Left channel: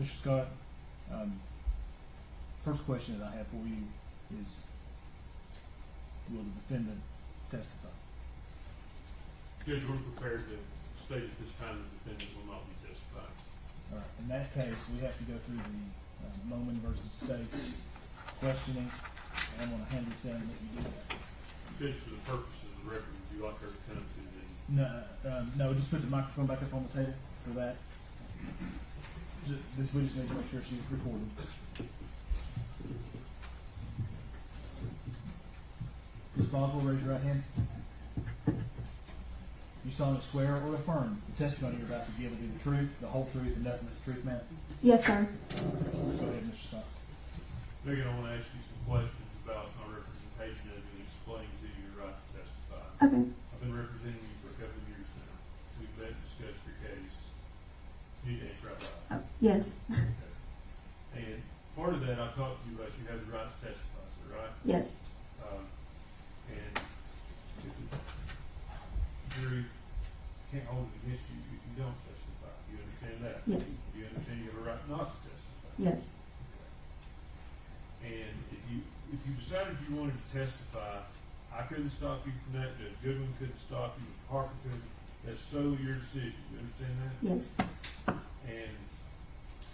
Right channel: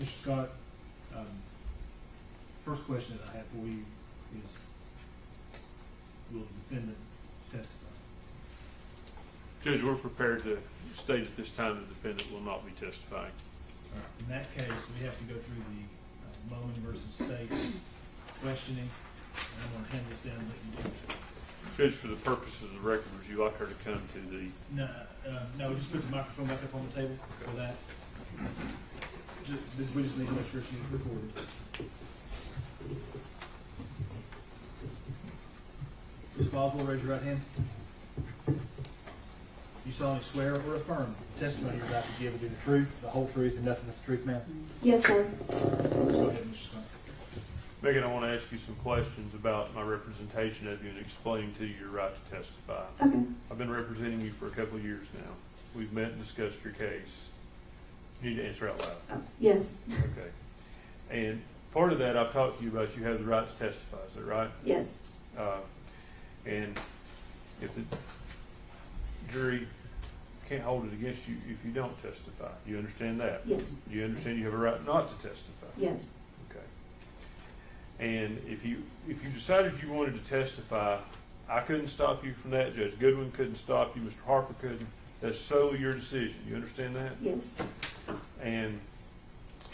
Mr. Scott, first question that I have for you is, will the defendant testify? Judge, we're prepared to state at this time the defendant will not be testifying. All right. In that case, we have to go through the Bowman versus State questioning, and I'm gonna hand this down and let you do that. Judge, for the purposes of the record, would you like her to come to the, No, just put the microphone back up on the table for that. We just need to make sure she's recorded. Ms. Boswell, raise your right hand. You solemnly swear or affirm the testimony you're about to give will be the truth, the whole truth, and nothing but the truth, ma'am? Yes, sir. Go ahead, Mr. Scott. Megan, I want to ask you some questions about my representation of you and explaining to you your right to testify. Okay. I've been representing you for a couple of years now. We've met and discussed your case. You need to answer out loud. Yes. Okay. And part of that, I've talked to you about you have the right to testify, is that right? Yes. And if the jury can't hold it against you if you don't testify, you understand that? Yes. Do you understand you have a right not to testify? Yes. Okay. And if you decided you wanted to testify, I couldn't stop you from that. Judge Goodwin couldn't stop you. Mr. Harper couldn't. That's solely your decision. You understand that? Yes. And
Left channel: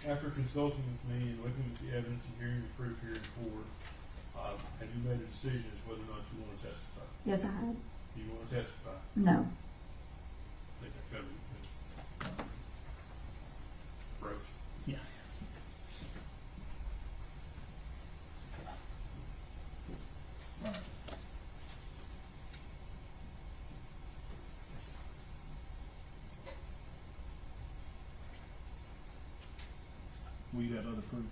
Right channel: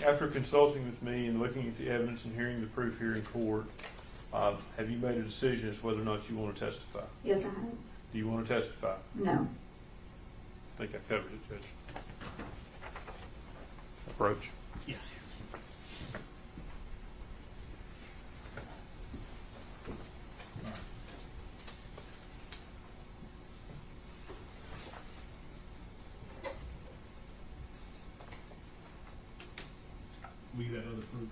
after consulting with me and looking at the evidence and hearing the proof here in court, have you made a decision as to whether or not you want to testify? Yes, I have. Do you want to testify? No. I think I covered it, Judge. Approach. Yeah. All right. Will you have other proof?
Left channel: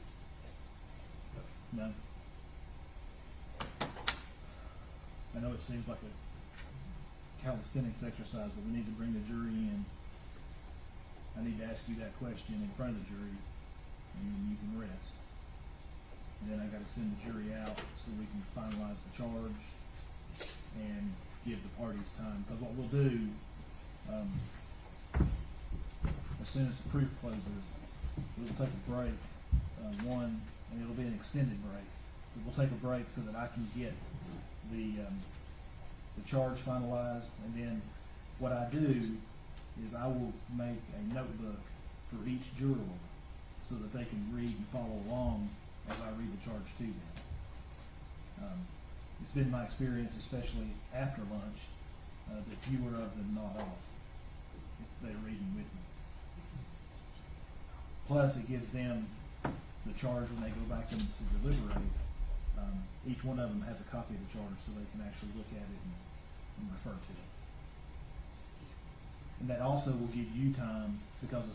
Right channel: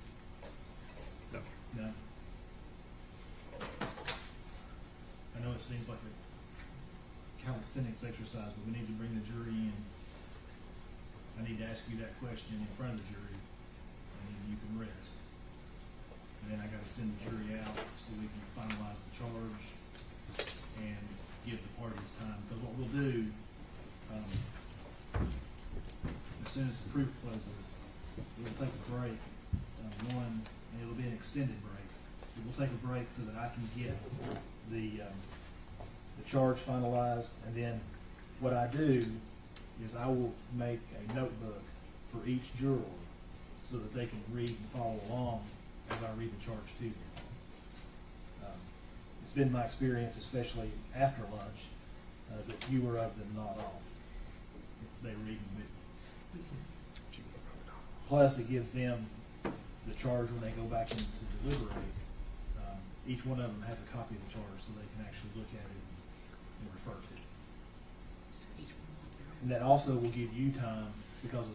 No. No? I know it seems like a calisthenics exercise, but we need to bring the jury in. I need to ask you that question in front of the jury, and then you can rest. And then I gotta send the jury out so we can finalize the charge and give the parties time, because what we'll do, as soon as the proof closes, we'll take a break, and it'll be an extended break. We'll take a break so that I can get the charge finalized, and then what I do is I will make a notebook for each juror so that they can read and follow along as I read the charge to them. It's been my experience, especially after lunch, that fewer of them nod off if they're reading with me. Plus, it gives them the charge when they go back in to deliberate. Each one of them has a copy of the charge so they can actually look at it and refer to it. And that also will give you time, because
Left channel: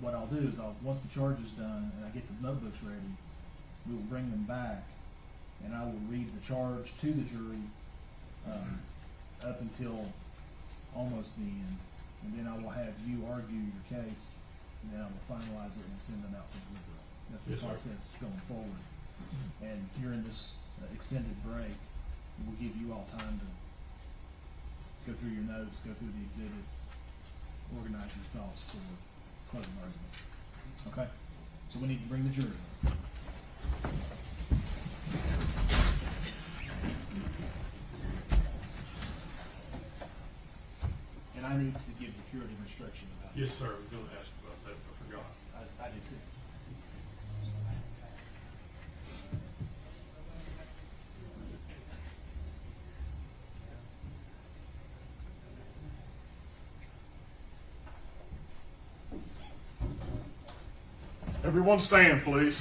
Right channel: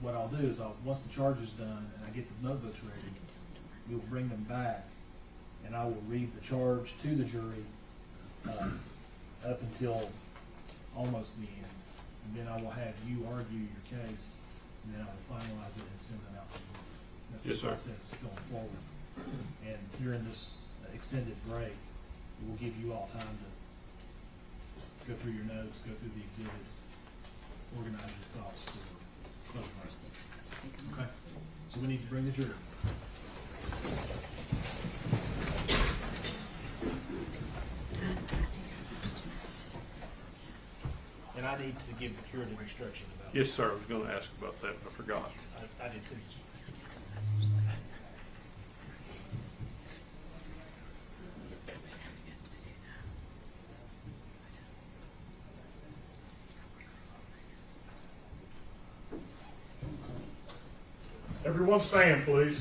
what I'll do is once the charge is done and I get the notebooks ready, we'll bring them back and I will read the charge to the jury up until almost the end. And then I will have you argue your case, and then I will finalize it and send it out to you. That's the Yes, sir. process going forward. And during this extended break, it will give you all time to go through your notes, go through the exhibits, organize your thoughts for closing argument. Okay? So we need to bring the jury. And I need to give the curative instruction about Yes, sir. I was going to ask about that, but I forgot. I did too. Everyone stand, please.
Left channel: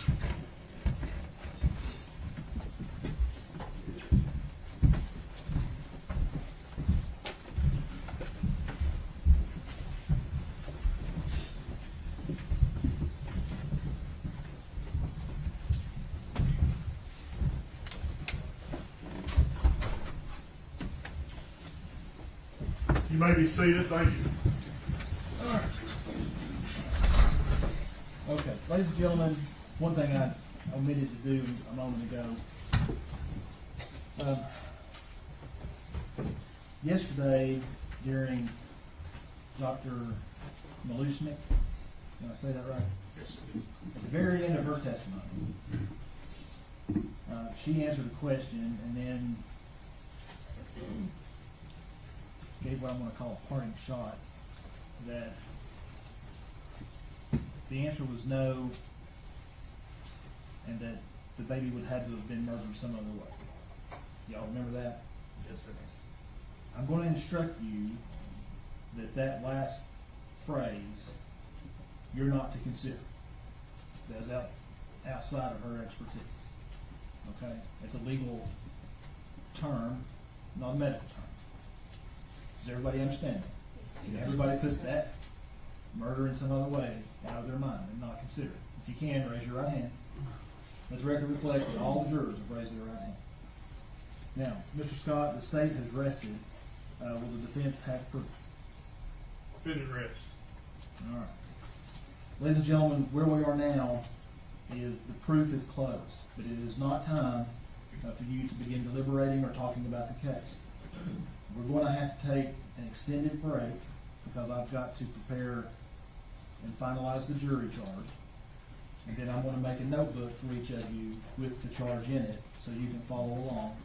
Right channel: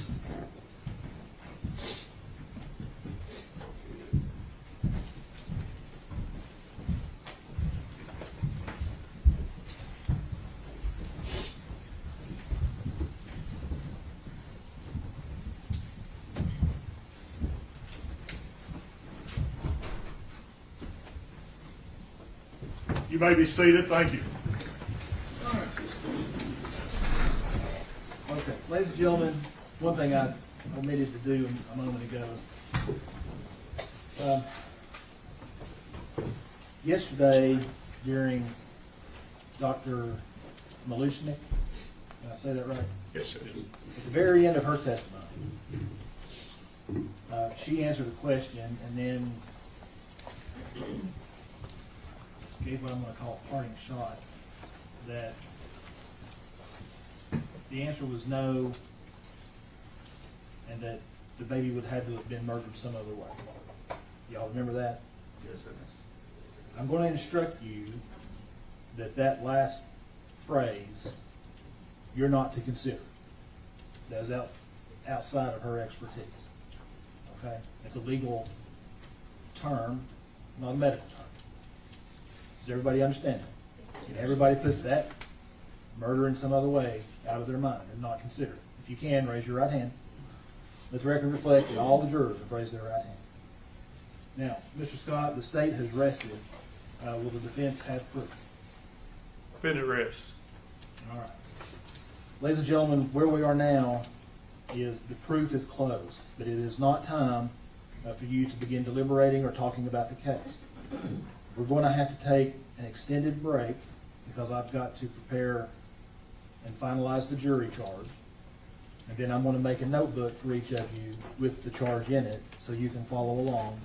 You may be seated. Thank you. All right. Okay, ladies and gentlemen, one thing I omitted to do a moment ago. Yesterday, during Dr. Malushnik, Did I say that right? Yes, sir. At the very end of her testimony, she answered a question and then gave what I'm going to call a parting shot, that the answer was no, and that the baby would have to have been murdered some other way. Y'all remember that? Yes, sir. I'm going to instruct you that that last phrase, you're not to consider. That is outside of her expertise. Okay? It's a legal term, not a medical term. Does everybody understand that? Everybody puts that murder in some other way out of their mind and not consider it. If you can, raise your right hand. Let the record reflect that all the jurors have raised their right hand. Now, Mr. Scott, the state has rested. Will the defense have proof? Defendant rests. All right. Ladies and gentlemen, where we are now is the proof is closed, but it is not time for you to begin deliberating or talking about the case. We're going to have to take an extended break because I've got to prepare and finalize the jury charge. And then I'm going to make a notebook for each of you with the charge in it so you can follow along,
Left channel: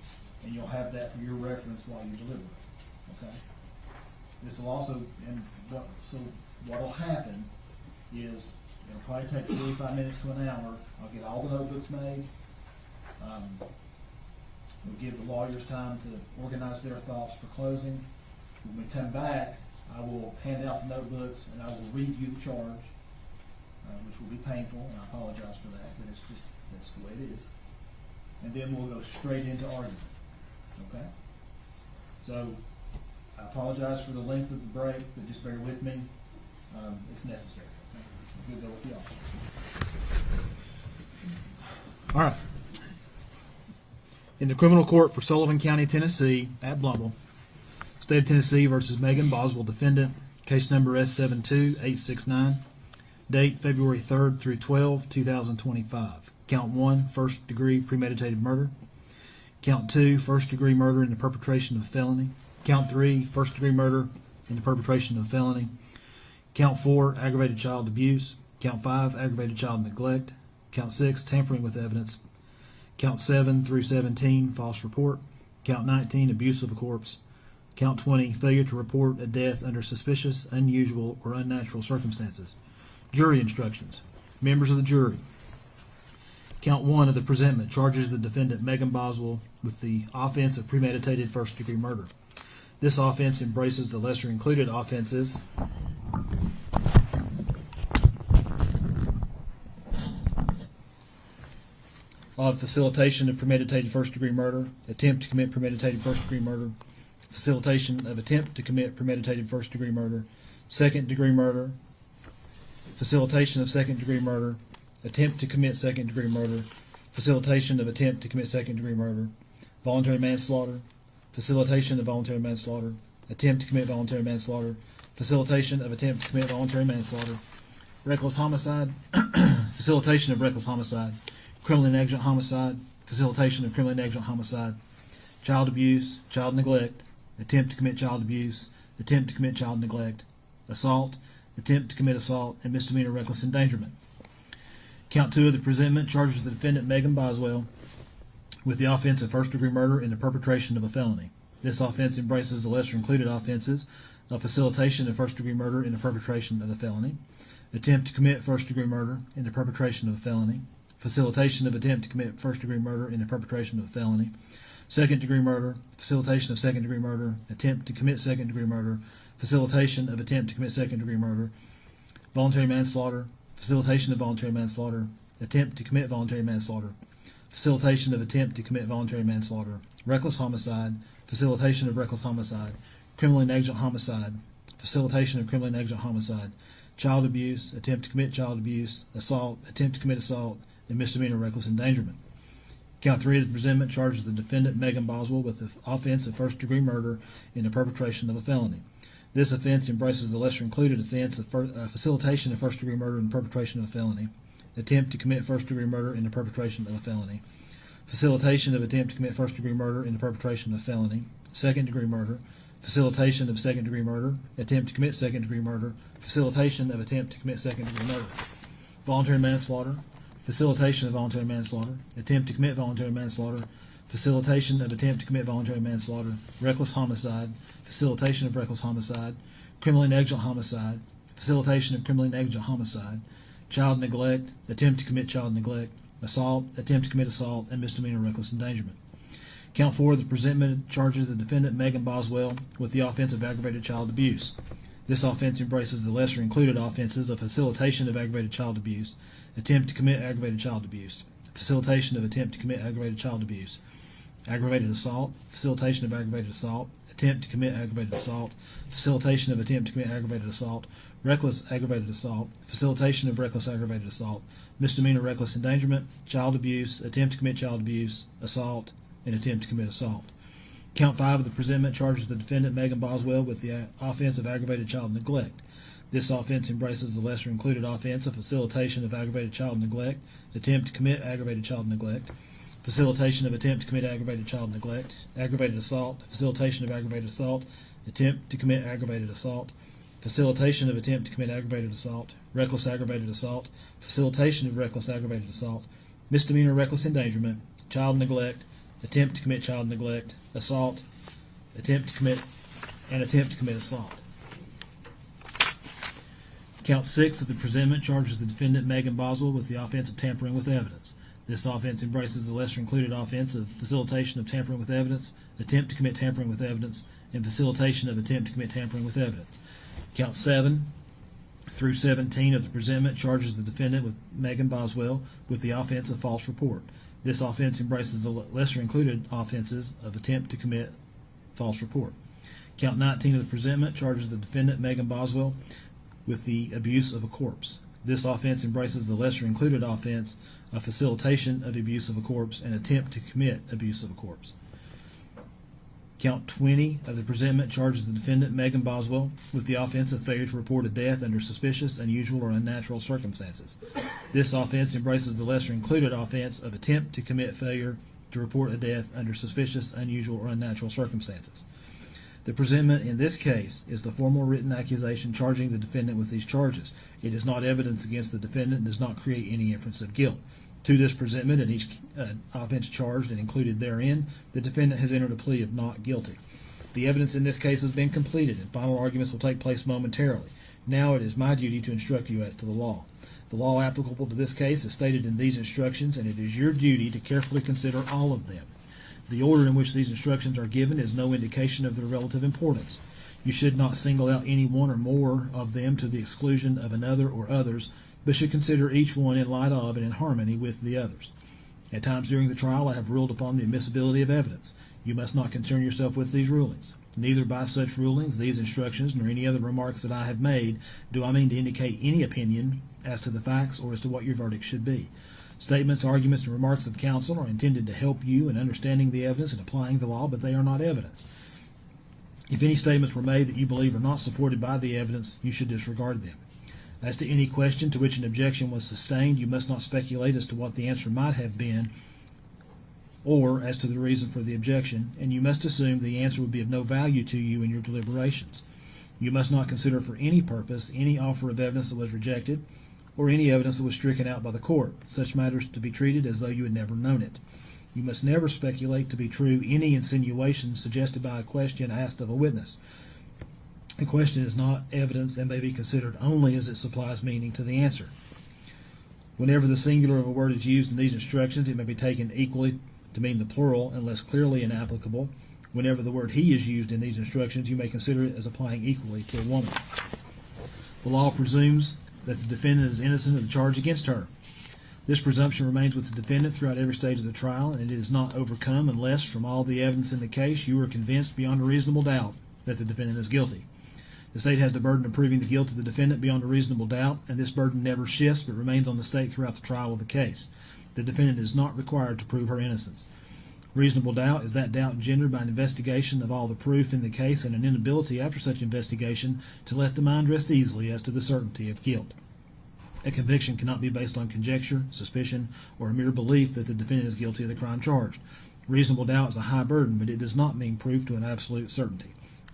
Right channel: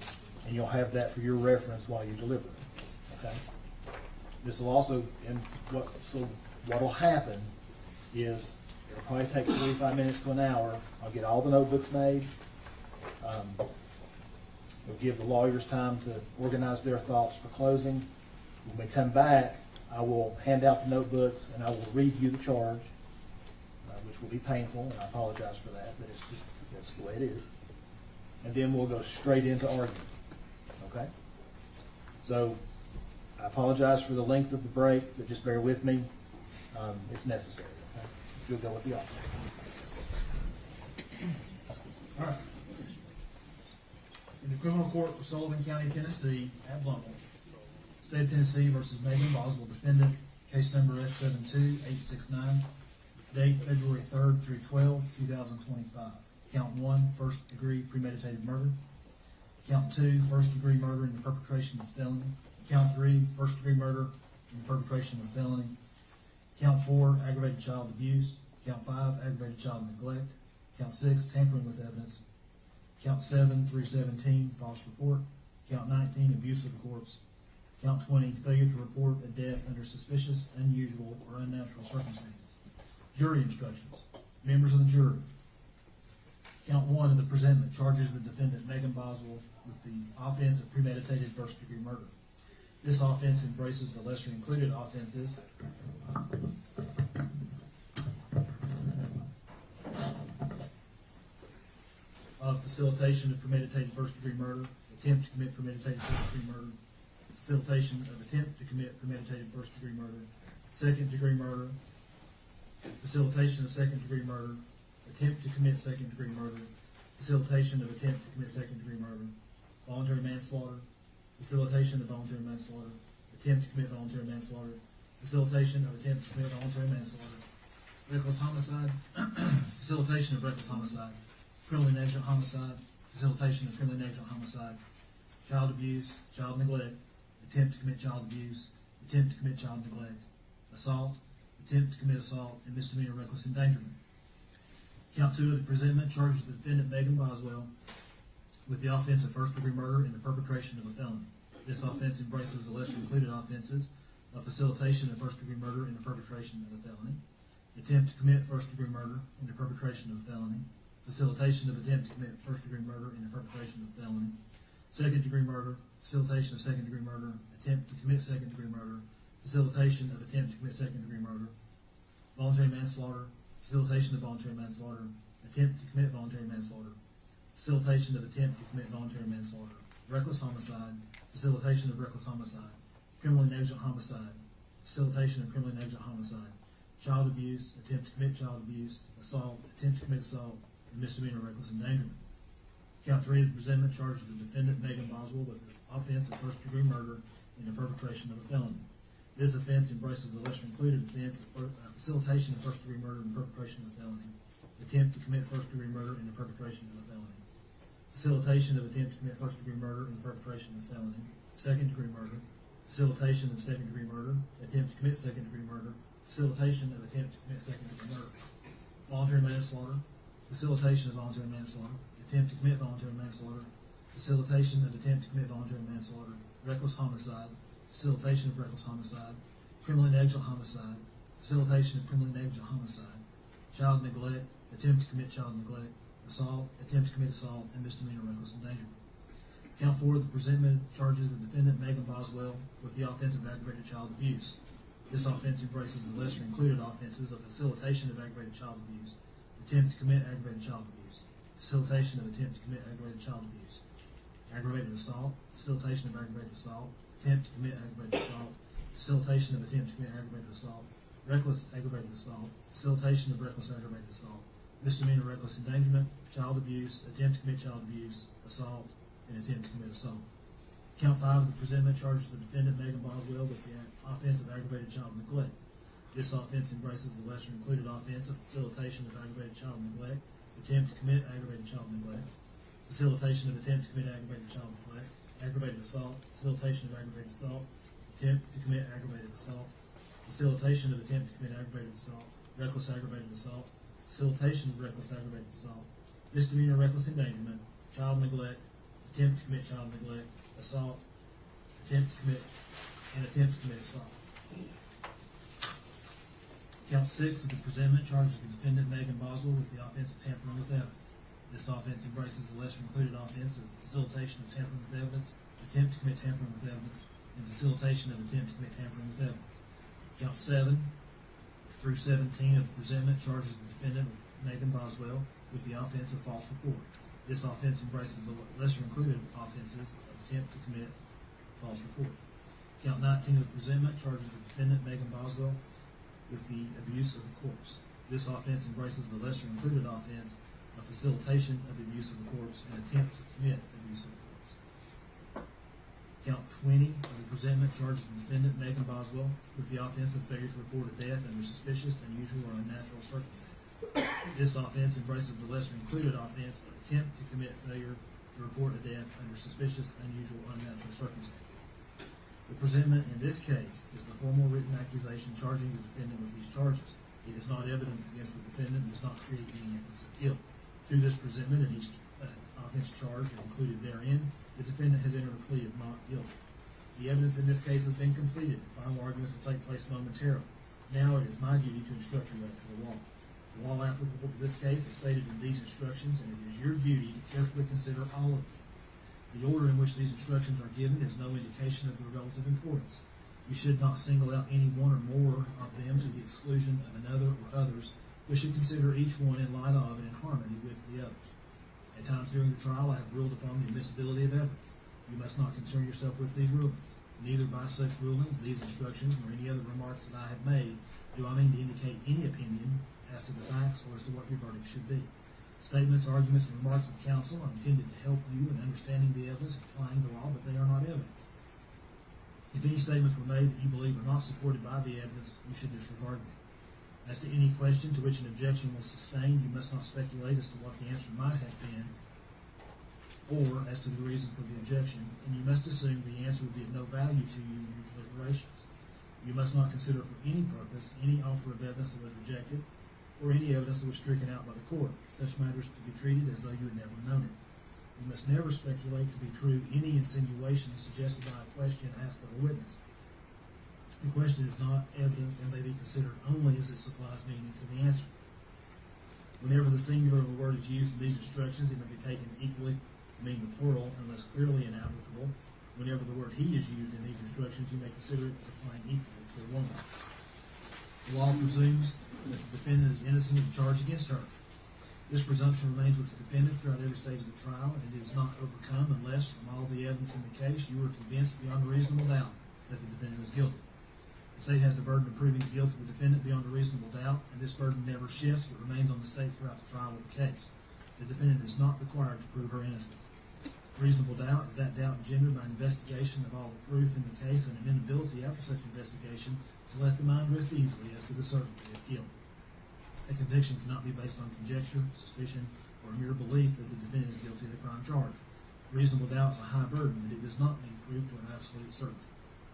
and you'll have that for your reference while you deliver. Okay? This will also, what will happen is it'll probably take 45 minutes to an hour. I'll get all the notebooks made. We'll give the lawyers time to organize their thoughts for closing. When we come back, I will hand out the notebooks and I will read you the charge, which will be painful, and I apologize for that, but it's just, that's the way it is. And then we'll go straight into argument, okay? So, I apologize for the length of the break, but just bear with me. It's necessary, okay? You'll go with the officer. All right. In the criminal court for Sullivan County, Tennessee, at Blumble, State of Tennessee versus Megan Boswell, defendant, case number S72869, date February 3rd through 12, 2025. Count 1, first degree premeditated murder. Count 2, first degree murder in the perpetration of a felony. Count 3, first degree murder in the perpetration of a felony. Count 4, aggravated child abuse. Count 5, aggravated child neglect. Count 6, tampering with evidence. Count 7 through 17, false report. Count 19, abuse of a corpse. Count 20, failure to report a death under suspicious, unusual, or unnatural circumstances. Jury instructions. Members of the jury. Count 1 of the presentment charges the defendant Megan Boswell with the offense of premeditated first-degree murder. This offense embraces the lesser-included offenses of facilitation of premeditated first-degree murder, attempt to commit premeditated first-degree murder, facilitation of attempt to commit premeditated first-degree murder, second-degree murder, facilitation of second-degree murder, attempt to commit second-degree murder, facilitation of attempt to commit second-degree murder, voluntary manslaughter, facilitation of voluntary manslaughter, attempt to commit voluntary manslaughter, facilitation of attempt to commit voluntary manslaughter, reckless homicide, facilitation of reckless homicide, criminally negligent homicide, facilitation of criminally negligent homicide, child abuse, child neglect, attempt to commit child abuse, attempt to commit child neglect, assault, attempt to commit assault, and misdemeanor reckless endangerment. Count 2 of the presentment charges the defendant Megan Boswell with the offense of first-degree murder in the perpetration of a felony. This offense embraces the lesser-included offenses of facilitation of first-degree murder in the perpetration of a felony, attempt to commit first-degree murder in the perpetration of a felony, facilitation of attempt to commit first-degree murder in the perpetration of a felony, second-degree murder, facilitation of second-degree murder, attempt to commit second-degree murder, facilitation of attempt to commit second-degree murder, voluntary manslaughter, facilitation of voluntary manslaughter, attempt to commit voluntary manslaughter, facilitation of attempt to commit voluntary manslaughter, reckless homicide, facilitation of reckless homicide, criminally negligent homicide, facilitation of criminally negligent homicide, child abuse, attempt to commit child abuse, assault, attempt to commit assault, and misdemeanor reckless endangerment. Count 3 of the presentment charges the defendant Megan Boswell with the offense of first-degree murder in the perpetration of a felony. This offense embraces the lesser-included offense of facilitation of first-degree murder in the perpetration of a felony, attempt to commit first-degree murder in the perpetration of a felony, facilitation of attempt to commit first-degree murder in the perpetration of a felony, second-degree murder, facilitation of second-degree murder, attempt to commit second-degree murder, facilitation of attempt to commit second-degree murder, voluntary manslaughter, facilitation of voluntary manslaughter, attempt to commit voluntary manslaughter, facilitation of attempt to commit voluntary manslaughter, reckless homicide, facilitation of reckless homicide, criminally negligent homicide, facilitation of criminally negligent homicide, child neglect, attempt to commit child neglect, assault, attempt to commit assault, and misdemeanor reckless endangerment. Count 4 of the presentment charges the defendant, Megan Boswell, with the offense of aggravated child abuse. This offense embraces the lesser included offenses of facilitation of aggravated child abuse, attempt to commit aggravated child abuse, facilitation of attempt to commit aggravated child abuse, aggravated assault, facilitation of aggravated assault, attempt to commit aggravated assault, facilitation of attempt to commit aggravated assault, reckless aggravated assault, facilitation of reckless aggravated assault, misdemeanor reckless endangerment, child abuse, attempt to commit child abuse, assault, and attempt to commit assault. Count 5 of the presentment charges the defendant, Megan Boswell, with the offense of aggravated child neglect. This offense embraces the lesser included offense of facilitation of aggravated child neglect, attempt to commit aggravated child neglect, facilitation of attempt to commit aggravated child neglect, aggravated assault, facilitation of aggravated assault, attempt to commit aggravated assault, facilitation of attempt to commit aggravated assault, reckless aggravated assault, facilitation of reckless aggravated assault, misdemeanor reckless endangerment, child neglect, attempt to commit child neglect, assault, attempt to commit assault. Count 6 of the presentment charges the defendant, Megan Boswell, with the offense of tampering with evidence. This offense embraces the lesser included offense of facilitation of tampering with evidence, attempt to commit tampering with evidence, and facilitation of attempt to commit tampering with evidence. Count 7 through 17 of the presentment charges the defendant, with Megan Boswell, with the offense of false report. This offense embraces the lesser included offenses of attempt to commit false report. Count 19 of the presentment charges the defendant, Megan Boswell, with the abuse of a corpse. This offense embraces the lesser included offense of facilitation of abuse of a corpse and attempt to commit abuse of a corpse. Count 20 of the presentment charges the defendant, Megan Boswell, with the offense of failure to report a death under suspicious, unusual, or unnatural circumstances. This offense embraces the lesser included offense of attempt to commit failure to report a death under suspicious, unusual, or unnatural circumstances. The presentment in this case is the formal written accusation charging the defendant with these charges. It is not evidence against the defendant and does not create any inference of guilt. To this presentment and each offense charged and included therein, the defendant has entered a plea of not guilty. The evidence in this case has been completed, and final arguments will take place momentarily. Now it is my duty to instruct you as to the law. The law applicable to this case is stated in these instructions, and it is your duty to carefully consider all of them. The order in which these instructions are given is no indication of their relative importance. You should not single out any one or more of them to the exclusion of another or others, but should consider each one in light of and in harmony with the others. At times during the trial, I have ruled upon the admissibility of evidence. You must not concern yourself with these rulings. Neither by such rulings, these instructions, nor any other remarks that I have made, do I mean to indicate any opinion as to the facts or as to what your verdict should be. Statements, arguments, and remarks of counsel are intended to help you in understanding the evidence and applying the law, but they are not evidence. If any statements were made that you believe are not supported by the evidence, you should disregard them. As to any question to which an objection was sustained, you must not speculate as to what the answer might have been or as to the reason for the objection, and you must assume the answer would be of no value to you in your deliberations. You must not consider for any purpose any offer of evidence that was rejected or any evidence that was stricken out by the court, such matters to be treated as though you had never known it. You must never speculate to be true any insinuation suggested by a question asked of a witness. The question is not evidence and may be considered only as it supplies meaning to the answer. Whenever the singular of a word is used in these instructions, it may be taken equally to mean the plural unless clearly inapplicable. Whenever the word he is used in these instructions, you may consider it as applying equally to a woman. The law presumes that the defendant is innocent of the charge against her. This presumption remains with the defendant throughout every stage of the trial, and it is not overcome unless, from all the evidence in the case, you are convinced beyond a reasonable doubt that the defendant is guilty. The state has the burden of proving the guilt of the defendant beyond a reasonable doubt, and this burden never shifts but remains on the state throughout the trial of the case. The defendant is not required to prove her innocence. Reasonable doubt is that doubt engendered by an investigation of all the proof in the case and an inability after such investigation to let the mind rest easily as to the certainty of guilt. A conviction cannot be based on conjecture, suspicion, or a mere belief that the defendant is guilty of the crime charged. Reasonable doubt is a high burden, but it does not mean proof to an absolute certainty.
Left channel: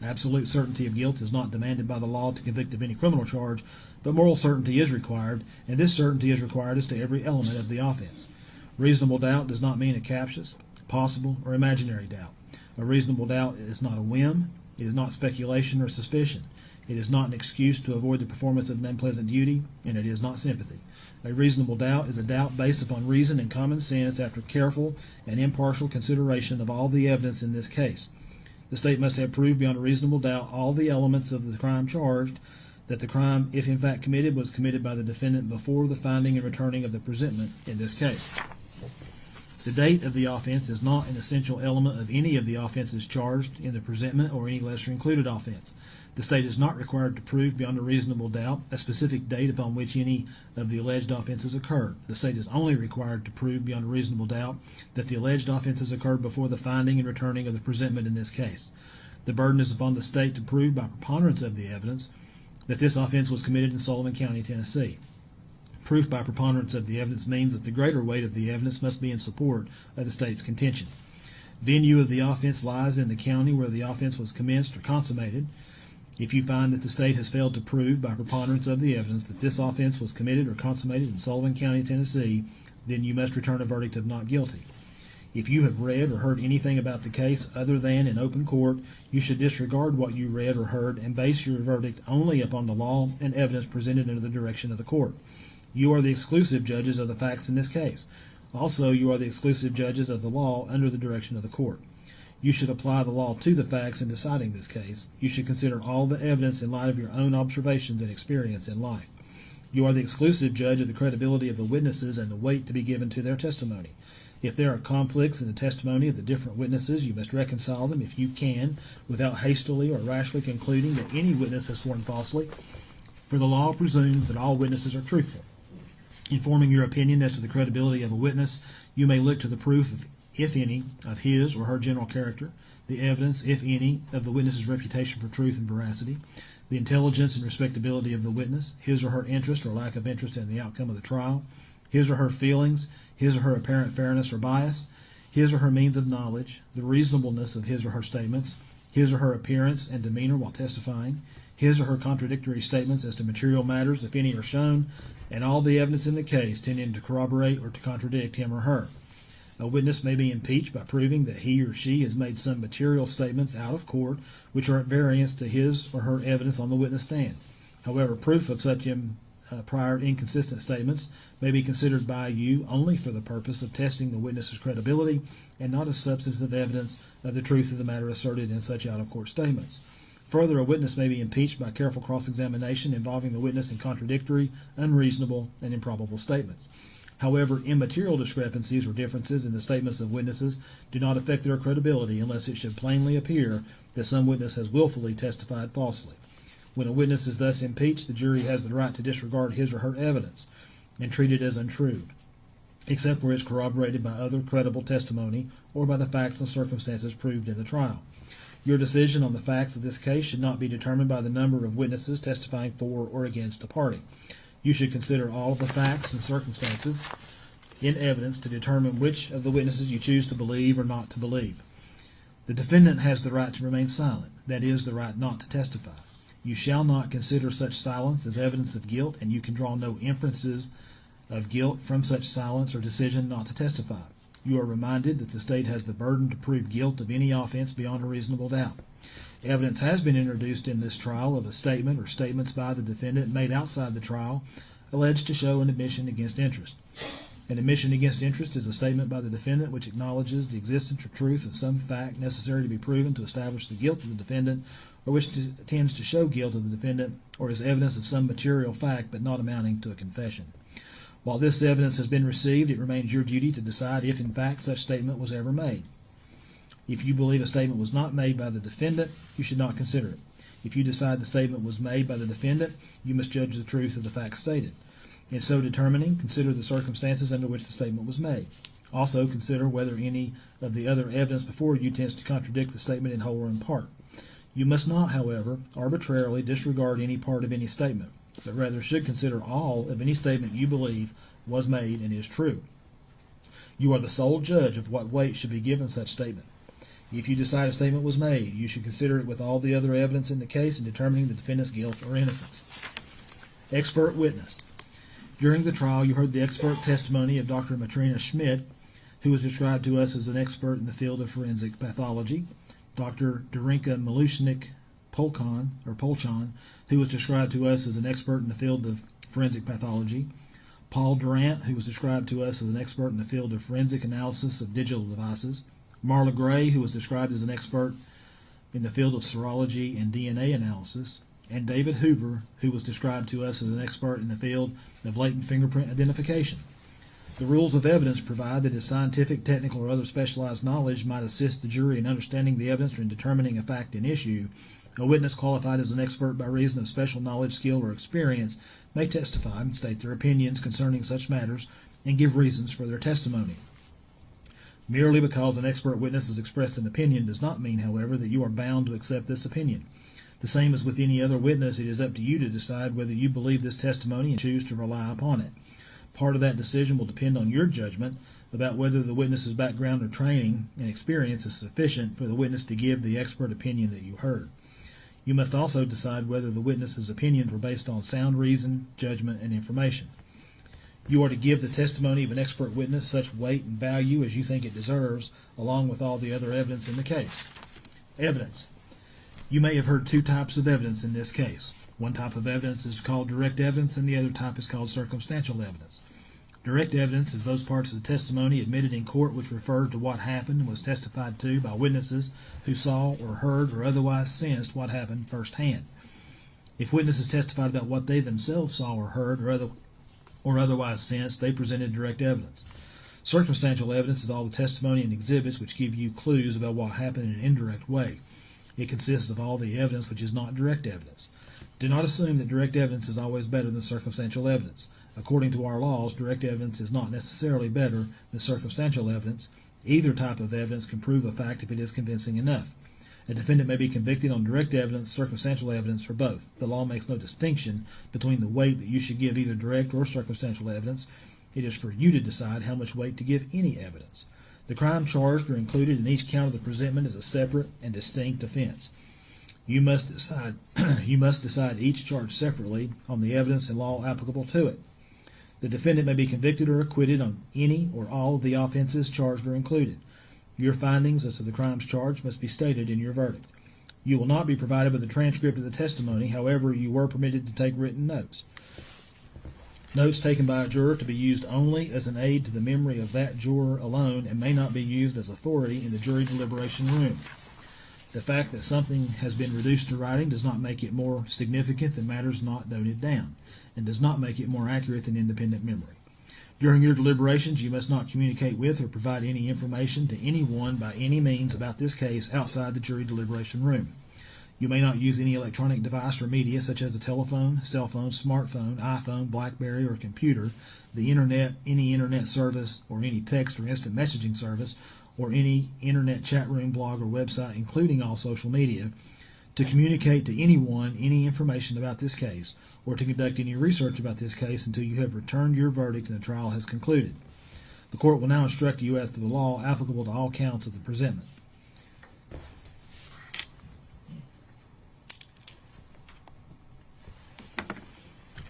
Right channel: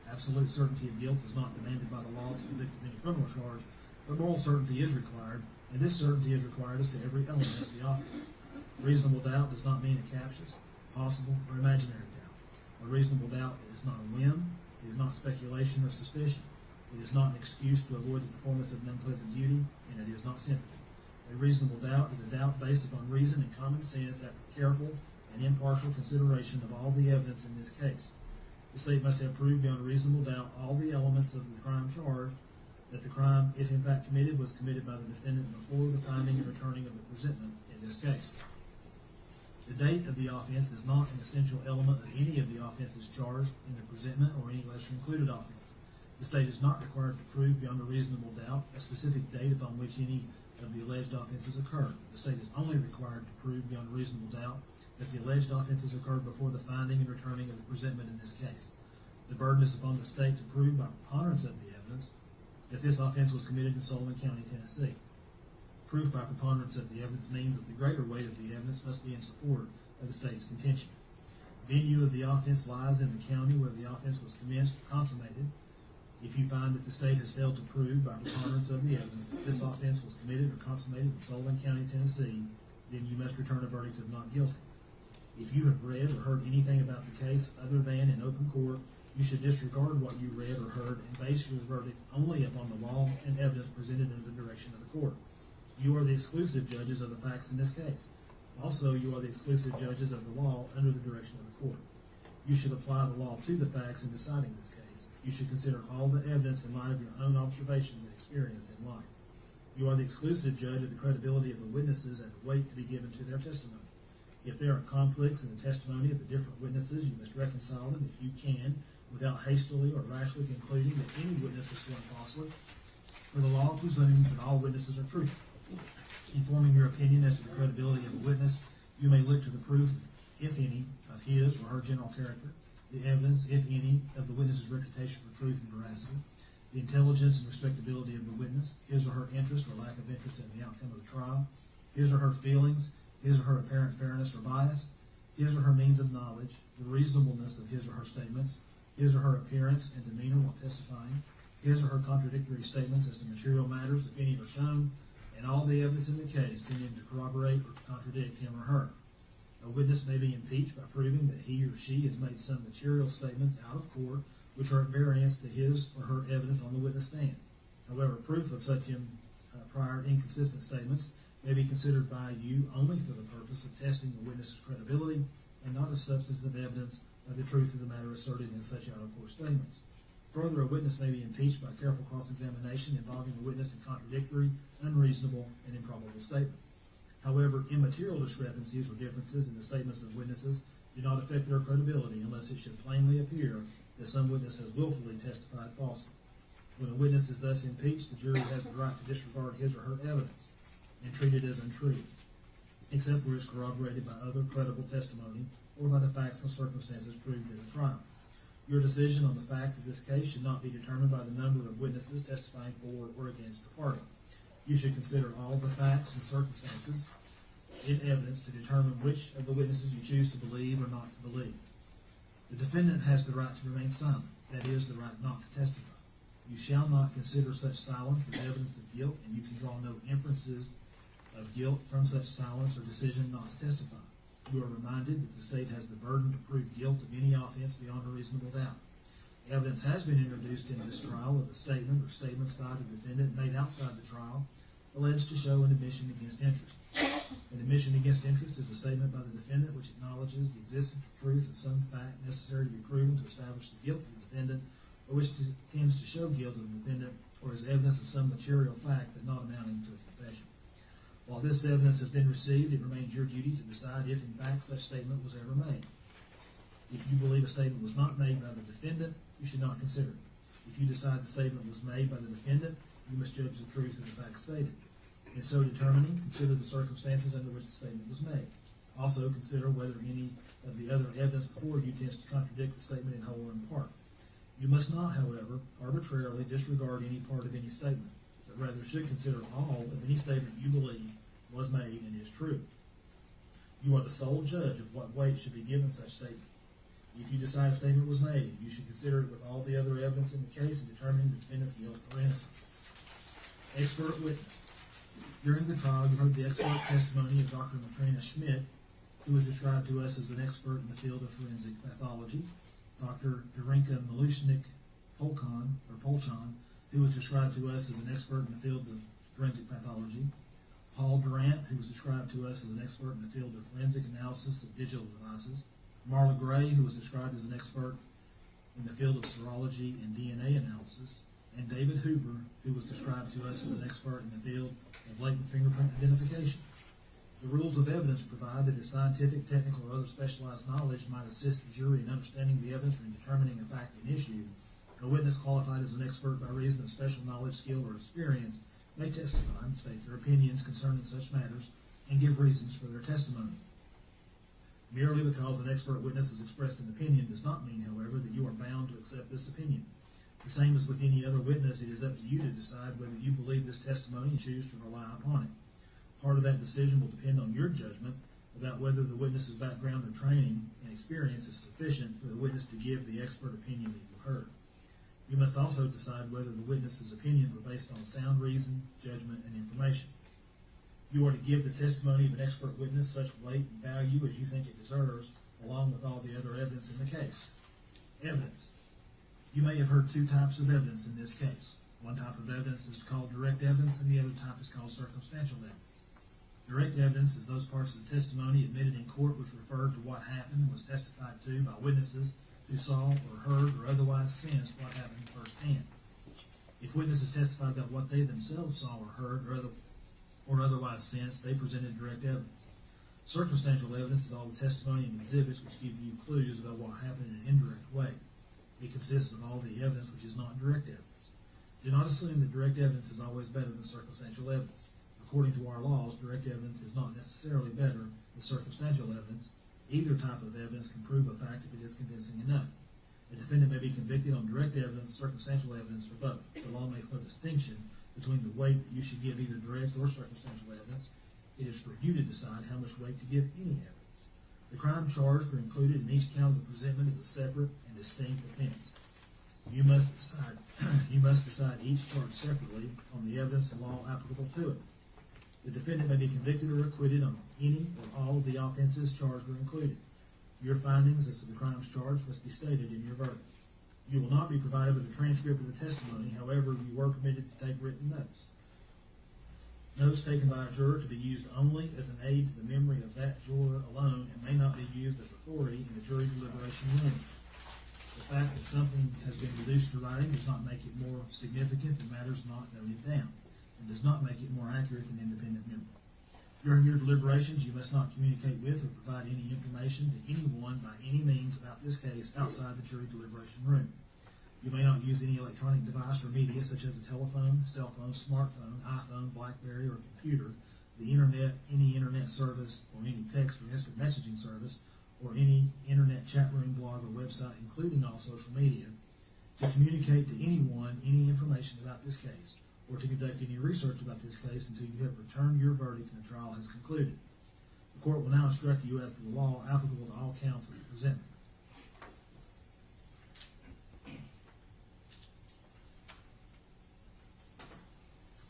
Absolute certainty of guilt is not demanded by the law to convict of any criminal charge, but moral certainty is required, and this certainty is required as to every element of the offense. Reasonable doubt does not mean a captious, possible, or imaginary doubt. A reasonable doubt is not a whim, it is not speculation or suspicion. It is not an excuse to avoid the performance of an unpleasant duty, and it is not sympathy. A reasonable doubt is a doubt based upon reason and common sense after careful and impartial consideration of all the evidence in this case. The state must have proved beyond a reasonable doubt all the elements of the crime charged, that the crime, if in fact committed, was committed by the defendant before the finding and returning of the presentment in this case. The date of the offense is not an essential element of any of the offenses charged in the presentment or any lesser included offense. The state is not required to prove beyond a reasonable doubt a specific date upon which any of the alleged offenses occurred. The state is only required to prove beyond a reasonable doubt that the alleged offenses occurred before the finding and returning of the presentment in this case. The burden is upon the state to prove by preponderance of the evidence that this offense was committed in Sullivan County, Tennessee. Proof by preponderance of the evidence means that the greater weight of the evidence must be in support of the state's contention. Venue of the offense lies in the county where the offense was commenced or consummated. If you find that the state has failed to prove by preponderance of the evidence that this offense was committed or consummated in Sullivan County, Tennessee, then you must return a verdict of not guilty. If you have read or heard anything about the case other than in open court, you should disregard what you read or heard and base your verdict only upon the law and evidence presented under the direction of the court. You are the exclusive judges of the facts in this case. Also, you are the exclusive judges of the law under the direction of the court. You should apply the law to the facts in deciding this case. You should consider all the evidence in light of your own observations and experience in life. You are the exclusive judge of the credibility of the witnesses and the weight to be given to their testimony. If there are conflicts in the testimony of the different witnesses, you must reconcile them if you can, without hastily or rashly concluding that any witness has sworn falsely, for the law presumes that all witnesses are truthful. In forming your opinion as to the credibility of a witness, you may look to the proof of, if any, of his or her general character, the evidence, if any, of the witness's reputation for truth and veracity, the intelligence and respectability of the witness, his or her interest or lack of interest in the outcome of the trial, his or her feelings, his or her apparent fairness or bias, his or her means of knowledge, the reasonableness of his or her statements, his or her appearance and demeanor while testifying, his or her contradictory statements as to material matters, if any, are shown, and all the evidence in the case tending to corroborate or to contradict him or her. A witness may be impeached by proving that he or she has made some material statements out of court which are at variance to his or her evidence on the witness stand. However, proof of such prior inconsistent statements may be considered by you only for the purpose of testing the witness's credibility and not as substantive evidence of the truth of the matter asserted in such out-of-court statements. Further, a witness may be impeached by careful cross-examination involving the witness in contradictory, unreasonable, and improbable statements. However, immaterial discrepancies or differences in the statements of witnesses do not affect their credibility unless it should plainly appear that some witness has willfully testified falsely. When a witness is thus impeached, the jury has the right to disregard his or her evidence and treat it as untrue, except where it is corroborated by other credible testimony or by the facts and circumstances proved in the trial. Your decision on the facts of this case should not be determined by the number of witnesses testifying for or against a party. You should consider all of the facts and circumstances in evidence to determine which of the witnesses you choose to believe or not to believe. The defendant has the right to remain silent, that is, the right not to testify. You shall not consider such silence as evidence of guilt, and you can draw no inferences of guilt from such silence or decision not to testify. You are reminded that the state has the burden to prove guilt of any offense beyond a reasonable doubt. Evidence has been introduced in this trial of a statement or statements by the defendant made outside the trial alleged to show an admission against interest. An admission against interest is a statement by the defendant which acknowledges the existence or truth of some fact necessary to be proven to establish the guilt of the defendant, or which tends to show guilt of the defendant, or is evidence of some material fact but not amounting to a confession. While this evidence has been received, it remains your duty to decide if in fact such statement was ever made. If you believe a statement was not made by the defendant, you should not consider it. If you decide the statement was made by the defendant, you must judge the truth of the facts stated. In so determining, consider the circumstances under which the statement was made. Also, consider whether any of the other evidence before you tends to contradict the statement in whole or in part. You must not, however, arbitrarily disregard any part of any statement, but rather should consider all of any statement you believe was made and is true. You are the sole judge of what weight should be given such statement. If you decide a statement was made, you should consider it with all the other evidence in the case in determining the defendant's guilt or innocence. Expert witness. During the trial, you heard the expert testimony of Dr. Matrina Schmidt, who was described to us as an expert in the field of forensic pathology, Dr. Darinka Malushnik-Polchan, who was described to us as an expert in the field of forensic pathology, Paul Durant, who was described to us as an expert in the field of forensic analysis of digital devices, Marla Gray, who was described as an expert in the field of serology and DNA analysis, and David Hoover, who was described to us as an expert in the field of latent fingerprint identification. The rules of evidence provide that if scientific, technical, or other specialized knowledge might assist the jury in understanding the evidence or in determining a fact in issue, a witness qualified as an expert by reason of special knowledge, skill, or experience may testify and state their opinions concerning such matters and give reasons for their testimony. Merely because an expert witness has expressed an opinion does not mean, however, that you are bound to accept this opinion. The same as with any other witness, it is up to you to decide whether you believe this testimony and choose to rely upon it. Part of that decision will depend on your judgment about whether the witness's background or training and experience is sufficient for the witness to give the expert opinion that you heard. You must also decide whether the witness's opinions were based on sound reason, judgment, and information. You are to give the testimony of an expert witness such weight and value as you think it deserves, along with all the other evidence in the case. Evidence. You may have heard two types of evidence in this case. One type of evidence is called direct evidence, and the other type is called circumstantial evidence. Direct evidence is those parts of the testimony admitted in court which referred to what happened and was testified to by witnesses who saw or heard or otherwise sensed what happened firsthand. If witnesses testified about what they themselves saw or heard or otherwise sensed, they presented direct evidence. Circumstantial evidence is all the testimony and exhibits which give you clues about what happened in an indirect way. It consists of all the evidence which is not direct evidence. Do not assume that direct evidence is always better than circumstantial evidence. According to our laws, direct evidence is not necessarily better than circumstantial evidence. Either type of evidence can prove a fact if it is convincing enough. A defendant may be convicted on direct evidence, circumstantial evidence, or both. The law makes no distinction between the weight that you should give either direct or circumstantial evidence. It is for you to decide how much weight to give any evidence. The crime charged or included in each count of the presentment is a separate and distinct offense. You must decide each charge separately on the evidence and law applicable to it. The defendant may be convicted or acquitted on any or all of the offenses charged or included. Your findings as to the crimes charged must be stated in your verdict. You will not be provided with a transcript of the testimony, however, you were permitted to take written notes. Notes taken by a juror to be used only as an aid to the memory of that juror alone and may not be used as authority in the jury deliberation room. The fact that something has been reduced to writing does not make it more significant than matters not noted down, and does not make it more accurate than independent memory. During your deliberations, you must not communicate with or provide any information to anyone by any means about this case outside the jury deliberation room. You may not use any electronic device or media such as a telephone, cell phone, smartphone, iPhone, BlackBerry, or computer, the internet, any internet service, or any text or instant messaging service, or any internet chat room, blog, or website, including all social media, to communicate to anyone any information about this case, or to conduct any research about this case until you have returned your verdict and the trial has concluded. The court will now instruct you as to the law applicable to all counts of the presentment.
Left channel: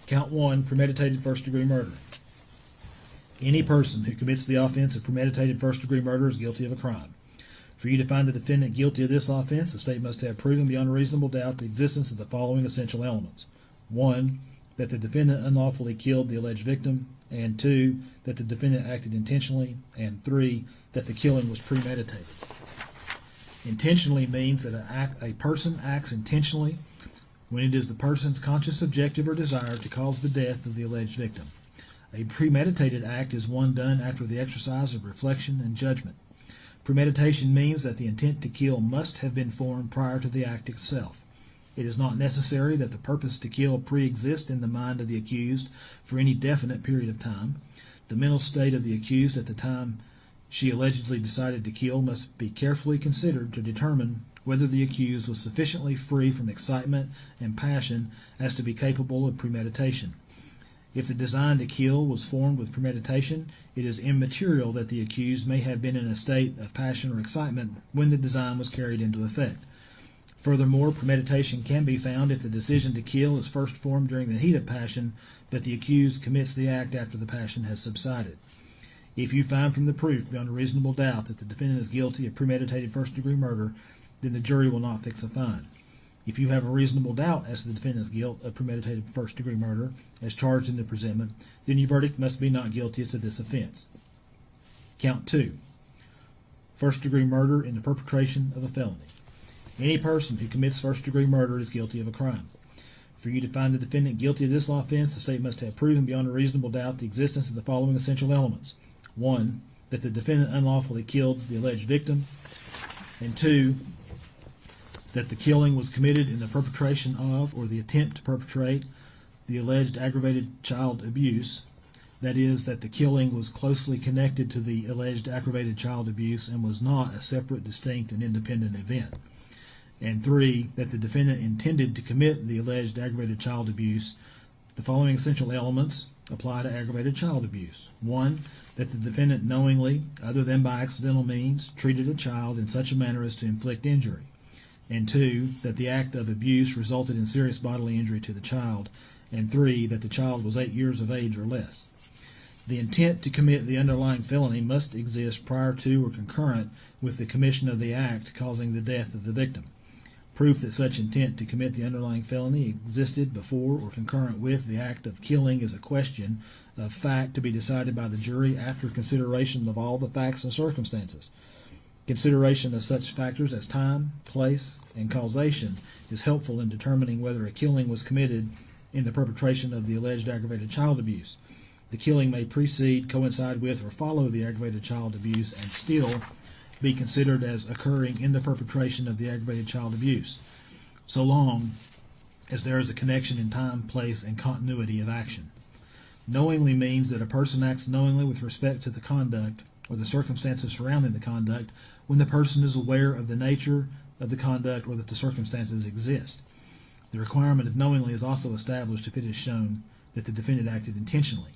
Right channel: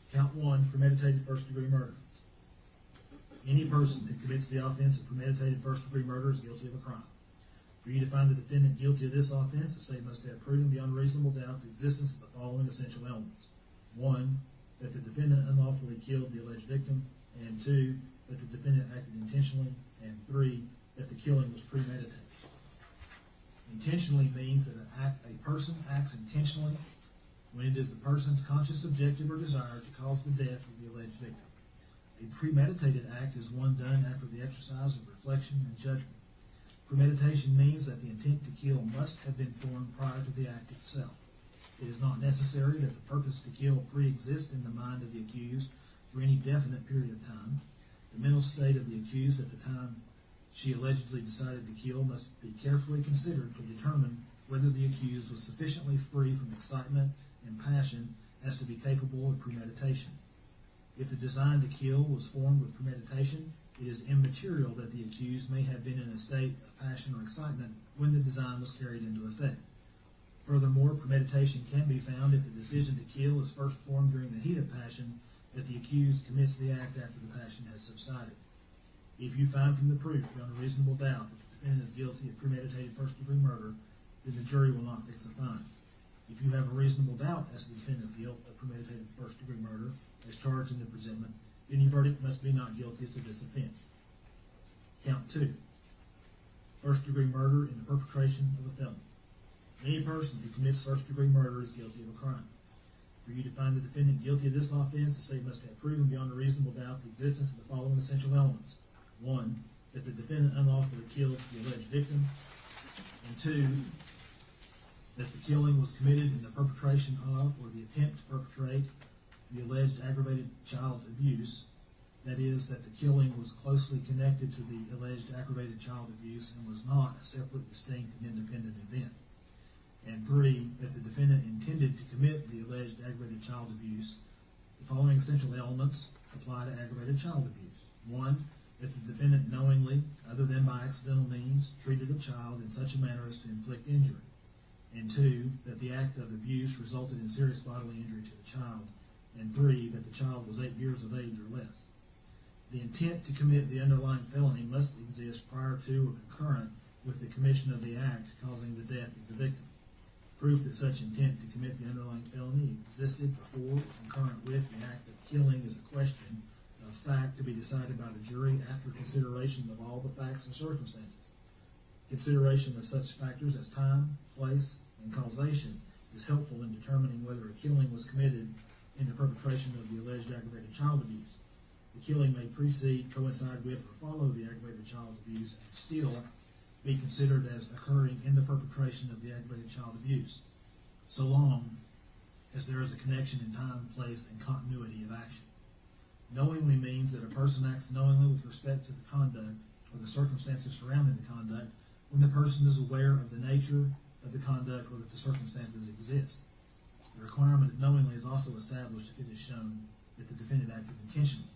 Count 1, premeditated first-degree murder. Any person who commits the offense of premeditated first-degree murder is guilty of a crime. For you to find the defendant guilty of this offense, the state must have proven beyond a reasonable doubt the existence of the following essential elements. 1, that the defendant unlawfully killed the alleged victim, and 2, that the defendant acted intentionally, and 3, that the killing was premeditated. Intentionally means that a person acts intentionally when it is the person's conscious objective or desire to cause the death of the alleged victim. A premeditated act is one done after the exercise of reflection and judgment. Premeditation means that the intent to kill must have been formed prior to the act itself. It is not necessary that the purpose to kill pre-exist in the mind of the accused for any definite period of time. The mental state of the accused at the time she allegedly decided to kill must be carefully considered to determine whether the accused was sufficiently free from excitement and passion as to be capable of premeditation. If the design to kill was formed with premeditation, it is immaterial that the accused may have been in a state of passion or excitement when the design was carried into effect. Furthermore, premeditation can be found if the decision to kill is first formed during the heat of passion, but the accused commits the act after the passion has subsided. If you find from the proof beyond a reasonable doubt that the defendant is guilty of premeditated first-degree murder, then the jury will not fix a fine. If you have a reasonable doubt as to the defendant's guilt of premeditated first-degree murder, as charged in the presentment, then your verdict must be not guilty as to this offense. Count 2. First-degree murder in the perpetration of a felony. Any person who commits first-degree murder is guilty of a crime. For you to find the defendant guilty of this offense, the state must have proven beyond a reasonable doubt the existence of the following essential elements. 1. That the defendant unlawfully killed the alleged victim. And 2. That the killing was committed in the perpetration of or the attempt to perpetrate the alleged aggravated child abuse. That is, that the killing was closely connected to the alleged aggravated child abuse and was not a separate, distinct, and independent event. And 3, that the defendant intended to commit the alleged aggravated child abuse. The following essential elements apply to aggravated child abuse. 1, that the defendant knowingly, other than by accidental means, treated a child in such a manner as to inflict injury. And 2, that the act of abuse resulted in serious bodily injury to the child. And 3, that the child was 8 years of age or less. The intent to commit the underlying felony must exist prior to or concurrent with the commission of the act causing the death of the victim. Proof that such intent to commit the underlying felony existed before or concurrent with the act of killing is a question of fact to be decided by the jury after consideration of all the facts and circumstances. Consideration of such factors as time, place, and causation is helpful in determining whether a killing was committed in the perpetration of the alleged aggravated child abuse. The killing may precede, coincide with, or follow the aggravated child abuse and still be considered as occurring in the perpetration of the aggravated child abuse, so long as there is a connection in time, place, and continuity of action. Knowingly means that a person acts knowingly with respect to the conduct or the circumstances surrounding the conduct when the person is aware of the nature of the conduct or that the circumstances exist. The requirement of knowingly is also established if it is shown that the defendant acted intentionally.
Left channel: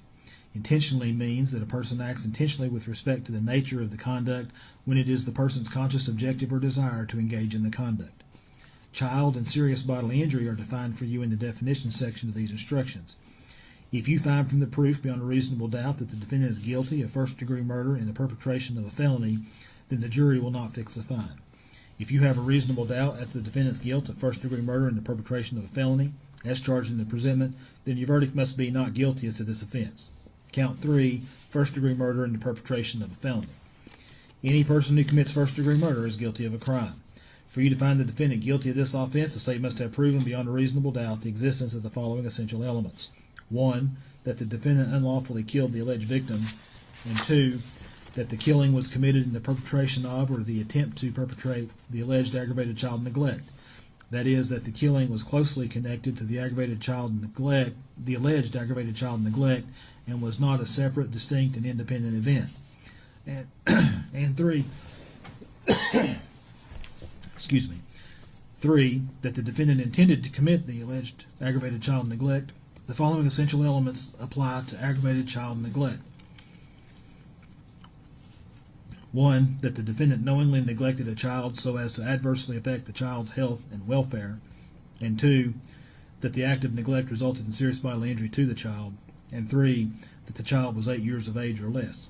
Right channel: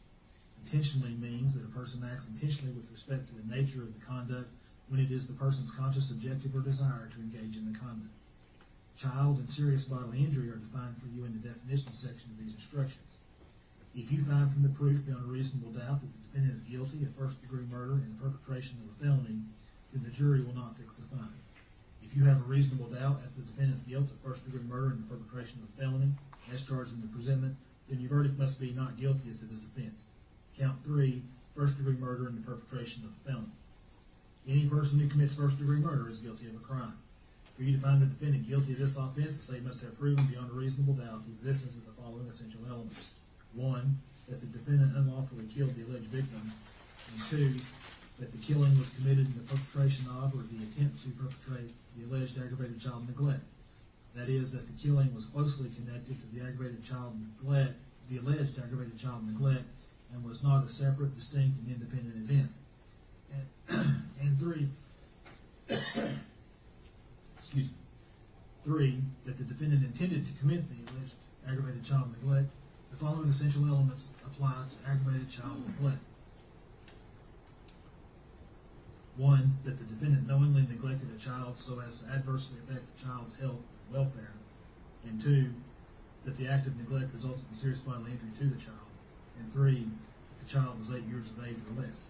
Intentionally means that a person acts intentionally with respect to the nature of the conduct when it is the person's conscious objective or desire to engage in the conduct. Child and serious bodily injury are defined for you in the definition section of these instructions. If you find from the proof beyond a reasonable doubt that the defendant is guilty of first-degree murder in the perpetration of a felony, then the jury will not fix a fine. If you have a reasonable doubt as to the defendant's guilt of first-degree murder in the perpetration of a felony, as charged in the presentment, then your verdict must be not guilty as to this offense. Count 3, first-degree murder in the perpetration of a felony. Any person who commits first-degree murder is guilty of a crime. For you to find the defendant guilty of this offense, the state must have proven beyond a reasonable doubt the existence of the following essential elements. 1, that the defendant unlawfully killed the alleged victim. And 2, that the killing was committed in the perpetration of or the attempt to perpetrate the alleged aggravated child neglect. That is, that the killing was closely connected to the alleged aggravated child neglect, and was not a separate, distinct, and independent event. And 3, excuse me, 3, that the defendant intended to commit the alleged aggravated child neglect. The following essential elements apply to aggravated child neglect. 1, that the defendant knowingly neglected a child so as to adversely affect the child's health and welfare. And 2, that the act of neglect resulted in serious bodily injury to the child. And 3, that the child was 8 years of age or less.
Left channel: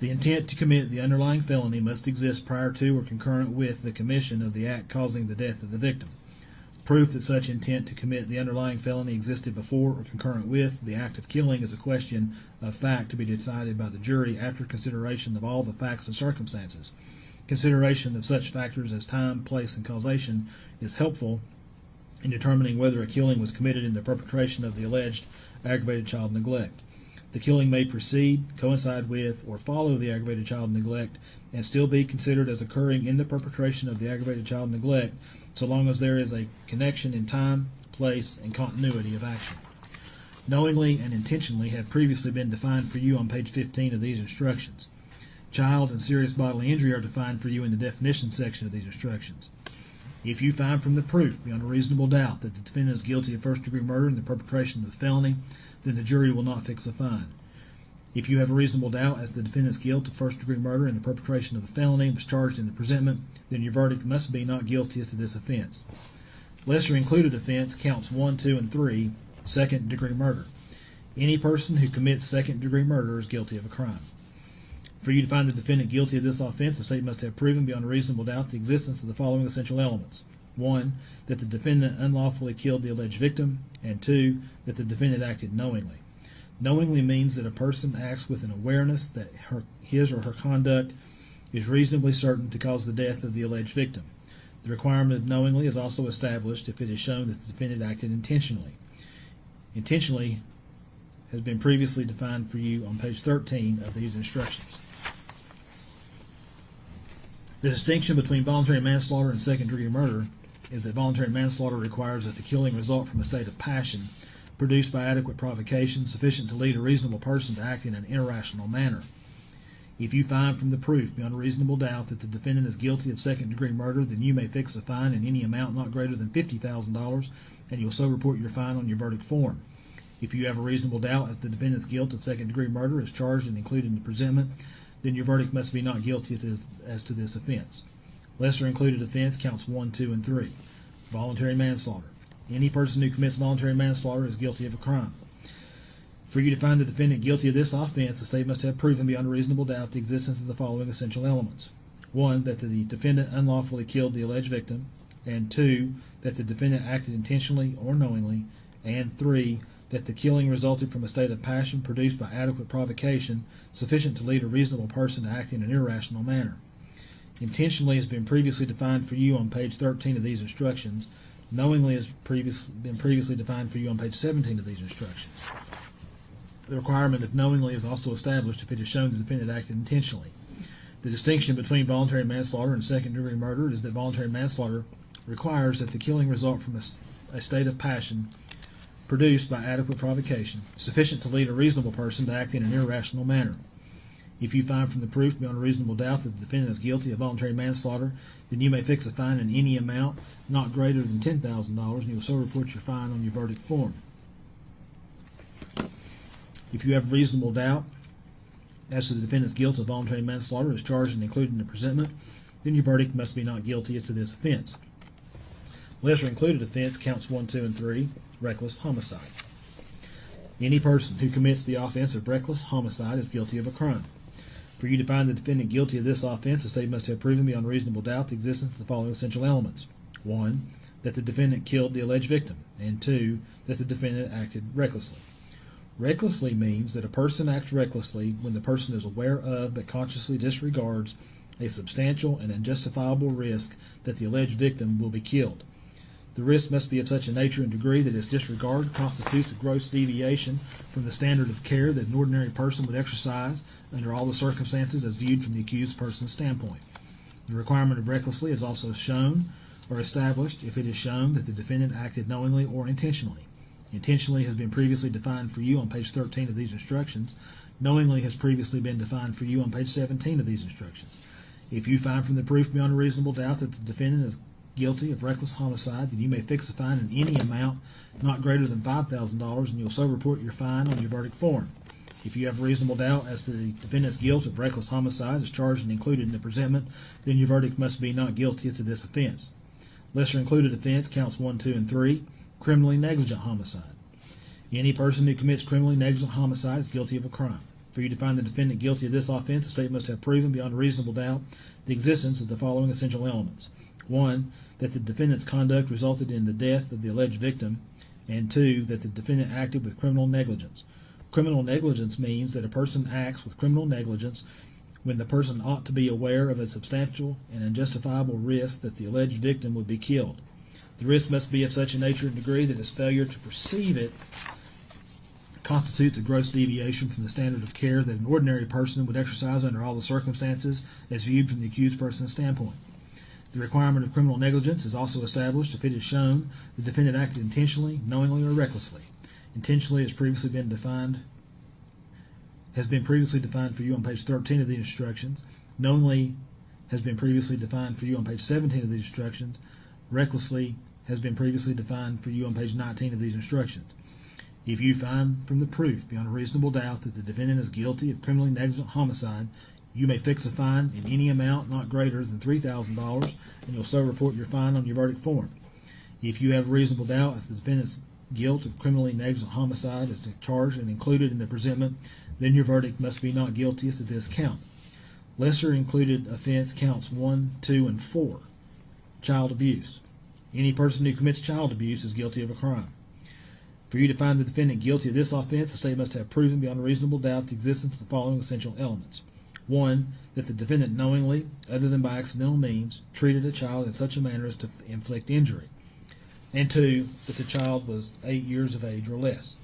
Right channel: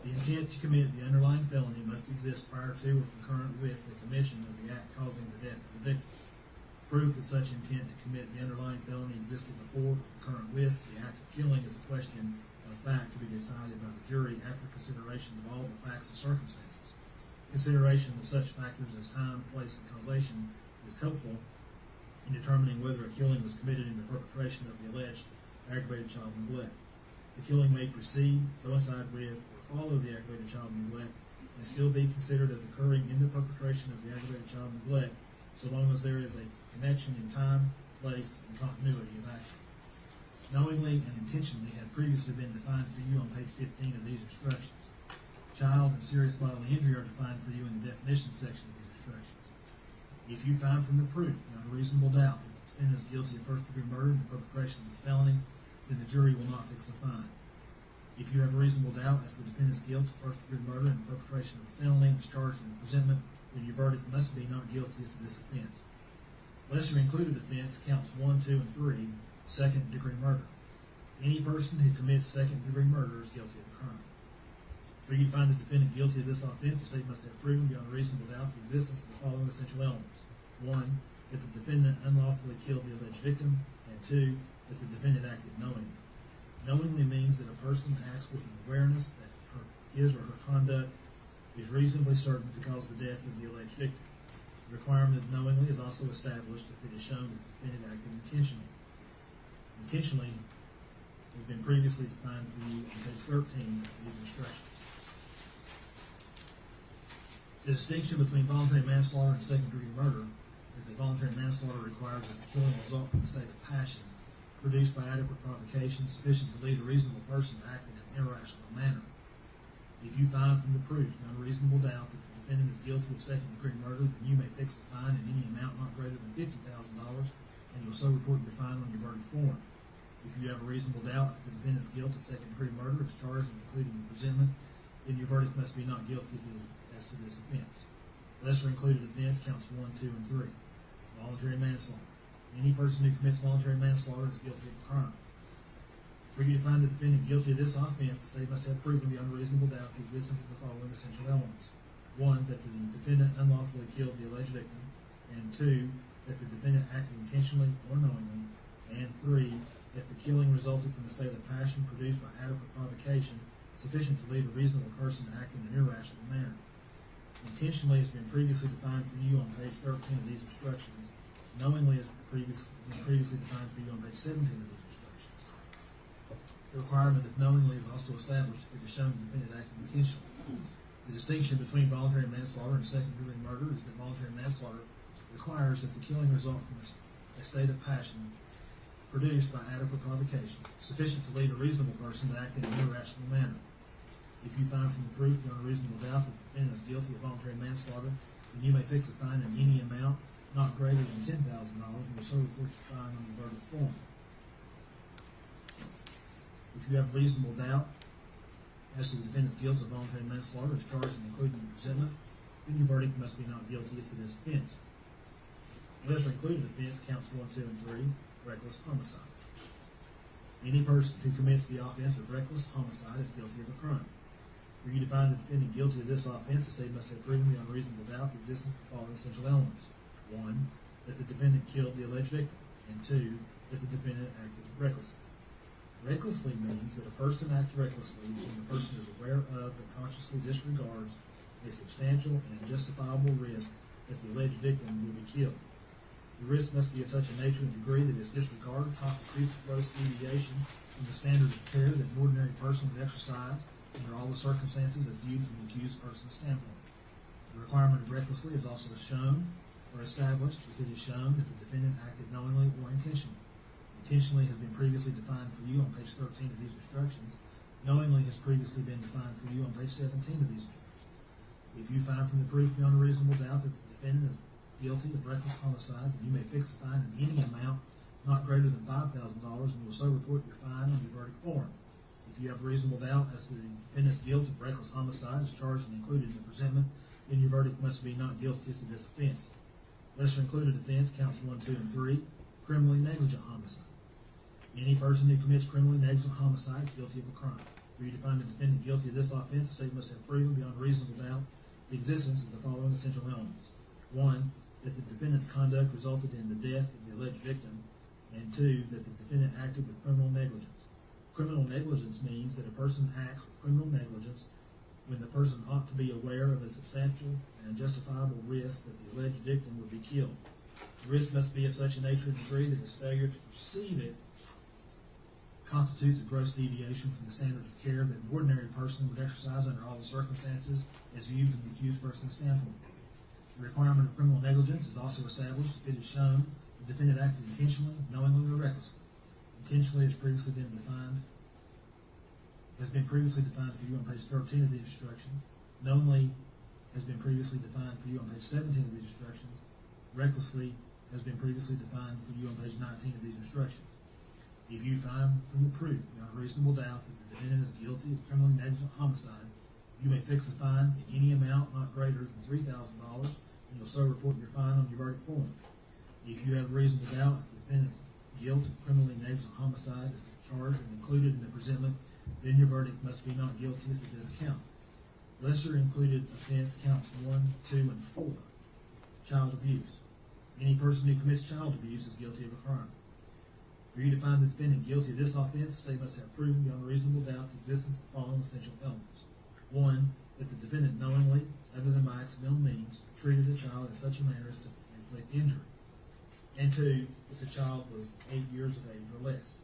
The intent to commit the underlying felony must exist prior to or concurrent with the commission of the act causing the death of the victim. Proof that such intent to commit the underlying felony existed before or concurrent with the act of killing is a question of fact to be decided by the jury after consideration of all the facts and circumstances. Consideration of such factors as time, place, and causation is helpful in determining whether a killing was committed in the perpetration of the alleged aggravated child neglect. The killing may precede, coincide with, or follow the aggravated child neglect and still be considered as occurring in the perpetration of the aggravated child neglect, so long as there is a connection in time, place, and continuity of action. Knowingly and intentionally have previously been defined for you on page 15 of these instructions. Child and serious bodily injury are defined for you in the definition section of these instructions. If you find from the proof beyond a reasonable doubt that the defendant is guilty of first-degree murder in the perpetration of a felony, then the jury will not fix a fine. If you have a reasonable doubt as to the defendant's guilt of first-degree murder in the perpetration of a felony and was charged in the presentment, then your verdict must be not guilty as to this offense. Lesser included offense counts 1, 2, and 3, second-degree murder. Any person who commits second-degree murder is guilty of a crime. For you to find the defendant guilty of this offense, the state must have proven beyond a reasonable doubt the existence of the following essential elements. 1, that the defendant unlawfully killed the alleged victim, and 2, that the defendant acted knowingly. Knowingly means that a person acts with an awareness that his or her conduct is reasonably certain to cause the death of the alleged victim. The requirement of knowingly is also established if it is shown that the defendant acted intentionally. Intentionally has been previously defined for you on page 13 of these instructions. The distinction between voluntary manslaughter and second-degree murder is that voluntary manslaughter requires that the killing result from a state of passion produced by adequate provocation sufficient to lead a reasonable person to act in an irrational manner. If you find from the proof beyond a reasonable doubt that the defendant is guilty of second-degree murder, then you may fix a fine in any amount not greater than $50,000, and you'll so report your fine on your verdict form. If you have a reasonable doubt as to the defendant's guilt of second-degree murder is charged and included in the presentment, then your verdict must be not guilty as to this offense. Lesser included offense counts 1, 2, and 3. Voluntary manslaughter. Any person who commits voluntary manslaughter is guilty of a crime. For you to find the defendant guilty of this offense, the state must have proven beyond a reasonable doubt the existence of the following essential elements. 1, that the defendant unlawfully killed the alleged victim, and 2, that the defendant acted intentionally or knowingly, and 3, that the killing resulted from a state of passion produced by adequate provocation sufficient to lead a reasonable person to act in an irrational manner. Intentionally has been previously defined for you on page 13 of these instructions. Knowingly has been previously defined for you on page 17 of these instructions. The requirement of knowingly is also established if it is shown the defendant acted intentionally. The distinction between voluntary manslaughter and second-degree murder is that voluntary manslaughter requires that the killing result from a state of passion produced by adequate provocation, sufficient to lead a reasonable person to act in an irrational manner. If you find from the proof beyond a reasonable doubt that the defendant is guilty of voluntary manslaughter, then you may fix a fine in any amount not greater than $10,000, and you will so report your fine on your verdict form. If you have reasonable doubt as to the defendant's guilt of voluntary manslaughter as charged and included in the presentment, then your verdict must be not guilty as to this offense. Lesser included offense counts 1, 2, and 3, reckless homicide. Any person who commits the offense of reckless homicide is guilty of a crime. For you to find the defendant guilty of this offense, the state must have proven beyond reasonable doubt the existence of the following essential elements. 1, that the defendant killed the alleged victim, and 2, that the defendant acted recklessly. Recklessly means that a person acts recklessly when the person is aware of but consciously disregards a substantial and unjustifiable risk that the alleged victim will be killed. The risk must be of such a nature and degree that its disregard constitutes a gross deviation from the standard of care that an ordinary person would exercise under all the circumstances as viewed from the accused person's standpoint. The requirement of recklessly is also shown or established if it is shown that the defendant acted knowingly or intentionally. Intentionally has been previously defined for you on page 13 of these instructions. Knowingly has previously been defined for you on page 17 of these instructions. If you find from the proof beyond a reasonable doubt that the defendant is guilty of reckless homicide, then you may fix a fine in any amount not greater than $5,000, and you'll so report your fine on your verdict form. If you have a reasonable doubt as to the defendant's guilt of reckless homicide as charged and included in the presentment, then your verdict must be not guilty as to this offense. Lesser included offense counts 1, 2, and 3, criminally negligent homicide. Any person who commits criminally negligent homicide is guilty of a crime. For you to find the defendant guilty of this offense, the state must have proven beyond a reasonable doubt the existence of the following essential elements. 1, that the defendant's conduct resulted in the death of the alleged victim, and 2, that the defendant acted with criminal negligence. Criminal negligence means that a person acts with criminal negligence when the person ought to be aware of a substantial and unjustifiable risk that the alleged victim would be killed. The risk must be of such a nature and degree that its failure to perceive it constitutes a gross deviation from the standard of care that an ordinary person would exercise under all the circumstances as viewed from the accused person's standpoint. The requirement of criminal negligence is also established if it is shown the defendant acted intentionally, knowingly, or recklessly. Intentionally has previously been defined for you on page 13 of the instructions. Knowingly has been previously defined for you on page 17 of these instructions. Recklessly has been previously defined for you on page 19 of these instructions. If you find from the proof beyond a reasonable doubt that the defendant is guilty of criminally negligent homicide, you may fix a fine in any amount not greater than $3,000, and you'll so report your fine on your verdict form. If you have reasonable doubt as to the defendant's guilt of criminally negligent homicide is charged and included in the presentment, then your verdict must be not guilty as to this count. Lesser included offense counts 1, 2, and 4. Child abuse. Any person who commits child abuse is guilty of a crime. For you to find the defendant guilty of this offense, the state must have proven beyond a reasonable doubt the existence of the following essential elements. 1. That the defendant knowingly, other than by accidental means, treated a child in such a manner as to inflict injury. And 2. That the child was 8 years of age or less.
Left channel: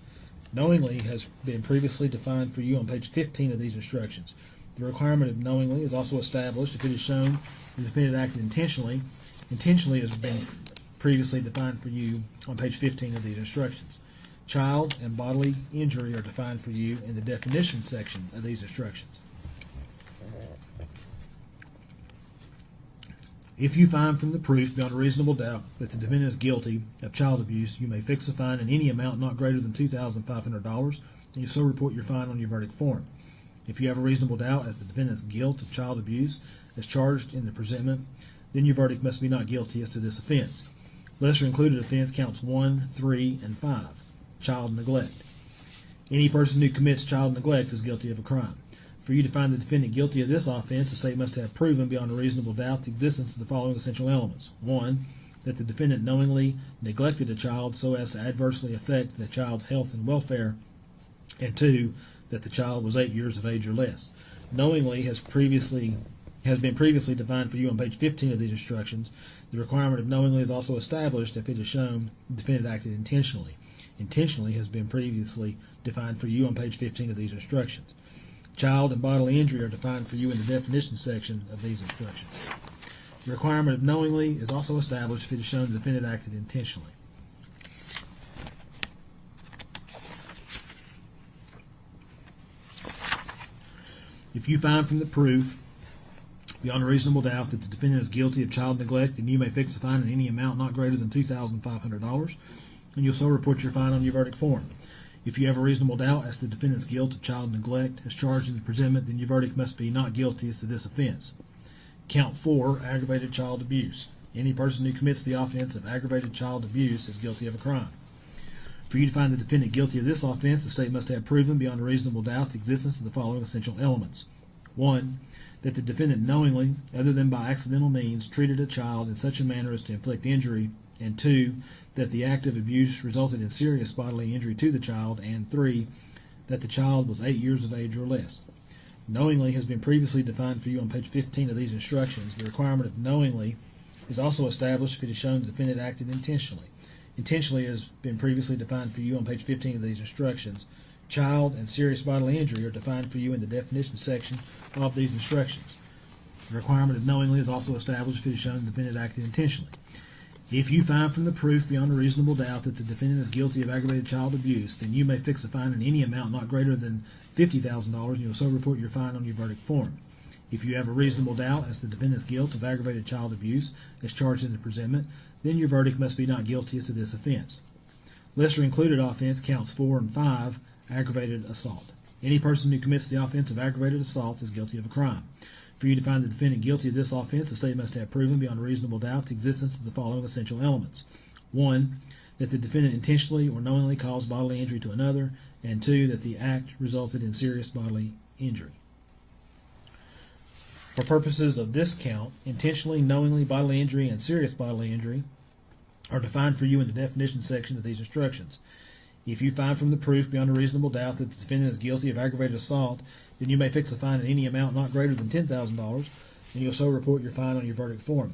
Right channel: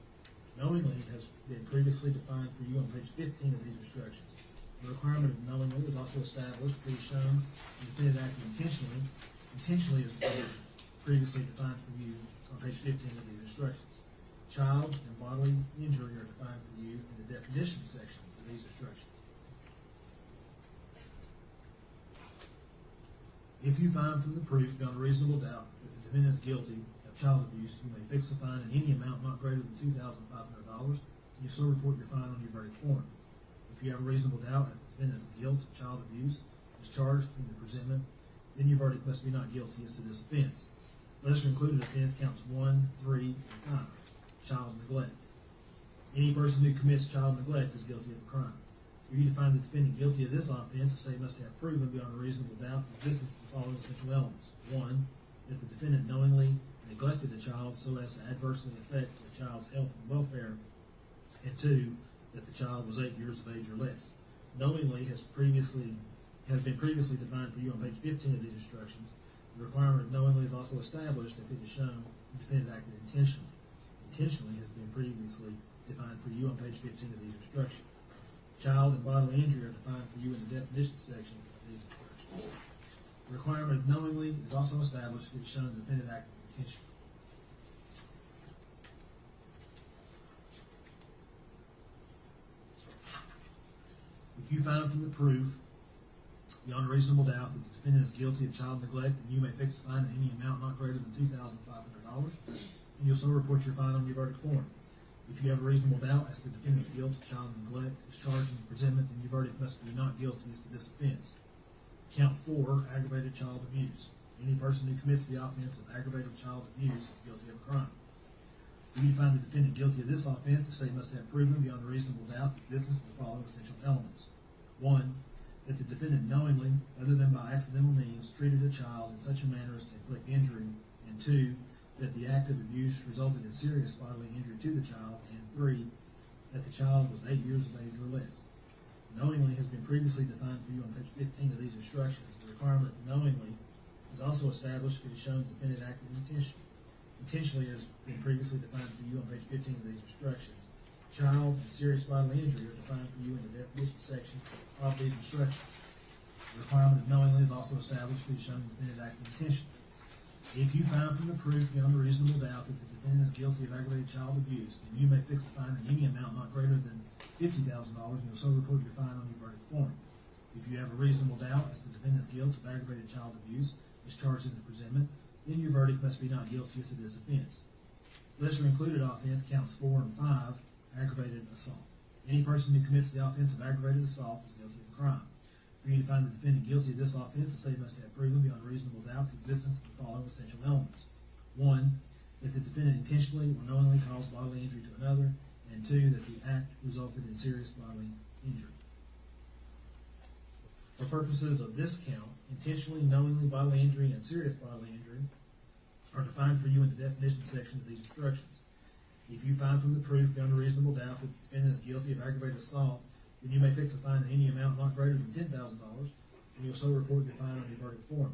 Knowingly has been previously defined for you on page 15 of these instructions. The requirement of knowingly is also established if it is shown the defendant acted intentionally. Intentionally has been previously defined for you on page 15 of these instructions. Child and bodily injury are defined for you in the definition section of these instructions. If you find from the proof beyond a reasonable doubt that the defendant is guilty of child abuse, you may fix a fine in any amount not greater than $2,500, and you so report your fine on your verdict form. If you have a reasonable doubt as to the defendant's guilt of child abuse as charged in the presentment, then your verdict must be not guilty as to this offense. Lesser included offense counts 1, 3, and 5. Child neglect. Any person who commits child neglect is guilty of a crime. For you to find the defendant guilty of this offense, the state must have proven beyond a reasonable doubt the existence of the following essential elements. 1. That the defendant knowingly neglected a child so as to adversely affect the child's health and welfare. And 2. That the child was 8 years of age or less. Knowingly has been previously defined for you on page 15 of these instructions. The requirement of knowingly is also established if it is shown the defendant acted intentionally. Intentionally has been previously defined for you on page 15 of these instructions. Child and bodily injury are defined for you in the definition section of these instructions. The requirement of knowingly is also established if it is shown the defendant acted intentionally. If you find from the proof beyond a reasonable doubt that the defendant is guilty of child neglect, then you may fix a fine in any amount not greater than $2,500, and you'll so report your fine on your verdict form. If you have a reasonable doubt as to the defendant's guilt of child neglect as charged in the presentment, then your verdict must be not guilty as to this offense. Count 4, aggravated child abuse. Any person who commits the offense of aggravated child abuse is guilty of a crime. For you to find the defendant guilty of this offense, the state must have proven beyond a reasonable doubt the existence of the following essential elements. 1. That the defendant knowingly, other than by accidental means, treated a child in such a manner as to inflict injury. And 2. That the act of abuse resulted in serious bodily injury to the child. And 3. That the child was 8 years of age or less. Knowingly has been previously defined for you on page 15 of these instructions. The requirement of knowingly is also established if it is shown the defendant acted intentionally. Intentionally has been previously defined for you on page 15 of these instructions. Child and serious bodily injury are defined for you in the definition section of these instructions. The requirement of knowingly is also established if it is shown the defendant acted intentionally. If you find from the proof beyond a reasonable doubt that the defendant is guilty of aggravated child abuse, then you may fix a fine in any amount not greater than $50,000, and you'll so report your fine on your verdict form. If you have a reasonable doubt as to the defendant's guilt of aggravated child abuse as charged in the presentment, then your verdict must be not guilty as to this offense. Lesser included offense counts 4 and 5, aggravated assault. Any person who commits the offense of aggravated assault is guilty of a crime. For you to find the defendant guilty of this offense, the state must have proven beyond a reasonable doubt the existence of the following essential elements. 1. That the defendant intentionally or knowingly caused bodily injury to another. And 2. That the act resulted in serious bodily injury. For purposes of this count, intentionally, knowingly bodily injury, and serious bodily injury are defined for you in the definition section of these instructions. If you find from the proof beyond a reasonable doubt that the defendant is guilty of aggravated assault, then you may fix a fine in any amount not greater than $10,000, and you'll so report your fine on your verdict form.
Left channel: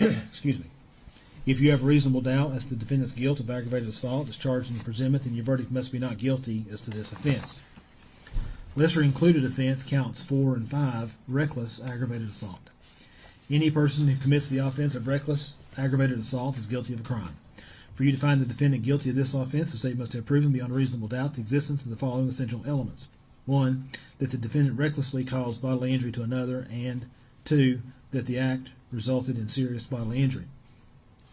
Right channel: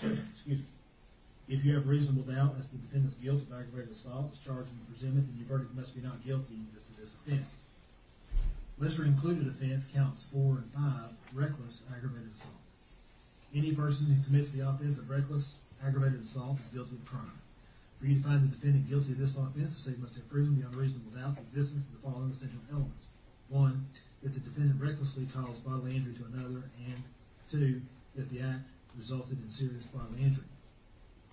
Excuse me. If you have a reasonable doubt as to the defendant's guilt of aggravated assault as charged in the presentment, then your verdict must be not guilty as to this offense. Lesser included offense counts 4 and 5, reckless aggravated assault. Any person who commits the offense of reckless aggravated assault is guilty of a crime. For you to find the defendant guilty of this offense, the state must have proven beyond a reasonable doubt the existence of the following essential elements. 1. That the defendant recklessly caused bodily injury to another, and 2. That the act resulted in serious bodily injury.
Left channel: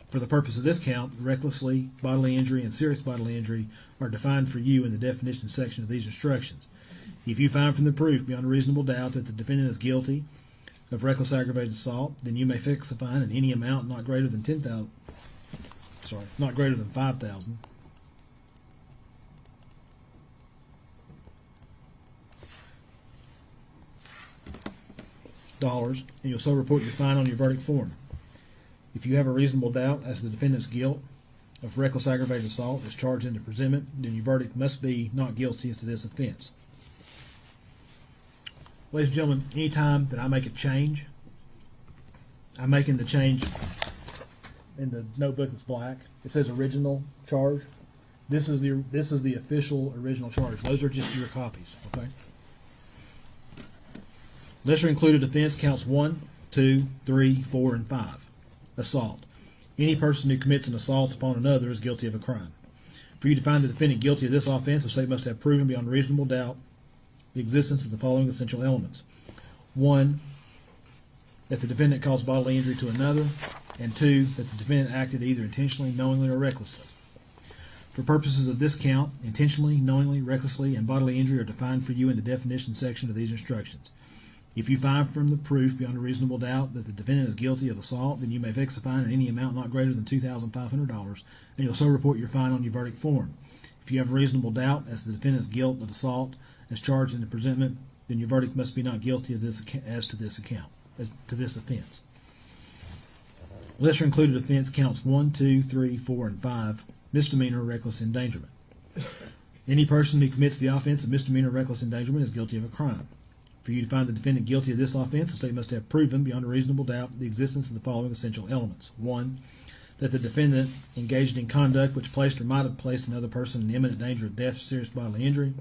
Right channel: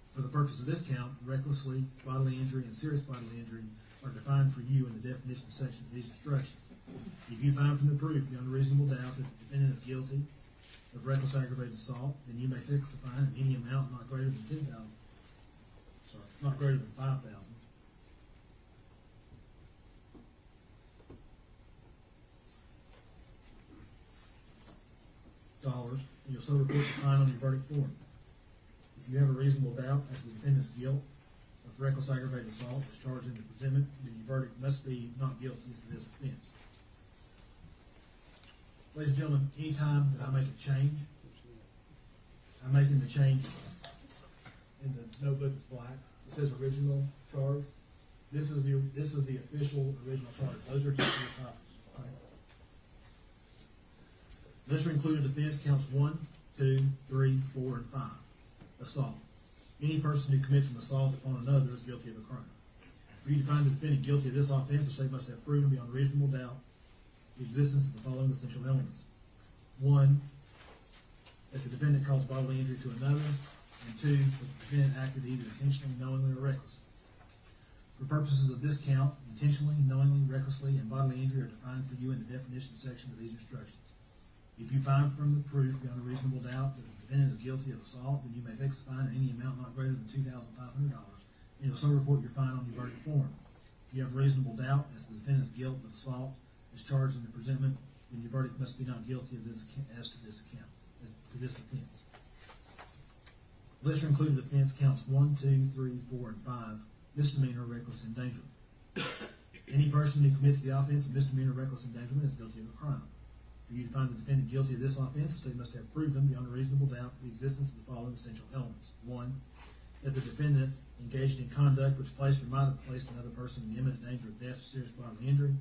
For the purpose of this count, recklessly bodily injury and serious bodily injury are defined for you in the definition section of these instructions. If you find from the proof beyond a reasonable doubt that the defendant is guilty of reckless aggravated assault, then you may fix a fine in any amount not greater than not greater than $5,000. And you'll so report your fine on your verdict form. If you have a reasonable doubt as to the defendant's guilt of reckless aggravated assault as charged in the presentment, then your verdict must be not guilty as to this offense. Ladies and gentlemen, anytime that I make a change, I'm making the change in the notebook that's black. It says original charge. This is the official original charge. Those are just your copies, okay? Lesser included offense counts 1, 2, 3, 4, and 5. Assault. Any person who commits an assault upon another is guilty of a crime. For you to find the defendant guilty of this offense, the state must have proven beyond reasonable doubt the existence of the following essential elements. 1, that the defendant caused bodily injury to another, and 2, that the defendant acted either intentionally, knowingly, or recklessly. For purposes of this count, intentionally, knowingly, recklessly, and bodily injury are defined for you in the definition section of these instructions. If you find from the proof beyond a reasonable doubt that the defendant is guilty of assault, then you may fix a fine in any amount not greater than $2,500, and you'll so report your fine on your verdict form. If you have a reasonable doubt as to the defendant's guilt of assault as charged in the presentment, then your verdict must be not guilty as to this offense. Lesser included offense counts 1, 2, 3, 4, and 5. Misdemeanor reckless endangerment. Any person who commits the offense of misdemeanor reckless endangerment is guilty of a crime. For you to find the defendant guilty of this offense, the state must have proven beyond a reasonable doubt the existence of the following essential elements. 1, that the defendant engaged in conduct which placed or might have placed another person in imminent danger of death or serious bodily injury,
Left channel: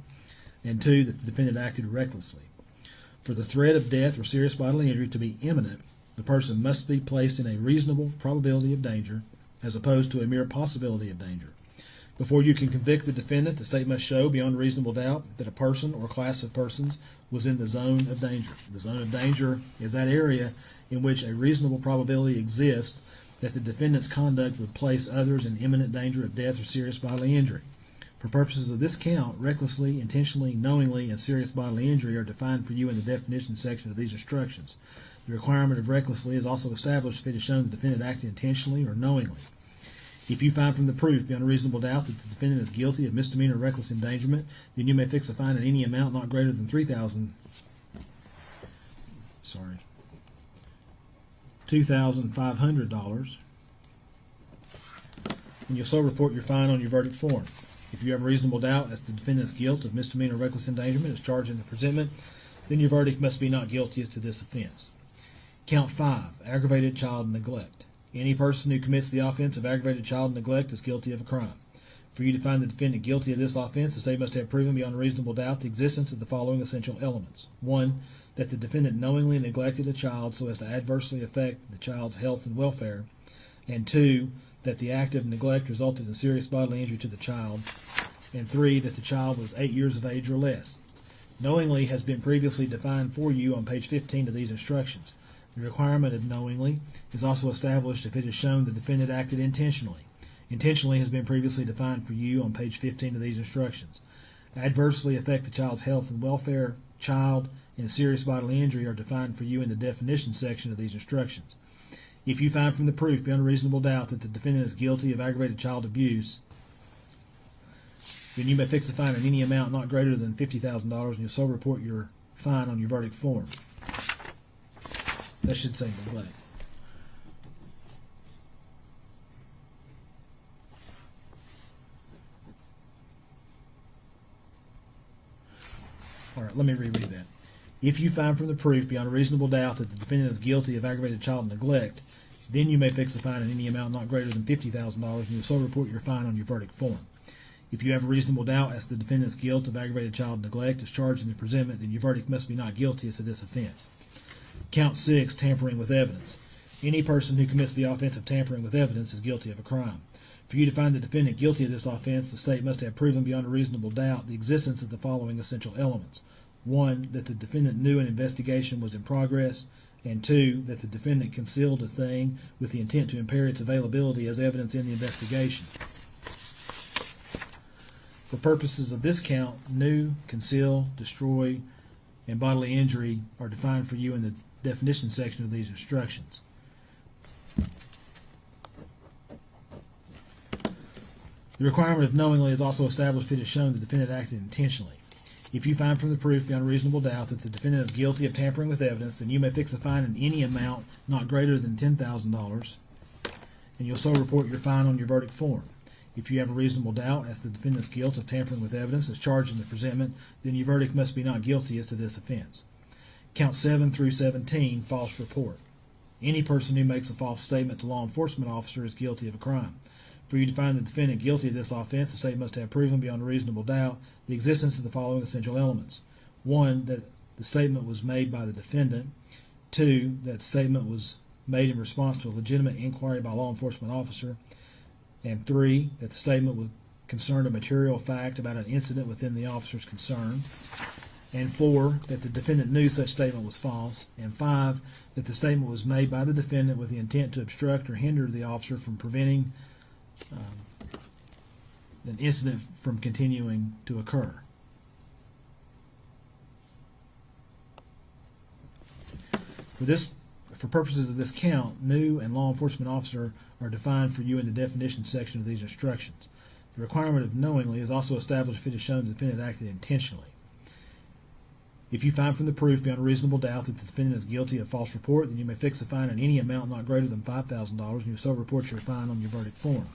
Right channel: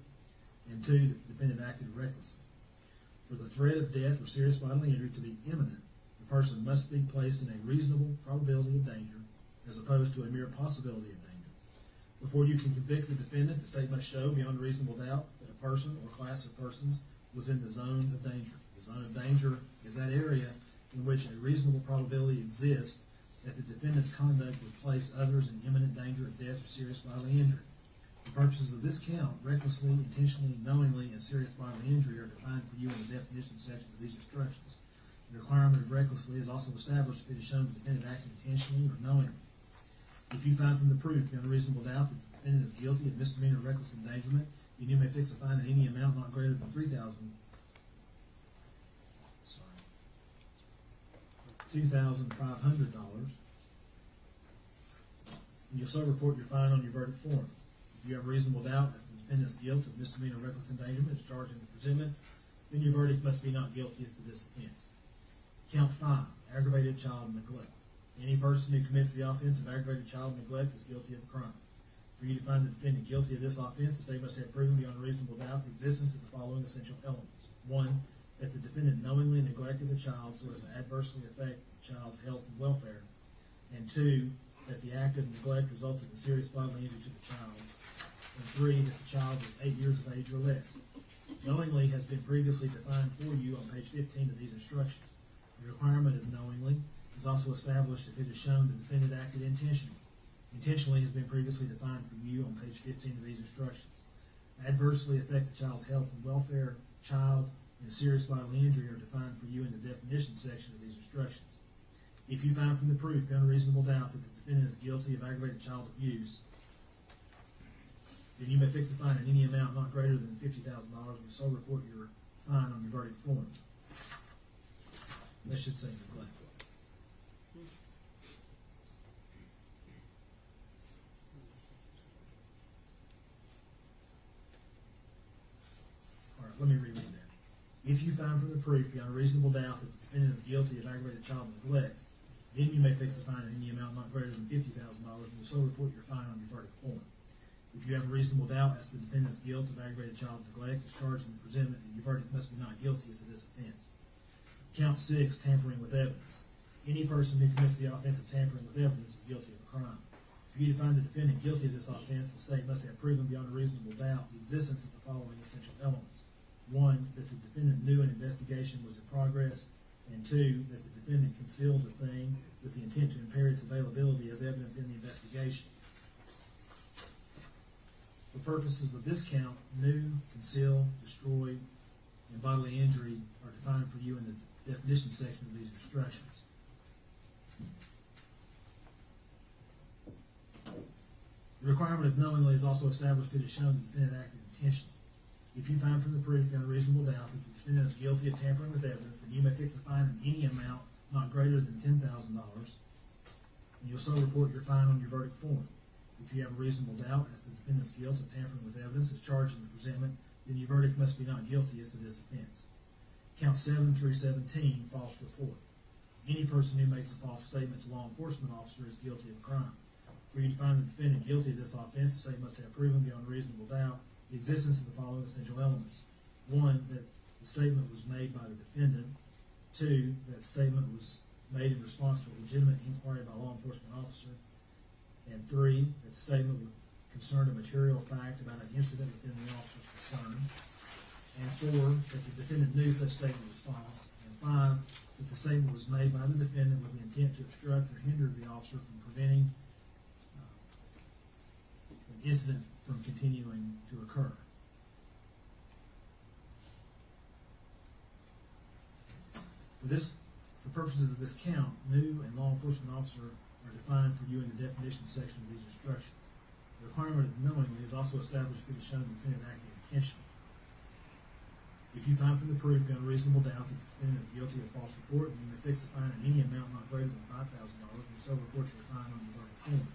and 2, that the defendant acted recklessly. For the threat of death or serious bodily injury to be imminent, the person must be placed in a reasonable probability of danger as opposed to a mere possibility of danger. Before you can convict the defendant, the state must show beyond reasonable doubt that a person or class of persons was in the zone of danger. The zone of danger is that area in which a reasonable probability exists that the defendant's conduct would place others in imminent danger of death or serious bodily injury. For purposes of this count, recklessly, intentionally, knowingly, and serious bodily injury are defined for you in the definition section of these instructions. The requirement of recklessly is also established if it is shown the defendant acted intentionally or knowingly. If you find from the proof beyond a reasonable doubt that the defendant is guilty of misdemeanor reckless endangerment, then you may fix a fine in any amount not greater than $2,500, and you'll so report your fine on your verdict form. If you have a reasonable doubt as to the defendant's guilt of misdemeanor reckless endangerment as charged in the presentment, then your verdict must be not guilty as to this offense. Count 5, aggravated child neglect. Any person who commits the offense of aggravated child neglect is guilty of a crime. For you to find the defendant guilty of this offense, the state must have proven beyond a reasonable doubt the existence of the following essential elements. 1, that the defendant knowingly neglected a child so as to adversely affect the child's health and welfare, and 2, that the act of neglect resulted in serious bodily injury to the child, and 3, that the child was 8 years of age or less. Knowingly has been previously defined for you on page 15 of these instructions. The requirement of knowingly is also established if it is shown the defendant acted intentionally. Intentionally has been previously defined for you on page 15 of these instructions. Adversely affect the child's health and welfare, child, and serious bodily injury are defined for you in the definition section of these instructions. If you find from the proof beyond a reasonable doubt that the defendant is guilty of aggravated child abuse, then you may fix a fine in any amount not greater than $50,000, and you'll so report your fine on your verdict form. That should say neglect. All right, let me reread that. If you find from the proof beyond a reasonable doubt that the defendant is guilty of aggravated child neglect, then you may fix the fine in any amount not greater than $50,000, and you'll so report your fine on your verdict form. If you have a reasonable doubt as to the defendant's guilt of aggravated child neglect as charged in the presentment, then your verdict must be not guilty as to this offense. Count 6, tampering with evidence. Any person who commits the offense of tampering with evidence is guilty of a crime. For you to find the defendant guilty of this offense, the state must have proven beyond a reasonable doubt the existence of the following essential elements. 1, that the defendant knew an investigation was in progress, and 2, that the defendant concealed a thing with the intent to impair its availability as evidence in the investigation. For purposes of this count, new, conceal, destroy, and bodily injury are defined for you in the definition section of these instructions. The requirement of knowingly is also established if it is shown the defendant acted intentionally. If you find from the proof beyond reasonable doubt that the defendant is guilty of tampering with evidence, then you may fix a fine in any amount not greater than $10,000, and you'll so report your fine on your verdict form. If you have a reasonable doubt as to the defendant's guilt of tampering with evidence as charged in the presentment, then your verdict must be not guilty as to this offense. Count 7 through 17, false report. Any person who makes a false statement to law enforcement officer is guilty of a crime. For you to find the defendant guilty of this offense, the state must have proven beyond a reasonable doubt the existence of the following essential elements. 1, that the statement was made by the defendant. 2, that the statement was made in response to a legitimate inquiry by a law enforcement officer. And 3, that the statement would concern a material fact about an incident within the officer's concern. And 4, that the defendant knew such statement was false. And 5, that the statement was made by the defendant with the intent to obstruct or hinder the officer from preventing an incident from continuing to occur. For purposes of this count, new and law enforcement officer are defined for you in the definition section of these instructions. The requirement of knowingly is also established if it is shown the defendant acted intentionally. If you find from the proof beyond a reasonable doubt that the defendant is guilty of false report, then you may fix a fine in any amount not greater than $5,000, and you so report your fine on your verdict form.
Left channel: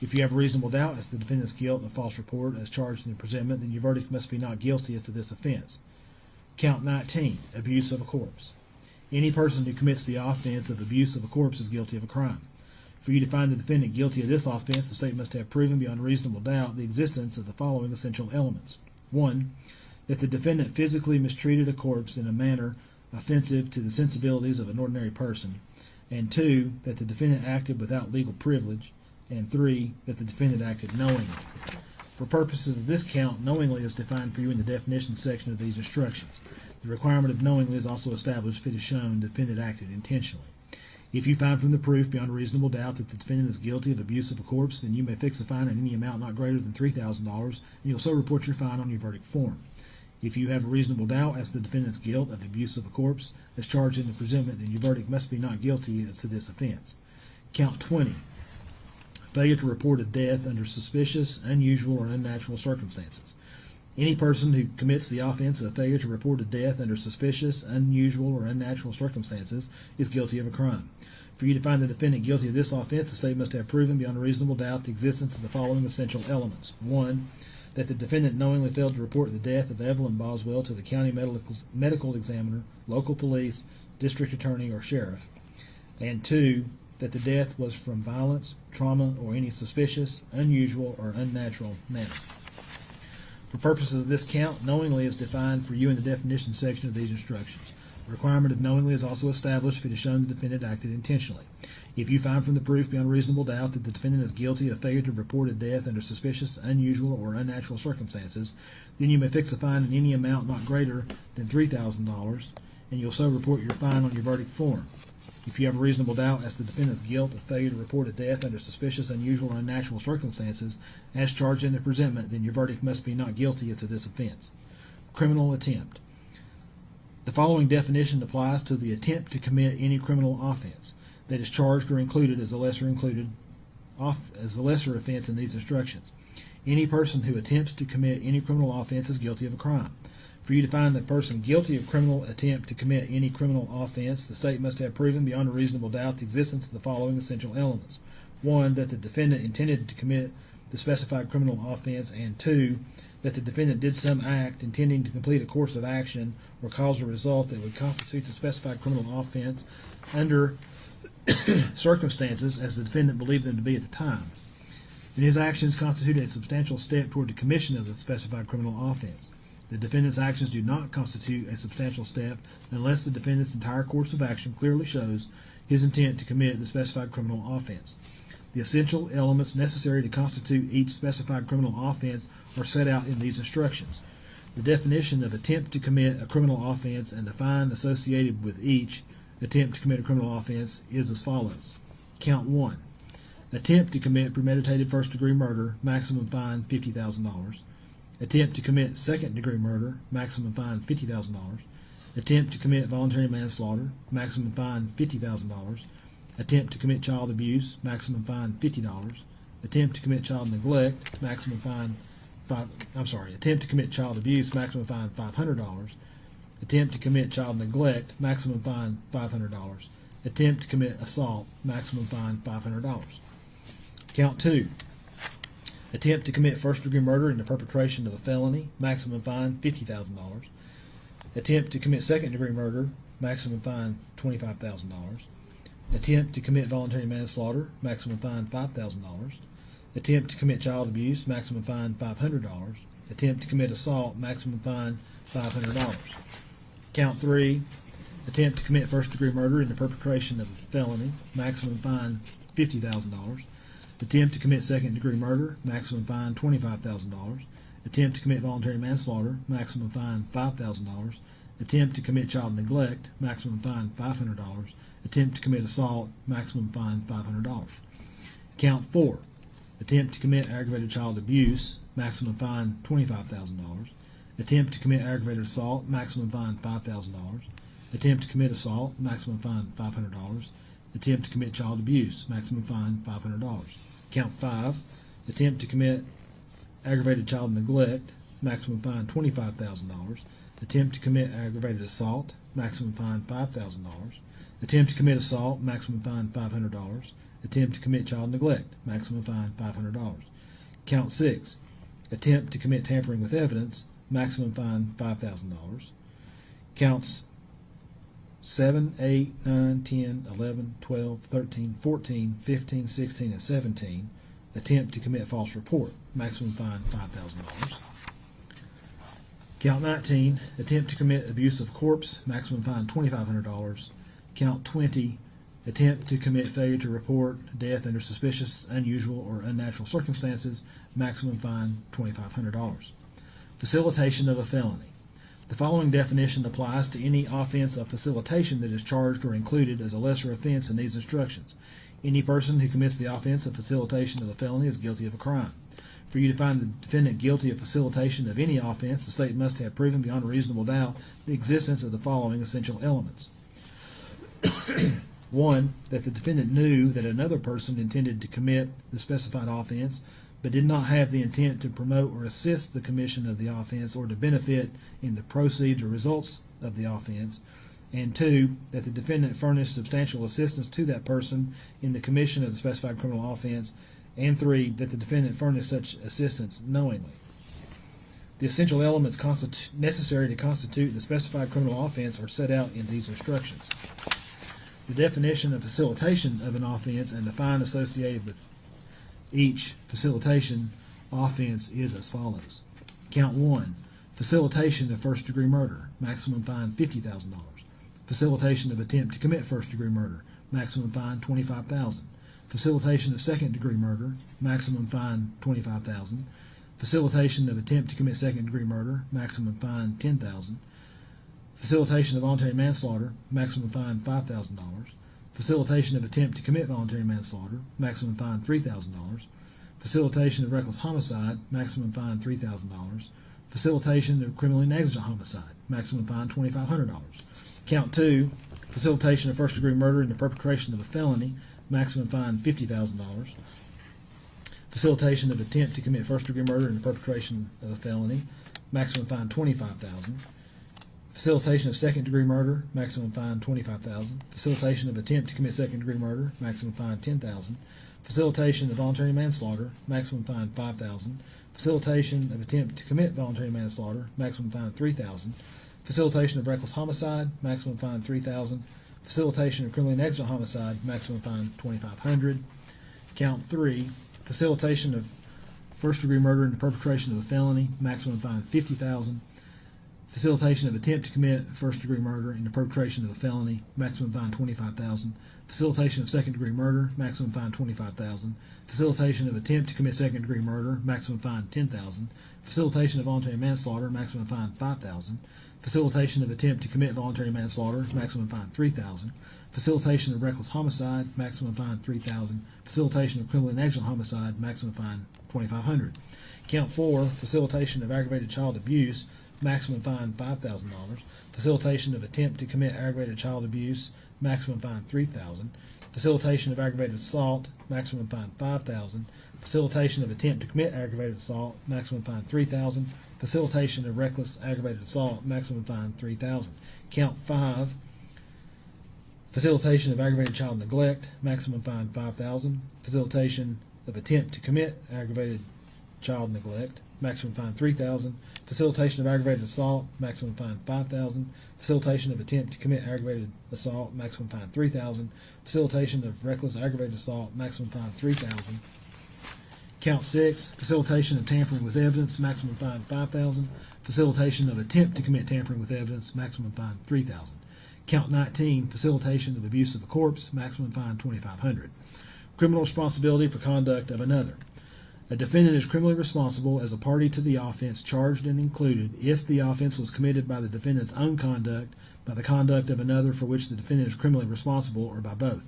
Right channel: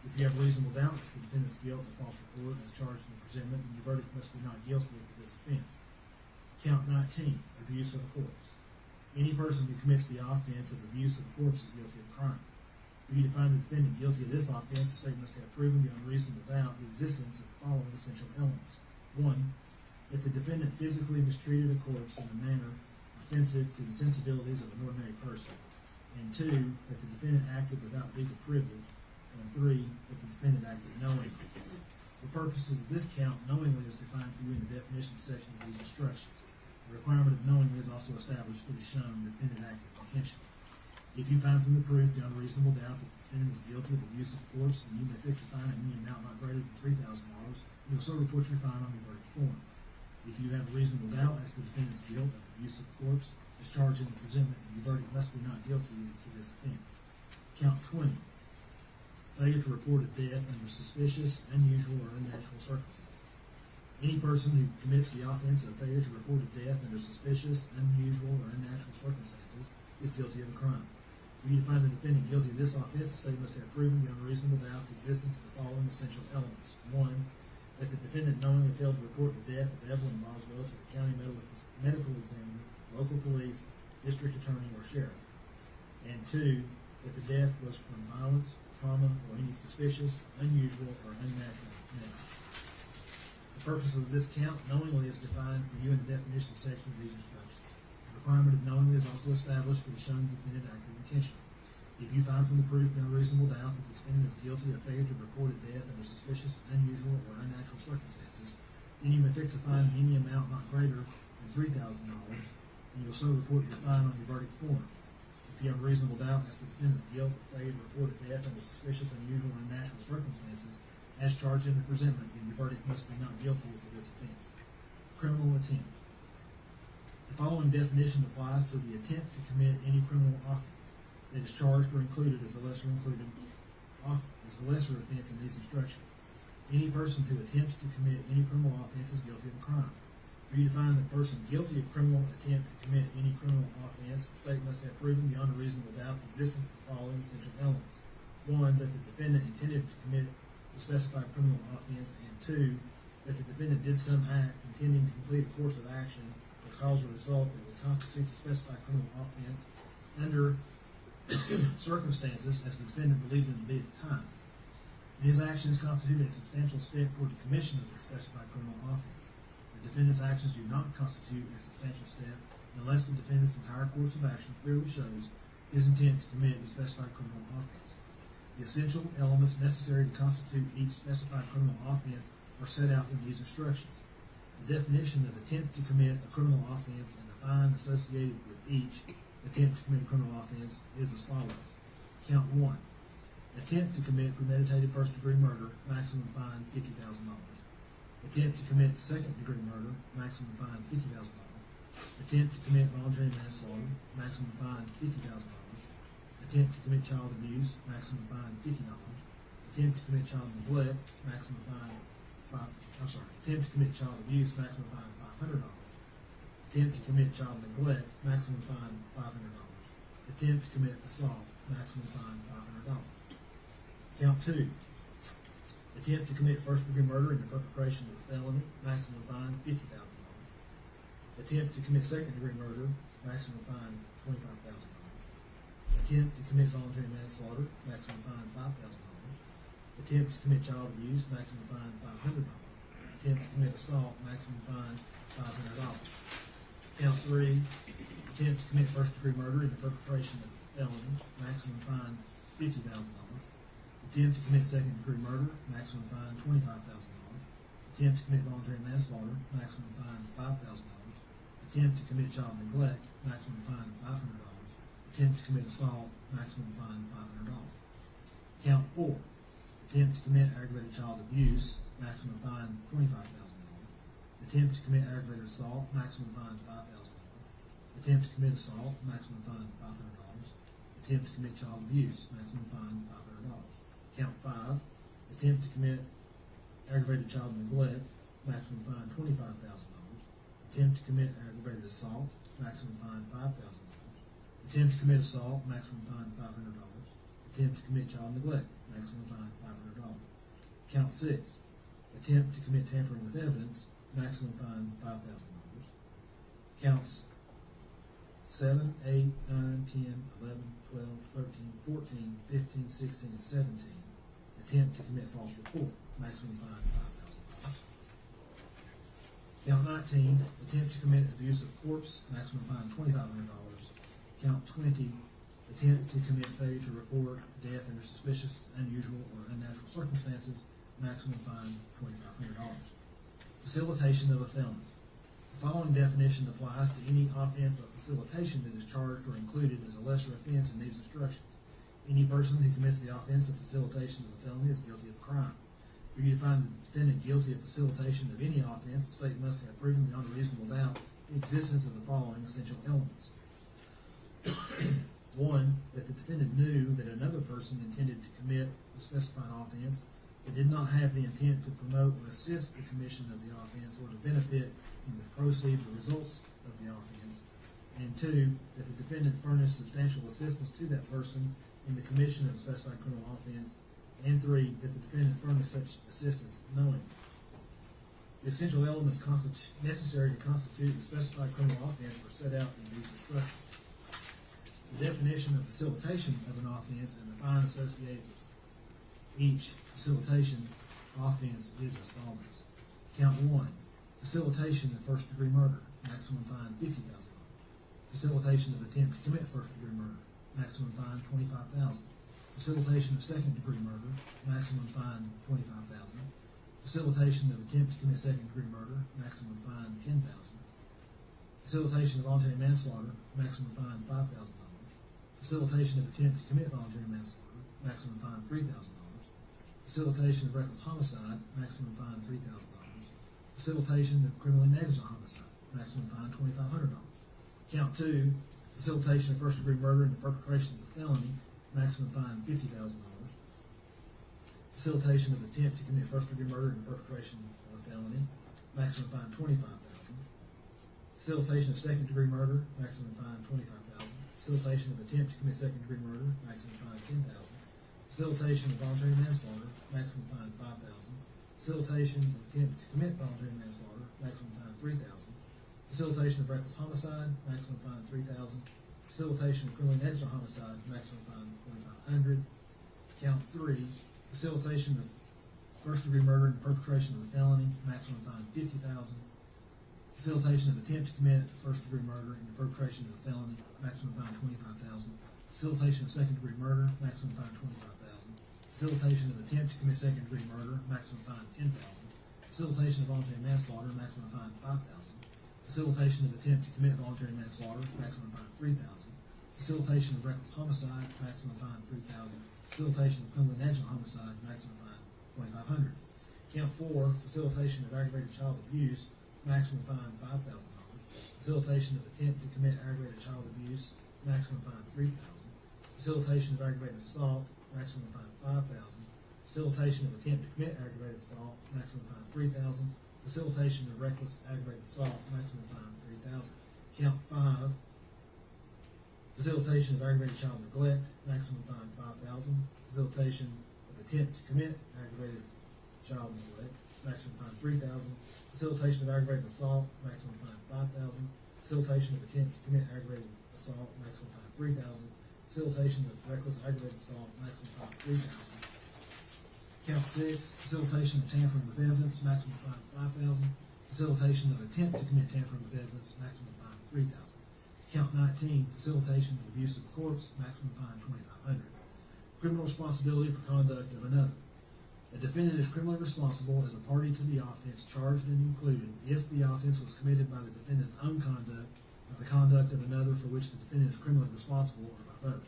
If you have a reasonable doubt as to the defendant's guilt of false report as charged in the presentment, then your verdict must be not guilty as to this offense. Count 19, abuse of a corpse. Any person who commits the offense of abuse of a corpse is guilty of a crime. For you to find the defendant guilty of this offense, the state must have proven beyond reasonable doubt the existence of the following essential elements. 1, that the defendant physically mistreated a corpse in a manner offensive to the sensibilities of an ordinary person. And 2, that the defendant acted without legal privilege. And 3, that the defendant acted knowingly. For purposes of this count, knowingly is defined for you in the definition section of these instructions. The requirement of knowingly is also established if it is shown the defendant acted intentionally. If you find from the proof beyond a reasonable doubt that the defendant is guilty of abuse of a corpse, then you may fix a fine in any amount not greater than $3,000, and you'll so report your fine on your verdict form. If you have a reasonable doubt as to the defendant's guilt of abuse of a corpse as charged in the presentment, then your verdict must be not guilty as to this offense. Count 20. Failure to report a death under suspicious, unusual, or unnatural circumstances. Any person who commits the offense of failure to report a death under suspicious, unusual, or unnatural circumstances is guilty of a crime. For you to find the defendant guilty of this offense, the state must have proven beyond a reasonable doubt the existence of the following essential elements. 1, that the defendant knowingly failed to report the death of Evelyn Boswell to the county medical examiner, local police, district attorney, or sheriff. And 2, that the death was from violence, trauma, or any suspicious, unusual, or unnatural manner. For purposes of this count, knowingly is defined for you in the definition section of these instructions. The requirement of knowingly is also established if it is shown the defendant acted intentionally. If you find from the proof beyond reasonable doubt that the defendant is guilty of failure to report a death under suspicious, unusual, or unnatural circumstances, then you may fix a fine in any amount not greater than $3,000, and you'll so report your fine on your verdict form. If you have a reasonable doubt as to the defendant's guilt of failure to report a death under suspicious, unusual, or unnatural circumstances as charged in the presentment, then your verdict must be not guilty as to this offense. Criminal attempt. The following definition applies to the attempt to commit any criminal offense that is charged or included as a lesser offense in these instructions. Any person who attempts to commit any criminal offense is guilty of a crime. For you to find the person guilty of criminal attempt to commit any criminal offense, the state must have proven beyond a reasonable doubt the existence of the following essential elements. 1, that the defendant intended to commit the specified criminal offense, and 2, that the defendant did some act intending to complete a course of action or cause a result that would constitute the specified criminal offense under circumstances as the defendant believed them to be at the time. And his actions constitute a substantial step toward the commission of the specified criminal offense. The defendant's actions do not constitute a substantial step unless the defendant's entire course of action clearly shows his intent to commit the specified criminal offense. The essential elements necessary to constitute each specified criminal offense are set out in these instructions. The definition of attempt to commit a criminal offense and the fine associated with each attempt to commit a criminal offense is as follows. Count 1. Attempt to commit premeditated first-degree murder, maximum fine $50,000. Attempt to commit second-degree murder, maximum fine $50,000. Attempt to commit voluntary manslaughter, maximum fine $50,000. Attempt to commit child abuse, maximum fine $50. Attempt to commit child neglect, maximum fine attempt to commit child abuse, maximum fine $500. Attempt to commit child neglect, maximum fine $500. Attempt to commit assault, maximum fine $500. Count 2. Attempt to commit first-degree murder in the perpetration of a felony, maximum fine $50,000. Attempt to commit second-degree murder, maximum fine $25,000. Attempt to commit voluntary manslaughter, maximum fine $5,000. Attempt to commit child abuse, maximum fine $500. Attempt to commit assault, maximum fine $500. Count 3. Attempt to commit first-degree murder in the perpetration of a felony, maximum fine $50,000. Attempt to commit second-degree murder, maximum fine $25,000. Attempt to commit voluntary manslaughter, maximum fine $5,000. Attempt to commit child neglect, maximum fine $500. Attempt to commit assault, maximum fine $500. Count 4. Attempt to commit aggravated child abuse, maximum fine $25,000. Attempt to commit aggravated assault, maximum fine $5,000. Attempt to commit assault, maximum fine $500. Attempt to commit child abuse, maximum fine $500. Count 5. Attempt to commit aggravated child neglect, maximum fine $25,000. Attempt to commit aggravated assault, maximum fine $5,000. Attempt to commit assault, maximum fine $500. Attempt to commit child neglect, maximum fine $500. Count 6. Attempt to commit tampering with evidence, maximum fine $5,000. Counts 7, 8, 9, 10, 11, 12, 13, 14, 15, 16, and 17. Attempt to commit false report, maximum fine $5,000. Count 19. Attempt to commit abuse of corpse, maximum fine $2,500. Count 20. Attempt to commit failure to report death under suspicious, unusual, or unnatural circumstances, maximum fine $2,500. Facilitation of a felony. The following definition applies to any offense of facilitation that is charged or included as a lesser offense in these instructions. Any person who commits the offense of facilitation of a felony is guilty of a crime. For you to find the defendant guilty of facilitation of any offense, the state must have proven beyond a reasonable doubt the existence of the following essential elements. 1. That the defendant knew that another person intended to commit the specified offense, but did not have the intent to promote or assist the commission of the offense or to benefit in the proceeds or results of the offense. And 2. That the defendant furnished substantial assistance to that person in the commission of the specified criminal offense. And 3. That the defendant furnished such assistance knowingly. The essential elements necessary to constitute the specified criminal offense are set out in these instructions. The definition of facilitation of an offense and the fine associated with each facilitation offense is as follows. Count 1. Facilitation of first-degree murder, maximum fine $50,000. Facilitation of attempt to commit first-degree murder, maximum fine $25,000. Facilitation of second-degree murder, maximum fine $25,000. Facilitation of attempt to commit second-degree murder, maximum fine $10,000. Facilitation of voluntary manslaughter, maximum fine $5,000. Facilitation of attempt to commit voluntary manslaughter, maximum fine $3,000. Facilitation of reckless homicide, maximum fine $3,000. Facilitation of criminally negligent homicide, maximum fine $2,500. Count 2. Facilitation of first-degree murder in the perpetration of a felony, maximum fine $50,000. Facilitation of attempt to commit first-degree murder in the perpetration of a felony, maximum fine $25,000. Facilitation of second-degree murder, maximum fine $25,000. Facilitation of attempt to commit second-degree murder, maximum fine $10,000. Facilitation of voluntary manslaughter, maximum fine $5,000. Facilitation of attempt to commit voluntary manslaughter, maximum fine $3,000. Facilitation of reckless homicide, maximum fine $3,000. Facilitation of criminally negligent homicide, maximum fine $2,500. Count 3. Facilitation of first-degree murder in the perpetration of a felony, maximum fine $50,000. Facilitation of attempt to commit first-degree murder in the perpetration of a felony, maximum fine $25,000. Facilitation of second-degree murder, maximum fine $25,000. Facilitation of attempt to commit second-degree murder, maximum fine $10,000. Facilitation of voluntary manslaughter, maximum fine $5,000. Facilitation of attempt to commit voluntary manslaughter, maximum fine $3,000. Facilitation of reckless homicide, maximum fine $3,000. Facilitation of criminally negligent homicide, maximum fine $2,500. Count 4, facilitation of aggravated child abuse, maximum fine $5,000. Facilitation of attempt to commit aggravated child abuse, maximum fine $3,000. Facilitation of aggravated assault, maximum fine $5,000. Facilitation of attempt to commit aggravated assault, maximum fine $3,000. Facilitation of reckless aggravated assault, maximum fine $3,000. Count 5, facilitation of aggravated child neglect, maximum fine $5,000. Facilitation of attempt to commit aggravated child neglect, maximum fine $3,000. Facilitation of aggravated assault, maximum fine $5,000. Facilitation of attempt to commit aggravated assault, maximum fine $3,000. Facilitation of reckless aggravated assault, maximum fine $3,000. Count 6, facilitation of tampering with evidence, maximum fine $5,000. Facilitation of attempt to commit tampering with evidence, maximum fine $3,000. Count 19, facilitation of abuse of a corpse, maximum fine $2,500. Criminal responsibility for conduct of another. A defendant is criminally responsible as a party to the offense charged and included if the offense was committed by the defendant's own conduct, by the conduct of another for which the defendant is criminally responsible, or by both.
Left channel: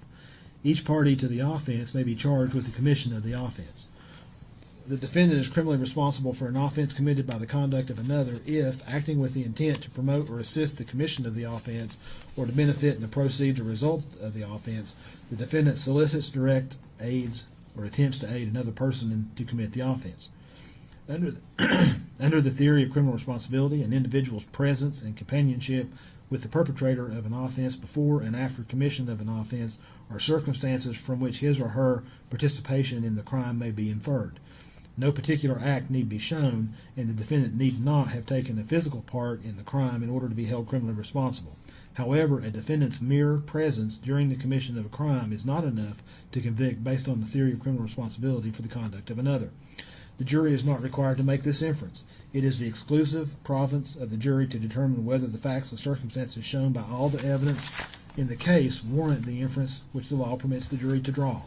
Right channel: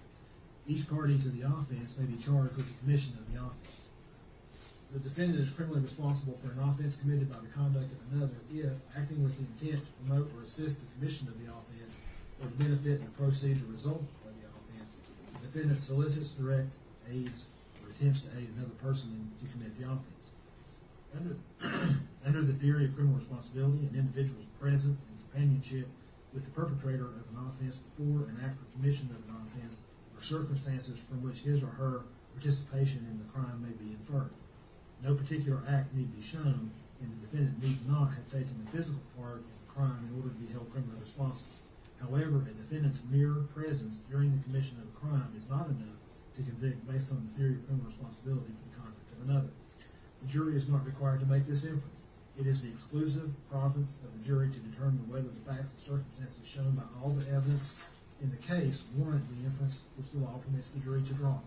Each party to the offense may be charged with the commission of the offense. The defendant is criminally responsible for an offense committed by the conduct of another if, acting with the intent to promote or assist the commission of the offense or to benefit in the proceeds or result of the offense, the defendant solicits, directs, aids, or attempts to aid another person to commit the offense. Under the theory of criminal responsibility, an individual's presence and companionship with the perpetrator of an offense before and after commission of an offense are circumstances from which his or her participation in the crime may be inferred. No particular act need be shown, and the defendant need not have taken a physical part in the crime in order to be held criminally responsible. However, a defendant's mere presence during the commission of a crime is not enough to convict based on the theory of criminal responsibility for the conduct of another. The jury is not required to make this inference. It is the exclusive province of the jury to determine whether the facts and circumstances shown by all the evidence in the case warrant the inference which the law permits the jury to draw.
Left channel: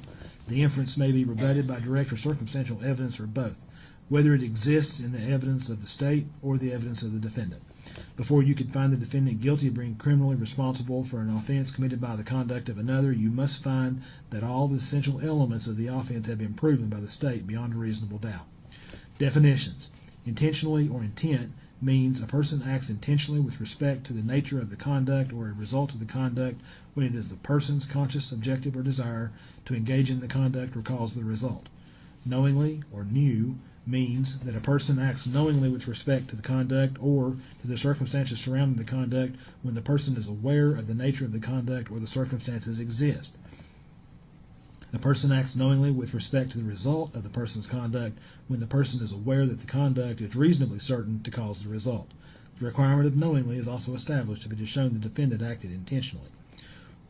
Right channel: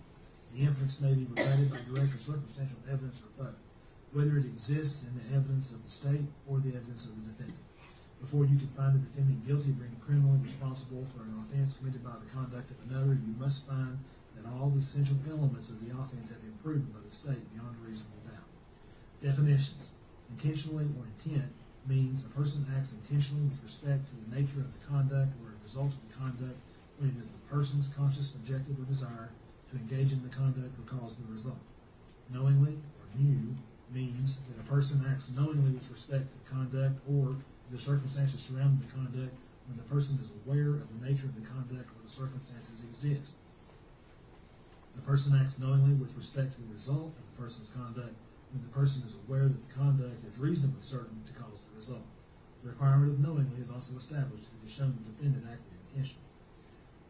The inference may be rebutted by direct or circumstantial evidence or both, whether it exists in the evidence of the state or the evidence of the defendant. Before you can find the defendant guilty of being criminally responsible for an offense committed by the conduct of another, you must find that all the essential elements of the offense have been proven by the state beyond a reasonable doubt. Definitions. Intentionally or intent means a person acts intentionally with respect to the nature of the conduct or a result of the conduct when it is the person's conscious objective or desire to engage in the conduct or cause the result. Knowingly or knew means that a person acts knowingly with respect to the conduct or to the circumstances surrounding the conduct when the person is aware of the nature of the conduct or the circumstances exist. A person acts knowingly with respect to the result of the person's conduct when the person is aware that the conduct is reasonably certain to cause the result. The requirement of knowingly is also established if it is shown the defendant acted intentionally.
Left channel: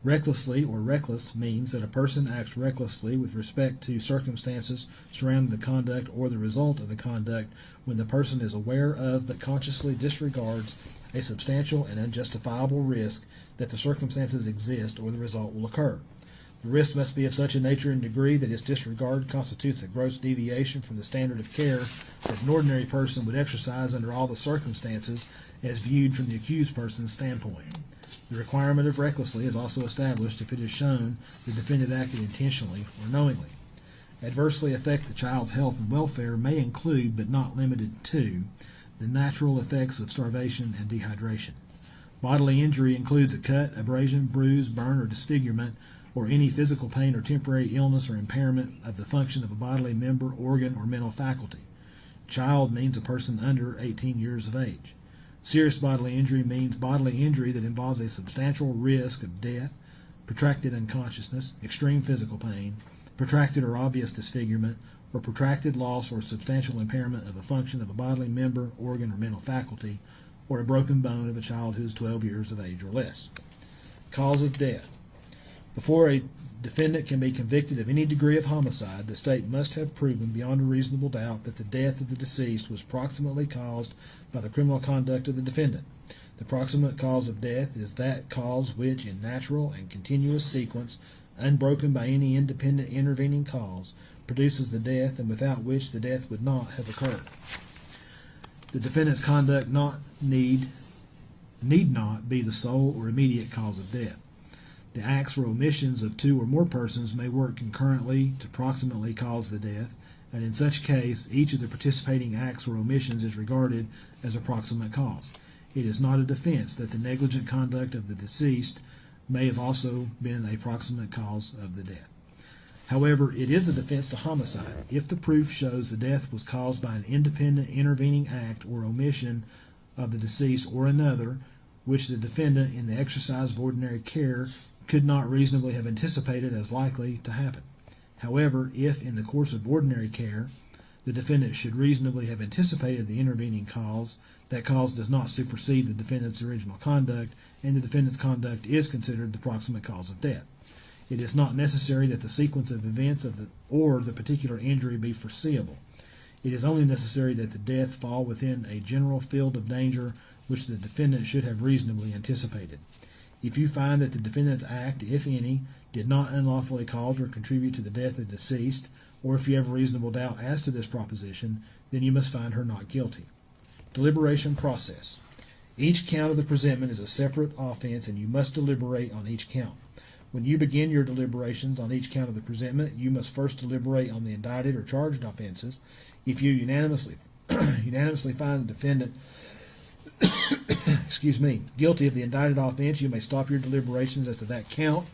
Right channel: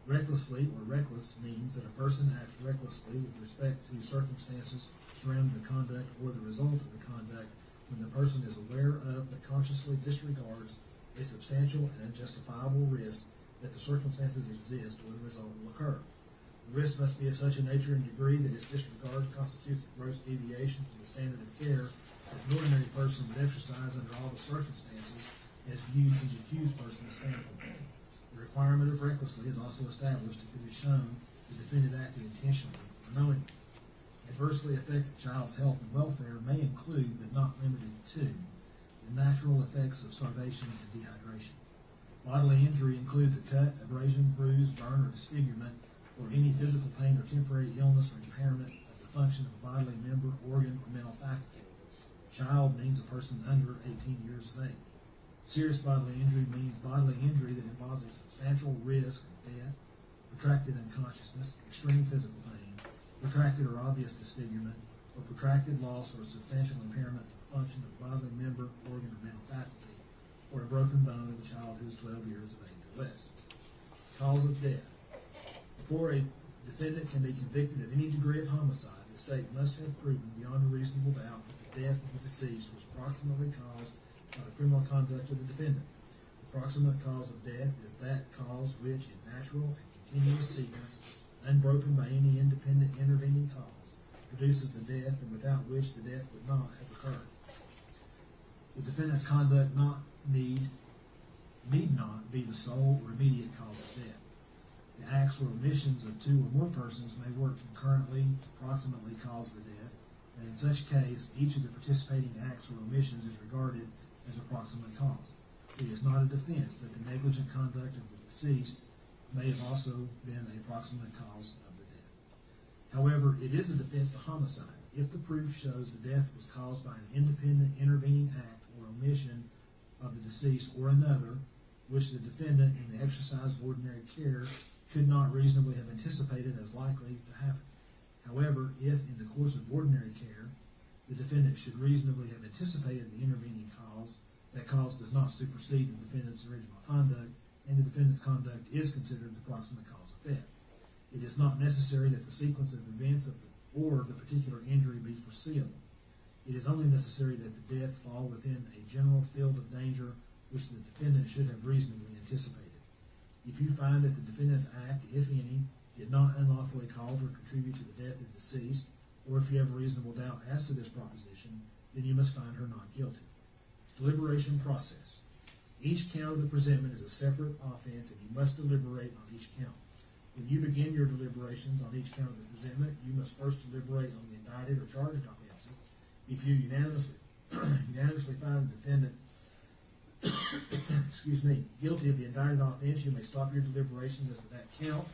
Recklessly or reckless means that a person acts recklessly with respect to circumstances surrounding the conduct or the result of the conduct when the person is aware of but consciously disregards a substantial and unjustifiable risk that the circumstances exist or the result will occur. The risk must be of such a nature and degree that its disregard constitutes a gross deviation from the standard of care that an ordinary person would exercise under all the circumstances as viewed from the accused person's standpoint. The requirement of recklessly is also established if it is shown the defendant acted intentionally or knowingly. Adversely affect the child's health and welfare may include, but not limited to, the natural effects of starvation and dehydration. Bodily injury includes a cut, abrasion, bruise, burn, or disfigurement, or any physical pain or temporary illness or impairment of the function of a bodily member, organ, or mental faculty. Child means a person under 18 years of age. Serious bodily injury means bodily injury that involves a substantial risk of death, protracted unconsciousness, extreme physical pain, protracted or obvious disfigurement, or protracted loss or substantial impairment of a function of a bodily member, organ, or mental faculty, or a broken bone of a child who is 12 years of age or less. Cause of death. Before a defendant can be convicted of any degree of homicide, the state must have proven beyond a reasonable doubt that the death of the deceased was proximately caused by the criminal conduct of the defendant. The proximate cause of death is that cause which, in natural and continuous sequence, unbroken by any independent intervening cause, produces the death and without which the death would not have occurred. The defendant's conduct need not be the sole or immediate cause of death. The acts or omissions of two or more persons may work concurrently to proximately cause the death, and in such case, each of the participating acts or omissions is regarded as a proximate cause. It is not a defense that the negligent conduct of the deceased may have also been a proximate cause of the death. However, it is a defense to homicide if the proof shows the death was caused by an independent intervening act or omission of the deceased or another, which the defendant, in the exercise of ordinary care, could not reasonably have anticipated as likely to happen. However, if in the course of ordinary care the defendant should reasonably have anticipated the intervening cause, that cause does not supersede the defendant's original conduct, and the defendant's conduct is considered the proximate cause of death. It is not necessary that the sequence of events or the particular injury be foreseeable. It is only necessary that the death fall within a general field of danger which the defendant should have reasonably anticipated. If you find that the defendant's act, if any, did not unlawfully cause or contribute to the death of the deceased, or if you have reasonable doubt as to this proposition, then you must find her not guilty. Deliberation process. Each count of the presentment is a separate offense, and you must deliberate on each count. When you begin your deliberations on each count of the presentment, you must first deliberate on the indicted or charged offenses. If you unanimously find the defendant guilty of the indicted offense, you may stop your deliberations as to that count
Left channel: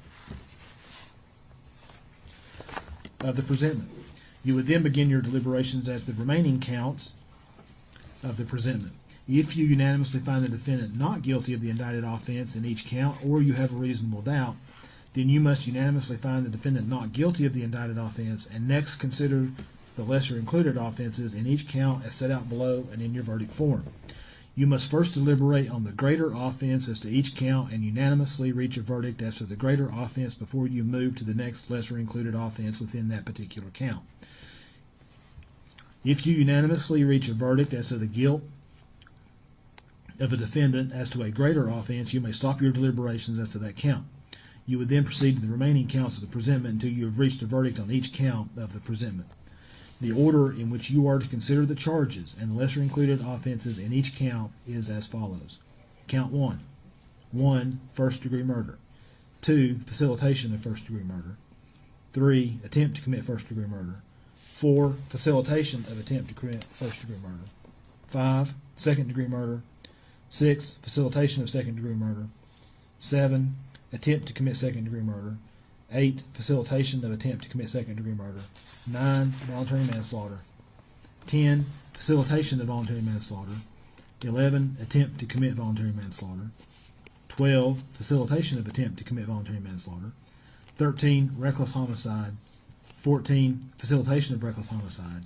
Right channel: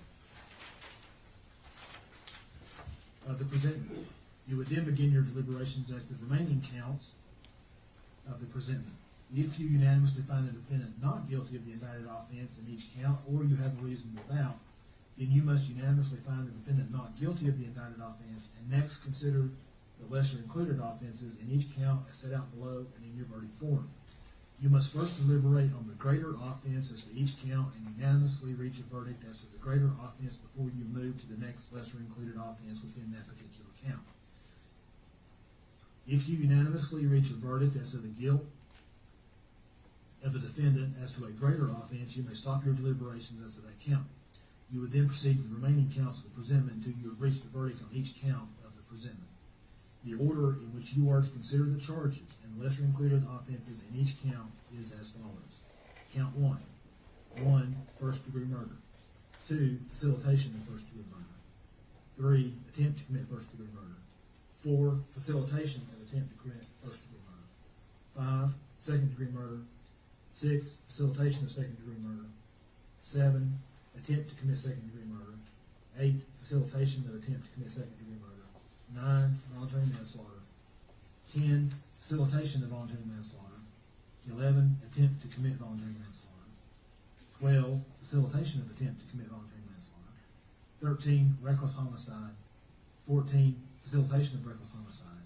of the presentment. You would then begin your deliberations as to the remaining counts of the presentment. If you unanimously find the defendant not guilty of the indicted offense in each count, or you have a reasonable doubt, then you must unanimously find the defendant not guilty of the indicted offense, and next consider the lesser included offenses in each count as set out below and in your verdict form. You must first deliberate on the greater offense as to each count and unanimously reach a verdict as to the greater offense before you move to the next lesser included offense within that particular count. If you unanimously reach a verdict as to the guilt of a defendant as to a greater offense, you may stop your deliberations as to that count. You would then proceed to the remaining counts of the presentment until you have reached a verdict on each count of the presentment. The order in which you are to consider the charges and the lesser included offenses in each count is as follows. Count 1. 1. First degree murder. 2. Facilitation of first degree murder. 3. Attempt to commit first degree murder. 4. Facilitation of attempt to commit first degree murder. 5. Second degree murder. 6. Facilitation of second degree murder. 7. Attempt to commit second degree murder. 8. Facilitation of attempt to commit second degree murder. 9. Voluntary manslaughter. 10. Facilitation of voluntary manslaughter. 11. Attempt to commit voluntary manslaughter. 12. Facilitation of attempt to commit voluntary manslaughter. 13. Reckless homicide. 14. Facilitation of reckless homicide.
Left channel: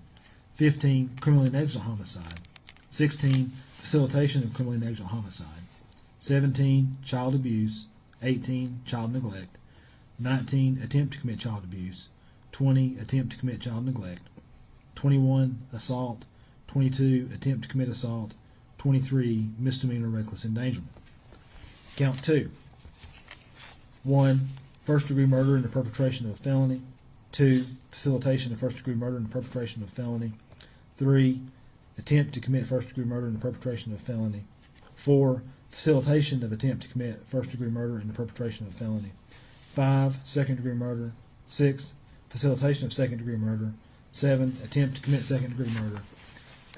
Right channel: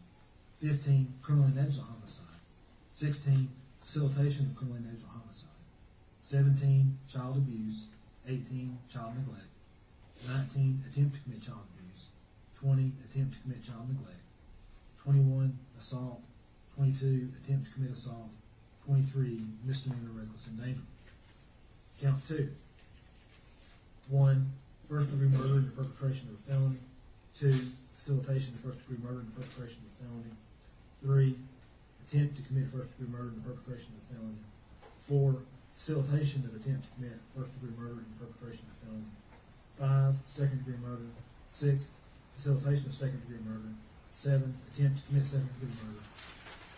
15. Criminally negligent homicide. 16. Facilitation of criminally negligent homicide. 17. Child abuse. 18. Child neglect. 19. Attempt to commit child abuse. 20. Attempt to commit child neglect. 21. Assault. 22. Attempt to commit assault. 23. Misdemeanor reckless endangerment. Count 2. 1. First degree murder in the perpetration of a felony. 2. Facilitation of first degree murder in the perpetration of a felony. 3. Attempt to commit first degree murder in the perpetration of a felony. 4. Facilitation of attempt to commit first degree murder in the perpetration of a felony. 5. Second degree murder. 6. Facilitation of second degree murder. 7. Attempt to commit second degree murder.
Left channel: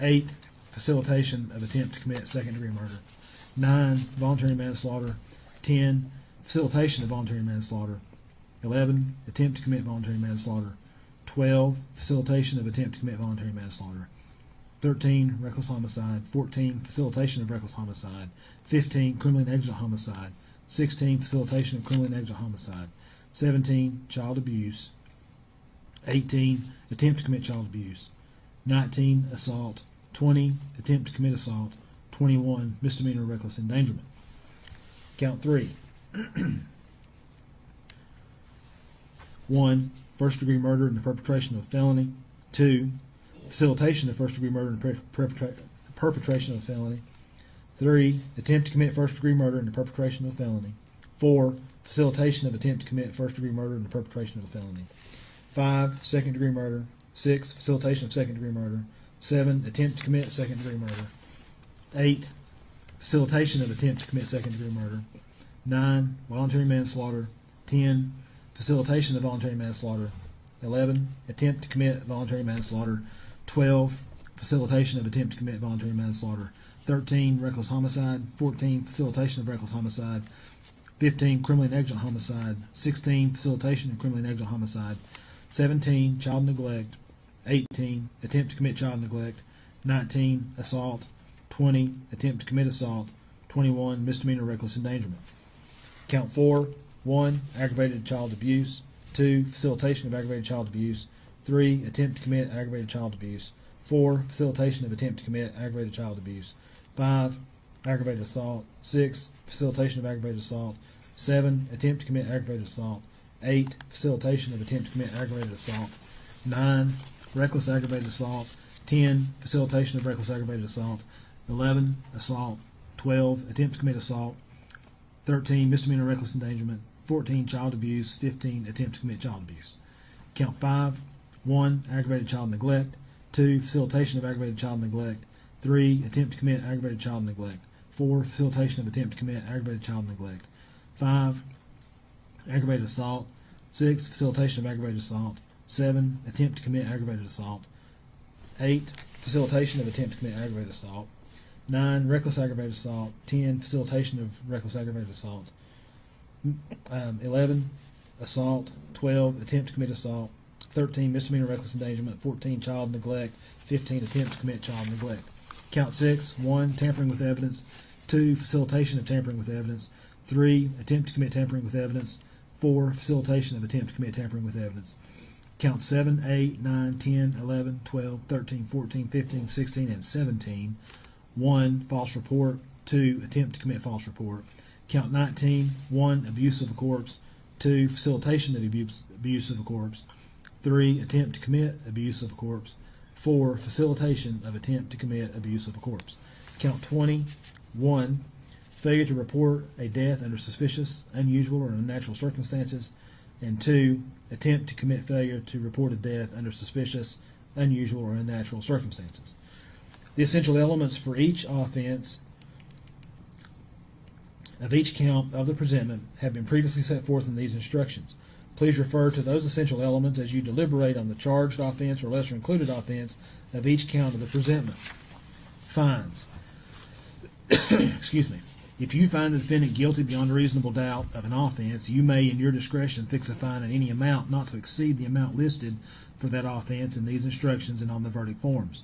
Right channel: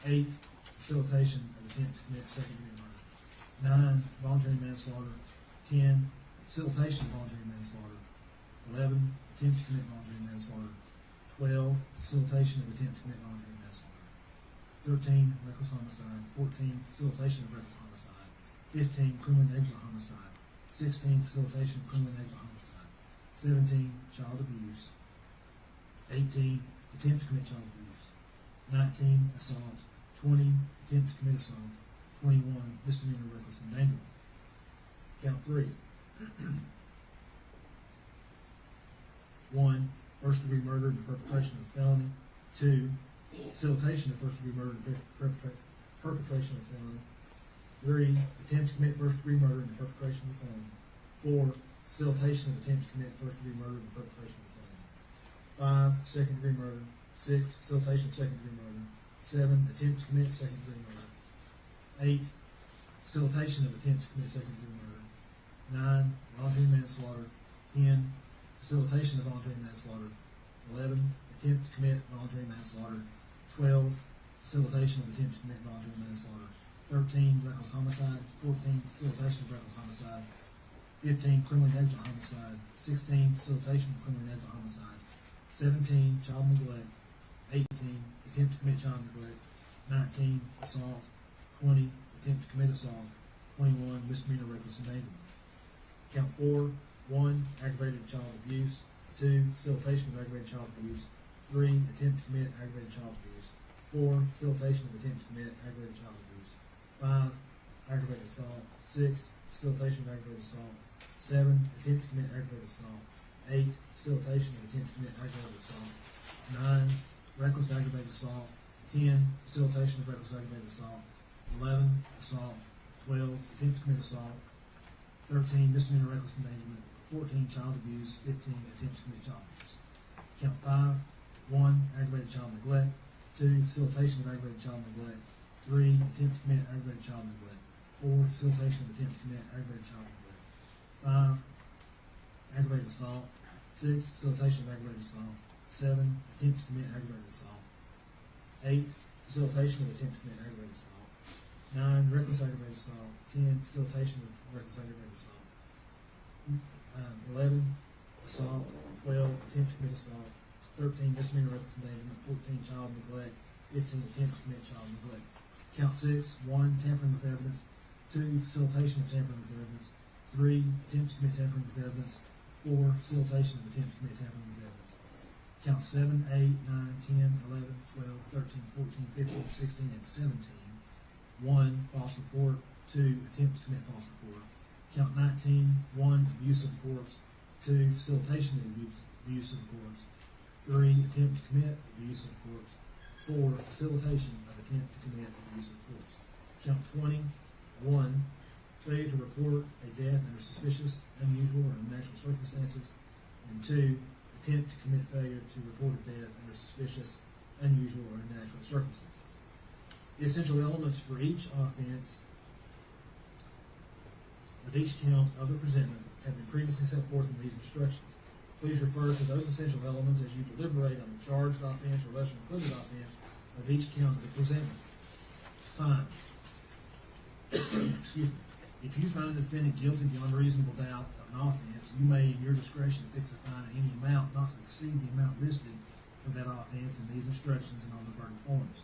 8. Facilitation of attempt to commit second degree murder. 9. Voluntary manslaughter. 10. Facilitation of voluntary manslaughter. 11. Attempt to commit voluntary manslaughter. 12. Facilitation of attempt to commit voluntary manslaughter. 13. Reckless homicide. 14. Facilitation of reckless homicide. 15. Criminally negligent homicide. 16. Facilitation of criminally negligent homicide. 17. Child abuse. 18. Attempt to commit child abuse. 19. Assault. 20. Attempt to commit assault. 21. Misdemeanor reckless endangerment. Count 3. 1. First degree murder in the perpetration of a felony. 2. Facilitation of first degree murder in the perpetration of a felony. 3. Attempt to commit first degree murder in the perpetration of a felony. 4. Facilitation of attempt to commit first degree murder in the perpetration of a felony. 5. Second degree murder. 6. Facilitation of second degree murder. 7. Attempt to commit second degree murder. 8. Facilitation of attempt to commit second degree murder. 9. Voluntary manslaughter. 10, facilitation of voluntary manslaughter. 11, attempt to commit voluntary manslaughter. 12, facilitation of attempt to commit voluntary manslaughter. 13, reckless homicide. 14, facilitation of reckless homicide. 15, criminally negligent homicide. 16, facilitation of criminally negligent homicide. 17, child neglect. 18, attempt to commit child neglect. 19, assault. 20, attempt to commit assault. 21, misdemeanor reckless endangerment. Count 4, 1, aggravated child abuse. 2, facilitation of aggravated child abuse. 3, attempt to commit aggravated child abuse. 4, facilitation of attempt to commit aggravated child abuse. 5, aggravated assault. 6, facilitation of aggravated assault. 7, attempt to commit aggravated assault. 8, facilitation of attempt to commit aggravated assault. 9, reckless aggravated assault. 10, facilitation of reckless aggravated assault. 11, assault. 12, attempt to commit assault. 13, misdemeanor reckless endangerment. 14, child abuse. 15, attempt to commit child abuse. Count 5, 1, aggravated child neglect. 2, facilitation of aggravated child neglect. 3, attempt to commit aggravated child neglect. 4, facilitation of attempt to commit aggravated child neglect. 5, aggravated assault. 6, facilitation of aggravated assault. 7, attempt to commit aggravated assault. 8, facilitation of attempt to commit aggravated assault. 9, reckless aggravated assault. 10, facilitation of reckless aggravated assault. 11, assault. 12, attempt to commit assault. 13, misdemeanor reckless endangerment. 14, child neglect. 15, attempt to commit child neglect. Count 6, 1, tampering with evidence. 2, facilitation of tampering with evidence. 3, attempt to commit tampering with evidence. 4, facilitation of attempt to commit tampering with evidence. Count 7, 8, 9, 10, 11, 12, 13, 14, 15, 16, and 17. 1, false report. 2, attempt to commit false report. Count 19, 1, abuse of a corpse. 2, facilitation of abuse of a corpse. 3, attempt to commit abuse of a corpse. 4, facilitation of attempt to commit abuse of a corpse. Count 20, 1, failure to report a death under suspicious, unusual, or unnatural circumstances. And 2, attempt to commit failure to report a death under suspicious, unusual, or unnatural circumstances. The essential elements for each offense of each count of the presentment have been previously set forth in these instructions. Please refer to those essential elements as you deliberate on the charged offense or lesser included offense of each count of the presentment. Fines. Excuse me. If you find the defendant guilty beyond a reasonable doubt of an offense, you may, in your discretion, fix a fine in any amount not to exceed the amount listed for that offense in these instructions and on the verdict forms.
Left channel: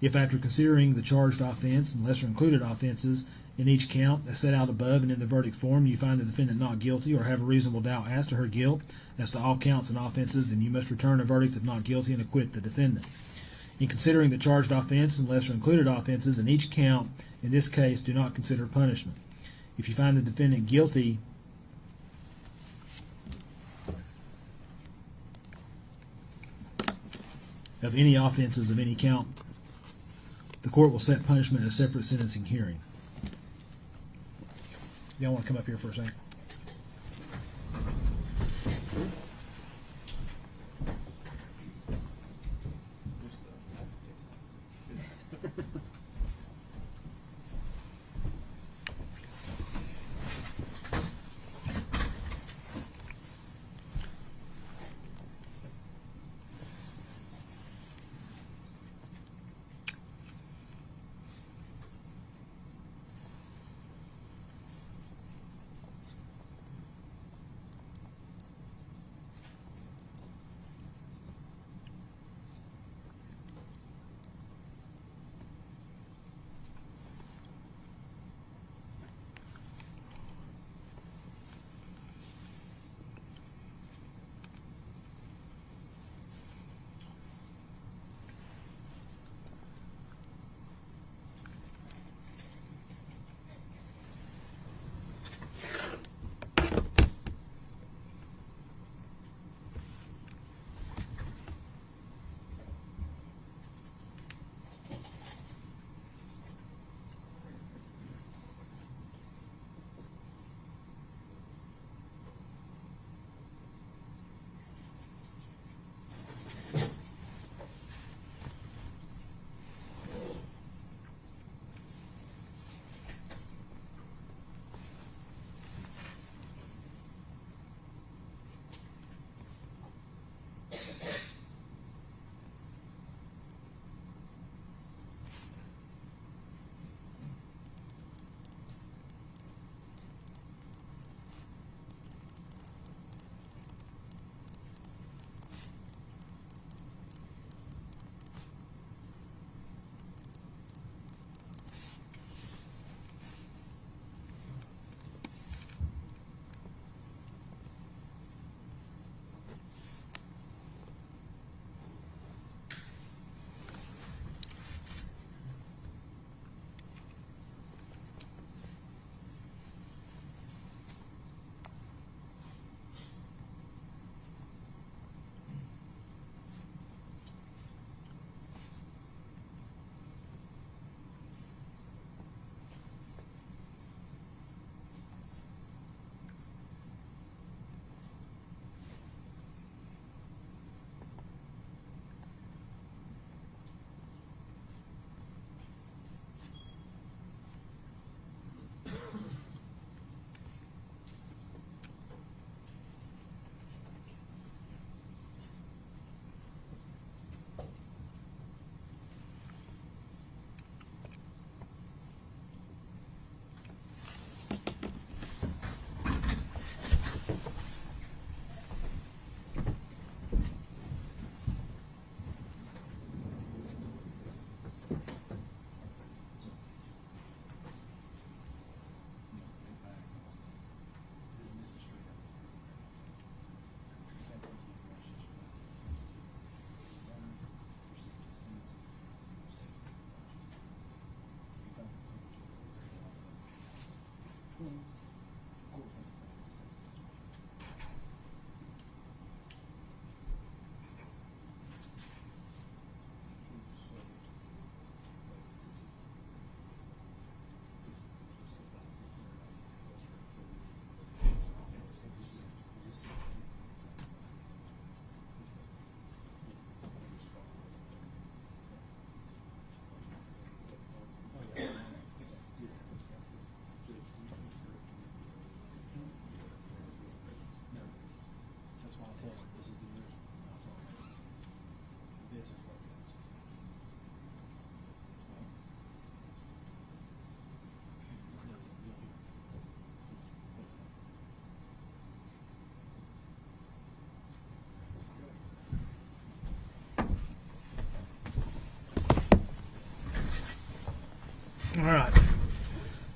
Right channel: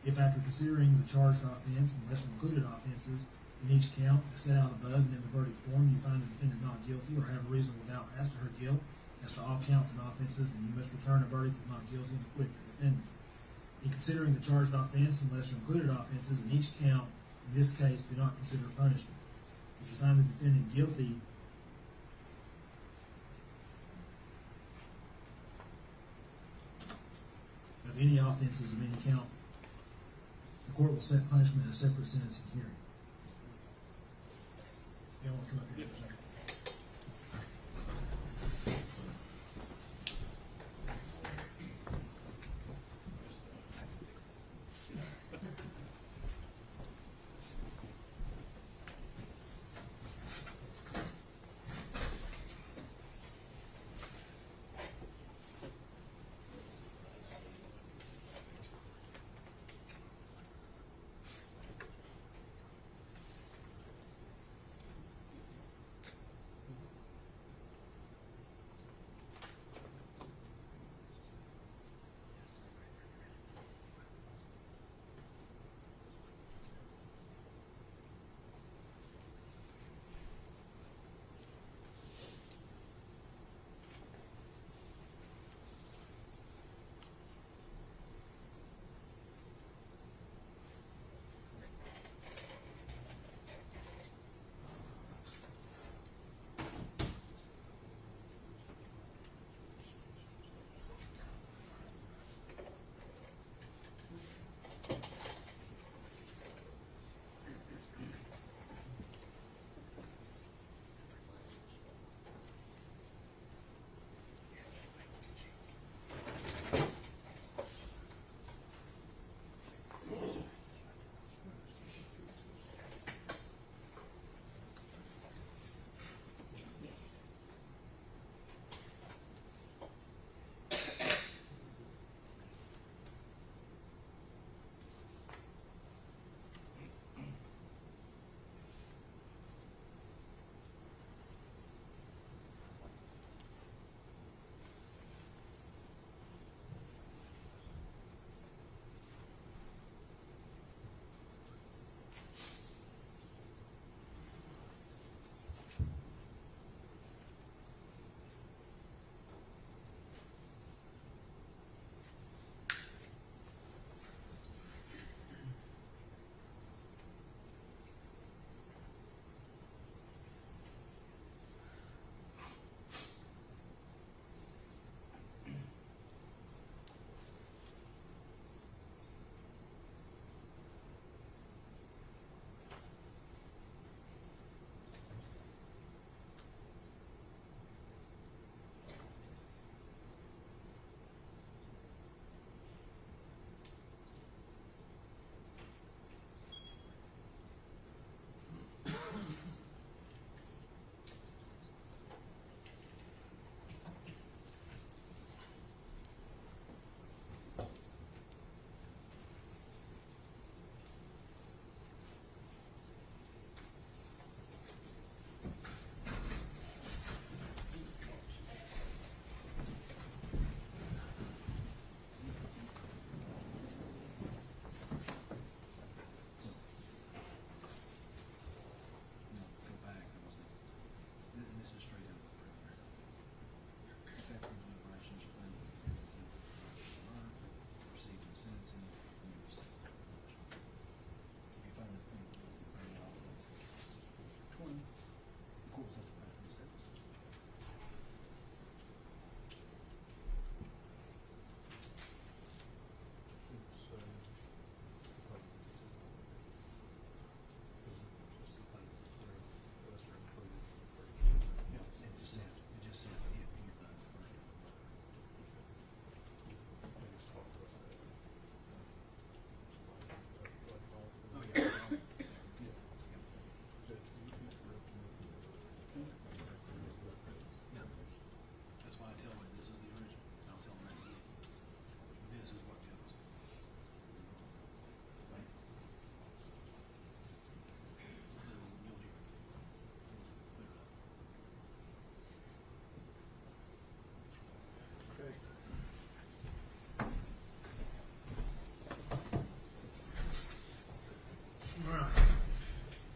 If after considering the charged offense and lesser included offenses in each count as set out above and in the verdict form, you find the defendant not guilty or have a reasonable doubt as to her guilt as to all counts and offenses, then you must return a verdict of not guilty and acquit the defendant. In considering the charged offense and lesser included offenses in each count, in this case, do not consider punishment. If you find the defendant guilty of any offenses of any count, the court will set punishment in a separate sentencing hearing. Y'all want to come up here for a second?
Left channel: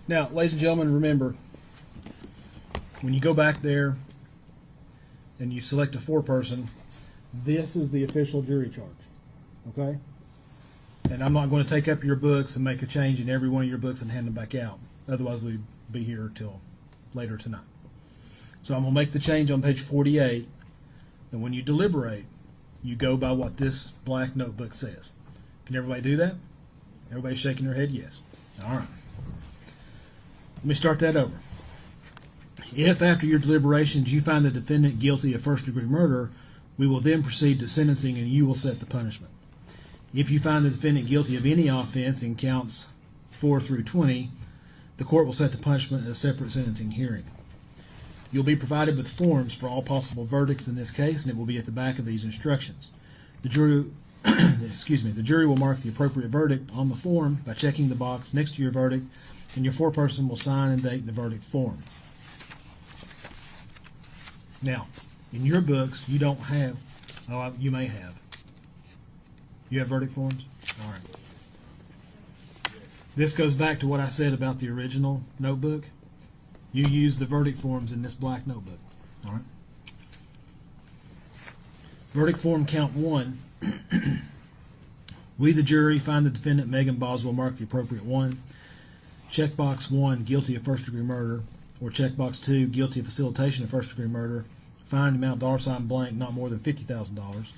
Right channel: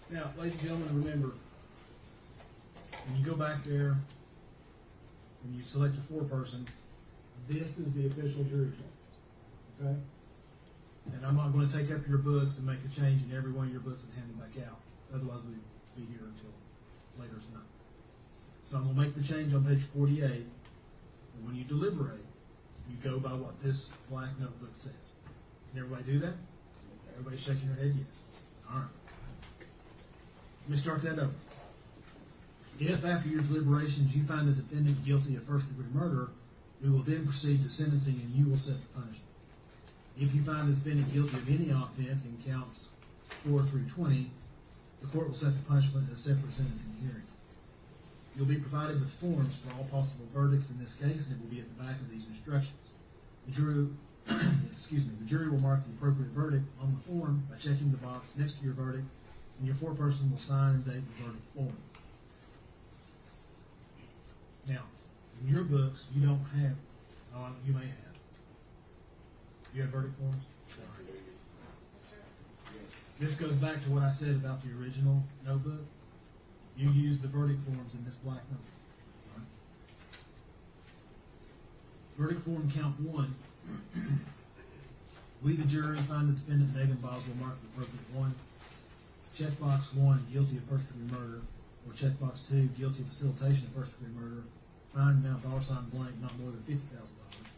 Now, ladies and gentlemen, remember, when you go back there and you select a foreperson, this is the official jury charge, okay? And I'm not going to take up your books and make a change in every one of your books and hand them back out. Otherwise, we'd be here till later tonight. So I'm going to make the change on page 48, and when you deliberate, you go by what this black notebook says. Can everybody do that? Everybody's shaking their head yes. All right. Let me start that over. If after your deliberations you find the defendant guilty of first-degree murder, we will then proceed to sentencing and you will set the punishment. If you find the defendant guilty of any offense in counts 4 through 20, the court will set the punishment at a separate sentencing hearing. You'll be provided with forms for all possible verdicts in this case, and it will be at the back of these instructions. The jury, the jury will mark the appropriate verdict on the form by checking the box next to your verdict, and your foreperson will sign and date the verdict form. Now, in your books, you don't have, oh, you may have. You have verdict forms? All right. This goes back to what I said about the original notebook. You use the verdict forms in this black notebook. All right. Verdict form count 1. We, the jury, find the defendant, Megan Boswell, mark the appropriate one. Checkbox 1, guilty of first-degree murder. Or checkbox 2, guilty of facilitation of first-degree murder. Fine amount $ blank, not more than $50,000.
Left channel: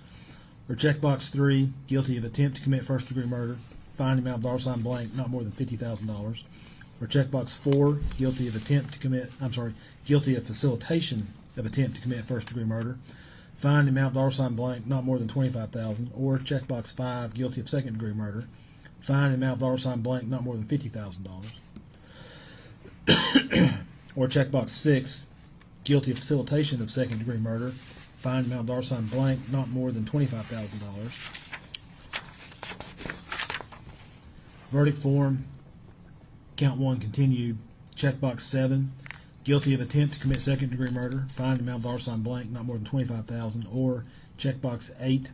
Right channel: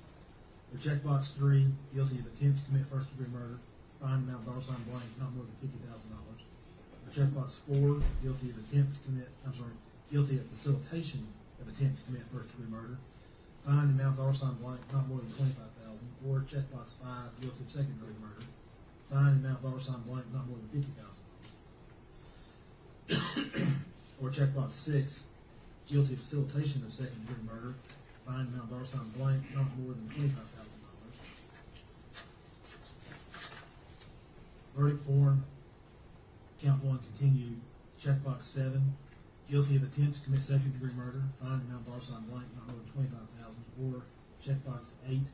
Or checkbox 3, guilty of attempt to commit first-degree murder. Fine amount $ blank, not more than $50,000. Or checkbox 4, guilty of guilty of facilitation of attempt to commit first-degree murder. Fine amount $ blank, not more than $25,000. Or checkbox 5, guilty of second-degree murder. Fine amount $ blank, not more than $50,000. Or checkbox 6, guilty of facilitation of second-degree murder. Fine amount $ blank, not more than $25,000. Verdict form, count 1 continued. Checkbox 7, guilty of attempt to commit second-degree murder. Fine amount $ blank, not more than $25,000. Or checkbox 8,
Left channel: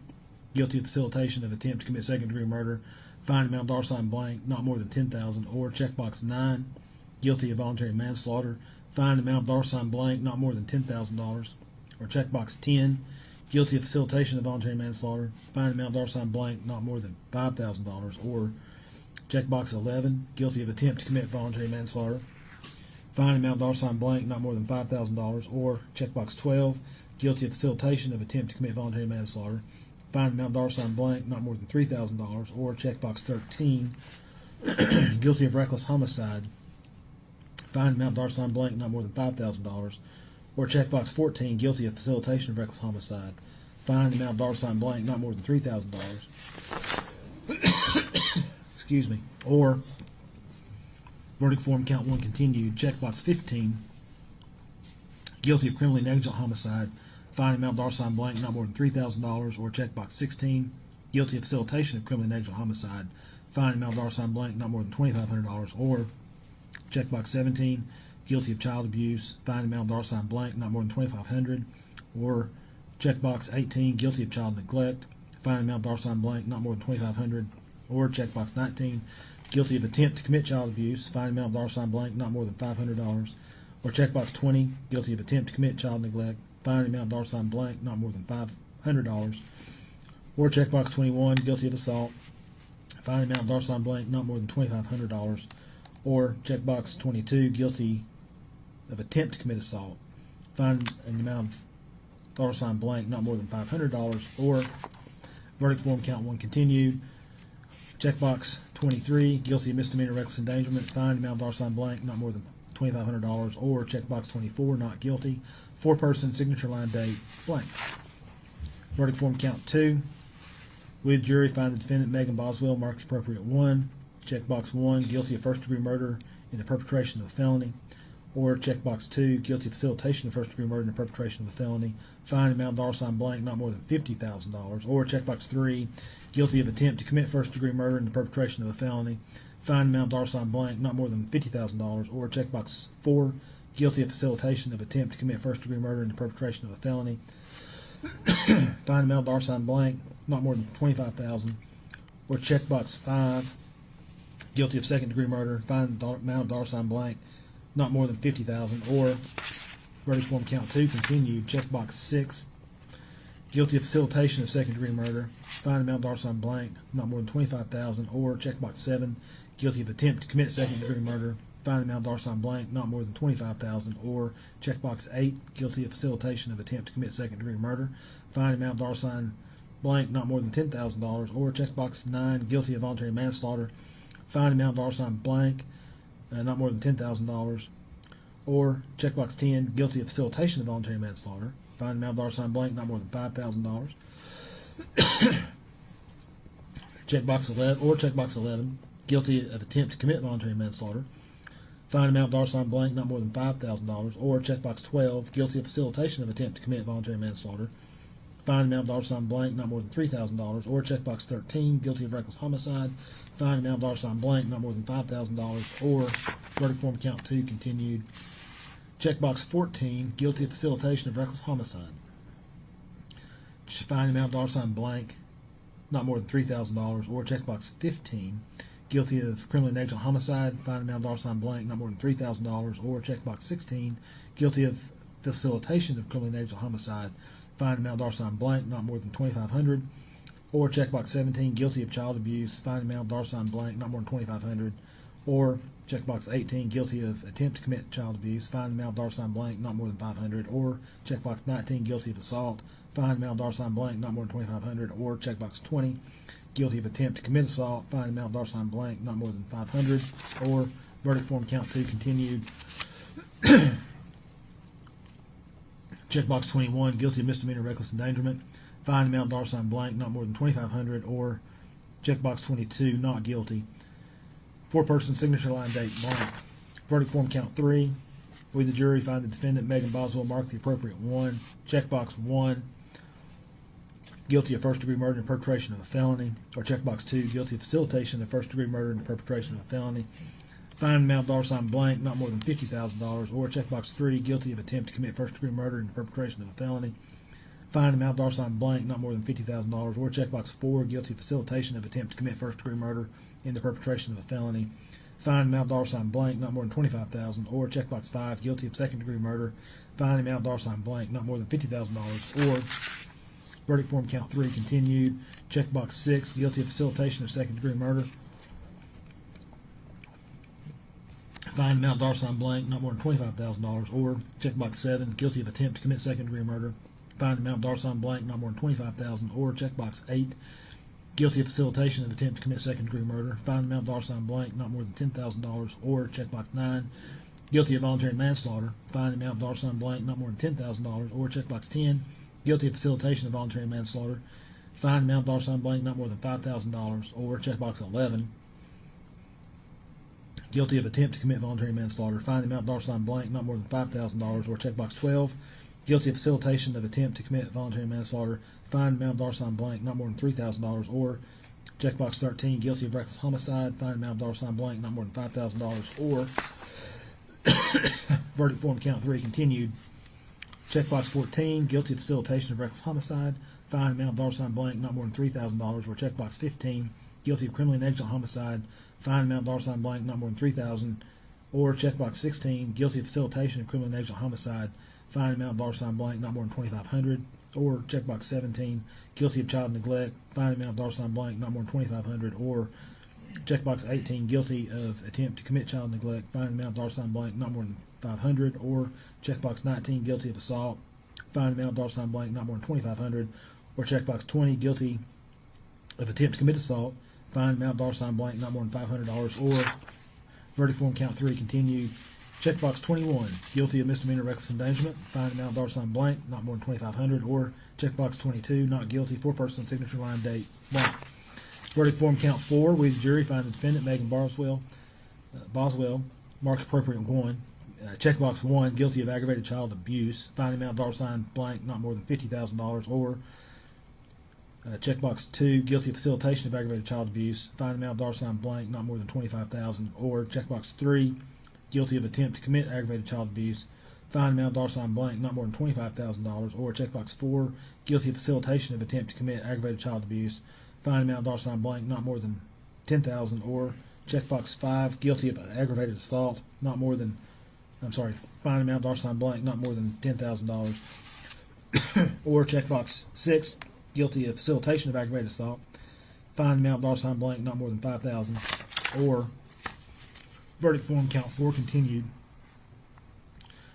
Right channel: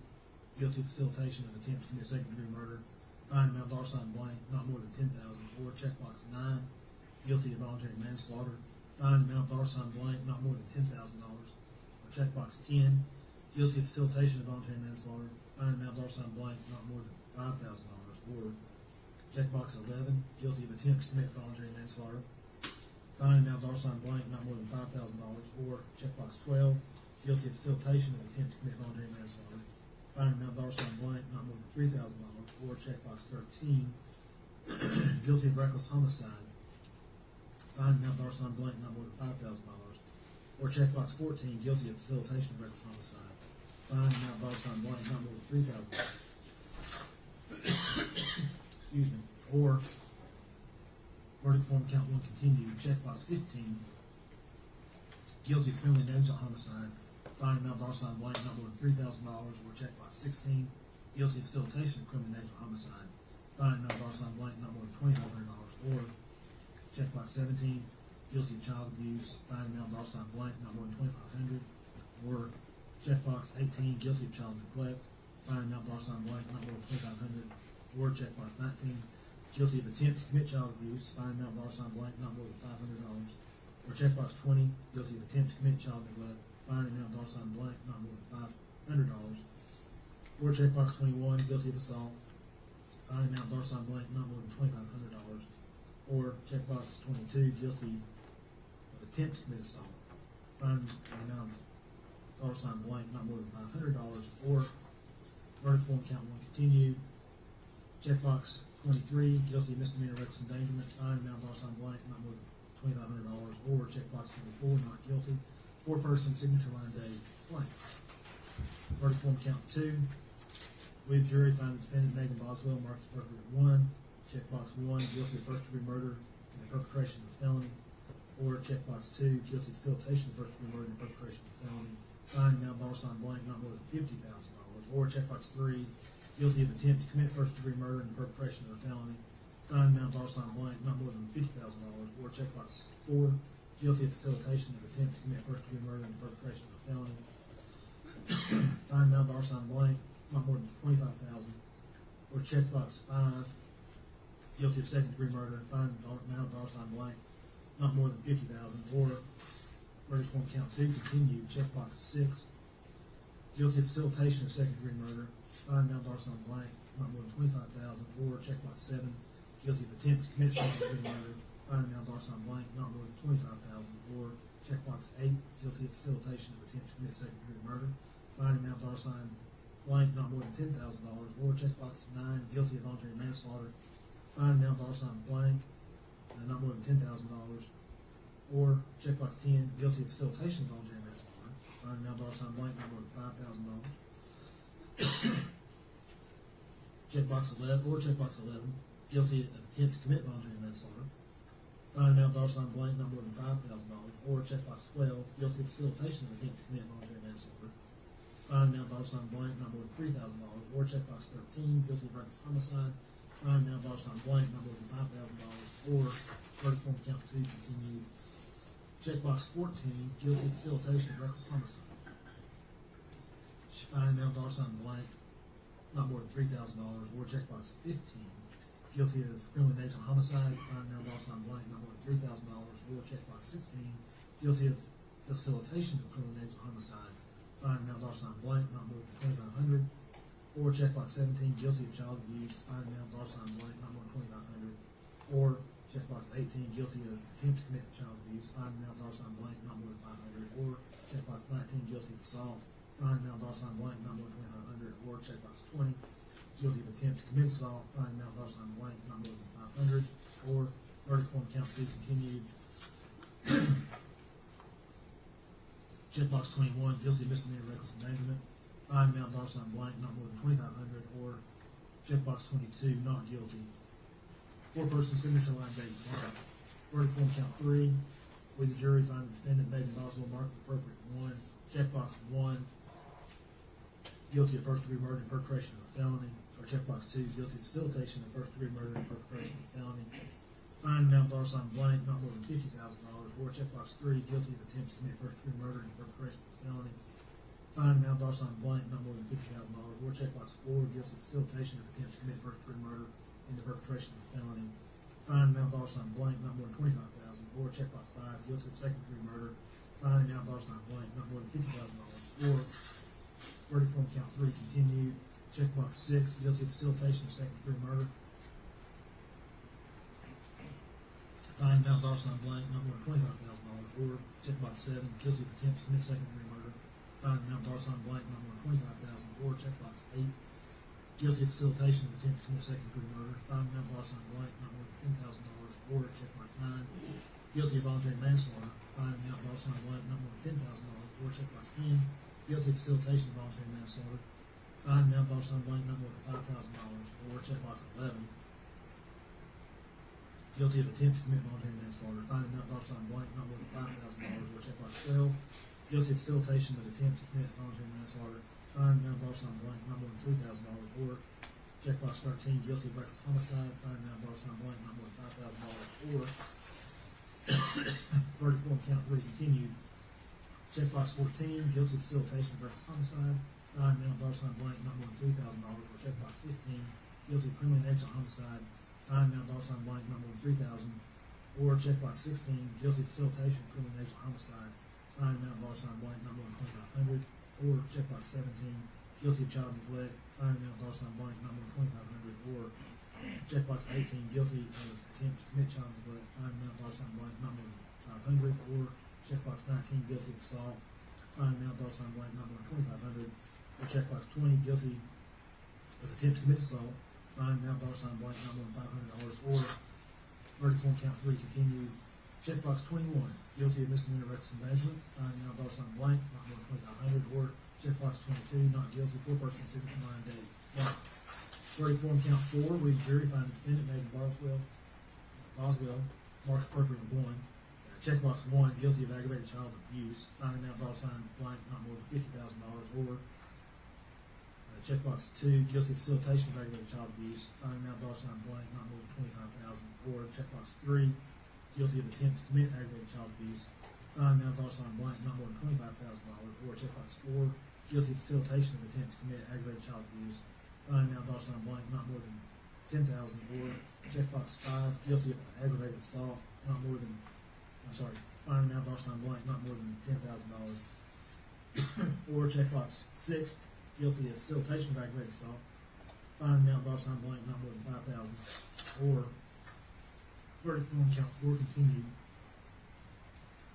guilty of facilitation of attempt to commit second-degree murder. Fine amount $ blank, not more than $10,000. Or checkbox 9, guilty of voluntary manslaughter. Fine amount $ blank, not more than $10,000. Or checkbox 10, guilty of facilitation of voluntary manslaughter. Fine amount $ blank, not more than $5,000. Or checkbox 11, guilty of attempt to commit voluntary manslaughter. Fine amount $ blank, not more than $5,000. Or checkbox 12, guilty of facilitation of attempt to commit voluntary manslaughter. Fine amount $ blank, not more than $3,000. Or checkbox 13, guilty of reckless homicide. Fine amount $ blank, not more than $5,000. Or checkbox 14, guilty of facilitation of reckless homicide. Fine amount $ blank, not more than $3,000. Excuse me. Or verdict form count 1 continued. Checkbox 15, guilty of criminally negligent homicide. Fine amount $ blank, not more than $3,000. Or checkbox 16, guilty of facilitation of criminally negligent homicide. Fine amount $ blank, not more than $2,500. Or checkbox 17, guilty of child abuse. Fine amount $ blank, not more than $2,500. Or checkbox 18, guilty of child neglect. Fine amount $ blank, not more than $2,500. Or checkbox 19, guilty of attempt to commit child abuse. Fine amount $ blank, not more than $500. Or checkbox 20, guilty of attempt to commit child neglect. Fine amount $ blank, not more than $500. Or checkbox 21, guilty of assault. Fine amount $ blank, not more than $2,500. Or checkbox 22, guilty of attempt to commit assault. Fine amount $ blank, not more than $500. Or verdict form count 1 continued. Checkbox 23, guilty of misdemeanor reckless endangerment. Fine amount $ blank, not more than $2,500. Or checkbox 24, not guilty. Foreperson, signature line date blank. Verdict form count 2. We, the jury, find the defendant, Megan Boswell, marks appropriate 1. Checkbox 1, guilty of first-degree murder in the perpetration of a felony. Or checkbox 2, guilty of facilitation of first-degree murder in the perpetration of a felony. Fine amount $ blank, not more than $50,000. Or checkbox 3, guilty of attempt to commit first-degree murder in the perpetration of a felony. Fine amount $, blank, not more than $50,000. Or checkbox 4, guilty of facilitation of attempt to commit first-degree murder in the perpetration of a felony. Fine amount $, blank, not more than $25,000. Or checkbox 5, guilty of second degree murder, find amount of dollar sign blank, not more than 50,000, or verdict form count 2 continued, checkbox 6, guilty of facilitation of second degree murder, find amount of dollar sign blank, not more than 25,000, or checkbox 7, guilty of attempt to commit second degree murder, find amount of dollar sign blank, not more than 25,000, or checkbox 8, guilty of facilitation of attempt to commit second degree murder, find amount of dollar sign blank, not more than $10,000, or checkbox 9, guilty of voluntary manslaughter, find amount of dollar sign blank, not more than $10,000, or checkbox 10, guilty of facilitation of voluntary manslaughter, find amount of dollar sign blank, not more than $5,000. Checkbox 11, or checkbox 11, guilty of attempt to commit voluntary manslaughter, find amount of dollar sign blank, not more than $5,000, or checkbox 12, guilty of facilitation of attempt to commit voluntary manslaughter, find amount of dollar sign blank, not more than $3,000, or checkbox 13, guilty of reckless homicide, find amount of dollar sign blank, not more than $5,000, or verdict form count 2 continued. Checkbox 14, guilty of facilitation of reckless homicide, find amount of dollar sign blank, not more than $3,000, or checkbox 15, guilty of criminally negligent homicide, find amount of dollar sign blank, not more than $3,000, or checkbox 16, guilty of facilitation of criminally negligent homicide, find amount of dollar sign blank, not more than $2,500, or checkbox 17, guilty of child abuse, find amount of dollar sign blank, not more than $2,500, or checkbox 18, guilty of attempt to commit child abuse, find amount of dollar sign blank, not more than $500, or checkbox 19, guilty of assault, find amount of dollar sign blank, not more than $2,500, or checkbox 20, guilty of attempt to commit assault, find amount of dollar sign blank, not more than $500, or verdict form count 2 continued. Checkbox 21, guilty of misdemeanor reckless endangerment, find amount of dollar sign blank, not more than $2,500, or checkbox 22, not guilty. 4-person signature line date blank. Verdict form count 3. We, the jury, find the defendant, Megan Boswell, mark the appropriate 1. Checkbox 1, guilty of first degree murder and perpetration of a felony, or checkbox 2, guilty of facilitation of first degree murder and perpetration of a felony. Find amount of dollar sign blank, not more than $50,000, or checkbox 3, guilty of attempt to commit first degree murder and perpetration of a felony. Find amount of dollar sign blank, not more than $50,000, or checkbox 4, guilty of facilitation of attempt to commit first degree murder and the perpetration of a felony. Find amount of dollar sign blank, not more than $25,000, or checkbox 5, guilty of second degree murder. Find amount of dollar sign blank, not more than $50,000, or verdict form count 3 continued. Checkbox 6, guilty of facilitation of second degree murder. Find amount of dollar sign blank, not more than $25,000, or checkbox 7, guilty of attempt to commit second degree murder. Find amount of dollar sign blank, not more than $25,000, or checkbox 8, guilty of facilitation of attempt to commit second degree murder. Find amount of dollar sign blank, not more than $10,000, or checkbox 9, guilty of voluntary manslaughter. Find amount of dollar sign blank, not more than $10,000, or checkbox 10, guilty of facilitation of voluntary manslaughter. Find amount of dollar sign blank, not more than $5,000, or checkbox 11, guilty of attempt to commit voluntary manslaughter. Find amount of dollar sign blank, not more than $5,000, or checkbox 12, guilty of facilitation of attempt to commit voluntary manslaughter. Find amount of dollar sign blank, not more than $3,000, or checkbox 13, guilty of reckless homicide. Find amount of dollar sign blank, not more than $5,000, or verdict form count 3 continued. Checkbox 14, guilty of facilitation of reckless homicide. Find amount of dollar sign blank, not more than $3,000, or checkbox 15, guilty of criminally negligent homicide. Find amount of dollar sign blank, not more than $3,000, or checkbox 16, guilty of facilitation of criminally negligent homicide. Find amount of dollar sign blank, not more than $2,500, or checkbox 17, guilty of child neglect. Find amount of dollar sign blank, not more than $2,500, or checkbox 18, guilty of attempt to commit child neglect. Find amount of dollar sign blank, not more than $500, or checkbox 19, guilty of assault. Find amount of dollar sign blank, not more than $2,500, or checkbox 20, guilty of attempt to commit assault. Find amount of dollar sign blank, not more than $500, or verdict form count 3 continued. Checkbox 21, guilty of misdemeanor reckless endangerment. Find amount of dollar sign blank, not more than $2,500, or checkbox 22, not guilty. 4-person signature line date blank. Verdict form count 4, we the jury find the defendant, Megan Boswell, mark appropriate 1. Checkbox 1, guilty of aggravated child abuse. Find amount of dollar sign blank, not more than $50,000, or checkbox 2, guilty of facilitation of aggravated child abuse. Find amount of dollar sign blank, not more than $25,000, or checkbox 3, guilty of attempt to commit aggravated child abuse. Find amount of dollar sign blank, not more than $25,000, or checkbox 4, guilty of facilitation of attempt to commit aggravated child abuse. Find amount of dollar sign blank, not more than $10,000, or Checkbox 5, guilty of aggravated assault, fine amount $ blank, not more than $10,000. Or checkbox 6, guilty of facilitation of aggravated assault, fine amount $ blank, not more than $5,000. Or verdict form count 4 continued.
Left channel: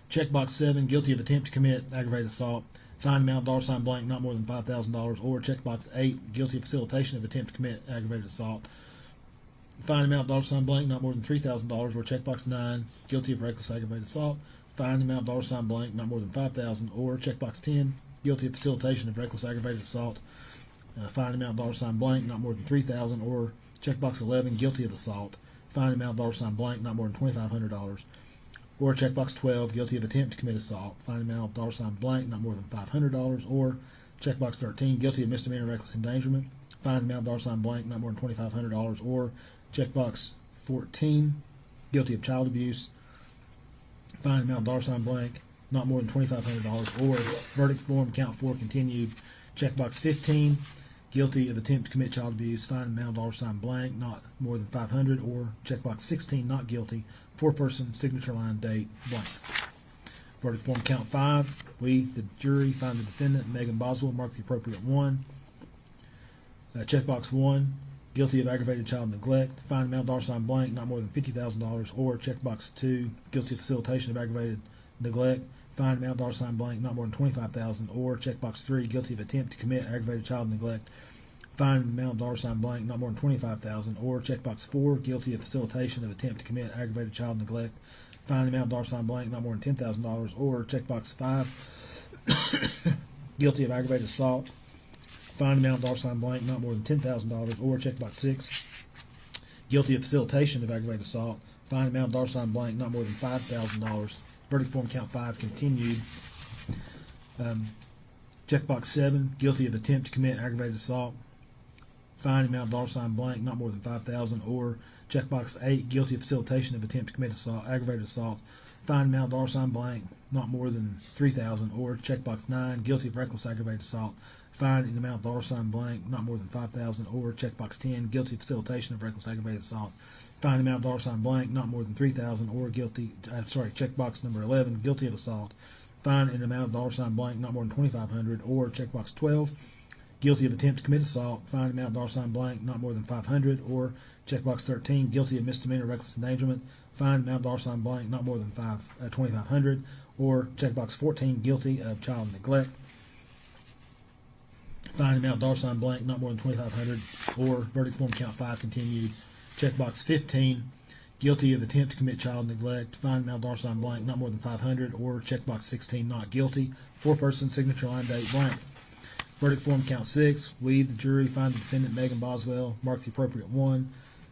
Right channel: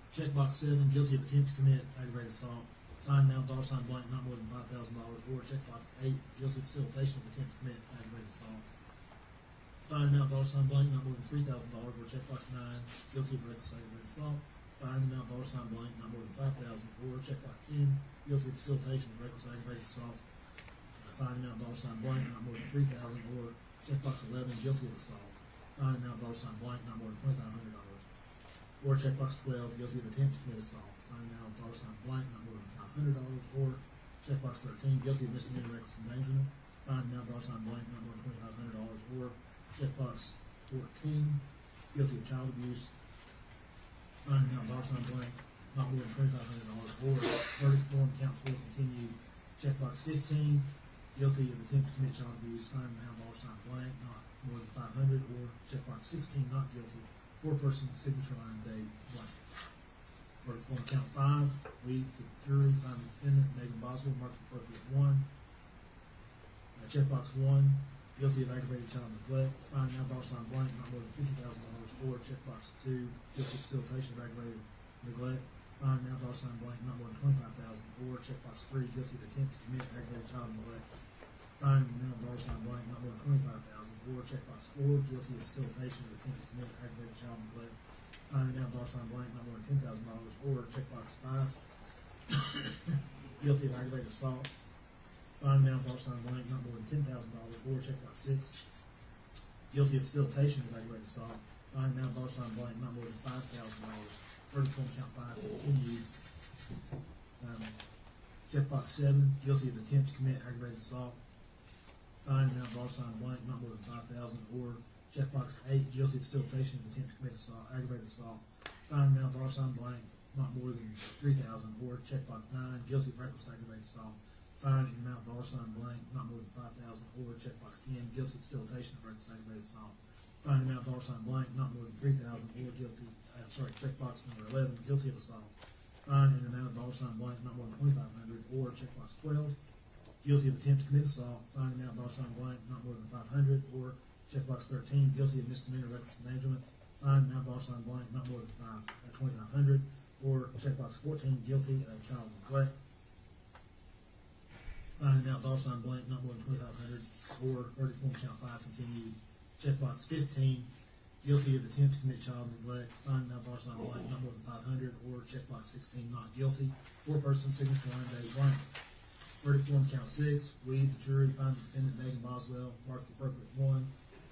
Checkbox 7, guilty of attempt to commit aggravated assault, fine amount $ blank, not more than $5,000. Or checkbox 8, guilty of facilitation of attempt to commit aggravated assault, fine amount $ blank, not more than $3,000. Or checkbox 9, guilty of reckless aggravated assault, fine amount $ blank, not more than $5,000. Or checkbox 10, guilty of facilitation of reckless aggravated assault, fine amount $ blank, not more than $3,000. Or checkbox 11, guilty of assault, fine amount $ blank, not more than $2,500. Or checkbox 12, guilty of attempt to commit assault, fine amount $ blank, not more than $500. Or checkbox 13, guilty of misdemeanor reckless endangerment, fine amount $ blank, not more than $2,500. Or checkbox 14, guilty of child abuse, fine amount $ blank, not more than $2,500. Or verdict form count 4 continued. Checkbox 15, guilty of attempt to commit child abuse, fine amount $ blank, not more than $500. Or checkbox 16, not guilty, 4-person, signature line, date, blank. Verdict form count 5. We, the jury, find the defendant, Megan Boswell, mark the appropriate 1. Checkbox 1, guilty of aggravated child neglect, fine amount $ blank, not more than $50,000. Or checkbox 2, guilty of facilitation of aggravated neglect, fine amount $ blank, not more than $25,000. Or checkbox 3, guilty of attempt to commit aggravated child neglect, fine amount $ blank, not more than $25,000. Or checkbox 4, guilty of facilitation of attempt to commit aggravated child neglect, fine amount $ blank, not more than $10,000. Or checkbox 5, guilty of aggravated assault, fine amount $ blank, not more than $10,000. Or checkbox 6, guilty of facilitation of aggravated assault, fine amount $ blank, not more than $5,000. Verdict form count 5 continued. Checkbox 7, guilty of attempt to commit aggravated assault, fine amount $ blank, not more than $5,000. Or checkbox 8, guilty of facilitation of attempt to commit assault, aggravated assault, fine amount $ blank, not more than $3,000. Or checkbox 9, guilty of reckless aggravated assault, fine in amount $, blank, not more than $5,000. Or checkbox 10, guilty of facilitation of reckless aggravated assault, fine amount $ blank, not more than $3,000. Or checkbox number 11, guilty of assault, fine in amount $ blank, not more than $2,500. Or checkbox 12, guilty of attempt to commit assault, fine amount $ blank, not more than $500. Or checkbox 13, guilty of misdemeanor reckless endangerment, fine amount $ blank, not more than $2,500. Or checkbox 14, guilty of child neglect, fine amount $ blank, not more than $2,500. Or verdict form count 5 continued. Checkbox 15, guilty of attempt to commit child neglect, fine amount $ blank, not more than $500. Or checkbox 16, not guilty, 4-person, signature line, date, blank. Verdict form count 6. We, the jury, find the defendant, Megan Boswell, mark the appropriate 1.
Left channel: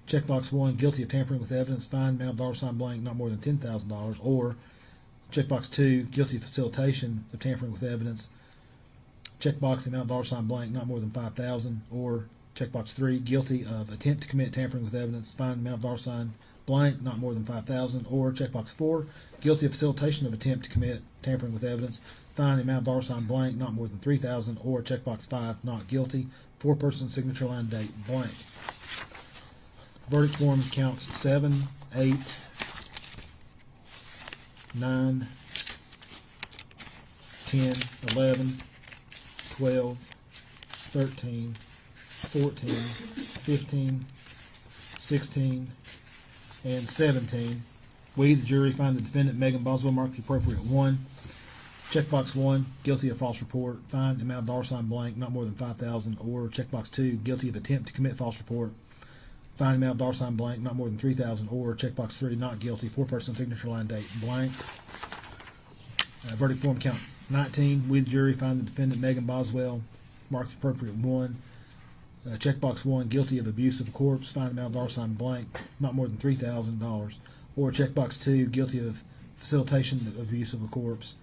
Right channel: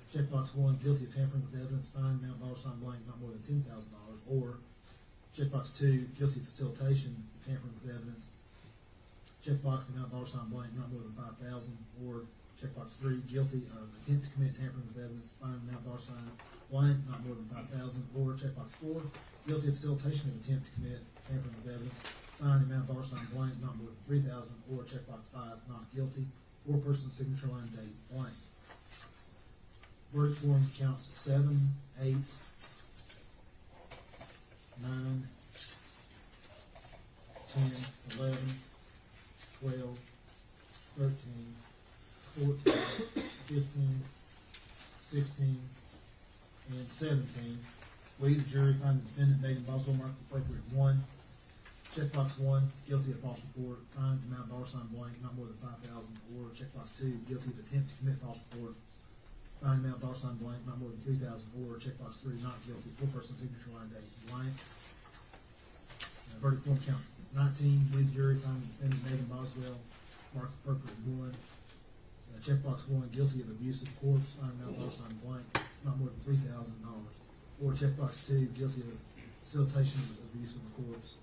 Checkbox 1, guilty of tampering with evidence, fine amount $ blank, not more than $10,000. Or checkbox 2, guilty of facilitation of tampering with evidence, checkbox amount $ blank, not more than $5,000. Or checkbox 3, guilty of attempt to commit tampering with evidence, fine amount $ blank, not more than $5,000. Or checkbox 4, guilty of facilitation of attempt to commit tampering with evidence, fine amount $ blank, not more than $3,000. Or checkbox 5, not guilty, 4-person, signature line, date, blank. Verdict form counts 7, 8, 9, 10, 11, 12, 13, 14, 15, 16, and 17. We, the jury, find the defendant, Megan Boswell, mark the appropriate 1. Checkbox 1, guilty of false report, fine amount $ blank, not more than $5,000. Or checkbox 2, guilty of attempt to commit false report, fine amount $ blank, not more than $3,000. Or checkbox 3, not guilty, 4-person, signature line, date, blank. Verdict form count 19. We, the jury, find the defendant, Megan Boswell, mark the appropriate 1. Checkbox 1, guilty of abuse of a corpse, fine amount $ blank, not more than $3,000. Or checkbox 2, guilty of facilitation of abuse of a corpse,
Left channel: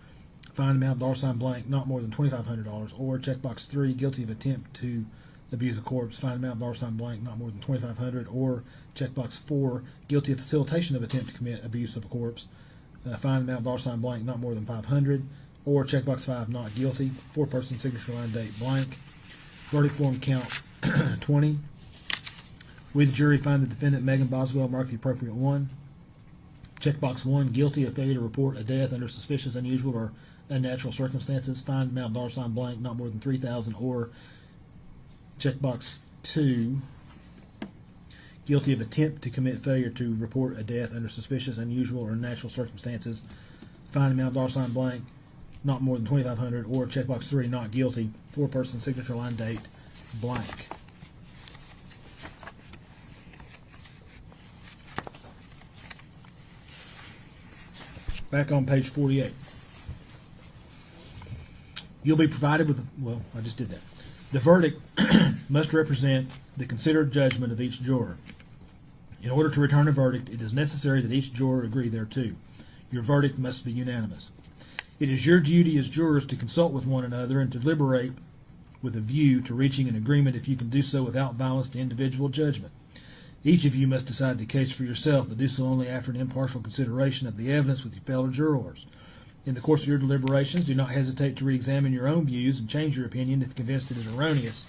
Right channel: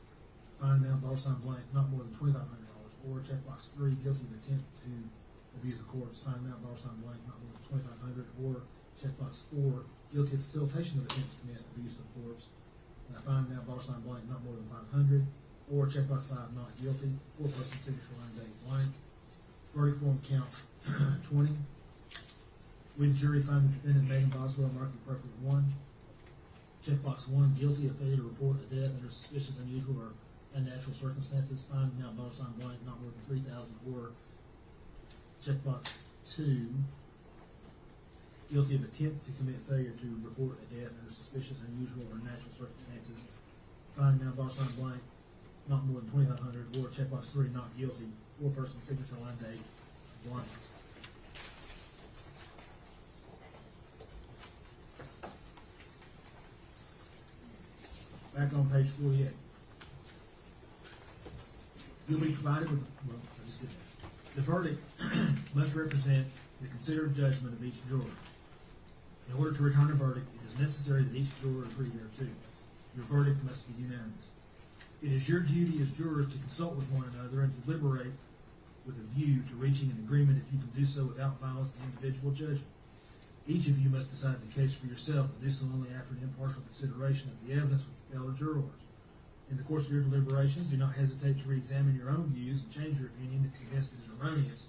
fine amount $ blank, not more than $2,500. Or checkbox 3, guilty of attempt to abuse a corpse, fine amount $ blank, not more than $2,500. Or checkbox 4, guilty of facilitation of attempt to commit abuse of a corpse, fine amount $ blank, not more than $500. Or checkbox 5, not guilty, 4-person, signature line, date, blank. Verdict form count 20. With jury, find the defendant, Megan Boswell, mark the appropriate one. Checkbox 1, guilty of failure to report a death under suspicious, unusual, or unnatural circumstances. Find amount $ blank, not more than $3,000. Or checkbox 2, guilty of attempt to commit failure to report a death under suspicious, unusual, or unnatural circumstances. Find amount $ blank, not more than $2,500. Or checkbox 3, not guilty. 4-person signature line date blank. Back on page 48. You'll be provided with, well, I just did that. The verdict must represent the considered judgment of each juror. In order to return a verdict, it is necessary that each juror agree thereto. Your verdict must be unanimous. It is your duty as jurors to consult with one another and to deliberate with a view to reaching an agreement if you can do so without violence to individual judgment. Each of you must decide the case for yourself, but do so only after an impartial consideration of the evidence with your fellow jurors. In the course of your deliberations, do not hesitate to re-examine your own views and change your opinion if convinced it is erroneous.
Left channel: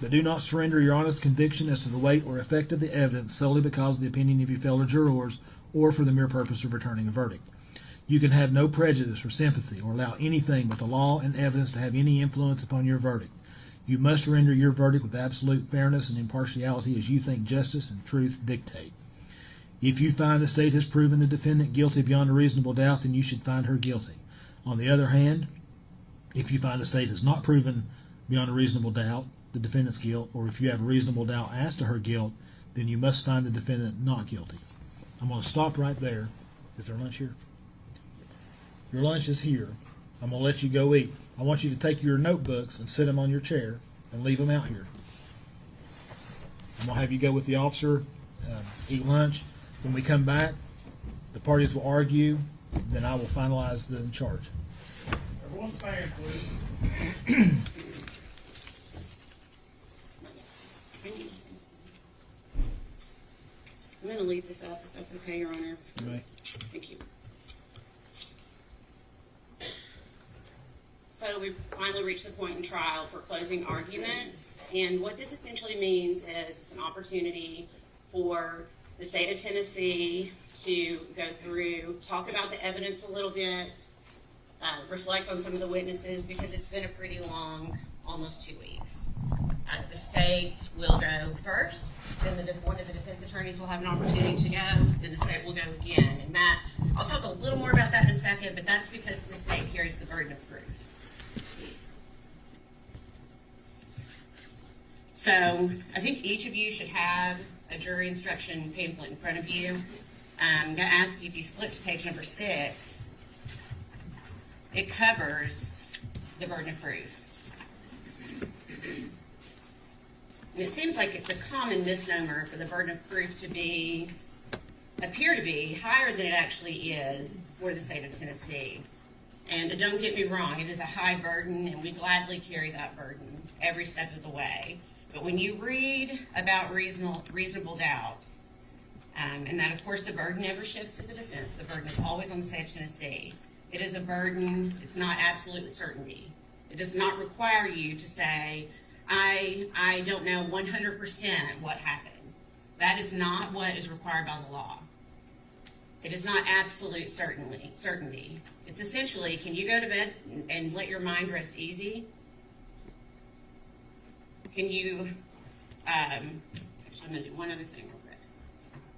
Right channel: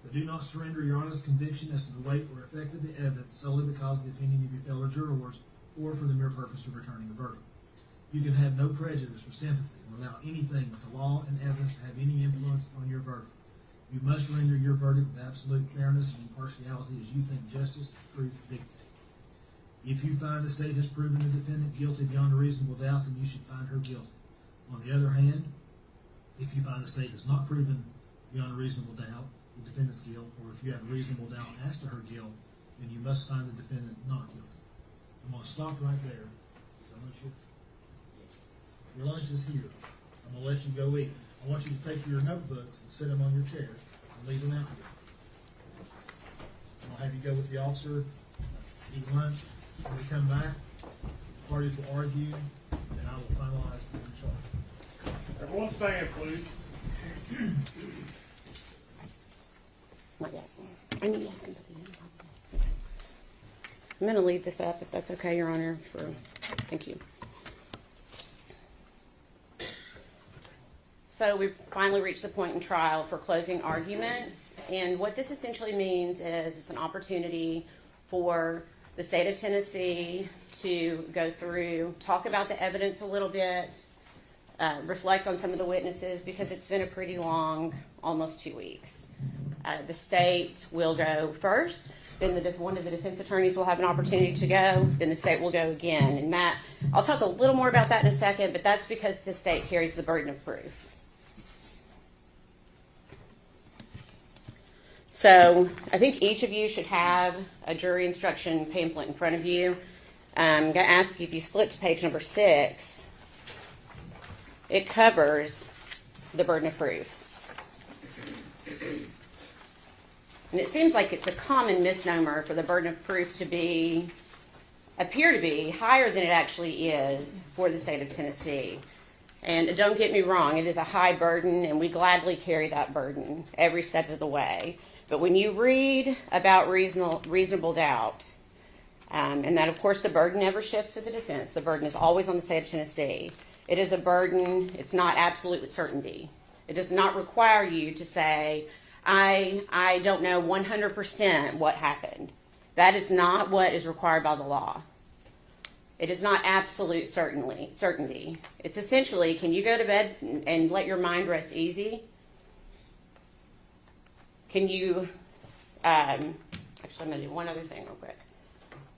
But do not surrender your honest conviction as to the weight or effect of the evidence solely because of the opinion of your fellow jurors or for the mere purpose of returning a verdict. You can have no prejudice or sympathy or allow anything but the law and evidence to have any influence upon your verdict. You must render your verdict with absolute fairness and impartiality as you think justice and truth dictate. If you find the state has proven the defendant guilty beyond a reasonable doubt, then you should find her guilty. On the other hand, if you find the state has not proven beyond a reasonable doubt the defendant's guilt, or if you have a reasonable doubt as to her guilt, then you must find the defendant not guilty. I'm going to stop right there. Is there lunch here? Your lunch is here. I'm going to let you go eat. I want you to take your notebooks and sit them on your chair and leave them out here. I'm going to have you go with the officer, eat lunch. When we come back, the parties will argue, then I will finalize the charge. Everyone stand, please. Not yet. I'm going to leave this up, if that's okay, Your Honor. Right. Thank you. So we've finally reached the point in trial for closing arguments. And what this essentially means is it's an opportunity for the state of Tennessee to go through, talk about the evidence a little bit, reflect on some of the witnesses, because it's been a pretty long, almost 2 weeks. The state will go first, then one of the defense attorneys will have an opportunity to go, then the state will go again. And Matt, I'll talk a little more about that in a second, but that's because the state carries the burden of proof. So I think each of you should have a jury instruction pamphlet in front of you. I'm going to ask you if you flip to page number 6. It covers the burden of proof. And it seems like it's a common misnomer for the burden of proof to appear to be higher than it actually is for the state of Tennessee. And don't get me wrong, it is a high burden, and we gladly carry that burden every step of the way. But when you read about reasonable doubt, and that, of course, the burden never shifts to the defense. The burden is always on the state of Tennessee. It is a burden. It's not absolute certainty. It does not require you to say, I don't know 100% what happened. That is not what is required by the law. It is not absolute certainty. It's essentially, can you go to bed and let your mind rest easy? Can you, actually I'm going to do one other thing real quick.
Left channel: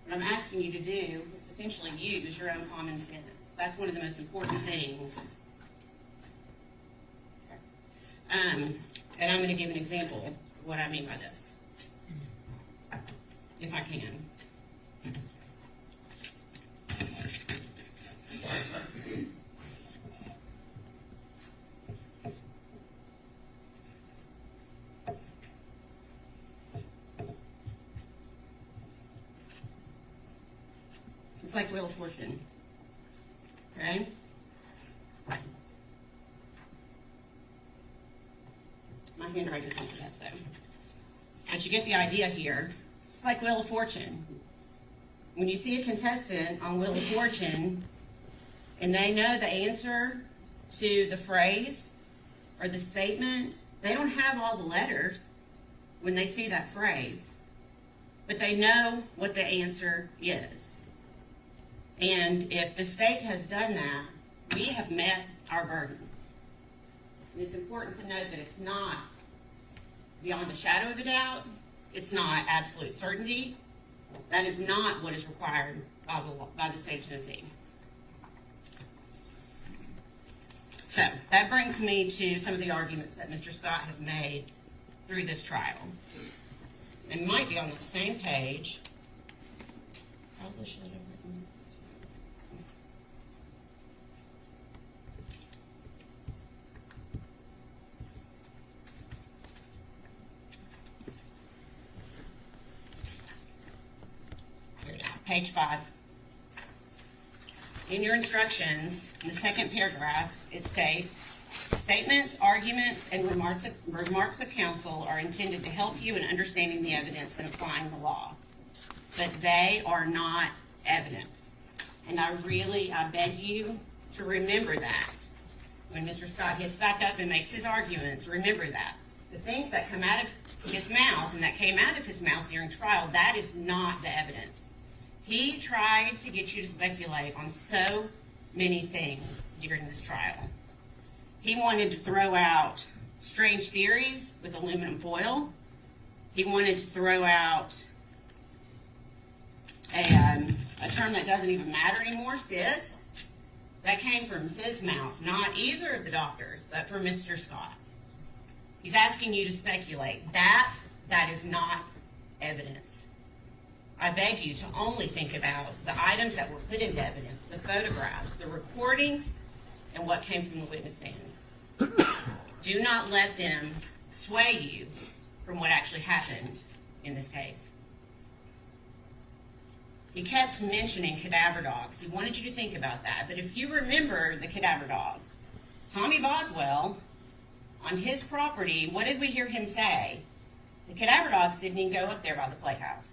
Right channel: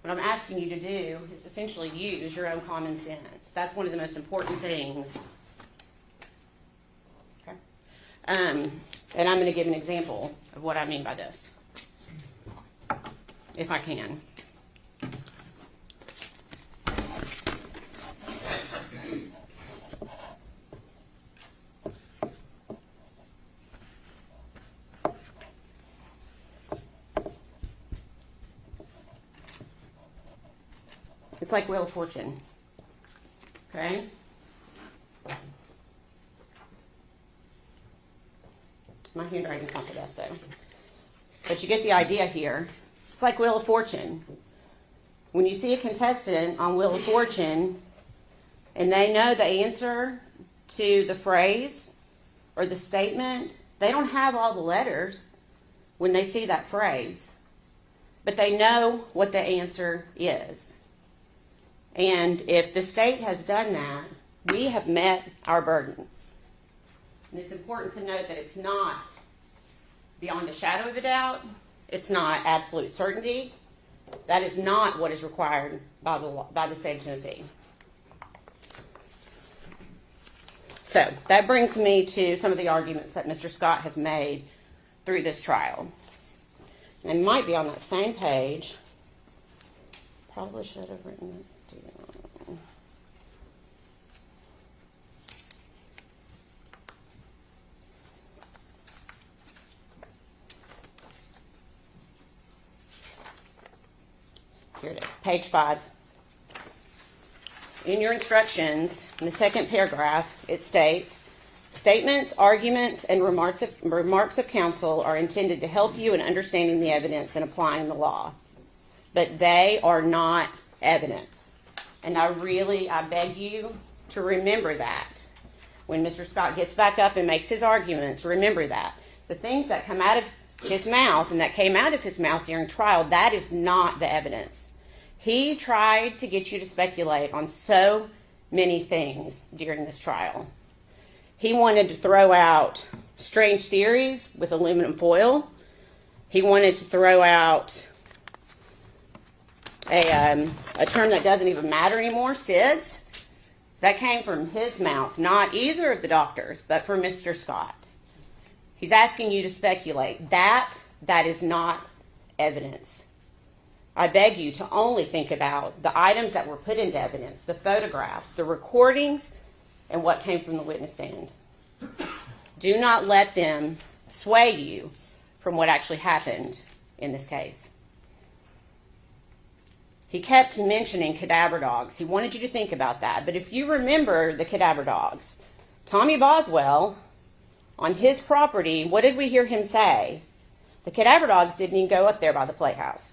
What I'm asking you to do is essentially use your own common sense. That's one of the most important things. Okay. And I'm going to give an example of what I mean by this, if I can. It's like Wheel of Fortune, okay? My handwriting's not the best, though. But you get the idea here. It's like Wheel of Fortune. When you see a contestant on Wheel of Fortune, and they know the answer to the phrase or the statement, they don't have all the letters when they see that phrase. but they know what the answer is. And if the state has done that, we have met our burden. And it's important to note that it's not beyond a shadow of a doubt. It's not absolute certainty. That is not what is required by the law, by the state of Tennessee. So that brings me to some of the arguments that Mr. Scott has made through this trial. It might be on that same page. Probably should have written it. Here it is, page 5. In your instructions, in the second paragraph, it states, statements, arguments, and remarks of counsel are intended to help you in understanding the evidence and applying the law. But they are not evidence. And I beg you to remember that. When Mr. Scott gets back up and makes his arguments, remember that. The things that come out of his mouth and that came out of his mouth during trial, that is not the evidence. He tried to get you to speculate on so many things during this trial. He wanted to throw out strange theories with aluminum foil. He wanted to throw out a term that doesn't even matter anymore, SIDS. That came from his mouth, not either of the doctors, but from Mr. Scott. He's asking you to speculate. That is not evidence. I beg you to only think about the items that were put into evidence, the photographs, the recordings, and what came from the witness stand. Do not let them sway you from what actually happened in this case. He kept mentioning cadaver dogs. He wanted you to think about that. But if you remember the cadaver dogs, Tommy Boswell, on his property, what did we hear him say? The cadaver dogs didn't even go up there by the playhouse.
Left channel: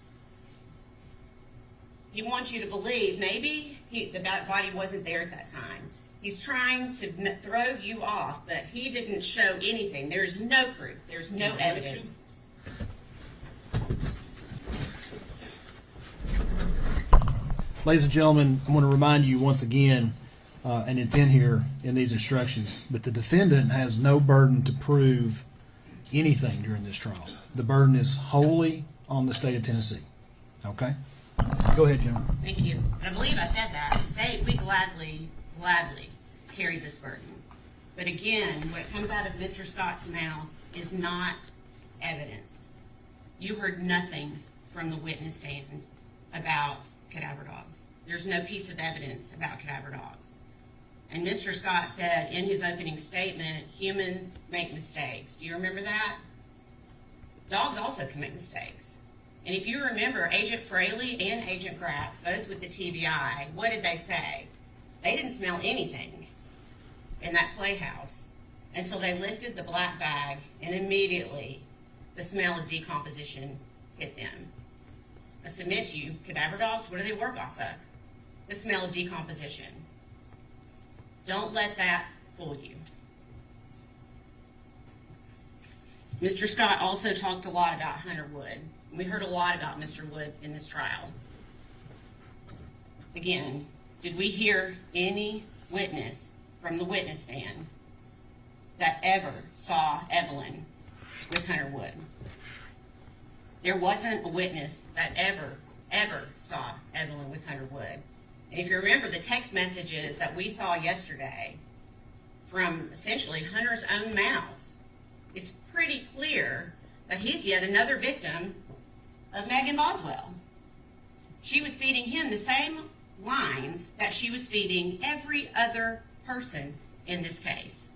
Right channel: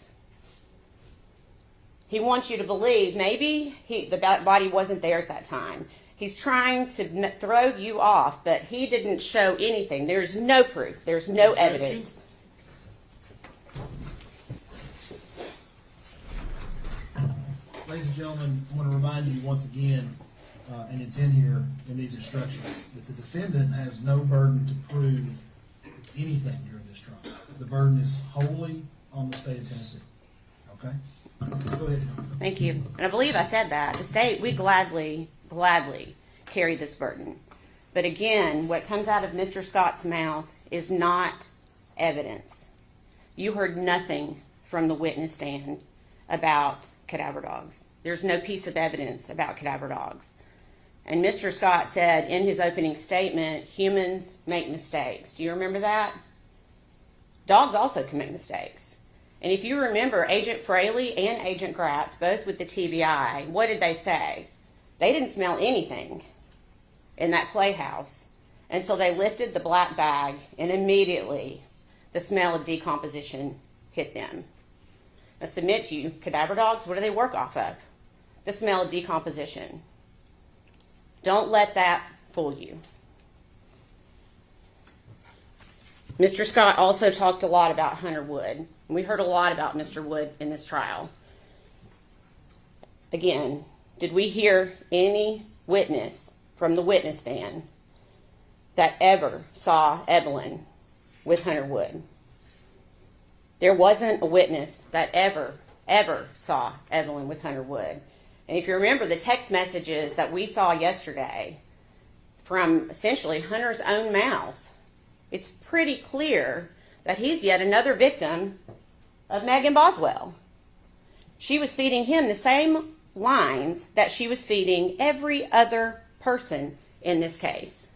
He wants you to believe maybe the body wasn't there at that time. He's trying to throw you off, but he didn't show anything. There's no proof. There's no evidence. Ladies and gentlemen, I want to remind you once again, and it's in here in these instructions, but the defendant has no burden to prove anything during this trial. The burden is wholly on the state of Tennessee. Okay? Go ahead, John. Thank you. And I believe I said that. The state, we gladly carry this burden. But again, what comes out of Mr. Scott's mouth is not evidence. You heard nothing from the witness stand about cadaver dogs. There's no piece of evidence about cadaver dogs. And Mr. Scott said in his opening statement, humans make mistakes. Do you remember that? Dogs also commit mistakes. And if you remember, Agent Fraley and Agent Gratz, both with the TBI, what did they say? They didn't smell anything in that playhouse until they lifted the black bag, and immediately the smell of decomposition hit them. I submit to you, cadaver dogs, what do they work off of? The smell of decomposition. Don't let that fool you. Mr. Scott also talked a lot about Hunter Wood. We heard a lot about Mr. Wood in this trial. Again, did we hear any witness from the witness stand that ever saw Evelyn with Hunter Wood? There wasn't a witness that ever saw Evelyn with Hunter Wood. And if you remember the text messages that we saw yesterday from essentially Hunter's own mouth, it's pretty clear that he's yet another victim of Megan Boswell. She was feeding him the same lines that she was feeding every other person in this case.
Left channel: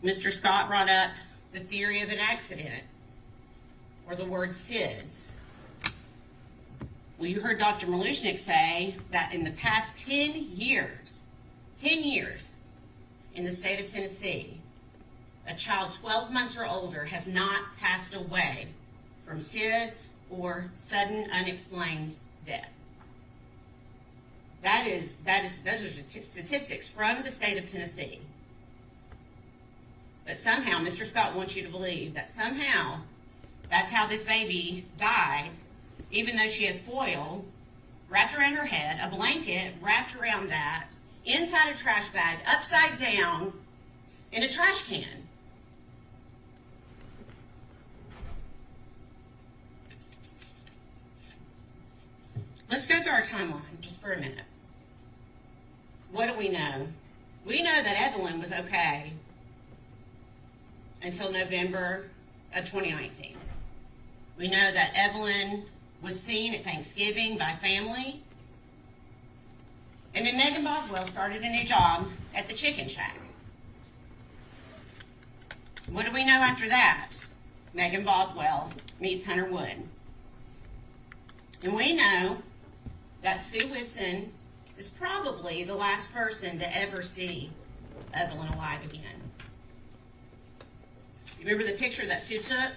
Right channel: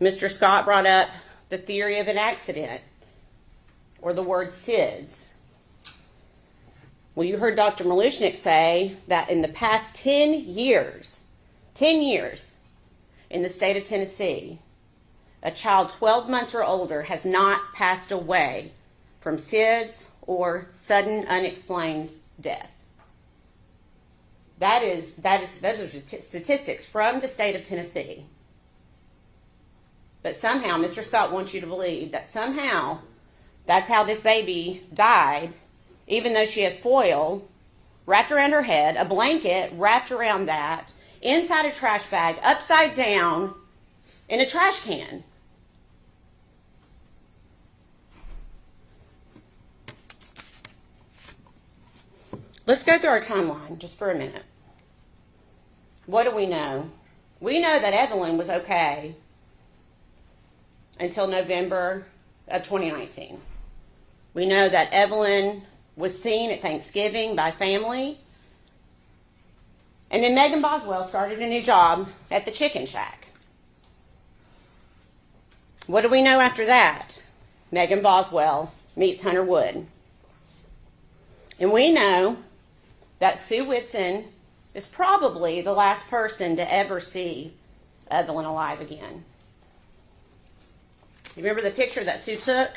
Mr. Scott brought up the theory of an accident, or the word SIDS. Well, you heard Dr. Malushnik say that in the past 10 years, in the state of Tennessee, a child 12 months or older has not passed away from SIDS or sudden unexplained death. Those are statistics from the state of Tennessee. But somehow Mr. Scott wants you to believe that somehow That's how this baby died, even though she has foil wrapped around her head, a blanket wrapped around that, inside a trash bag, upside down, in a trash can. Let's go through our timeline just for a minute. What do we know? We know that Evelyn was okay until November of 2019. We know that Evelyn was seen at Thanksgiving by family. And then Megan Boswell started a new job at the Chicken Shack. What do we know after that? Megan Boswell meets Hunter Wood. And we know that Sue Whitson is probably the last person to ever see Evelyn alive again. You remember the picture that Sue took?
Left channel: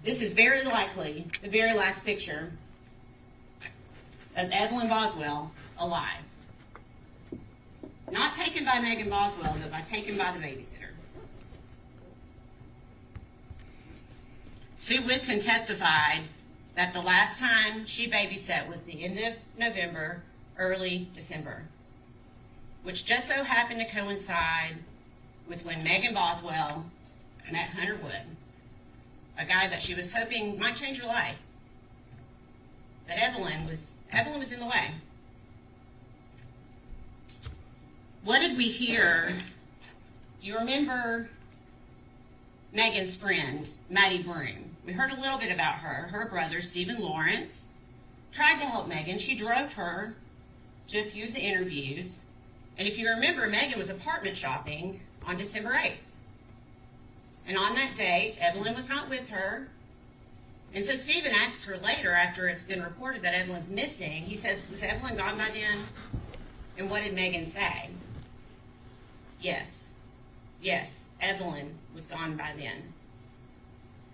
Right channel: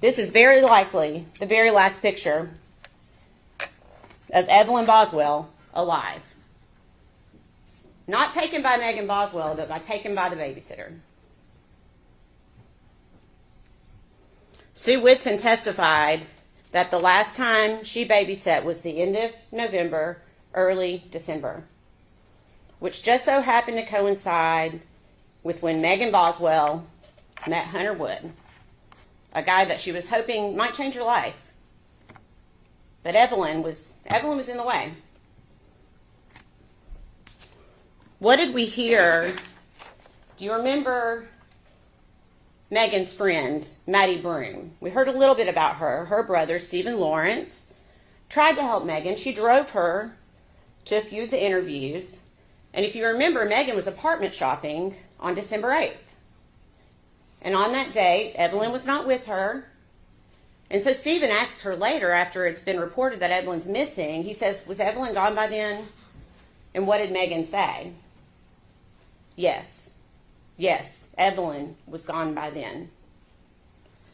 This is very likely the very last picture of Evelyn Boswell alive. Not taken by Megan Boswell, but taken by the babysitter. Sue Whitson testified that the last time she babysat was the end of November, early December, which just so happened to coincide with when Megan Boswell met Hunter Wood, a guy that she was hoping might change her life. But Evelyn was in the way. What did we hear? Do you remember Megan's friend, Maddie Broom? We heard a little bit about her. Her brother, Stephen Lawrence, tried to help Megan. She drove her to a few of the interviews. And if you remember, Megan was apartment shopping on December 8th. And on that date, Evelyn was not with her. And so Stephen asked her later, after it's been reported that Evelyn's missing, he says, was Evelyn gone by then? And what did Megan say? Yes, Evelyn was gone by then.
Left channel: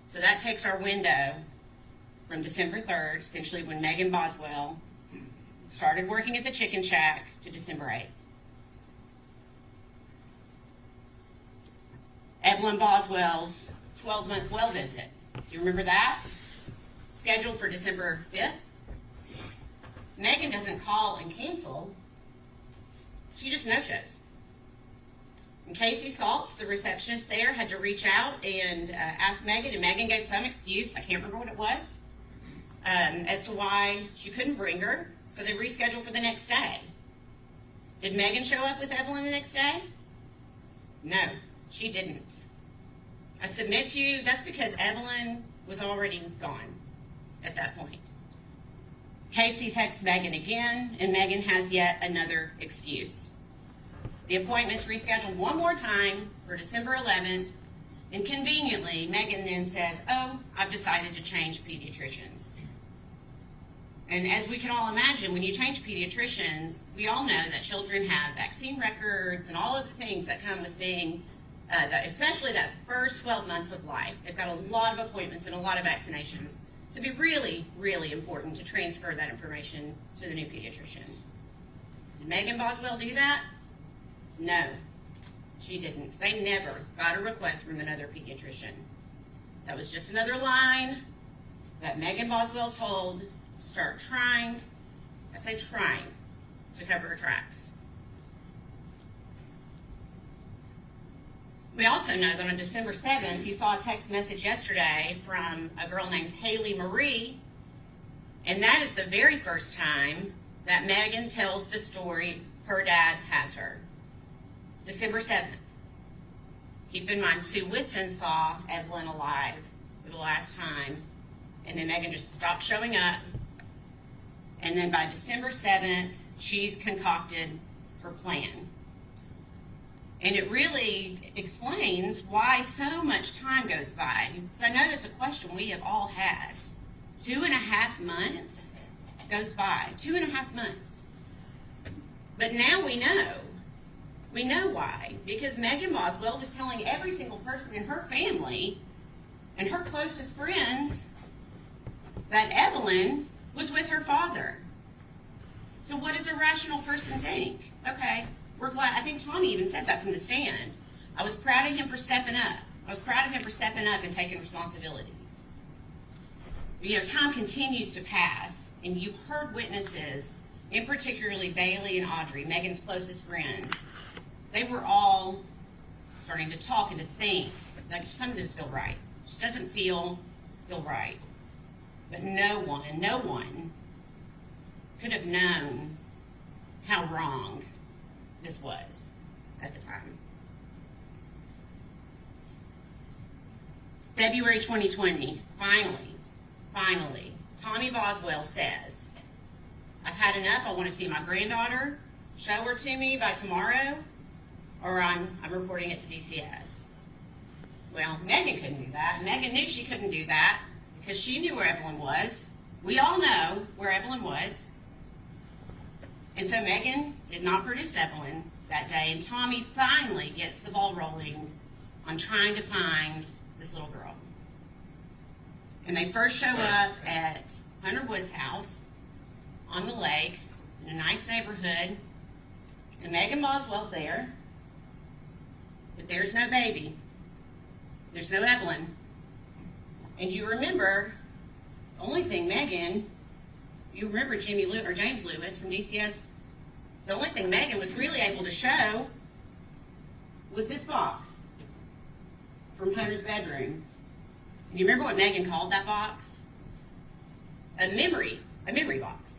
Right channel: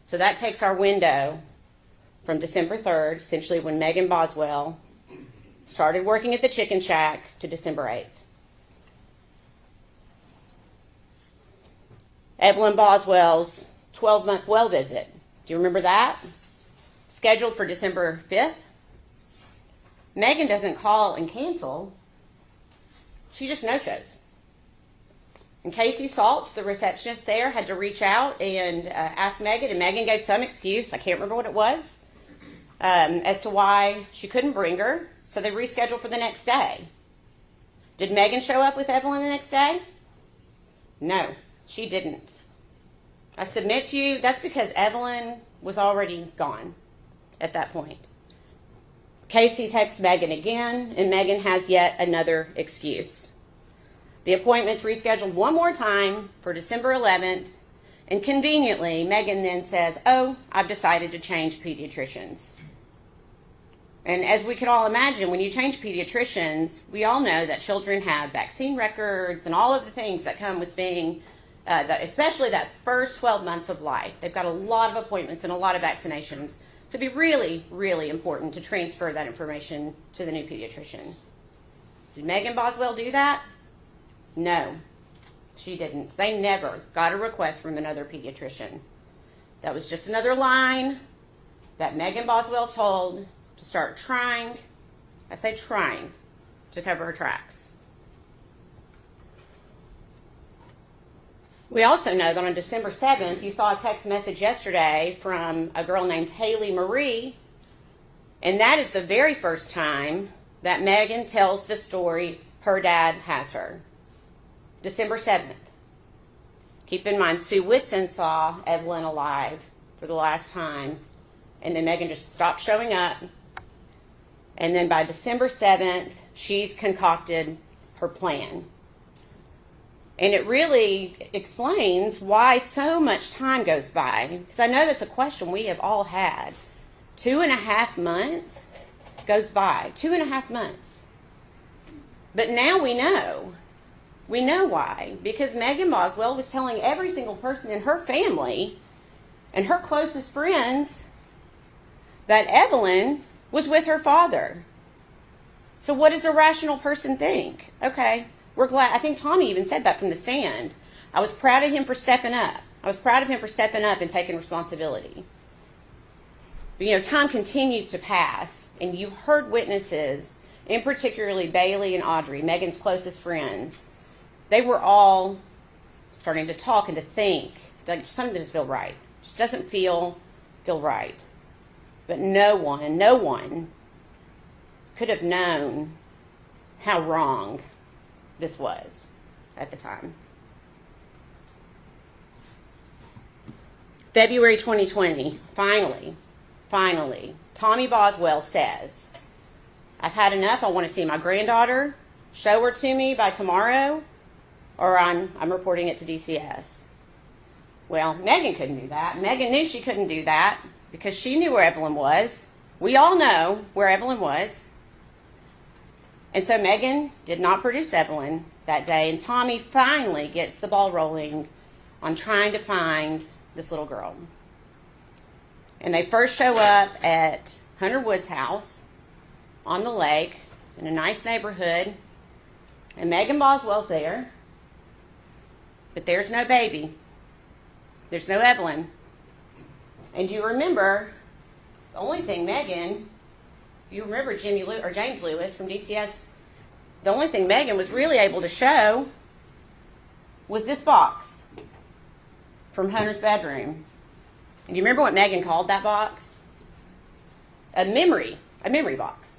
So that takes our window from December 3rd, essentially when Megan Boswell started working at the Chicken Shack, to December 8th. Evelyn Boswell's 12-month well visit. Do you remember that? Scheduled for December 5th. Megan doesn't call and cancel. She just no-shows. And Casey Saltz, the receptionist there, had to reach out and ask Megan, and Megan gave some excuse, I can't remember what it was, as to why she couldn't bring her, so they rescheduled for the next day. Did Megan show up with Evelyn the next day? No, she didn't. I submit to you, that's because Evelyn was already gone at that point. Casey texts Megan again, and Megan has yet another excuse. The appointment's rescheduled one more time for December 11th, and conveniently, Megan then says, oh, I've decided to change pediatricians. And as we can all imagine, when you change pediatricians, we all know that children have vaccine records and all of the things that come with being, especially that first 12 months of life. They've got a lot of appointments and a lot of vaccinations. So it'd be really, really important to transfer that information to the new pediatrician. Did Megan Boswell do that? No, she didn't. They never got a request from another pediatrician. That was just another line that Megan Boswell told to start trying, I say trying, to cover her tracks. We also know that on December 7th, you saw a text message yesterday from a girl named Haley Marie, and that is the very first time that Megan tells the story her dad has her. December 7th. Keep in mind, Sue Whitson saw Evelyn alive for the last time, and then Megan just stopped showing up. And then by December 7th, she's concocted her plan. And it really explains why so much time goes by. Because I know that's a question we have all had. 2.5 months goes by. 2.5 months. But now we know. We know why. Because Megan Boswell was telling every single person in her family and her closest friends that Evelyn was with her father. So what does a rational person think? Okay, we're glad. I think Tommy even said that from the stand. I was proud of him for stepping up. I was proud of him for stepping up and taking responsibility. But time continues to pass, and you've heard witnesses, in particularly Bailey and Audrey, Megan's closest friends. They were all starting to talk and to think that something doesn't feel right. Just doesn't feel right. But no one could have known how wrong this was at the time. February 2020, finally, Tommy Boswell says, I've had enough. I want to see my granddaughter. Show her to me by tomorrow, or I'm reporting it to DCS. Well, Megan couldn't do that. Megan knew she couldn't do that because she knew where Evelyn was. We all know where Evelyn was. And so Megan did not produce Evelyn that day, and Tommy finally gets the ball rolling on trying to find this little girl. And they first show up at Hunter Wood's house on the lake in a nice neighborhood, and Megan Boswell's there, but there's no baby. There's no Evelyn. And you remember, the only thing Megan, you remember James Lewis from DCS, the only thing Megan was really able to show was this box from Hunter's bedroom. And you remember what Megan called that box? A memory box.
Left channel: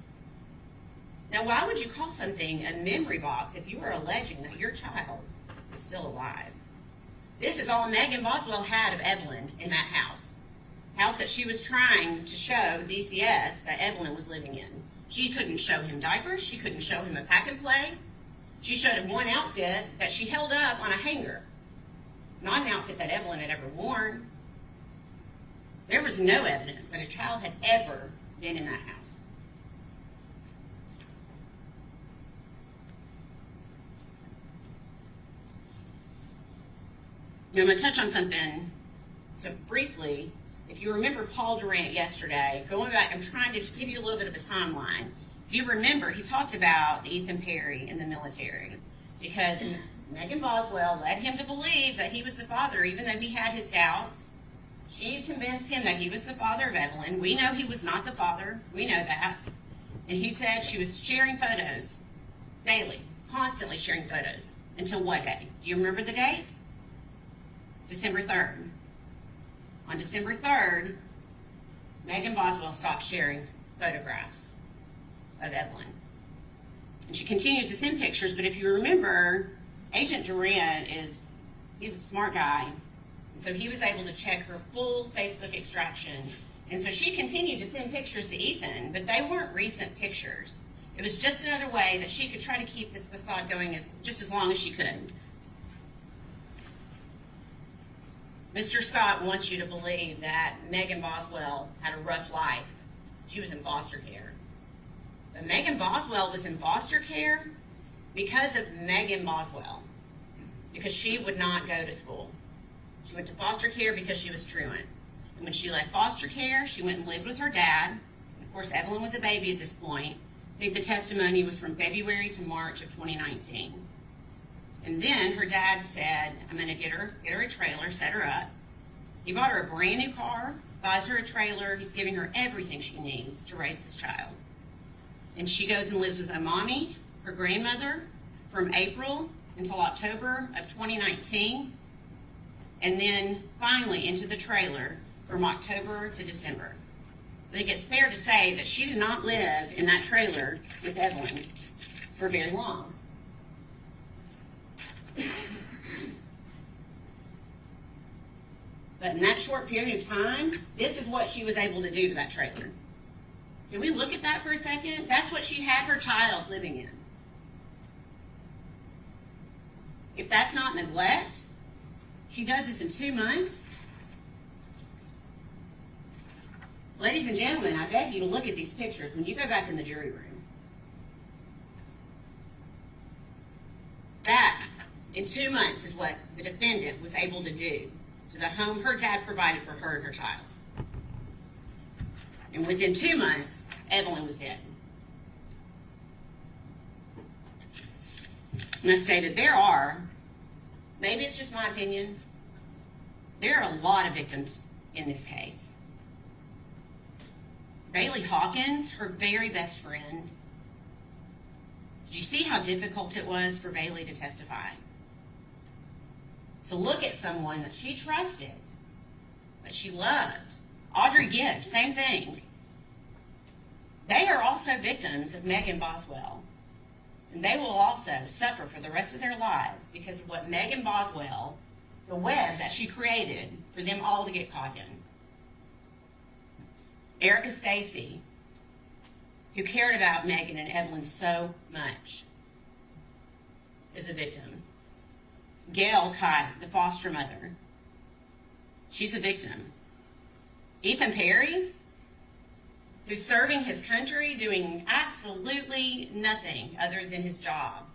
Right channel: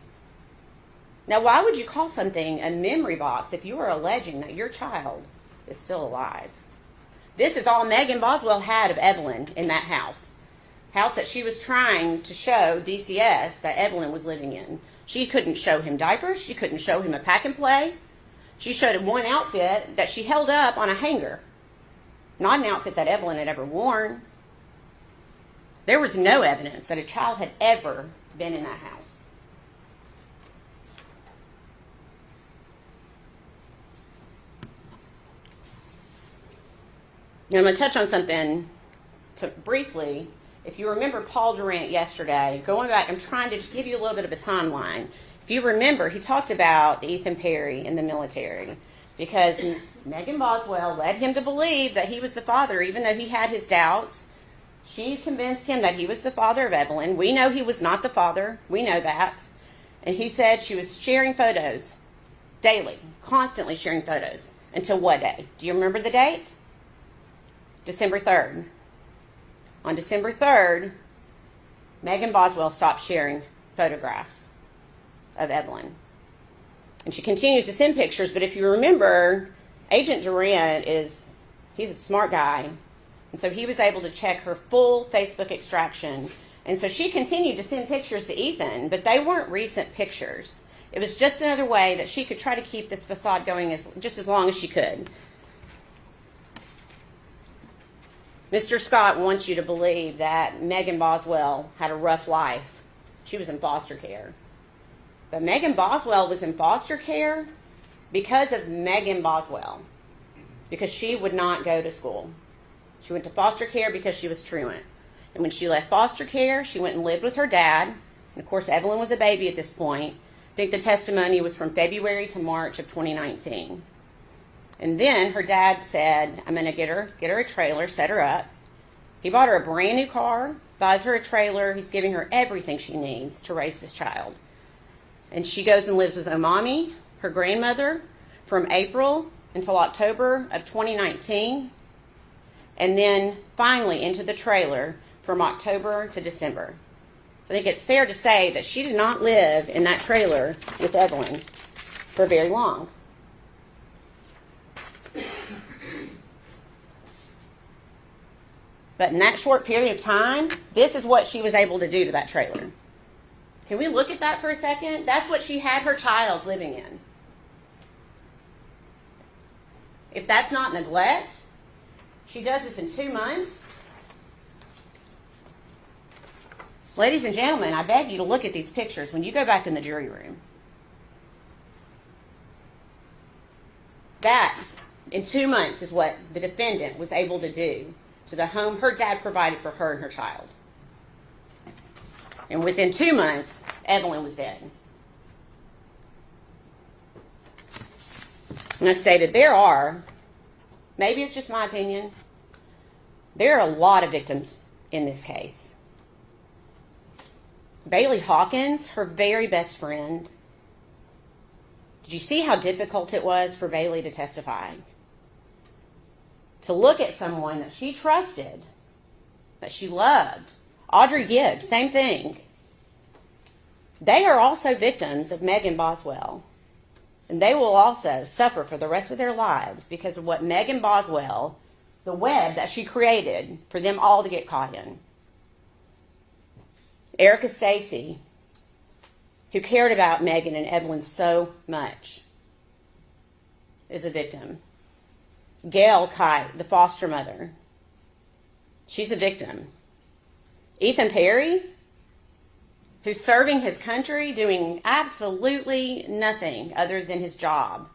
Now, why would you call something a memory box if you are alleging that your child is still alive? This is all Megan Boswell had of Evelyn in that house that she was trying to show DCS that Evelyn was living in. She couldn't show him diapers. She couldn't show him a pack and play. She showed him one outfit that she held up on a hanger. Not an outfit that Evelyn had ever worn. There was no evidence that a child had ever been in that house. Now I'm going to touch on something briefly. If you remember Paul Durant yesterday, going back, I'm trying to just give you a little bit of a timeline. If you remember, he talked about Ethan Perry in the military because Megan Boswell led him to believe that he was the father, even though he had his doubts. She convinced him that he was the father of Evelyn. We know he was not the father. We know that. And he said she was sharing photos daily, constantly sharing photos. Until what day? Do you remember the date? December 3rd. On December 3rd, Megan Boswell stopped sharing photographs of Evelyn. And she continues to send pictures, but if you remember, Agent Durant he's a smart guy. And so he was able to check her full Facebook extraction. And so she continued to send pictures to Ethan, but they weren't recent pictures. It was just another way that she could try to keep this facade going just as long as she could. Mr. Scott wants you to believe that Megan Boswell had a rough life. She was in foster care. But Megan Boswell was in foster care because of Megan Boswell, because she would not go to school. She went to foster care because she was truant. And when she left foster care, she went and lived with her dad. And of course, Evelyn was a baby at this point. I think the testimony was from February to March of 2019. And then her dad said, I'm going to get her a trailer, set her up. He bought her a brand new car, buys her a trailer. He's giving her everything she needs to raise this child. And she goes and lives with her mommy, her grandmother, from April until October of 2019. And then finally into the trailer from October to December. I think it's fair to say that she did not live in that trailer with Evelyn for very long. But in that short period of time, this is what she was able to do to that trailer. Can we look at that for a second? That's what she had her child living in. If that's not neglect, she does this in 2 months. Ladies and gentlemen, I beg you to look at these pictures when you go back in the jury room. That, in 2 months, is what the defendant was able to do to the home her dad provided for her and her child. And within 2 months, Evelyn was dead. And I stated there are, maybe it's just my opinion, There are a lot of victims in this case. Bailey Hawkins, her very best friend. Did you see how difficult it was for Bailey to testify? To look at someone that she trusted, that she loved. Audrey Gibbs, same thing. They are also victims of Megan Boswell. And they will also suffer for the rest of their lives because of what Megan Boswell, the web that she created for them all to get caught in. Erica Stacy, who cared about Megan and Evelyn so much, is a victim. Gail Kite, the foster mother, she's a victim. Ethan Perry, who's serving his country, doing absolutely nothing other than his job,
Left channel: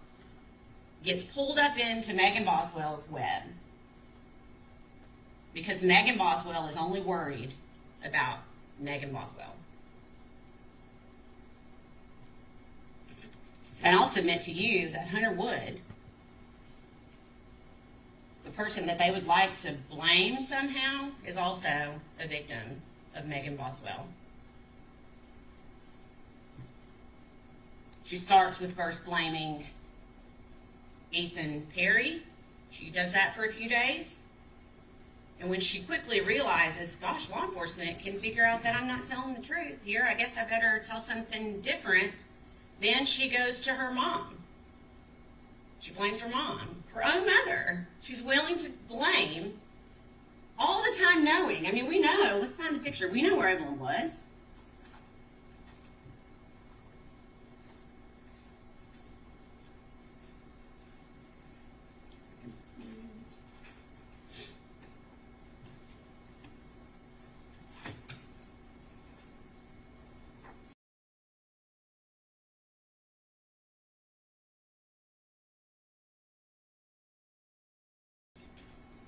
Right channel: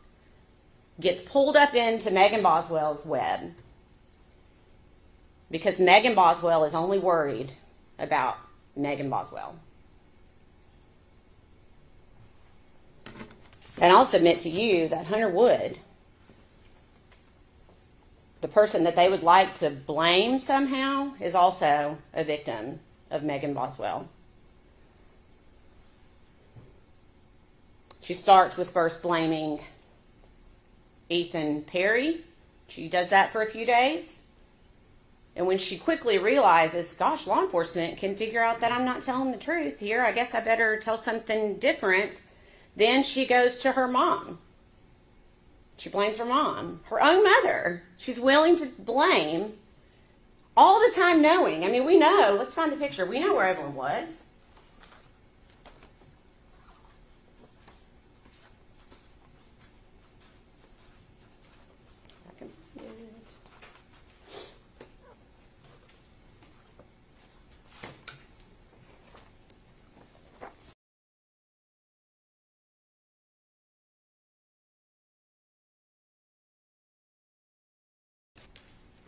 gets pulled up into Megan Boswell's web because Megan Boswell is only worried about Megan Boswell. And I'll submit to you that Hunter Wood, the person that they would like to blame somehow, is also a victim of Megan Boswell. She starts with first blaming Ethan Perry. She does that for a few days. And when she quickly realizes, gosh, law enforcement can figure out that I'm not telling the truth here, I guess I better tell something different, then she goes to her mom. She blames her mom, her own mother. She's willing to blame all the time knowing. I mean, we know, let's find the picture. We know where Evelyn was.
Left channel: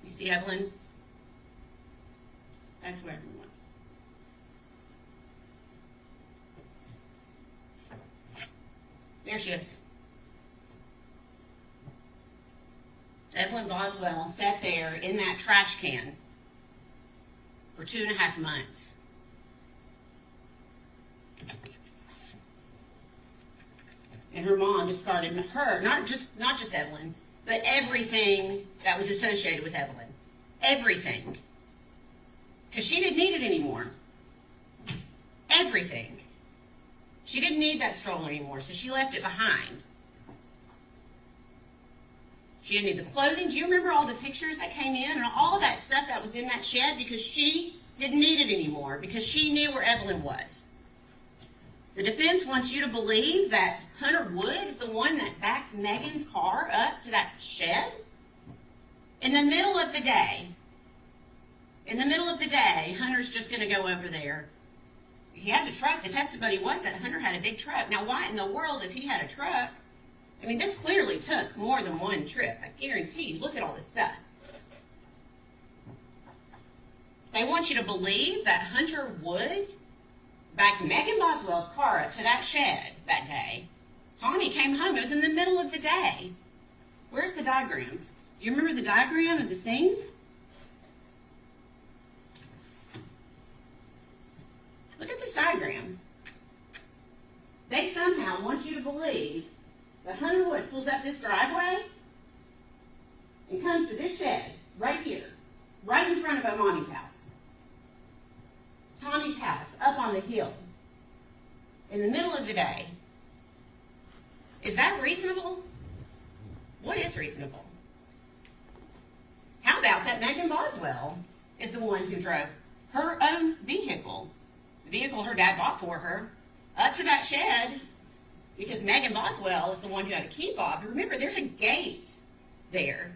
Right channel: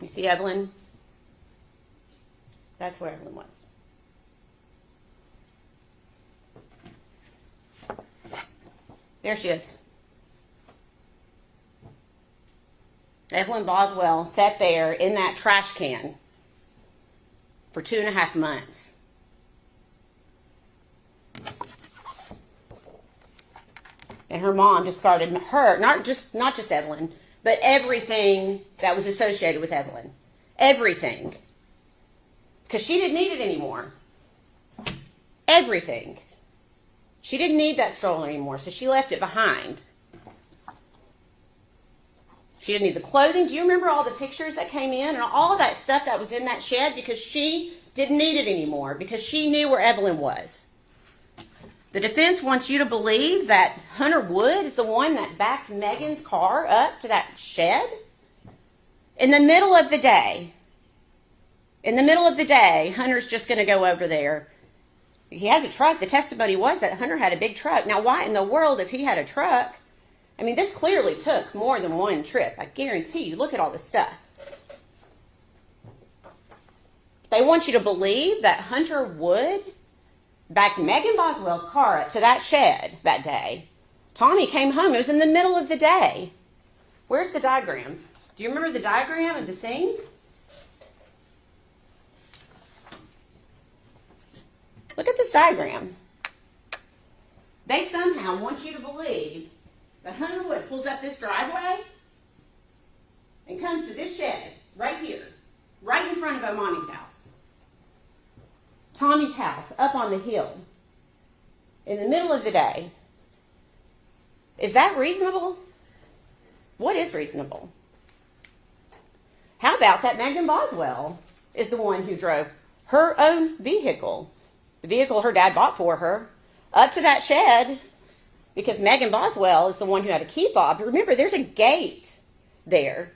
You see Evelyn? That's where Evelyn was. There she is. Evelyn Boswell sat there in that trash can for 2.5 months. And her mom discarded her, not just Evelyn, but everything that was associated with Evelyn. Everything. Because she didn't need it anymore. Everything. She didn't need that stroller anymore, so she left it behind. She didn't need the clothing. Do you remember all the pictures that came in and all of that stuff that was in that shed? Because she didn't need it anymore, because she knew where Evelyn was. The defense wants you to believe that Hunter Wood is the one that backed Megan's car up to that shed in the middle of the day. In the middle of the day, Hunter's just going to go over there. He has a truck. The testimony was that Hunter had a big truck. Now, why in the world, if he had a truck? I mean, this clearly took more than one trip. I guarantee you. Look at all this stuff. They want you to believe that Hunter Wood backed Megan Boswell's car up to that shed that day. Tommy came home. It was in the middle of the day. Where's the diagram? Do you remember the diagram of the scene? Look at this diagram. They somehow want you to believe that Hunter Wood pulls up this driveway and comes to this shed right here, right in front of Mommy's house. Tommy's house, up on the hill, in the middle of the day. Is that reasonable? What is reasonable? How about that Megan Boswell is the one who drove her own vehicle, the vehicle her dad bought for her, up to that shed, because Megan Boswell is the one who had a key fob. Remember, there's a gate there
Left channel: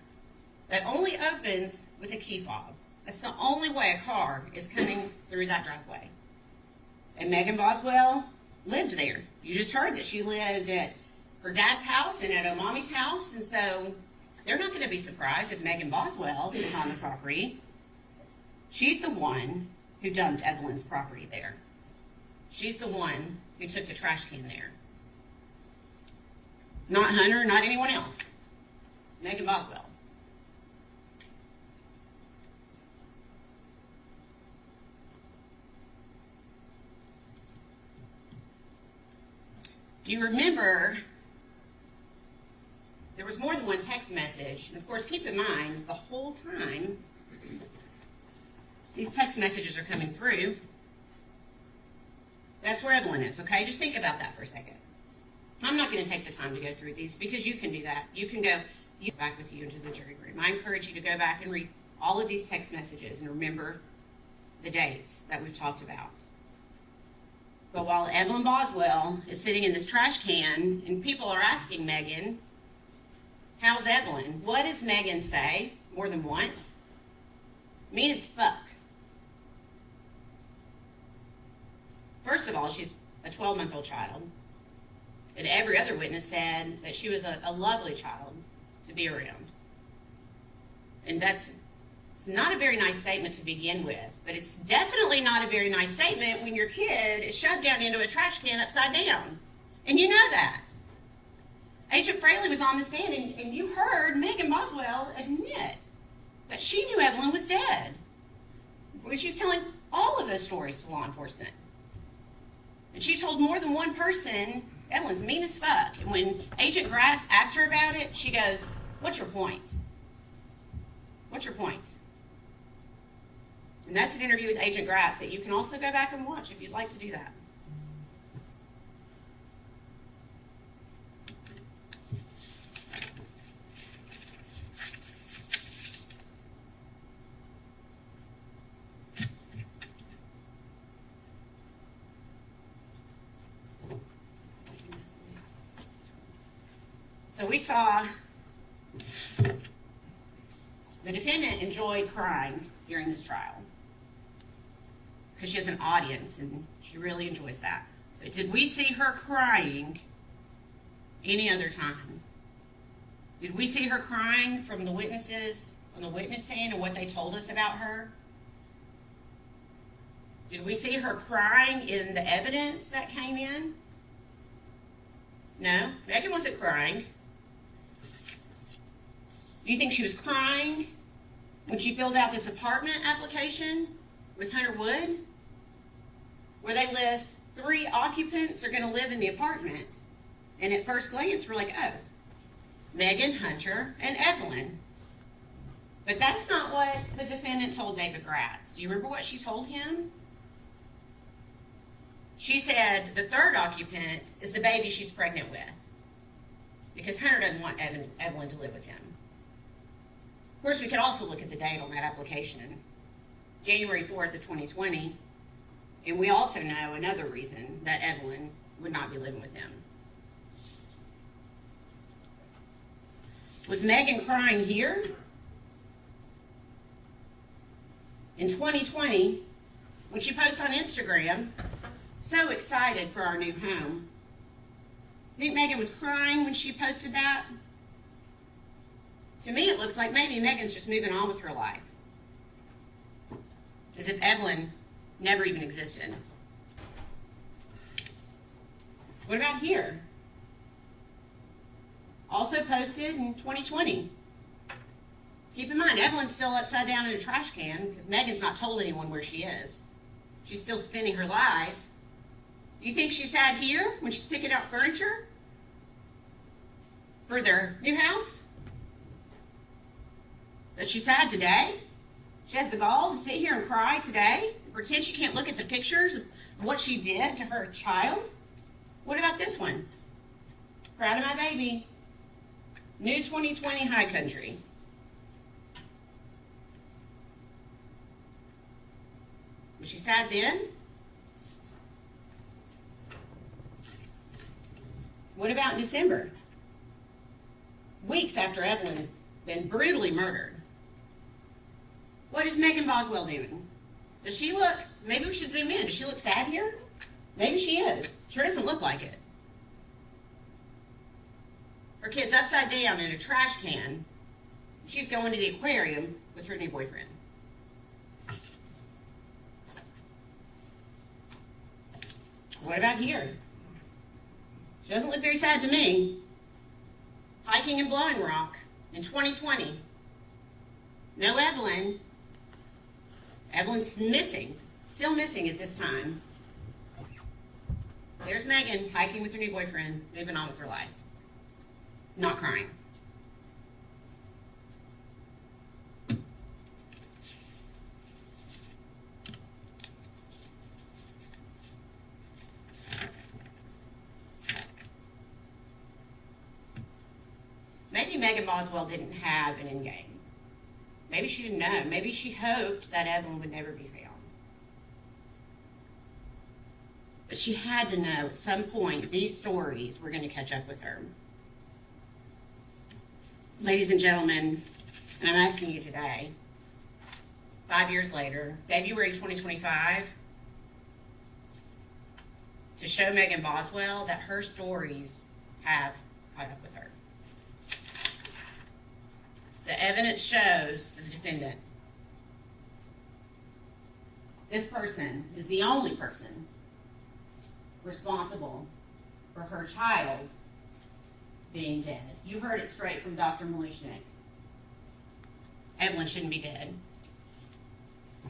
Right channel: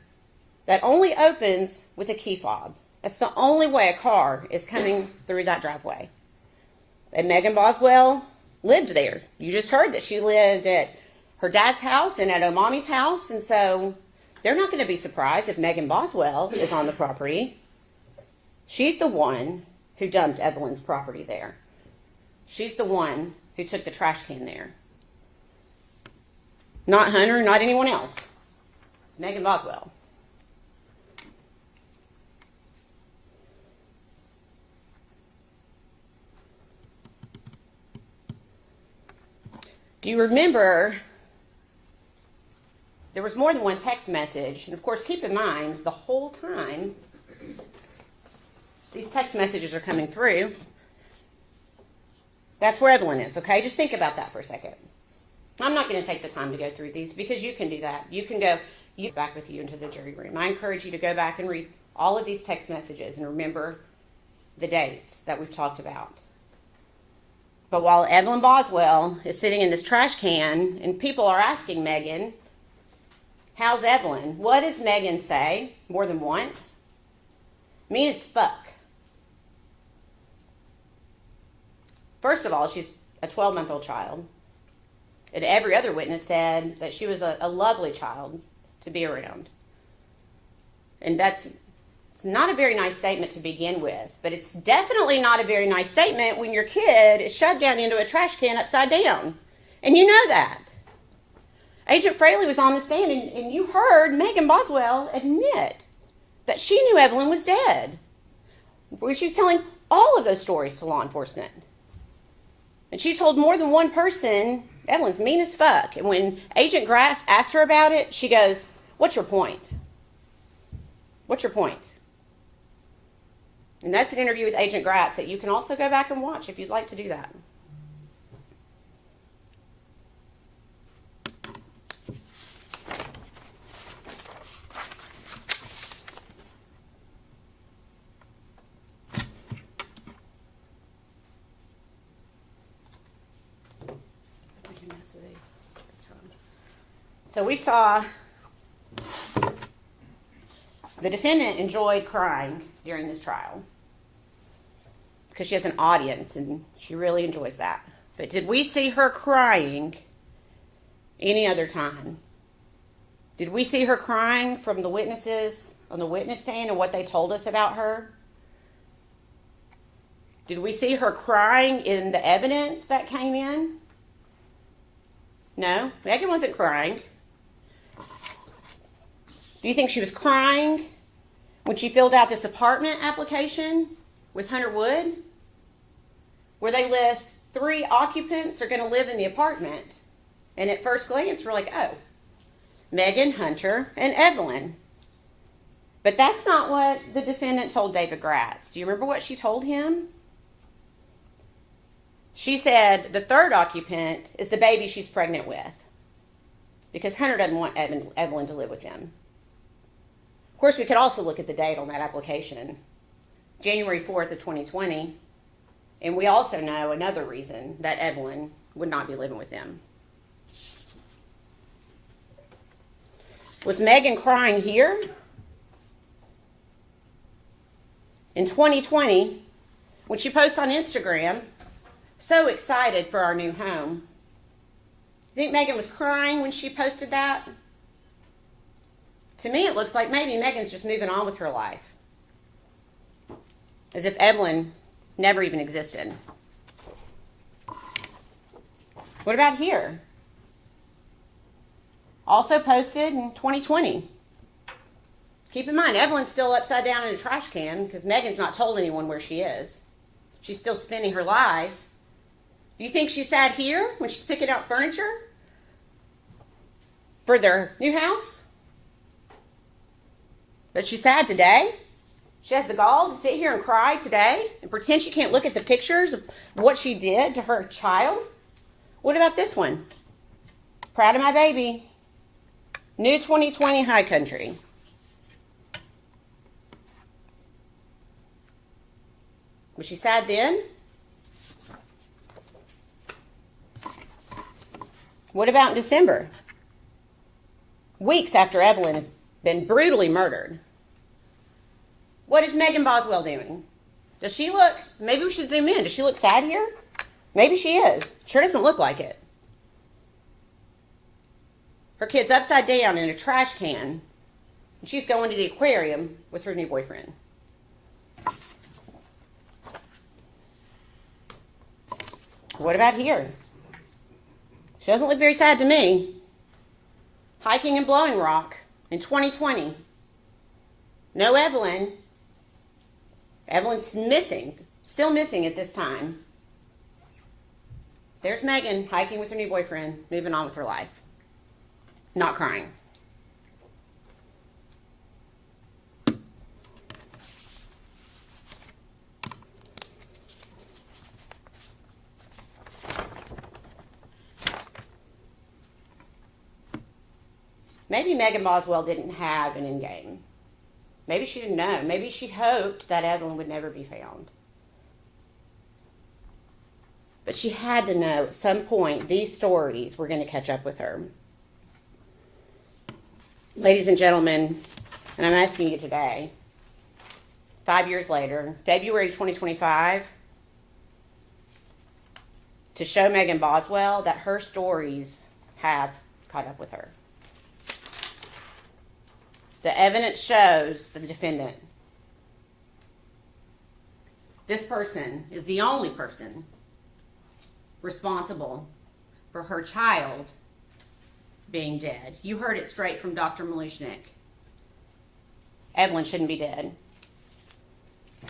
that only opens with a key fob. That's the only way a car is coming through that driveway. And Megan Boswell lived there. You just heard that she lived at her dad's house and at Mommy's house, and so they're not going to be surprised if Megan Boswell is on the property. She's the one who dumped Evelyn's property there. She's the one who took the trash can there. Not Hunter, not anyone else. It's Megan Boswell. Do you remember there was more than one text message? And of course, keep in mind, the whole time these text messages are coming through, that's where Evelyn is, okay? Just think about that for a second. I'm not going to take the time to go through these because you can do that. You can go back with you into the jury room. I encourage you to go back and read all of these text messages and remember the dates that we've talked about. But while Evelyn Boswell is sitting in this trash can and people are asking Megan, how's Evelyn? What does Megan say more than once? Mean as fuck. First of all, she's a 12-month-old child. And every other witness said that she was a lovely child to be around. And it's not a very nice statement to begin with, but it's definitely not a very nice statement when your kid is shoved down into a trash can upside down. And you know that. Agent Fraley was on the stand, and you heard Megan Boswell admit that she knew Evelyn was dead. She was telling all of those stories to law enforcement. And she told more than one person, Evelyn's mean as fuck. And when Agent Grass asked her about it, she goes, what's your point? What's your point? And that's an interview with Agent Grass that you can also go back and watch if you'd like to do that. So we saw the defendant enjoyed crying during this trial because she has an audience and she really enjoys that. But did we see her crying any other time? Did we see her crying from the witnesses on the witness stand and what they told us about her? Did we see her crying in the evidence that came in? No, Megan wasn't crying. Do you think she was crying when she filled out this apartment application with Hunter Wood, where they list 3 occupants are going to live in the apartment? And at first glance, we're like, oh, Megan, Hunter, and Evelyn. But that's not what the defendant told David Gratz. Do you remember what she told him? She said the 3rd occupant is the baby she's pregnant with because Hunter doesn't want Evelyn to live with him. Of course, we could also look at the date on that application, January 4th of 2020, and we also know another reason that Evelyn would not be living with them. Was Megan crying here? In 2020, when she posts on Instagram, so excited for our new home. Think Megan was crying when she posted that? To me, it looks like maybe Megan's just moving on with her life. As if Evelyn never even existed. What about here? Also posted in 2020. Keep in mind, Evelyn's still upside down in a trash can because Megan's not told anyone where she is. She's still spinning her lies. Do you think she sat here when she's picking out furniture for their new house? But she's sad today. She has the gall to sit here and cry today and pretend she can't look at the pictures of what she did to her child. What about this one? Proud of my baby. New 2020 High Country. Was she sad then? What about in December? Weeks after Evelyn has been brutally murdered. What is Megan Boswell doing? Does she look, maybe we should zoom in. Does she look sad here? Maybe she is. Sure doesn't look like it. Her kid's upside down in a trash can, and she's going to the aquarium with her new boyfriend. What about here? She doesn't look very sad to me. Hiking in Blowing Rock in 2020. No Evelyn. Evelyn's missing. Still missing at this time. There's Megan hiking with her new boyfriend, moving on with her life. Not crying. Maybe Megan Boswell didn't have an end game. Maybe she didn't know. Maybe she hoped that Evelyn would never be found. But she had to know at some point these stories were going to catch up with her. Ladies and gentlemen, and I'm asking you today, 5 years later, February 2025, to show Megan Boswell that her stories have caught up with her. The evidence shows the defendant. This person is the only person responsible for her child being dead. You heard it straight from Dr. Malushnik. Evelyn shouldn't be dead.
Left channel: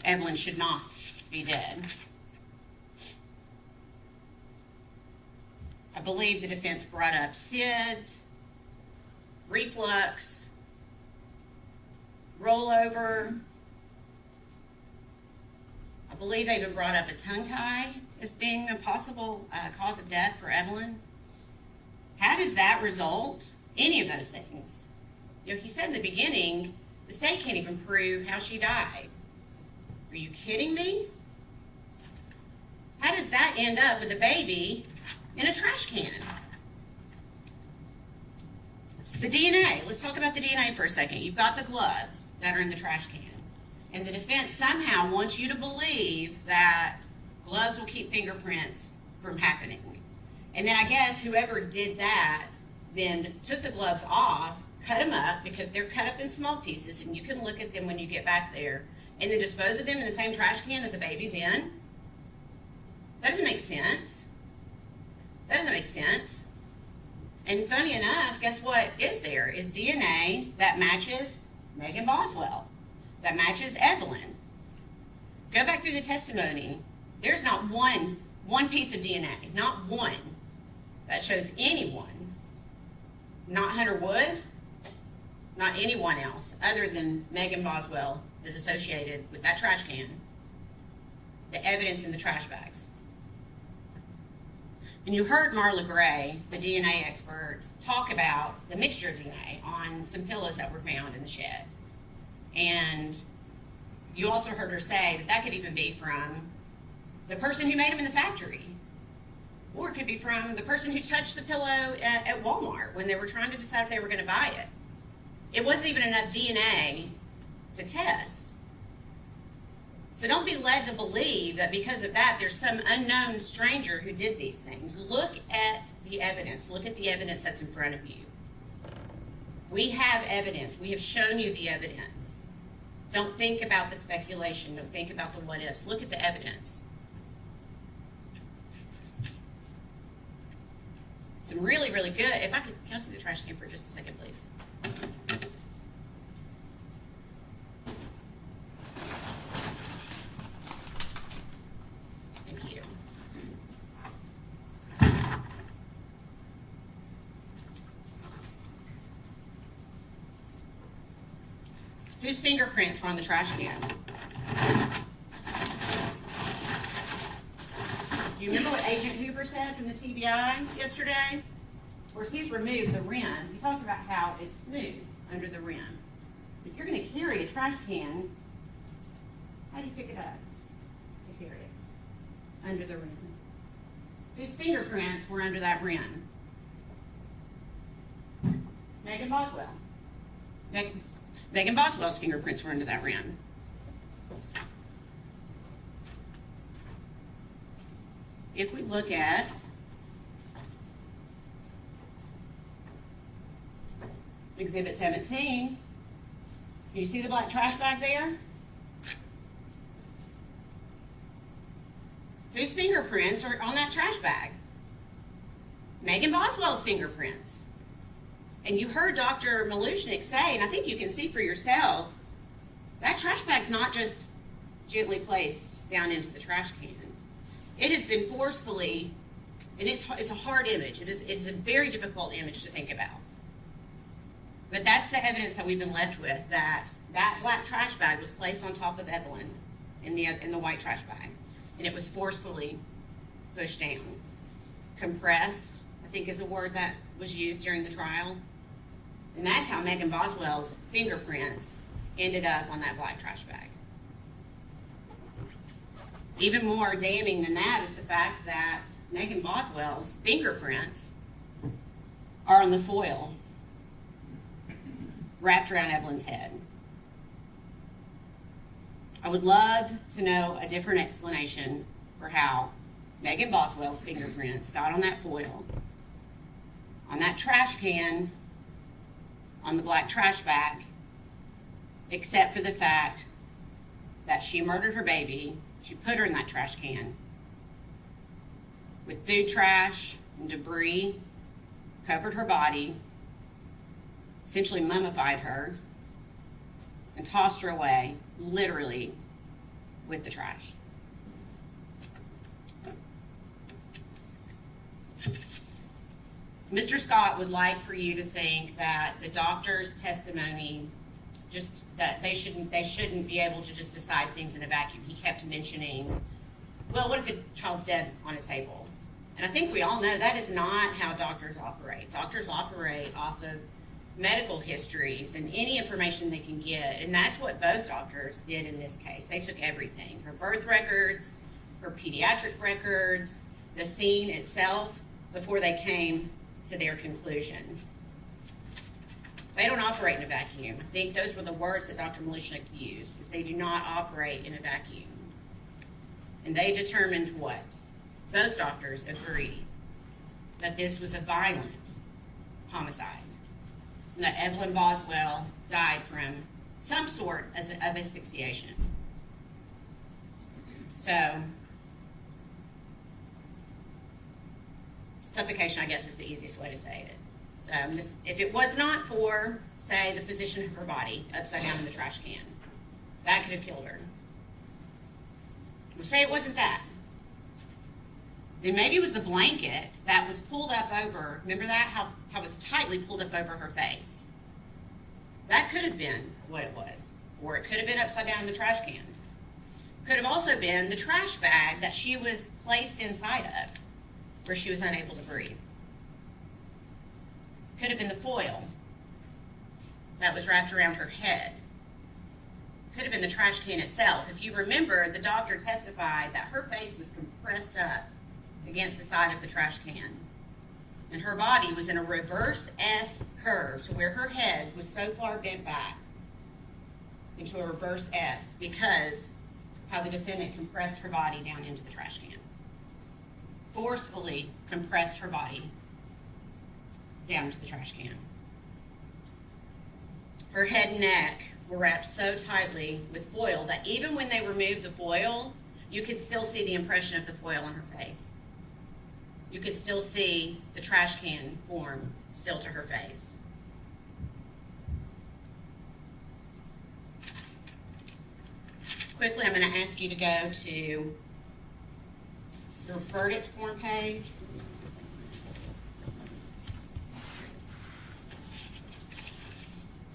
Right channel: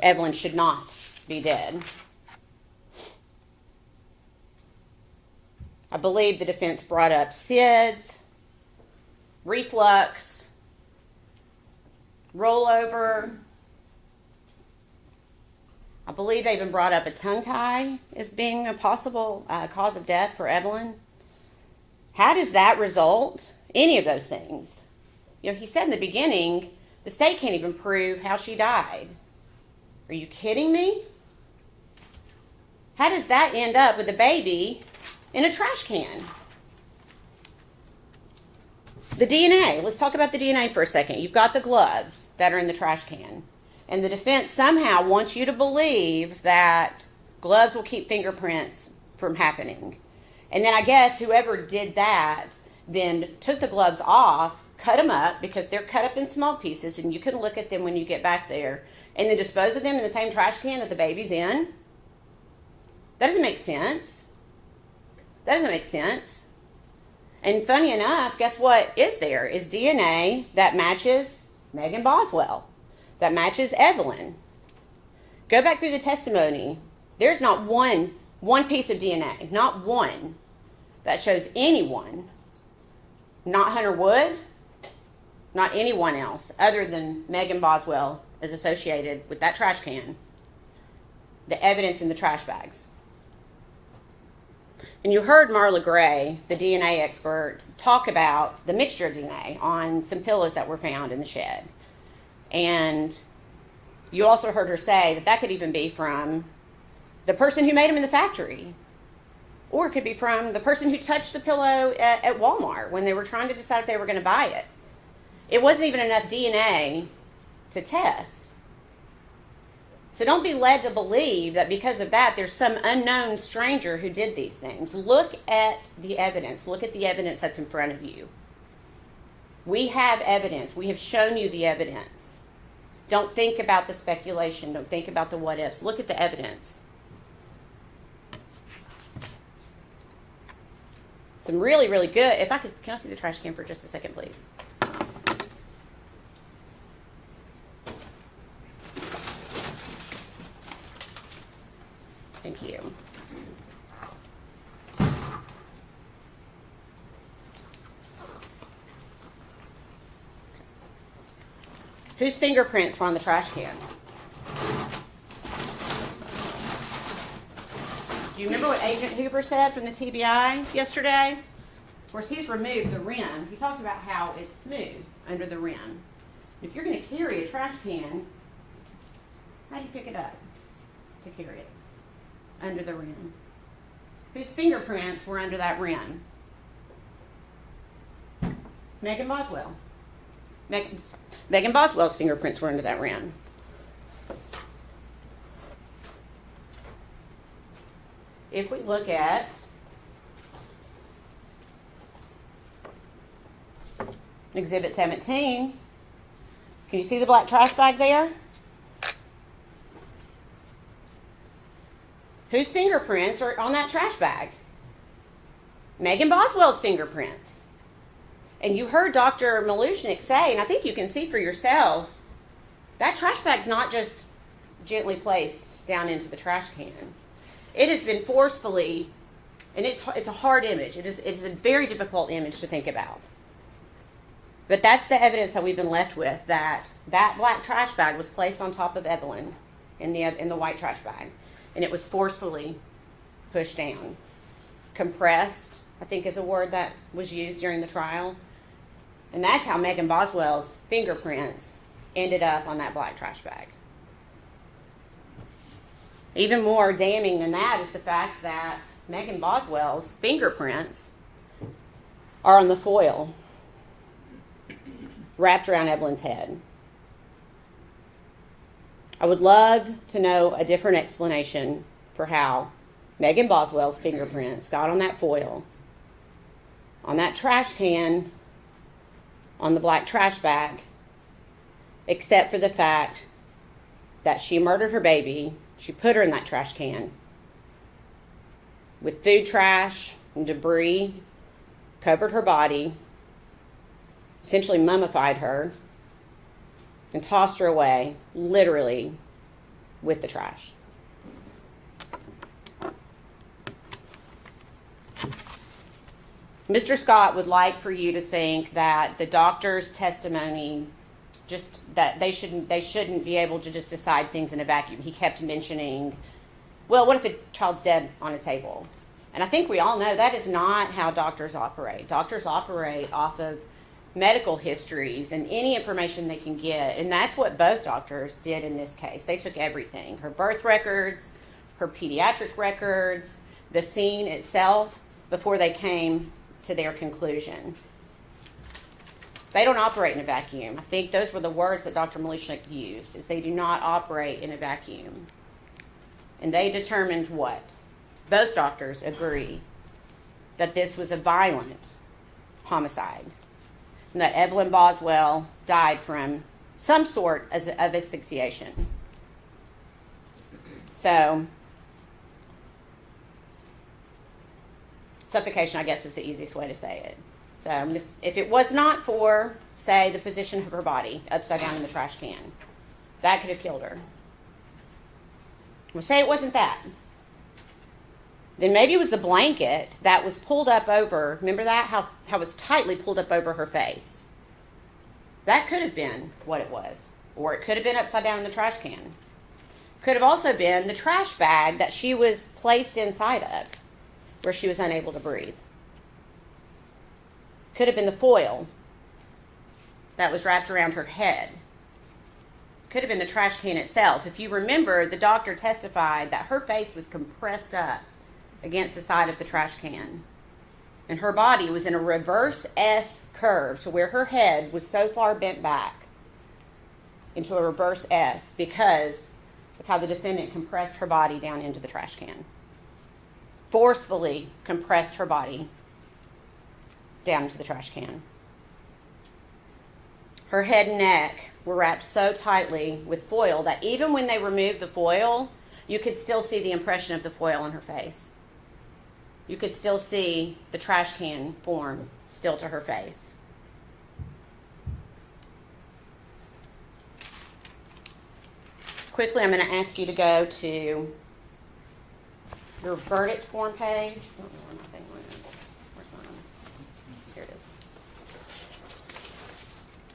Evelyn should not be dead. I believe the defense brought up SIDS, reflux, rollover. I believe they even brought up a tongue tie as being a possible cause of death for Evelyn. How does that result? Any of those things. You know, he said in the beginning, the state can't even prove how she died. Are you kidding me? How does that end up with a baby in a trash can? The DNA. Let's talk about the DNA for a second. You've got the gloves that are in the trash can. And the defense somehow wants you to believe that gloves will keep fingerprints from happening. And then I guess whoever did that then took the gloves off, cut them up because they're cut up in small pieces and you can look at them when you get back there, and then dispose of them in the same trash can that the baby's in. That doesn't make sense. That doesn't make sense. And funny enough, guess what is there? Is DNA that matches Megan Boswell, that matches Evelyn. Go back through the testimony. There's not one piece of DNA, not one, that shows anyone, not Hunter Wood, not anyone else other than Megan Boswell is associated with that trash can, the evidence in the trash bags. And you heard Marla Gray, the DNA expert, talk about the mixture of DNA on some pillows that were found in the shed. And you also heard her say that that could even be from the person who made them in the factory. Or it could be from the person who touched the pillow at Walmart when they were trying to decide if they were going to buy it. It wasn't even enough DNA to test. So don't be led to believe that because of that, there's some unknown stranger who did these things. Look at the evidence. Look at the evidence that's in front of you. We have evidence. We have shown you the evidence. Don't think about the speculation. Don't think about the what ifs. Look at the evidence. Some really, really good. If I could, can I see the trash can for just a second, please? Thank you. Whose fingerprints were on the trash can? Do you remember what Agent Hoover said from the TBI yesterday? Of course, he's removed the rim. He talked about how it's smooth under the rim. If you're going to carry a trash can, how do you pick it up to carry it? Under the rim. Whose fingerprints were under that rim? Megan Boswell. Megan Boswell's fingerprints were under that rim. If we look at Exhibit 17, can you see the black trash bag there? Whose fingerprints are on that trash bag? Megan Boswell's fingerprints. And you heard Dr. Malushnik say, and I think you can see for yourself, that trash bag's not just gently placed down into the trash can. It has been forcefully And it's a hard image. It's a very difficult image to think about. But that's the evidence that we've been left with, that black trash bag was placed on top of Evelyn in the white trash bag, and it was forcefully pushed down. Compressed, I think, is a word that was used during the trial. And that's how Megan Boswell's fingerprints ended up on that black trash bag. Even more damning than that is the fact that Megan Boswell's fingerprints are on the foil wrapped around Evelyn's head. I would love to know a different explanation for how Megan Boswell's fingerprints got on that foil, on that trash can, on the black trash bag, except for the fact that she murdered her baby. She put her in that trash can with food trash and debris, covered her body, essentially mummified her, and tossed her away, literally, with the trash. Mr. Scott would like for you to think that the doctor's testimony, just that they shouldn't be able to just decide things in a vacuum. He kept mentioning, well, what if the child's dead on a table? And I think we all know that is not how doctors operate. Doctors operate off of medical histories and any information they can get. And that's what both doctors did in this case. They took everything, her birth records, her pediatric records, the scene itself, before they came to their conclusion. They don't operate in a vacuum. I think those were the words that Dr. Malishnik used, is they do not operate in a vacuum. And they determined what? Both doctors agree that this was a violent homicide, and that Evelyn Boswell died from some sort of asphyxiation. So, suffocation, I guess, is the easiest way to say it. So, if it was not for, say, the position of her body upside down in the trash can, that could have killed her. Well, say it wasn't that. Then maybe it was the blanket that was pulled up over, remember that? How it was tightly pulled up over her face. That could have been what it was. Or it could have been upside down in the trash can. Could have also been the trash bag that she was placed inside of, where she was unable to breathe. Could have been the foil that was wrapped around her head. Could have been the trash can itself. If you remember, the doctor testified that her face was compressed up against the side of the trash can. And her body was in a reverse S curve to where her head was so far bent back into a reverse S because of how the defendant compressed her body down into the trash can. Forcefully compressed her body down into the trash can. Her head and neck were wrapped so tightly with foil that even when they removed the foil, you could still see the impression of the foil on her face. You could still see the trash can form still to her face. Quickly, I'm going to ask you to go to your verdict form page.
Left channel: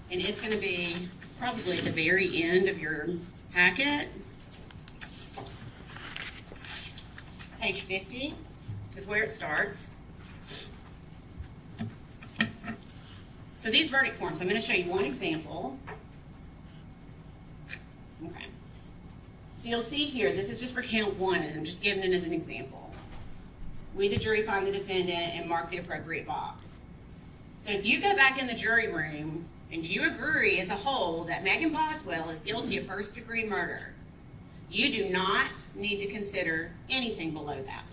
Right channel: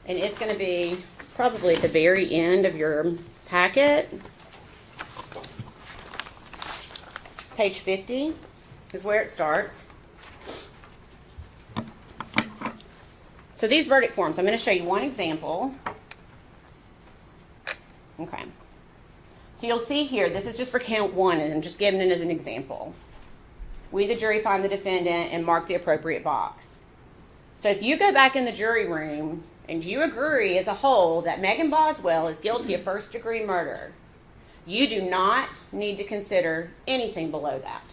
And it's going to be probably at the very end of your packet. Page 50 is where it starts. So these verdict forms, I'm going to show you one example. Okay. So you'll see here, this is just for count one, and I'm just giving it as an example. We, the jury, find the defendant and mark the appropriate box. So if you go back in the jury room and you agree as a whole that Megan Boswell is guilty of first-degree murder, you do not need to consider anything below that.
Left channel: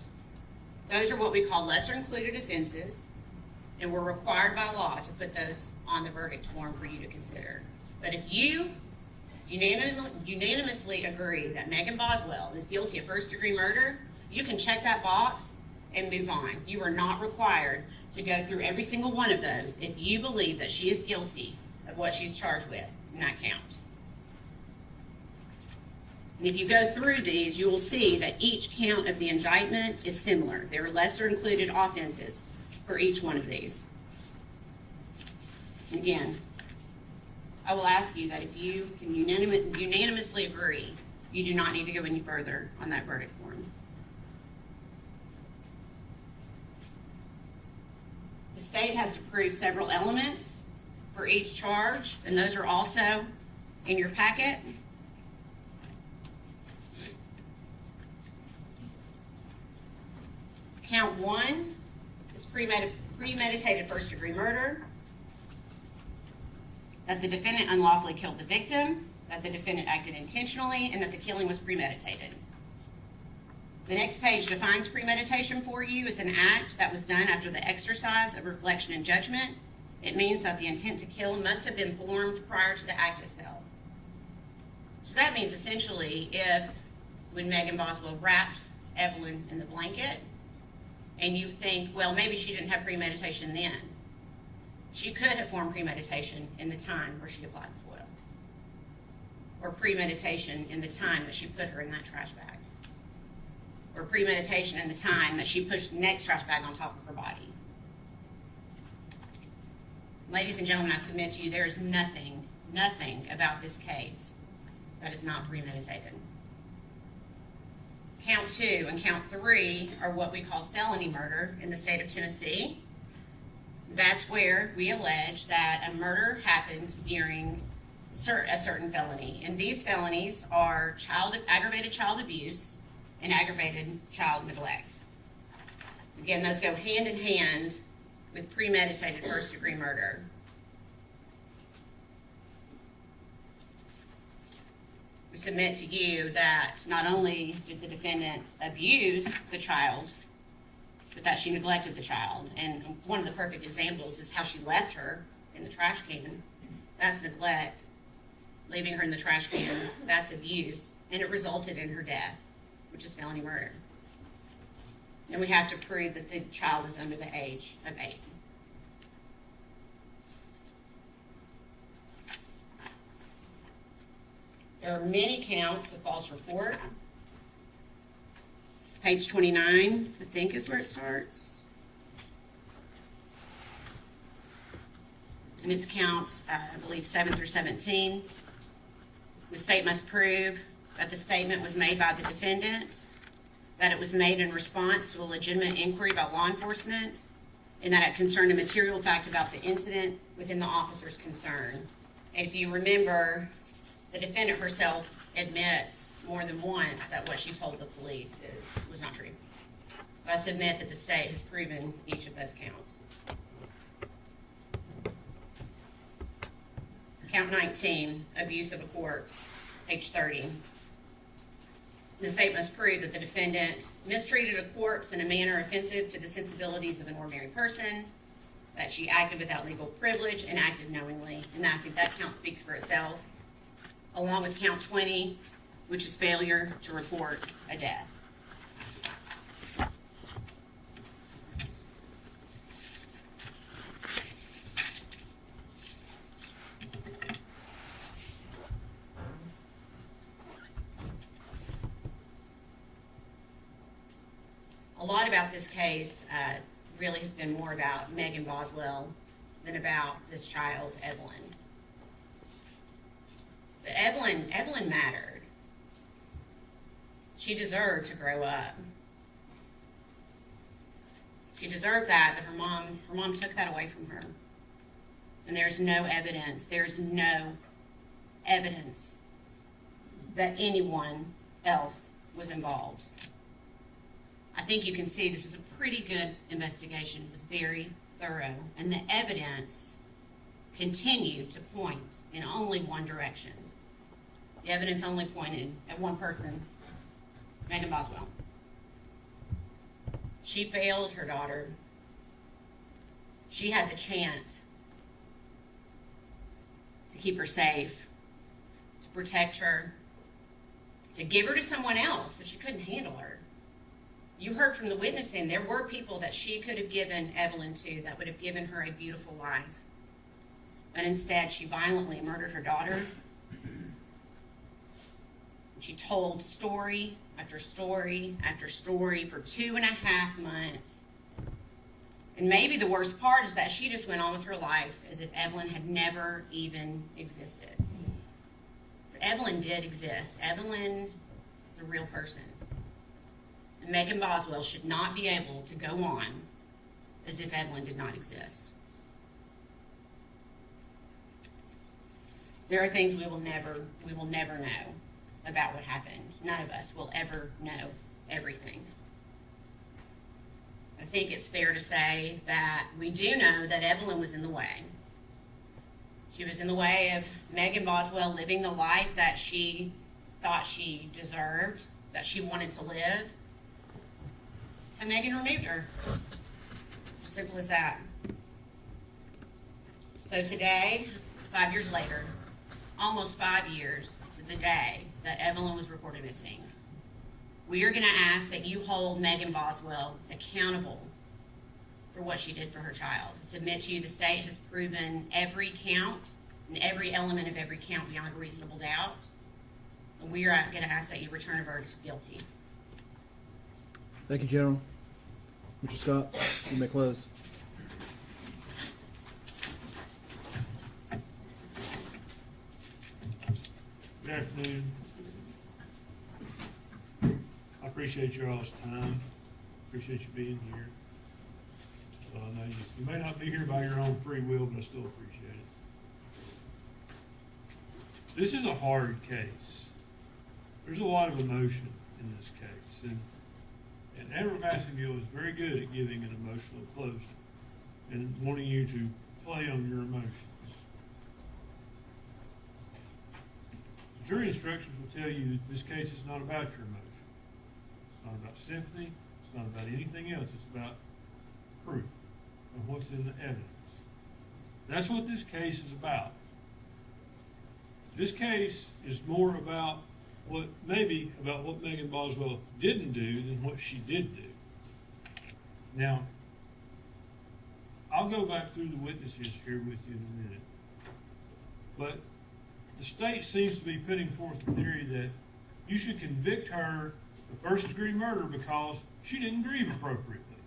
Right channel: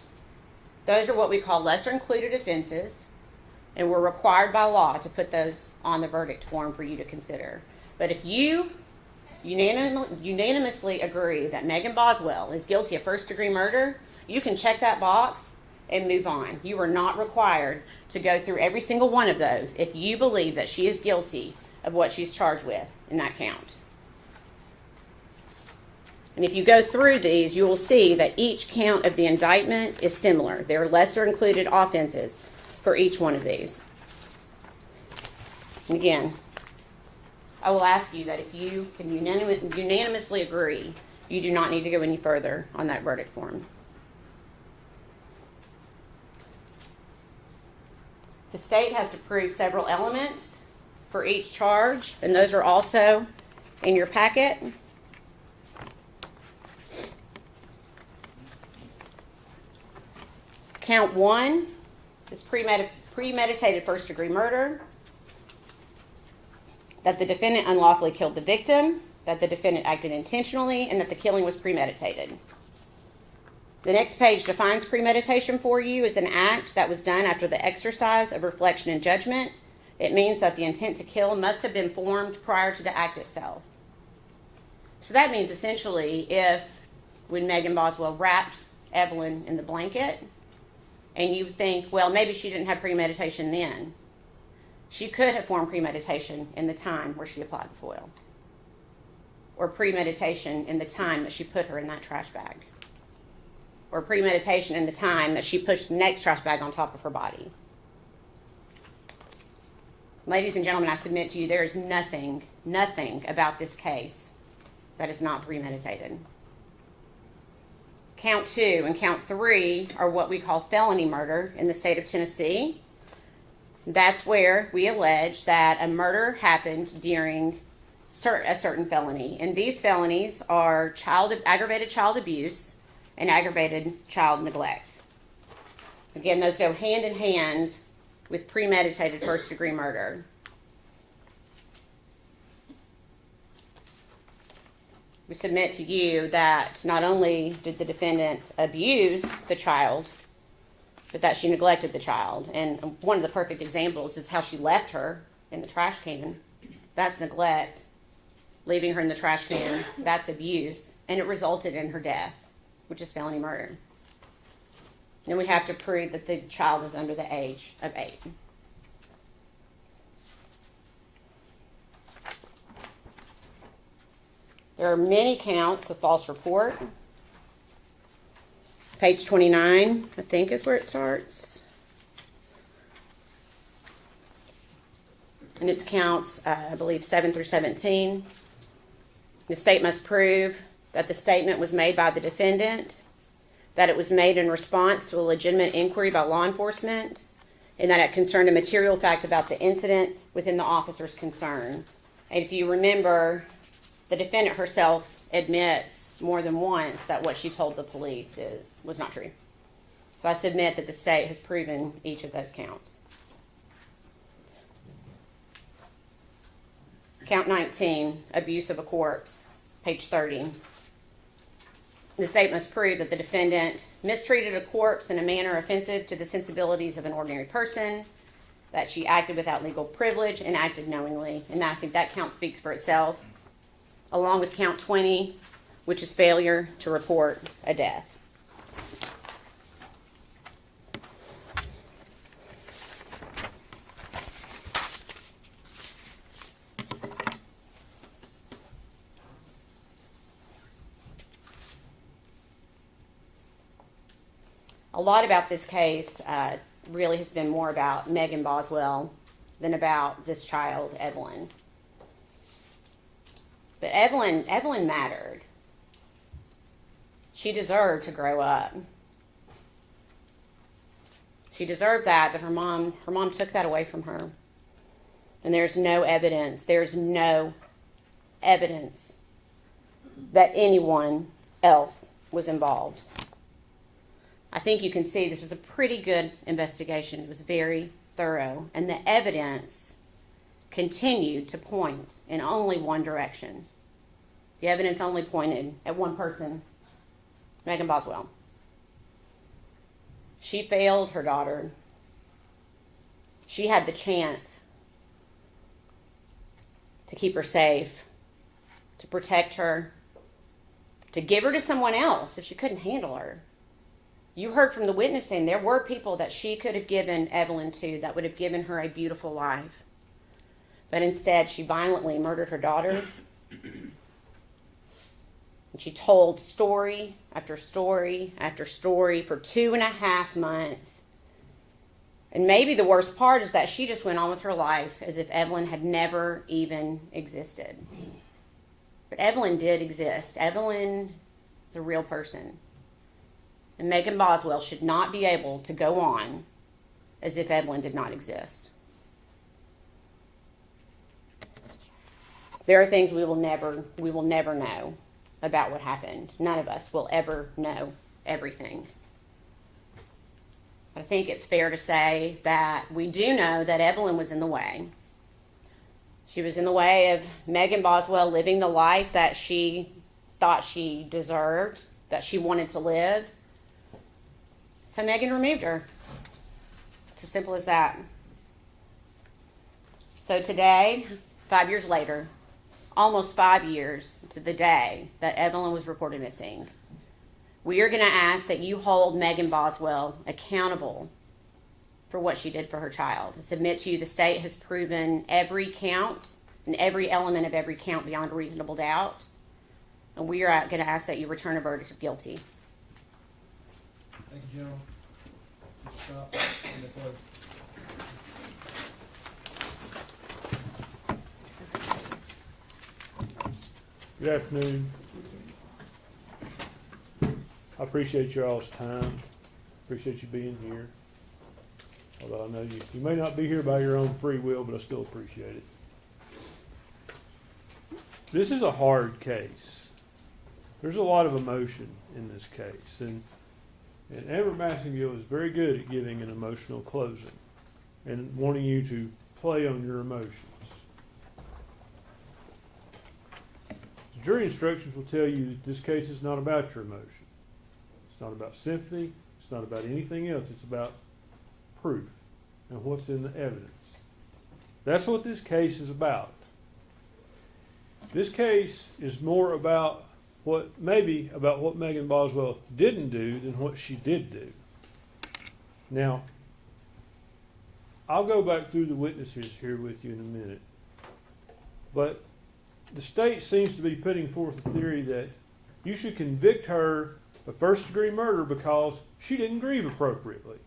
Those are what we call lesser-included offenses, and we're required by law to put those on the verdict form for you to consider. But if you unanimously agree that Megan Boswell is guilty of first-degree murder, you can check that box and move on. You are not required to go through every single one of those if you believe that she is guilty of what she's charged with in that count. And if you go through these, you will see that each count of the indictment is similar. There are lesser included offenses for each one of these. And again, I will ask you that if you can unanimously agree, you do not need to go any further on that verdict form. The state has to prove several elements for each charge, and those are also in your packet. Count 1 is premeditated first-degree murder, that the defendant unlawfully killed the victim, that the defendant acted intentionally, and that the killing was premeditated. The next page defines premeditation for you as an act that was done after the exercise of reflection and judgment. It means that the intent to kill must have been formed prior to the act itself. So that means essentially when Megan Boswell wrapped Evelyn in the blanket, and you think, well, maybe she didn't have premeditation then. She could have formed premeditation in the time where she applied the foil, or premeditation in the time that she put her in that trash bag, or premeditation in the time that she pushed the next trash bag on top of her body. Ladies and gentlemen, I submit to you there is nothing about this case that is not premeditated. Count 2 and count 3 are what we call felony murder in the state of Tennessee. That's where we allege that a murder happened during a certain felony. And these felonies are aggravated child abuse and aggravated child neglect. Again, those go hand in hand with premeditated first-degree murder. We submit to you that not only did the defendant abuse the child, but that she neglected the child. And one of the perfect examples is how she left her in the trash can. That's neglect. Leaving her in the trash can, that's abuse. And it resulted in her death, which is felony murder. And we have to prove that the child is under the age of 8. There are many counts of false report. Page 29, I think, is where it starts. And it's counts, I believe, 7 through 17. The state must prove that the statement was made by the defendant, that it was made in response to a legitimate inquiry by law enforcement, and that it concerned a material fact about the incident within the officer's concern. And if you remember, the defendant herself admits more than once that what she told the police was not true. So I submit that the state has proven each of those counts. Count 19, abuse of a corpse, page 30. The state must prove that the defendant mistreated a corpse in a manner offensive to the sensibilities of an ordinary person, that she acted without legal privilege and acted knowingly. And I think that count speaks for itself, along with count 20, which is failure to report a death. A lot about this case really has been more about Megan Boswell than about this child, Evelyn. But Evelyn mattered. She deserved to grow up. She deserved that, but her mom took that away from her. And there's no evidence that anyone else was involved. I think you can see this was a pretty good investigation. It was very thorough, and the evidence continued to point in only one direction. The evidence only pointed at one person, Megan Boswell. She failed her daughter. She had the chance to keep her safe, to protect her, to give her to someone else if she couldn't handle her. You heard from the witnessing, there were people that she could have given Evelyn to that would have given her a beautiful life. But instead, she violently murdered her daughter. And she told story after story after story for 2.5 months. And maybe the worst part is that she just went on with her life as if Evelyn had never even existed. But Evelyn did exist. Evelyn is a real person. And Megan Boswell should not be able to go on as if Evelyn did not exist. There are things we will never know about what happened. None of us will ever know everything. I think it's fair to say that we do know that Evelyn was in the way. She was in the way of Megan Boswell living the life that she thought she deserved, that she wanted to live. So Megan removed her. It's as simple as that. So today, 5 years later, almost 5 years to the day that Evelyn was reported missing, we are going to ask that you hold Megan Boswell accountable for what she did for her child. I submit to you the state has proven every count and every element of every count beyond a reasonable doubt. And we are going to ask that you return a verdict of guilty. Thank you, General. Mr. Scott, you may close. Good afternoon. I appreciate y'all's time. Appreciate you being here. Although I know you may not be here by your own free will, but I still appreciate it. This is a hard case. There's a lot of emotion in this case, and Amber Massengill is very good at giving an emotional closing and wanting you to play on your emotions. The jury instructions will tell you that this case is not about your emotions. It's not about sympathy. It's not about anything else. It's about proof and what's in the evidence. That's what this case is about. This case is more about what Megan Boswell didn't do than what she did do. Now, I'll go back through the witnesses here with you in a minute. But the state seems to be putting forth a theory that you should convict her of first-degree murder because she didn't grieve appropriately.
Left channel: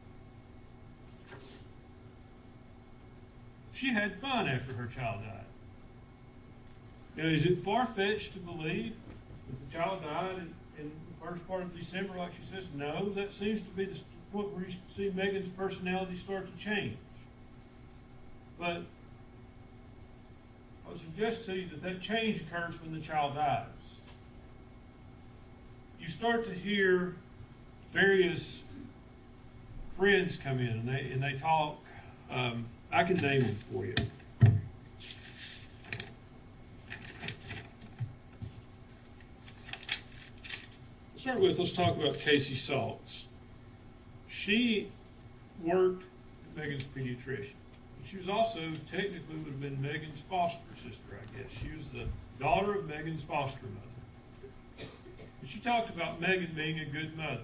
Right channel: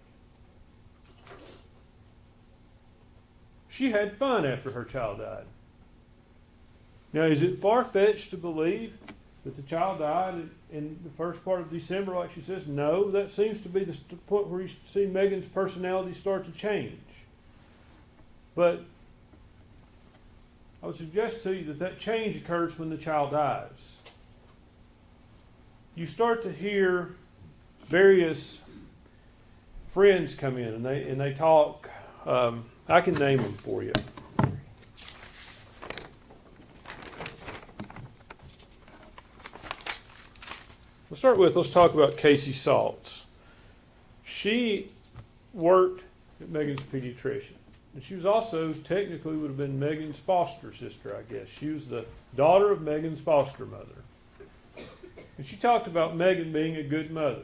She had fun after her child died. Now, is it far-fetched to believe that the child died in the first part of December, like she says? No, that seems to be the point where you see Megan's personality start to change. But I would suggest to you that change occurs when the child dies. You start to hear various friends come in and they talk. I can name them for you. Let's talk about Casey Saltz. She worked at Megan's pediatrician. And she was also, technically, would have been Megan's foster sister, I guess. She was the daughter of Megan's foster mother. And she talked about Megan being a good mother.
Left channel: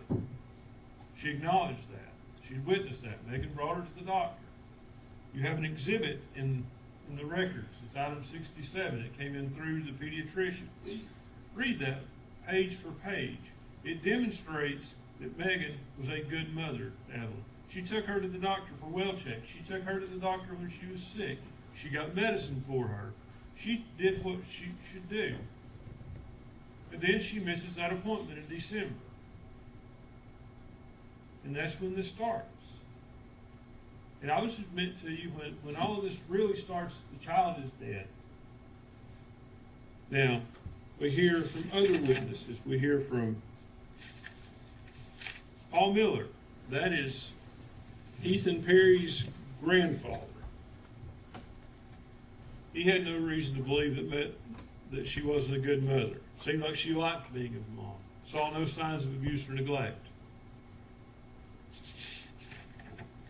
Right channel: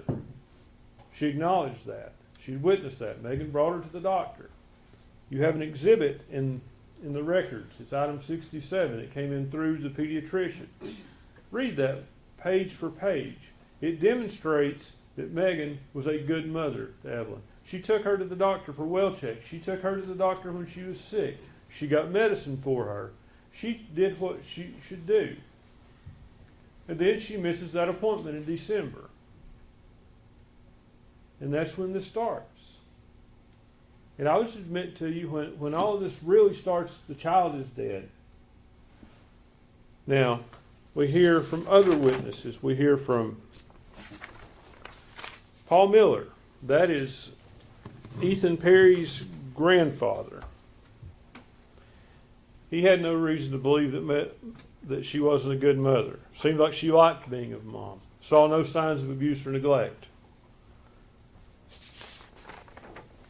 She acknowledged that. She witnessed that. Megan brought her to the doctor. You have an exhibit in the records. It's item 67. It came in through the pediatrician. Read that page for page. It demonstrates that Megan was a good mother to Evelyn. She took her to the doctor for well checks. She took her to the doctor when she was sick. She got medicine for her. She did what she should do. And then she misses that appointment in December. And that's when this starts. And I would submit to you, when all of this really starts, the child is dead. Now, we hear from other witnesses. We hear from Paul Miller. That is Ethan Perry's grandfather. He had no reason to believe that she wasn't a good mother. Seemed like she liked being a mom. Saw no signs of abuse or neglect.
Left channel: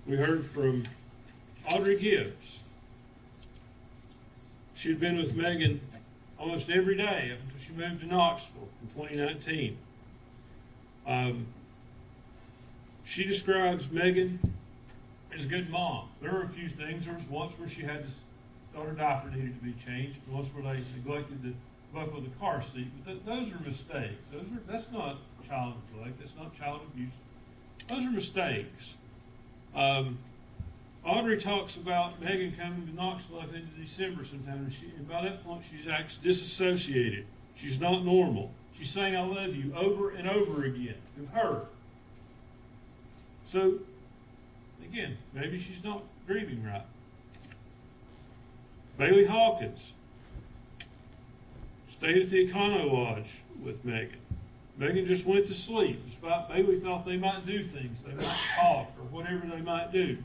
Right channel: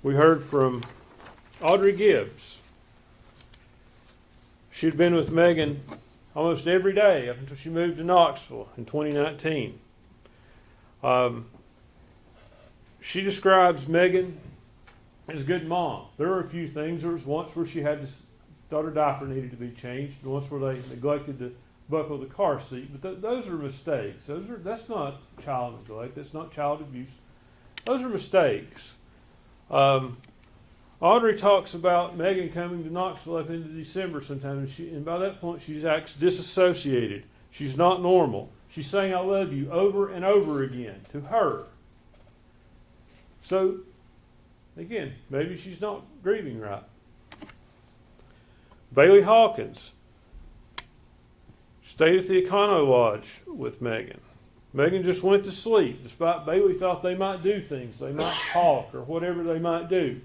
We heard from Audrey Gibbs. She'd been with Megan almost every day up until she moved to Knoxville in 2019. She describes Megan as a good mom. There were a few things. There was once where she had thought her diaper needed to be changed, and once where they neglected to buckle the car seat. But those are mistakes. That's not child neglect. That's not child abuse. Those are mistakes. Audrey talks about Megan coming to Knoxville at the end of December sometime, and by that point she acts disassociated. She's not normal. She's saying "I love you" over and over again to her. So, again, maybe she's not grieving right. Bailey Hawkins stayed at the Econo Lodge with Megan. Megan just went to sleep, despite Bailey thought they might do things, they might talk, or whatever they might do.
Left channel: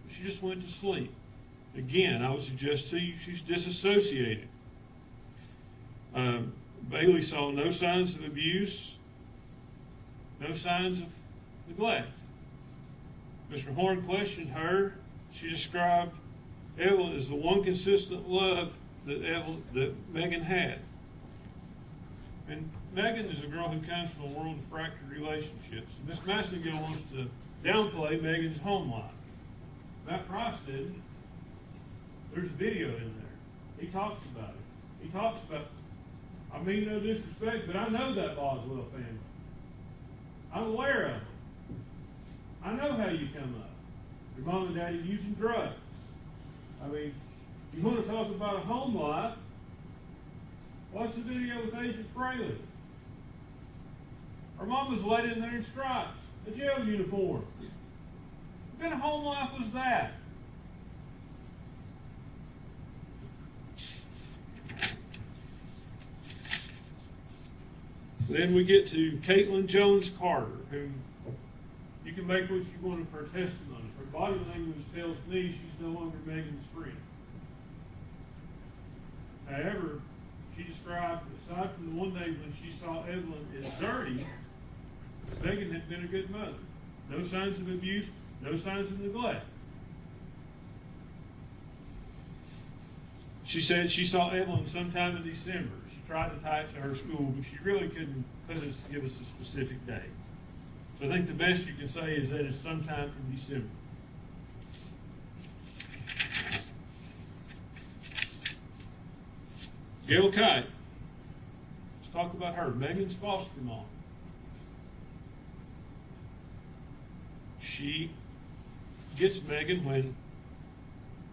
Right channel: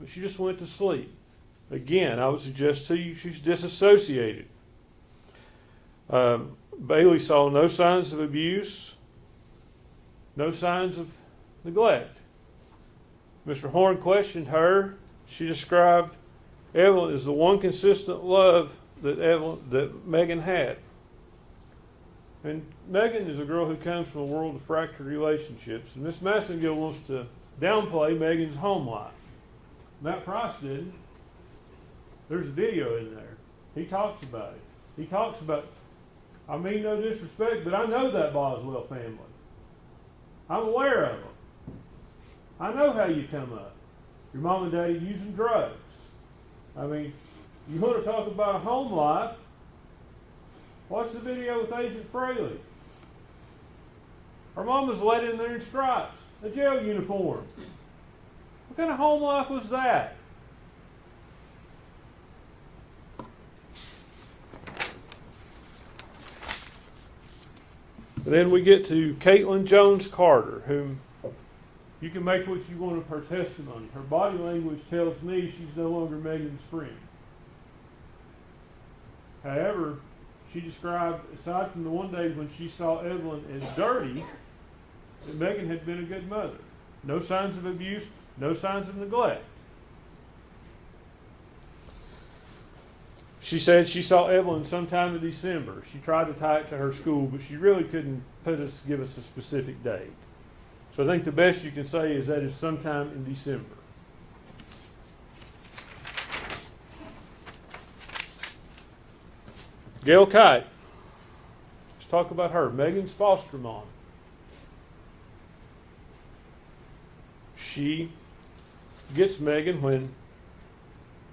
But she just went to sleep. Again, I would suggest to you she's disassociated. Bailey saw no signs of abuse, no signs of neglect. Mr. Horn questioned her. She described Evelyn as the one consistent love that Megan had. And Megan is a girl who comes from a world of fractured relationships. And Miss Massengill wants to downplay Megan's home life. Matt Price did. There's a video in there. He talks about it. He talks about, I mean no disrespect, but I know that Boswell family. I'm aware of them. I know how you come up. Your mom and daddy using drugs. I mean, you want to talk about a home life, watch the video with Agent Fraley. Her mom was let in there in stripes, a jail uniform. What kind of home life was that? And then we get to Caitlin Jones Carter, whom you can make what you want of her testimony. Her body language tells me she's no longer Megan's friend. However, she described, aside from the one day when she saw Evelyn as dirty, that Megan had been a good mother. No signs of abuse, no signs of neglect. She said she saw Evelyn sometime in December. She tried to tie it to her school, but she really couldn't give us a specific date. So I think the best you can say is that it's sometime in December. Gail Kite. Let's talk about her. Megan's foster mom. She gets Megan when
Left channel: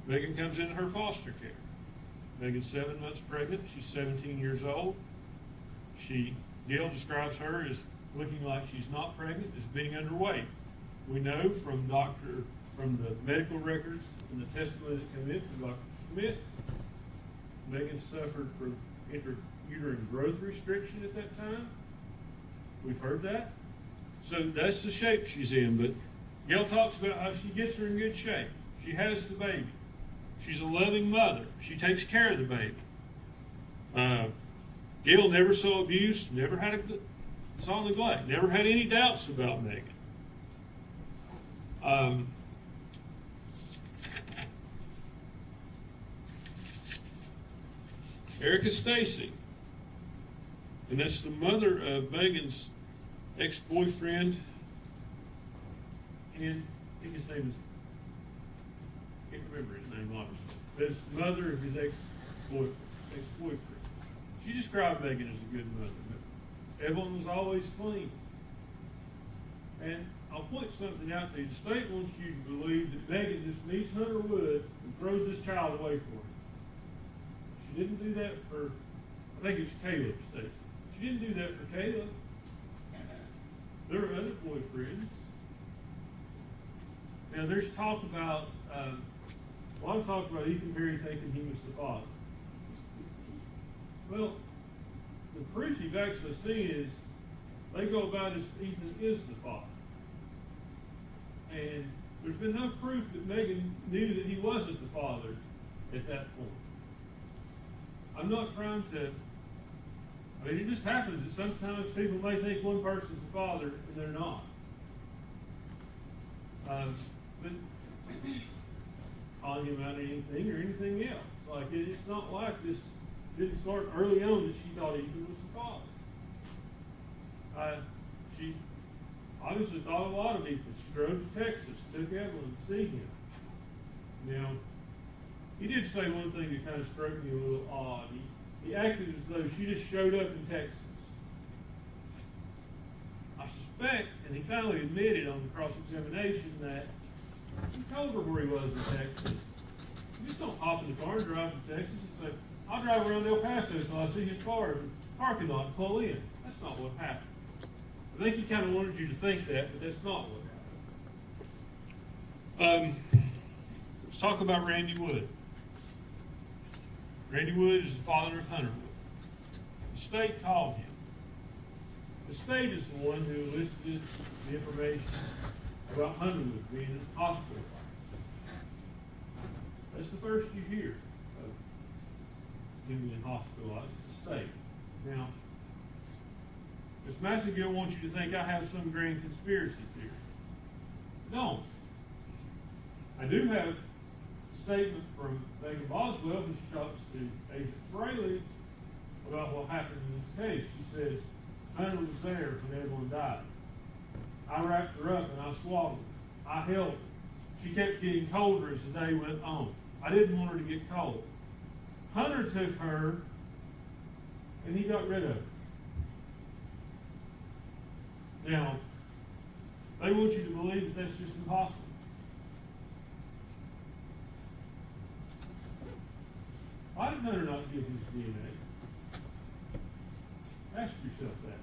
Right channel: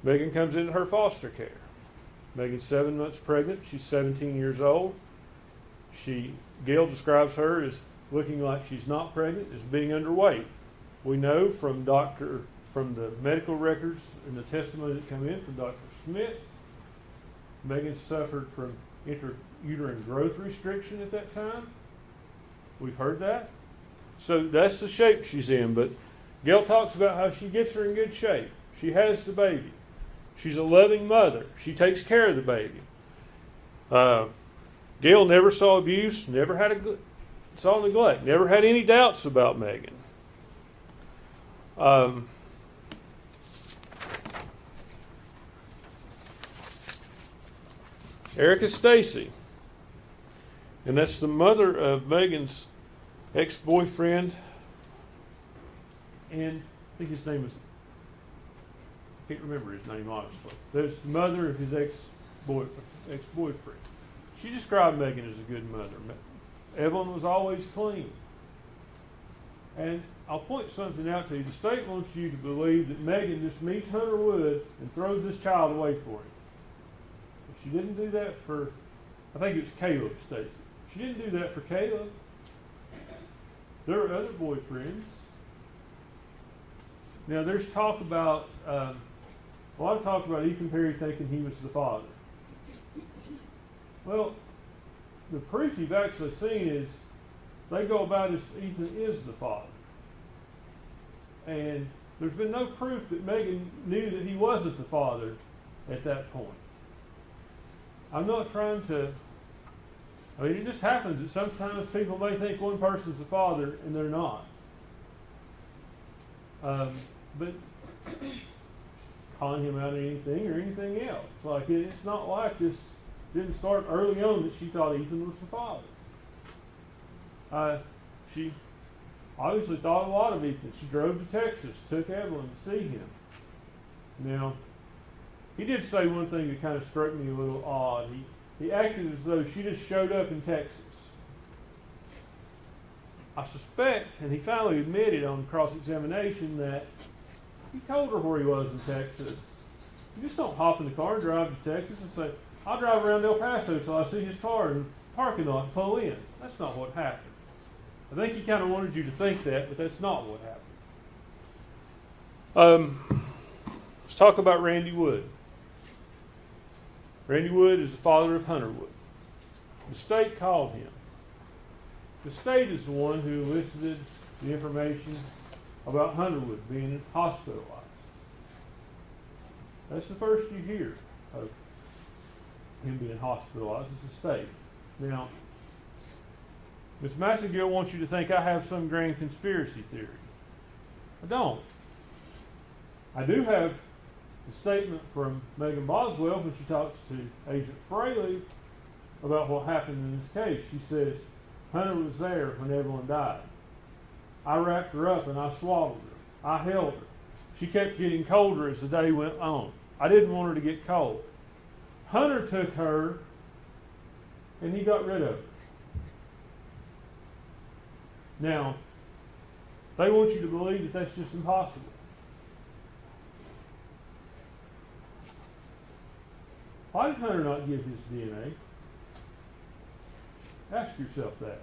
Megan comes into her foster care. Megan's 7 months pregnant. She's 17 years old. Gail describes her as looking like she's not pregnant, as being underweight. We know from the medical records and the testimony that come in from Dr. Smith, Megan suffered from intrauterine growth restriction at that time. We've heard that. So that's the shape she's in. But Gail talks about how she gets her in good shape. She has the baby. She's a loving mother. She takes care of the baby. Gail never saw abuse, never saw neglect, never had any doubts about Megan. Erica Stacy, and that's the mother of Megan's ex-boyfriend, and I think his name is, can't remember his name obviously, but it's the mother of his ex-boyfriend. She described Megan as a good mother. Evelyn was always clean. And I'll point something out to you. The state wants you to believe that Megan just meets Hunter Wood and throws this child away for him. She didn't do that for, I think it's Caleb Stacy. She didn't do that for Caleb. There were other boyfriends. Now there's talk about, a lot of talk about Ethan Perry thinking he was the father. Well, the proof you've actually seen is they go about as Ethan is the father. And there's been no proof that Megan knew that he wasn't the father at that point. I'm not trying to, I mean, it just happens that sometimes people may think one person's the father and they're not. But calling him out of anything or anything else. Like, it's not like this didn't start early on that she thought Ethan was the father. She obviously thought a lot of Ethan. She drove to Texas, took Evelyn to see him. Now, he did say one thing that kind of struck me a little odd. he acted as though she just showed up in Texas. I suspect, and he finally admitted on cross-examination, that he told her where he was in Texas. You just don't hop in the car and drive to Texas and say, I'll drive around El Paso till I see his car in the parking lot and pull in. That's not what happened. I think he kind of wanted you to think that, but that's not what happened. Let's talk about Randy Wood. Randy Wood is the father of Hunter Wood. The state called him. The state is the one who elicited the information about Hunter Wood being hospitalized. That's the first you hear of him being hospitalized. It's the state. Now, Ms. Massengill wants you to think I have some grand conspiracy theory. I don't. I do have a statement from Megan Boswell when she talks to Agent Fraley about what happened in this case. She says, Hunter was there when Evelyn died. I wrapped her up and I swaddled her. I held her. She kept getting colder as the day went on. I didn't want her to get cold. Hunter took her and he got rid of her. Now, they want you to believe that that's just impossible. Why did Hunter not give his DNA? Ask yourself that.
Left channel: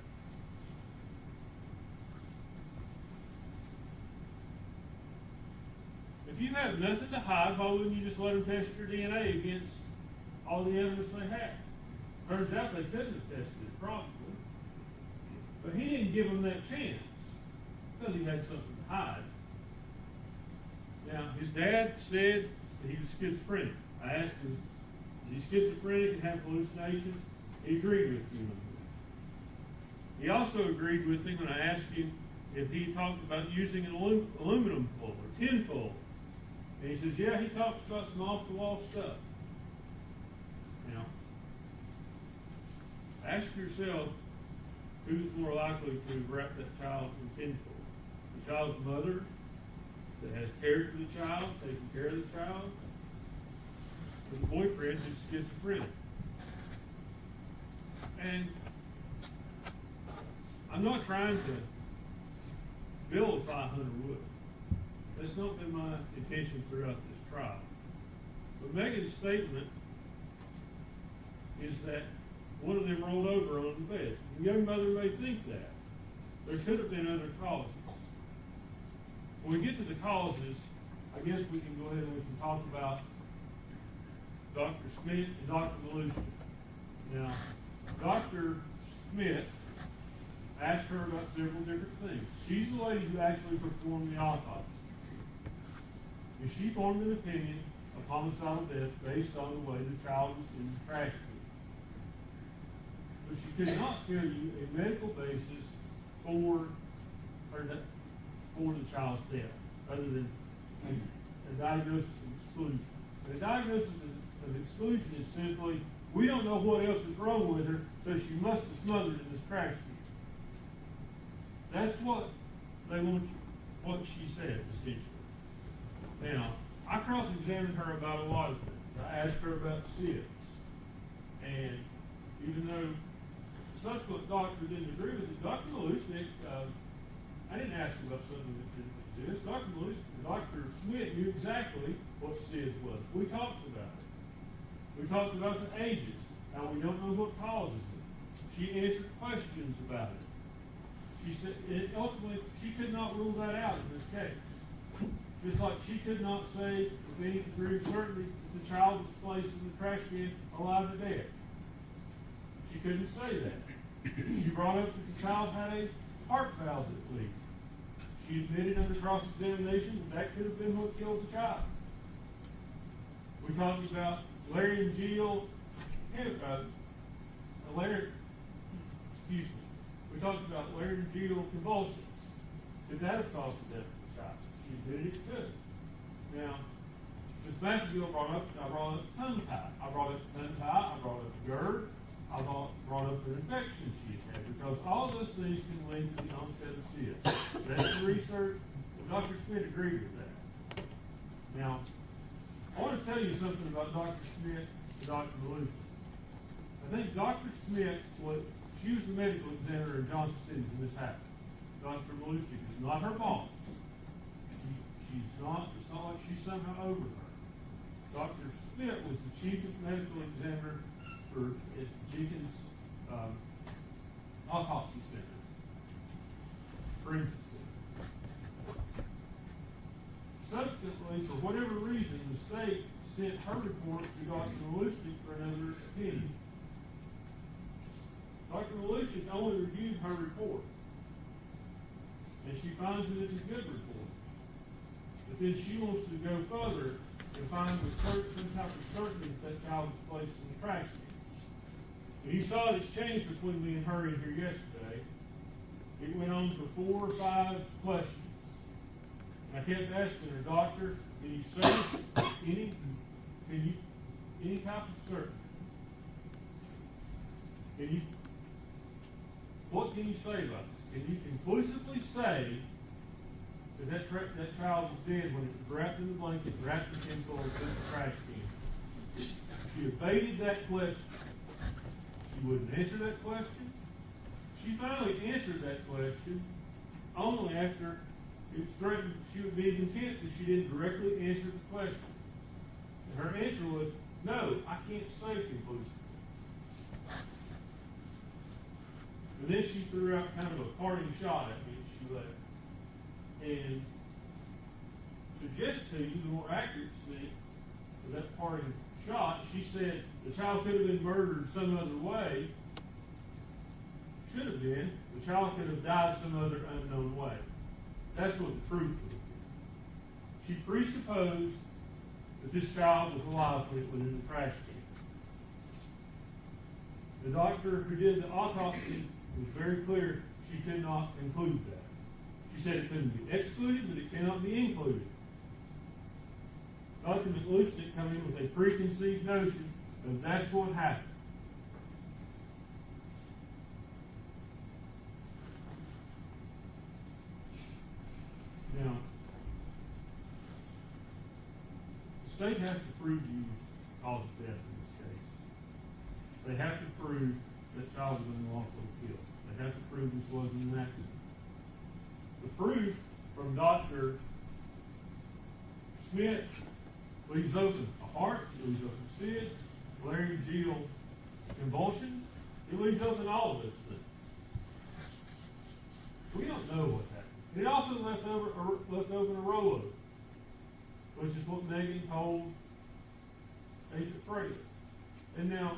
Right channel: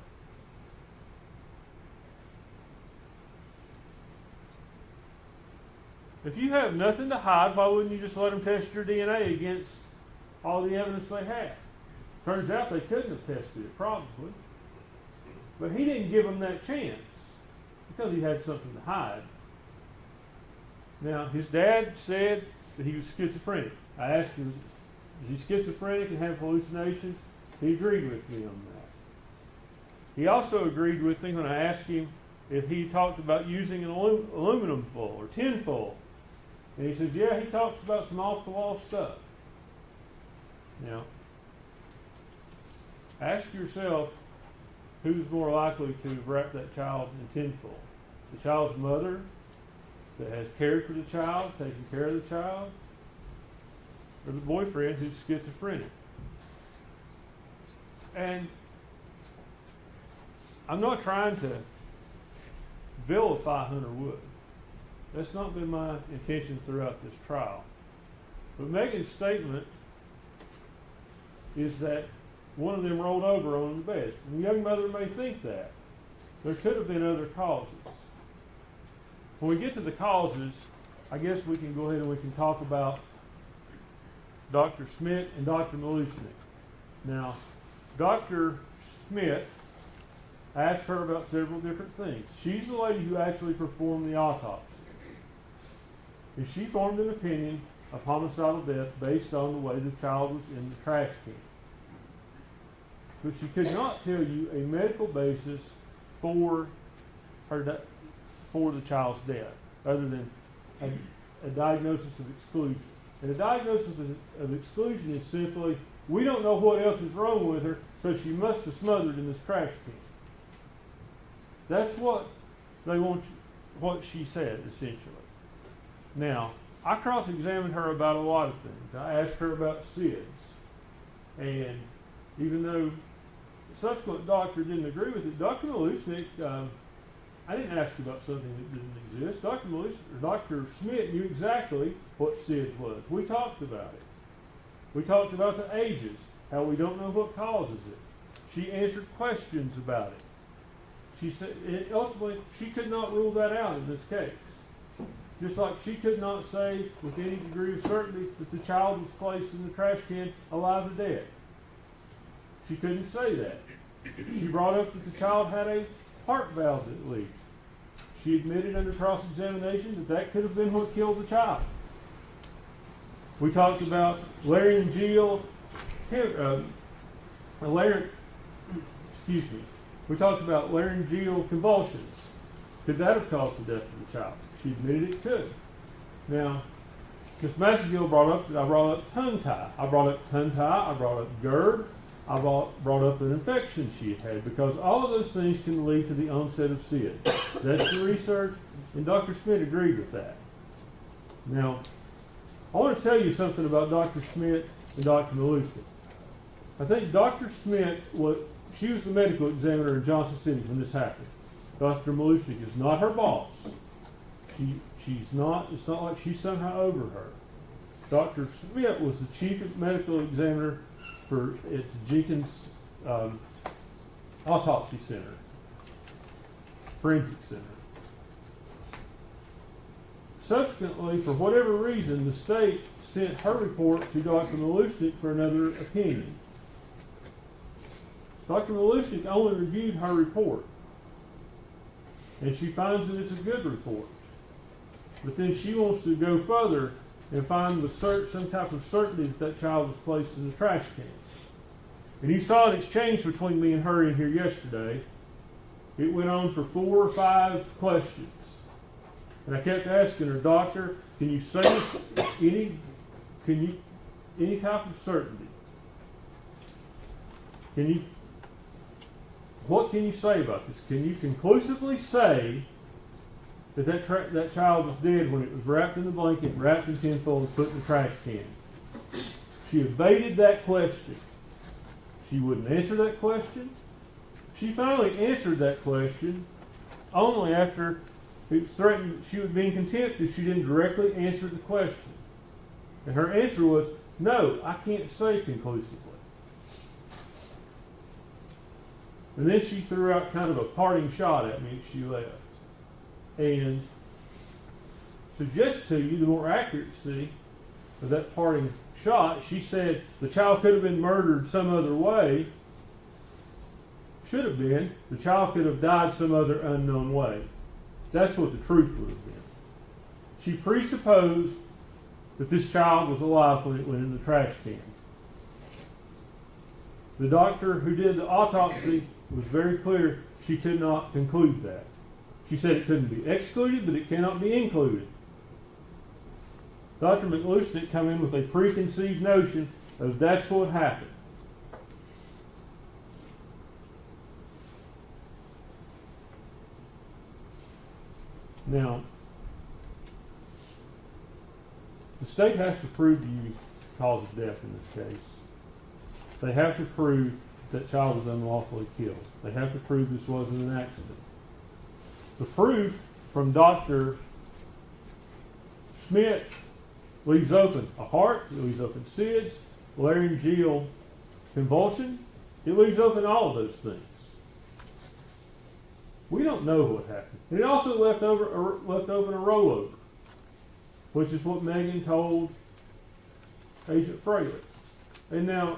If you have nothing to hide, why wouldn't you just let them test your DNA against all the evidence they have? Turns out they couldn't have tested it, probably. But he didn't give them that chance because he had something to hide. Now, his dad said that he was schizophrenic. I asked him, is he schizophrenic and have hallucinations? He agreed with me on that. He also agreed with me when I asked him if he talked about using an aluminum foil or tin foil. And he says, yeah, he talks about some off-the-wall stuff. Now, ask yourself who's more likely to wrap that child in tin foil. The child's mother that has cared for the child, taken care of the child, or the boyfriend who's schizophrenic. And I'm not trying to vilify Hunter Wood. That's not been my intention throughout this trial. But Megan's statement is that one of them rolled over on the bed. And the young mother may think that. There could have been other causes. When we get to the causes, I guess we can go ahead and we can talk about Dr. Schmidt and Dr. Malushnik. Now, Dr. Schmidt, I asked her about several different things. She's the lady who actually performed the autopsy. And she formed an opinion of homicidal death based on the way the child was in the trash can. But she could not tell you a medical basis for the child's death, other than a diagnosis of exclusion. And a diagnosis of exclusion is simply, we don't know what else is wrong with her, so she must have smothered in this trash can. That's what they want, what she said, essentially. Now, I cross-examined her about a lot of things. I asked her about SIDS. And even though the subsequent doctor didn't agree with it, Dr. Malushnik, I didn't ask about something that didn't exist. Dr. Schmidt knew exactly what SIDS was. We talked about it. We talked about the ages, how we don't know what causes it. She answered questions about it. She said, ultimately, she could not rule that out in this case. Just like she could not say with any degree of certainty that the child was placed in the trash can alive or dead. She couldn't say that. She brought up that the child had a heart valve that leaked. She admitted under cross-examination that that could have been what killed the child. We talked about laryngeal, we talked about laryngeal convulsions. Could that have caused the death of the child? She admitted it could. Now, Ms. Massengill brought up that I brought up tongue tie. I brought up tongue tie, I brought up GERD, I brought up an infection she had, because all of those things can lead to the onset of SIDS. That's the research, and Dr. Schmidt agreed with that. Now, I want to tell you something about Dr. Schmidt and Dr. Malushnik. I think Dr. Smith she was the medical examiner in Johnson City when this happened. Dr. Malusic is not her boss. She's not, it's not like she's somehow over her. Dr. Smith was the chief medical examiner at the Jenkins Autopsy Center, Forensic Center. Subsequently, for whatever reason, the state sent her report to Dr. Malusic for another opinion. Dr. Malusic only reviewed her report, and she finds that it's a good report. But then she wants to go further and find with some type of certainty that child was placed in the trash can. And you saw an exchange between me and her in here yesterday. It went on for 4 or 5 questions. And I kept asking her, Doctor, can you say any type of certainty? What can you say about this? Can you conclusively say that that child was dead when it was wrapped in the blanket, wrapped in tinfoil, and put in the trash can? She evaded that question. She wouldn't answer that question. She finally answered that question only after it was threatened she would be in contempt if she didn't directly answer the question. And her answer was, no, I can't say conclusively. And then she threw out kind of a parting shot at me as she left. And suggest to you the more accuracy of that parting shot, she said the child could have been murdered some other way. Should have been. The child could have died some other unknown way. That's what the truth would have been. She presupposed that this child was alive when it went in the trash can. The doctor who did the autopsy was very clear she could not conclude that. She said it couldn't be excluded, but it cannot be included. Dr. McLucent come in with a preconceived notion of that's what happened. Now, the state has to prove to you the cause of death in this case. They have to prove that child was unlawfully killed. They have to prove this wasn't an accident. The proof from Dr. Smith leaves open a heart, it leaves open SIDS, laryngeal convulsion, it leaves open all of those things. We don't know what happened. And it also left open a rollover, which is what Megan told Agent Fraley. And now,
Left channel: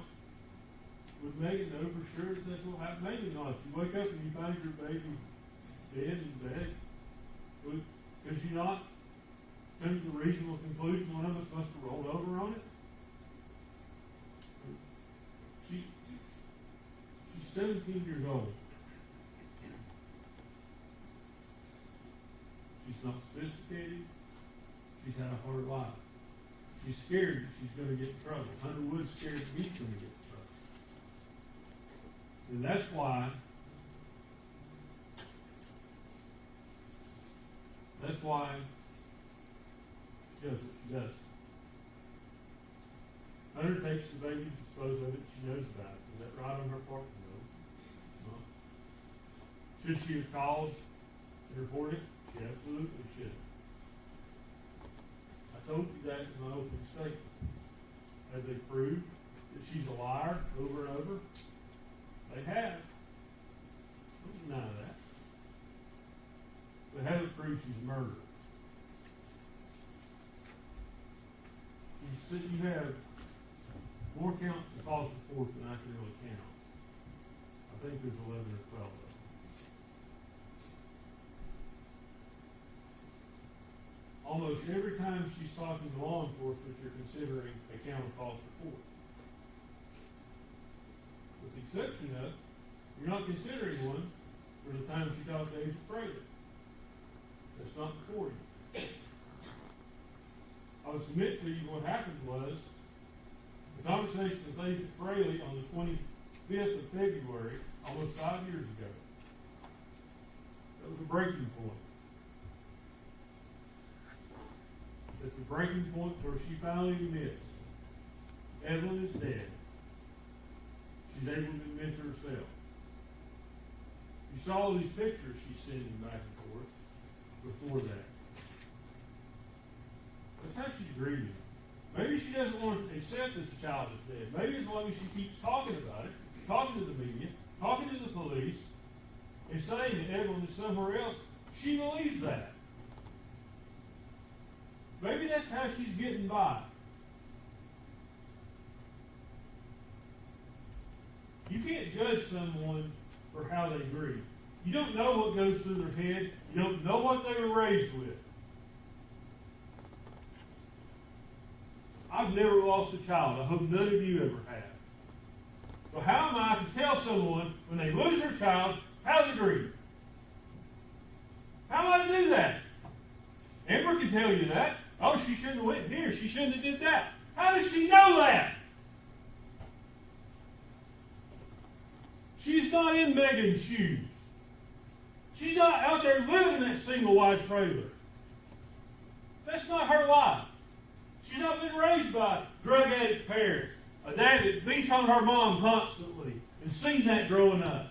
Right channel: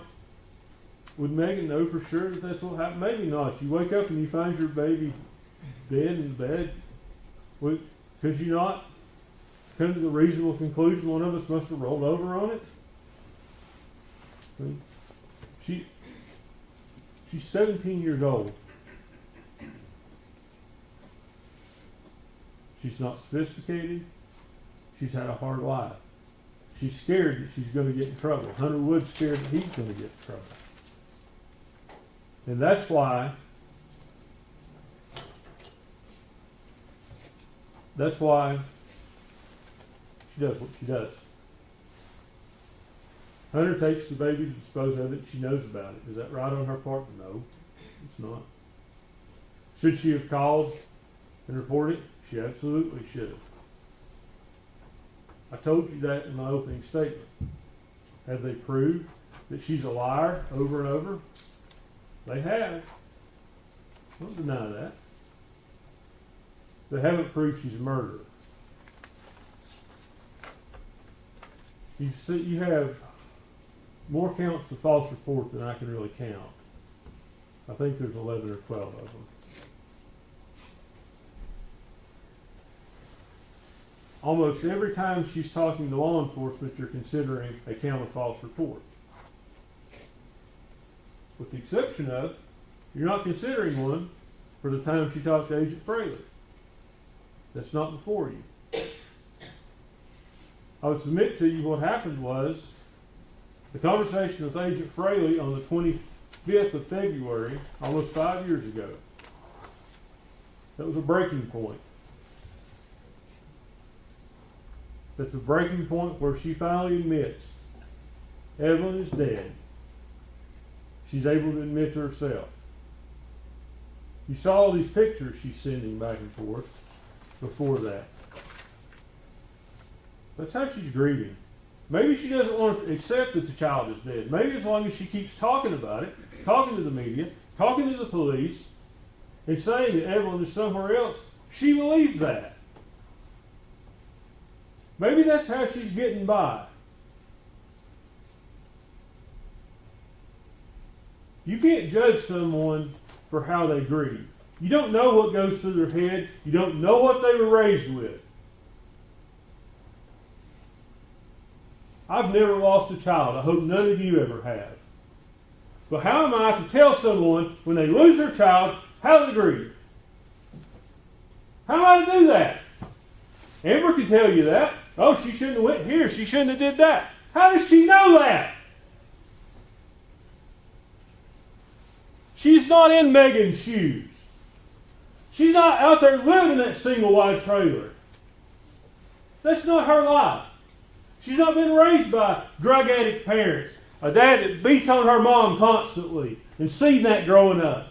would Megan know for sure that that's what happened? Maybe not. You wake up and you find your baby dead in bed. Could you not come to the reasonable conclusion one of us must have rolled over on it? She's 17 years old. She's not sophisticated. She's had a hard life. She's scared that she's going to get in trouble. Hunter Wood's scared that he's going to get in trouble. And that's why she does what she does. Hunter takes the baby to dispose of it. She knows about it. Is that right on her part? No, it's not. Should she have called and reported? She absolutely should have. I told you that in my opening statement. Have they proved that she's a liar over and over? They have. Don't deny that. They haven't proved she's a murderer. You have more counts of false report than I can really count. I think there's 11 or 12 of them. Almost every time she's talking to law enforcement, you're considering a count of false report. With the exception of, you're not considering one for the time she talked to Agent Fraley. That's not before you. I would submit to you what happened was the conversation with Agent Fraley on the 25th of February, almost 5 years ago. That was a breaking point. That's a breaking point where she finally admits Evelyn is dead. She's able to admit to herself. You saw all these pictures she's sending back and forth before that. That's how she's grieving. Maybe she doesn't want to accept that the child is dead. Maybe as long as she keeps talking about it, talking to the media, talking to the police, and saying that Evelyn is somewhere else, she believes that. Maybe that's how she's getting by. You can't judge someone for how they grieve. You don't know what goes through their head. You don't know what they were raised with. I've never lost a child. I hope none of you ever have. But how am I to tell someone when they lose their child how to grieve? How am I to do that? Amber can tell you that. Oh, she shouldn't have went here. She shouldn't have did that. How does she know that? She's not in Megan's shoes. She's not out there living in that single wide trailer. That's not her life. She's not been raised by drug addict parents, a dad that beats on her mom constantly, and seen that growing up.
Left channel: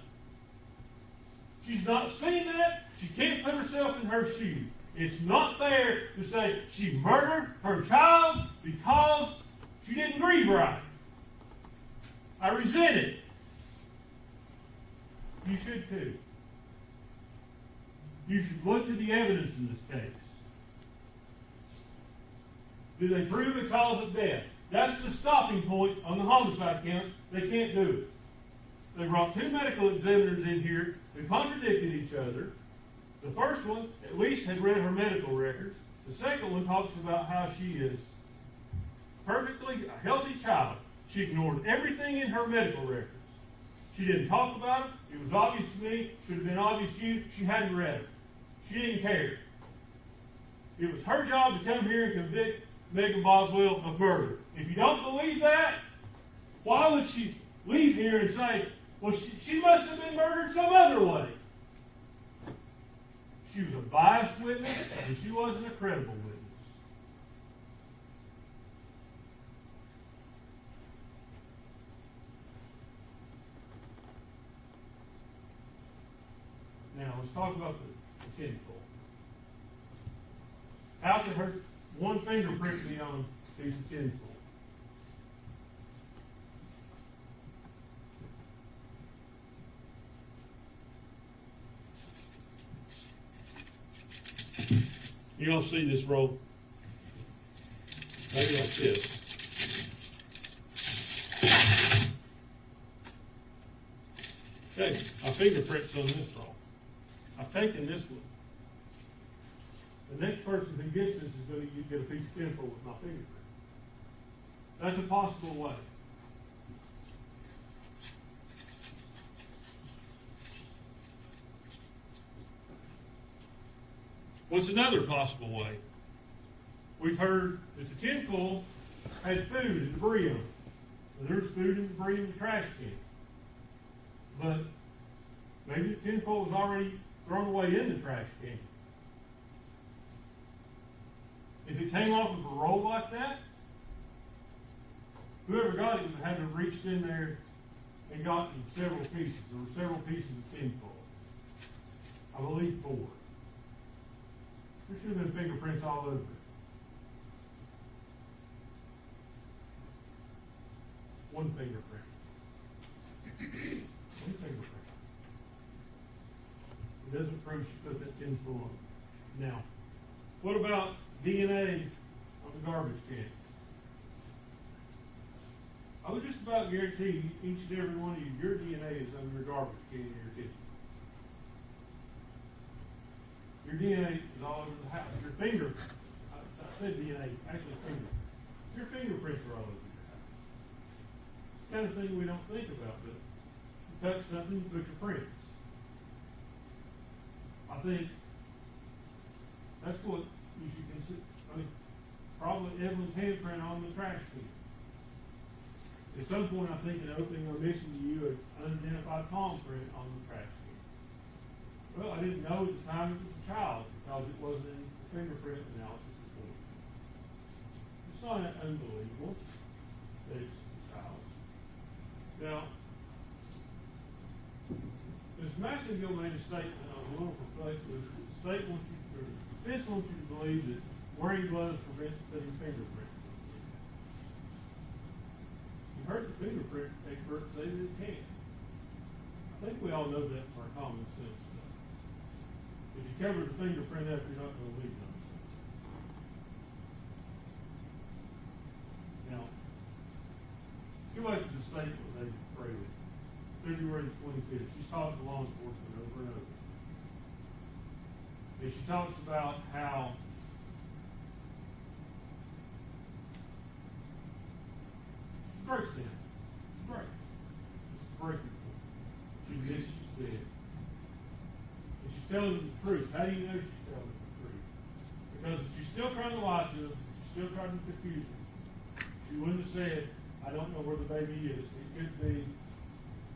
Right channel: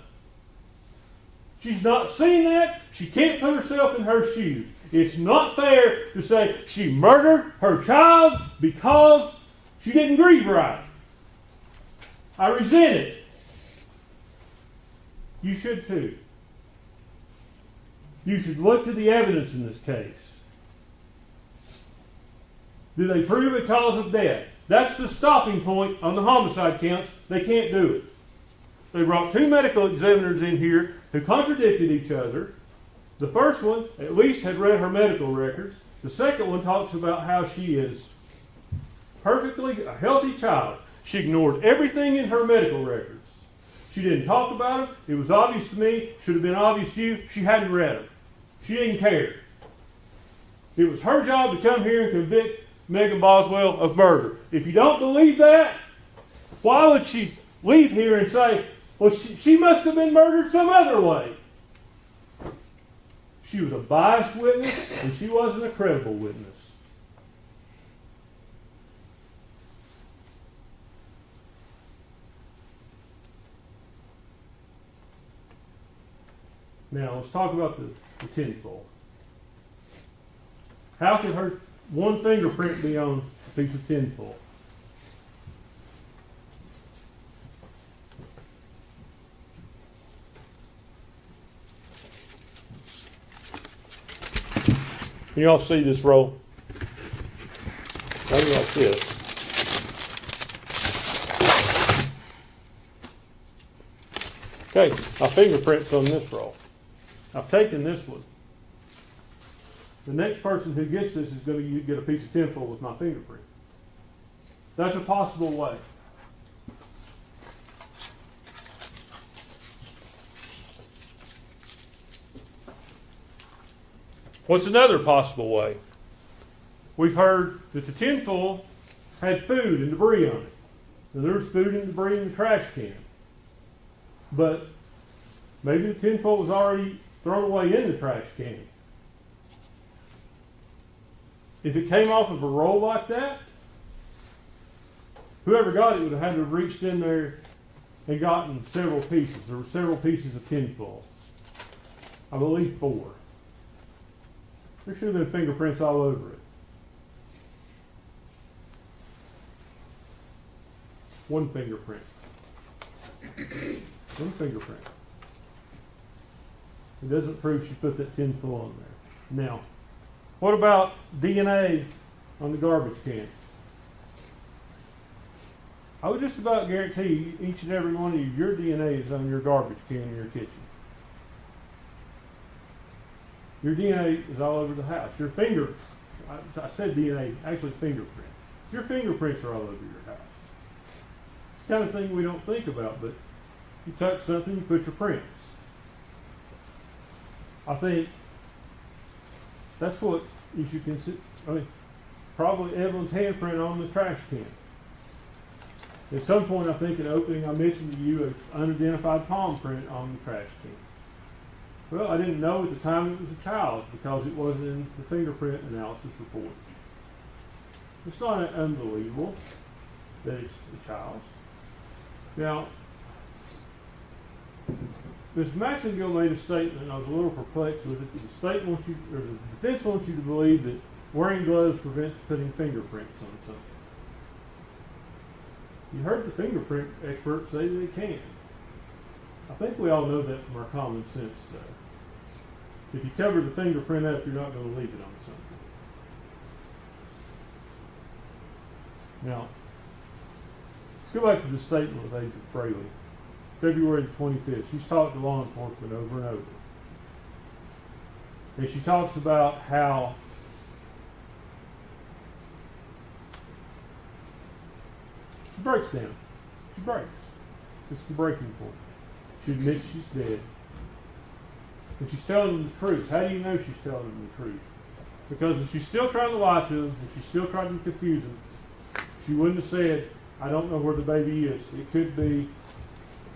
She's not seen that. She can't put herself in her shoes. It's not fair to say she murdered her child because she didn't grieve right. I resent it. You should too. You should look to the evidence in this case. Do they prove a cause of death? That's the stopping point on the homicide counts. They can't do it. They brought two medical examiners in here who contradicted each other. The first one at least had read her medical records. The second one talks about how she is perfectly a healthy child. She ignored everything in her medical records. She didn't talk about it. It was obvious to me. Should have been obvious to you. She hadn't read them. She didn't care. It was her job to come here and convict Megan Boswell of murder. If you don't believe that, why would she leave here and say, well, she must have been murdered some other way? She was a biased witness, and she wasn't a credible witness. Now, let's talk about the tinfoil. How can her one fingerprint be on a piece of tinfoil? Can you all see this roll? Maybe like this. Okay, my fingerprint's on this roll. I've taken this one. The next person who gets this is going to get a piece of tinfoil with my fingerprint. That's a possible way. What's another possible way? We've heard that the tinfoil had food and debris on it. Now, there's food and debris in the trash can. But maybe the tinfoil was already thrown away in the trash can. If it came off of a roll like that, whoever got it would have had to have reached in there and gotten several pieces. There were several pieces of tinfoil. I believe 4. There should have been fingerprints all over it. One fingerprint. One fingerprint. It doesn't prove she put that tinfoil on there. Now, what about DNA on the garbage can? I would just about guarantee you, each and every one of you, your DNA is on your garbage can in your kitchen. Your DNA is all over the house. Your finger, I said DNA, actually fingerprint. Your fingerprints are all over your house. It's the kind of thing we don't think about, but you touch something, you put your prints. I think that's what you should consider. I mean, probably Evelyn's handprint on the trash can. At some point, I think in opening, I mentioned to you an unidentified palm print on the trash can. Well, I didn't know at the time it was a child's because it wasn't in the fingerprint analysis report. It's not unbelievable that it's a child's. Now, Ms. Massengill made a statement, and I was a little perplexed with it. The state wants you, or the defense wants you to believe that wearing gloves prevents putting fingerprints on something. You heard the fingerprint expert say that it can. I think we all know that from our common sense stuff. If you cover the fingerprint up, you're not going to leave it on something. Now, let's go back to the statement with Agent Fraley. February the 25th. She's talked to law enforcement over and over. And she talks about how she breaks down. She breaks. It's the breaking point. She admits she's dead. And she's telling them the truth. How do you know she's telling them the truth? Because if she's still trying to lie to them, if she's still trying to confuse them, she wouldn't have said, I don't know where the baby is. It could be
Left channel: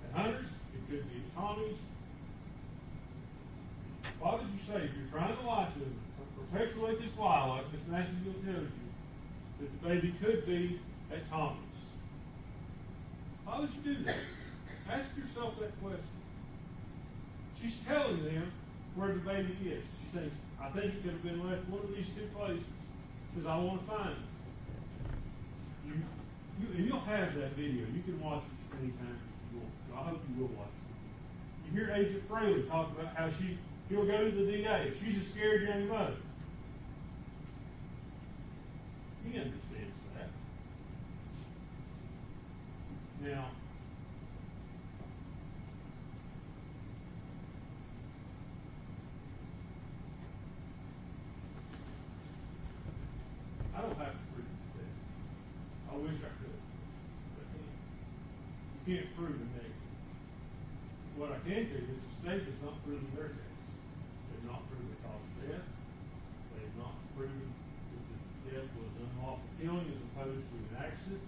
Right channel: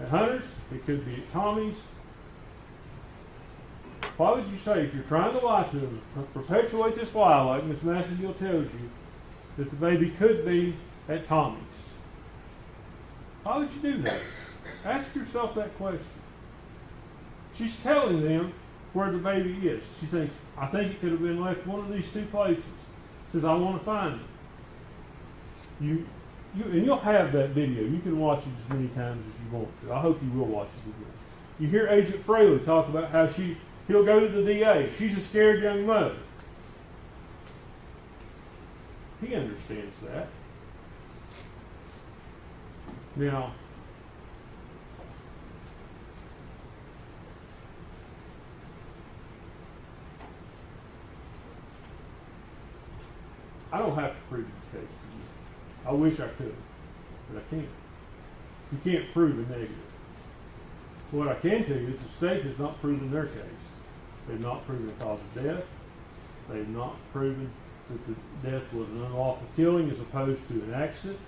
at Hunter's, it could be at Tommy's. Why would you say, if you're trying to lie to them, perpetuate this lie like Miss Massengill tells you, that the baby could be at Tommy's? Why would you do that? Ask yourself that question. She's telling them where the baby is. She thinks, I think it could have been left one of these two places. Says, I want to find it. And you'll have that video. You can watch it as many times as you want to. I hope you will watch it again. You hear Agent Fraley talk about how he'll go to the DA. She's a scared young mother. He understands that. Now, I don't have to prove this case to you. I wish I could, but I can't. You can't prove a negative. What I can tell you is the state has not proven their case. They've not proven the cause of death. They've not proven that the death was an unlawful killing as opposed to an accident,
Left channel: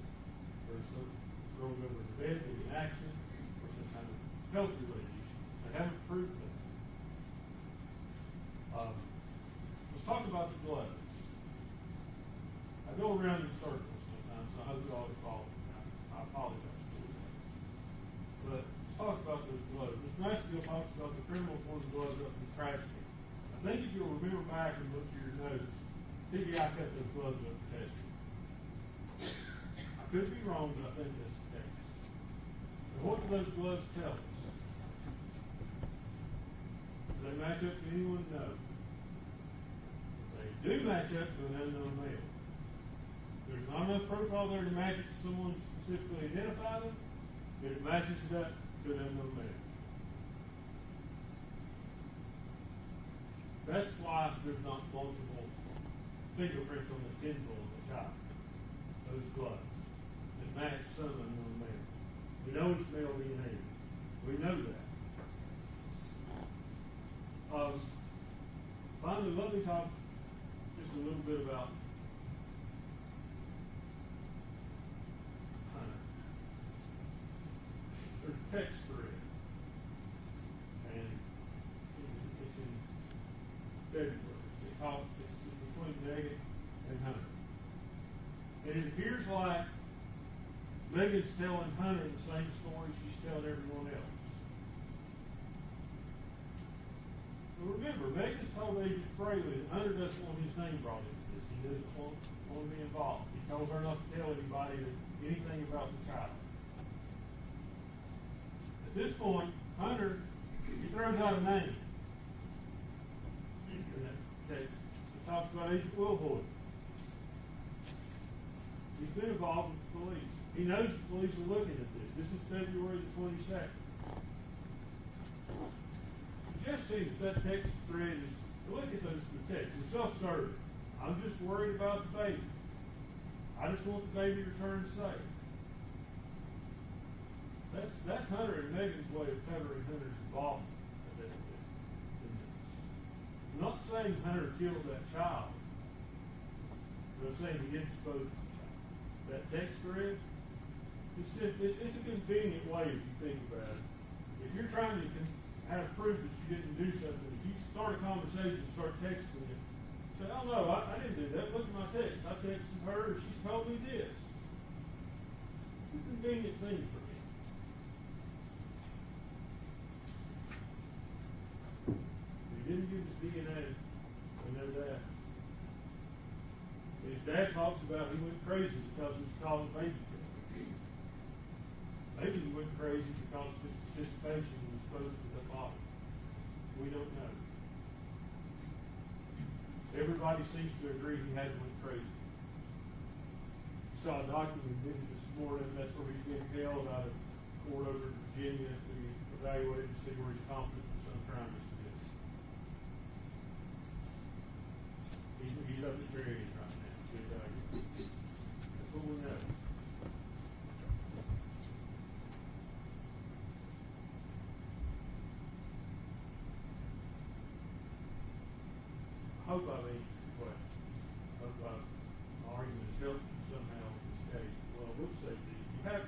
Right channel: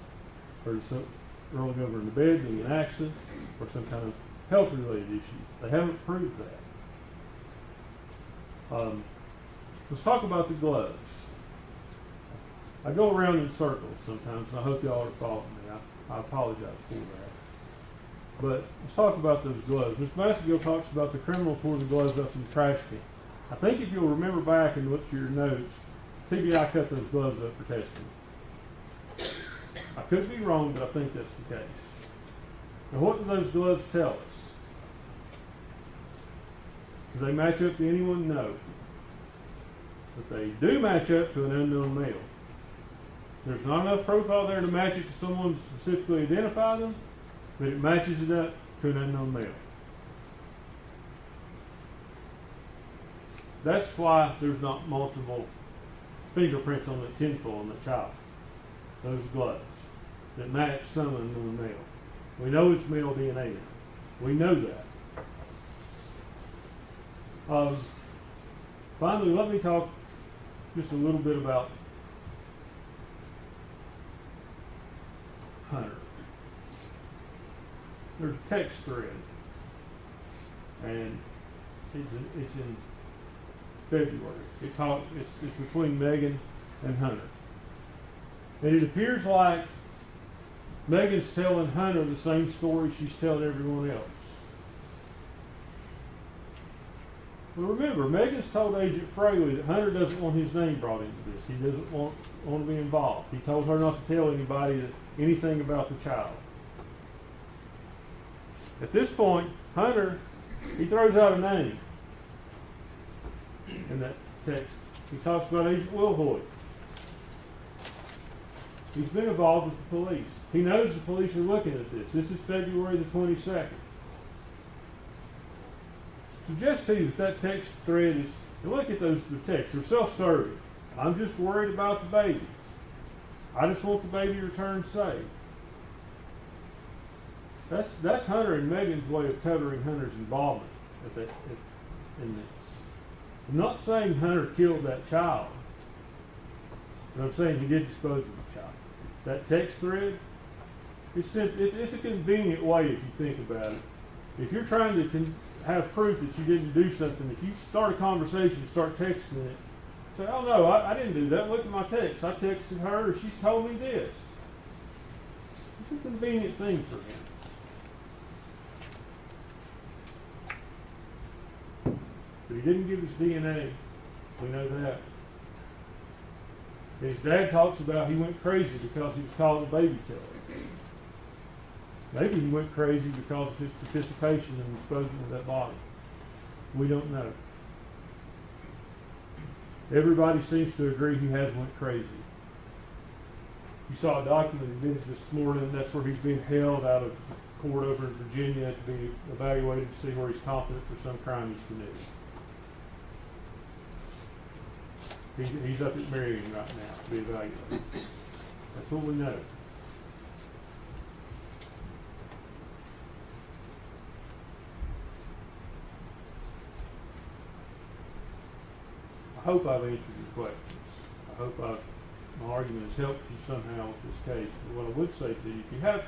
or some rolling over in the bed being an accident, or some kind of health-related issue. They haven't proved that. Let's talk about the gloves. I go around in circles sometimes, and I hope y'all are following me. I apologize for that. But let's talk about those gloves. Ms. Massengill talks about the criminal tore the gloves up in the trash can. I think if you'll remember back and look through your notes, TBI cut those gloves up for testing. I could be wrong, but I think that's the case. Now, what do those gloves tell us? Do they match up to anyone? No. But they do match up to an unknown male. There's not enough profile there to match it to someone specifically identify them, but it matches it up to an unknown male. That's why there's not multiple fingerprints on the tinfoil on the child. Those gloves that match some unknown male. We know it's male DNA. We know that. Finally, let me talk just a little bit about Hunter. There's a text thread, and it's in February. It's between Megan and Hunter, and it appears like Megan's telling Hunter the same story she's telling everyone else. Well, remember, Megan's told Agent Fraley that Hunter doesn't want his name brought into this. He doesn't want to be involved. He told her not to tell anybody anything about the child. At this point, Hunter, he throws out a name in that text. He talks about Agent Wilhoit. He's been involved with the police. He knows the police are looking at this. This is February the 22nd. Suggest to you that text thread is, and look at the texts, they're self-serving. I'm just worried about the baby. I just want the baby returned safe. That's Hunter and Megan's way of covering Hunter's involvement in this. I'm not saying Hunter killed that child, but I'm saying he did dispose of the child. That text thread, it's a convenient way if you think about it. If you're trying to have proof that you didn't do something, if you start a conversation, start texting it, say, oh no, I didn't do that. Look at my text. I texted her, she's told me this. It's a convenient thing for him. He didn't give his DNA. We know that. His dad talks about he went crazy because he was called a baby killer. Maybe he went crazy because of his participation in disposing of that body. We don't know. Everybody seems to agree he has went crazy. You saw a document admitted this morning. That's where he's being held out of court over in Virginia to be evaluated to see where he's competent for some crime he's committed. He's up at Marion right now to be evaluated. That's what we know. I hope I've answered your questions. I hope my argument has helped you somehow with this case. But what I would say to you, if you have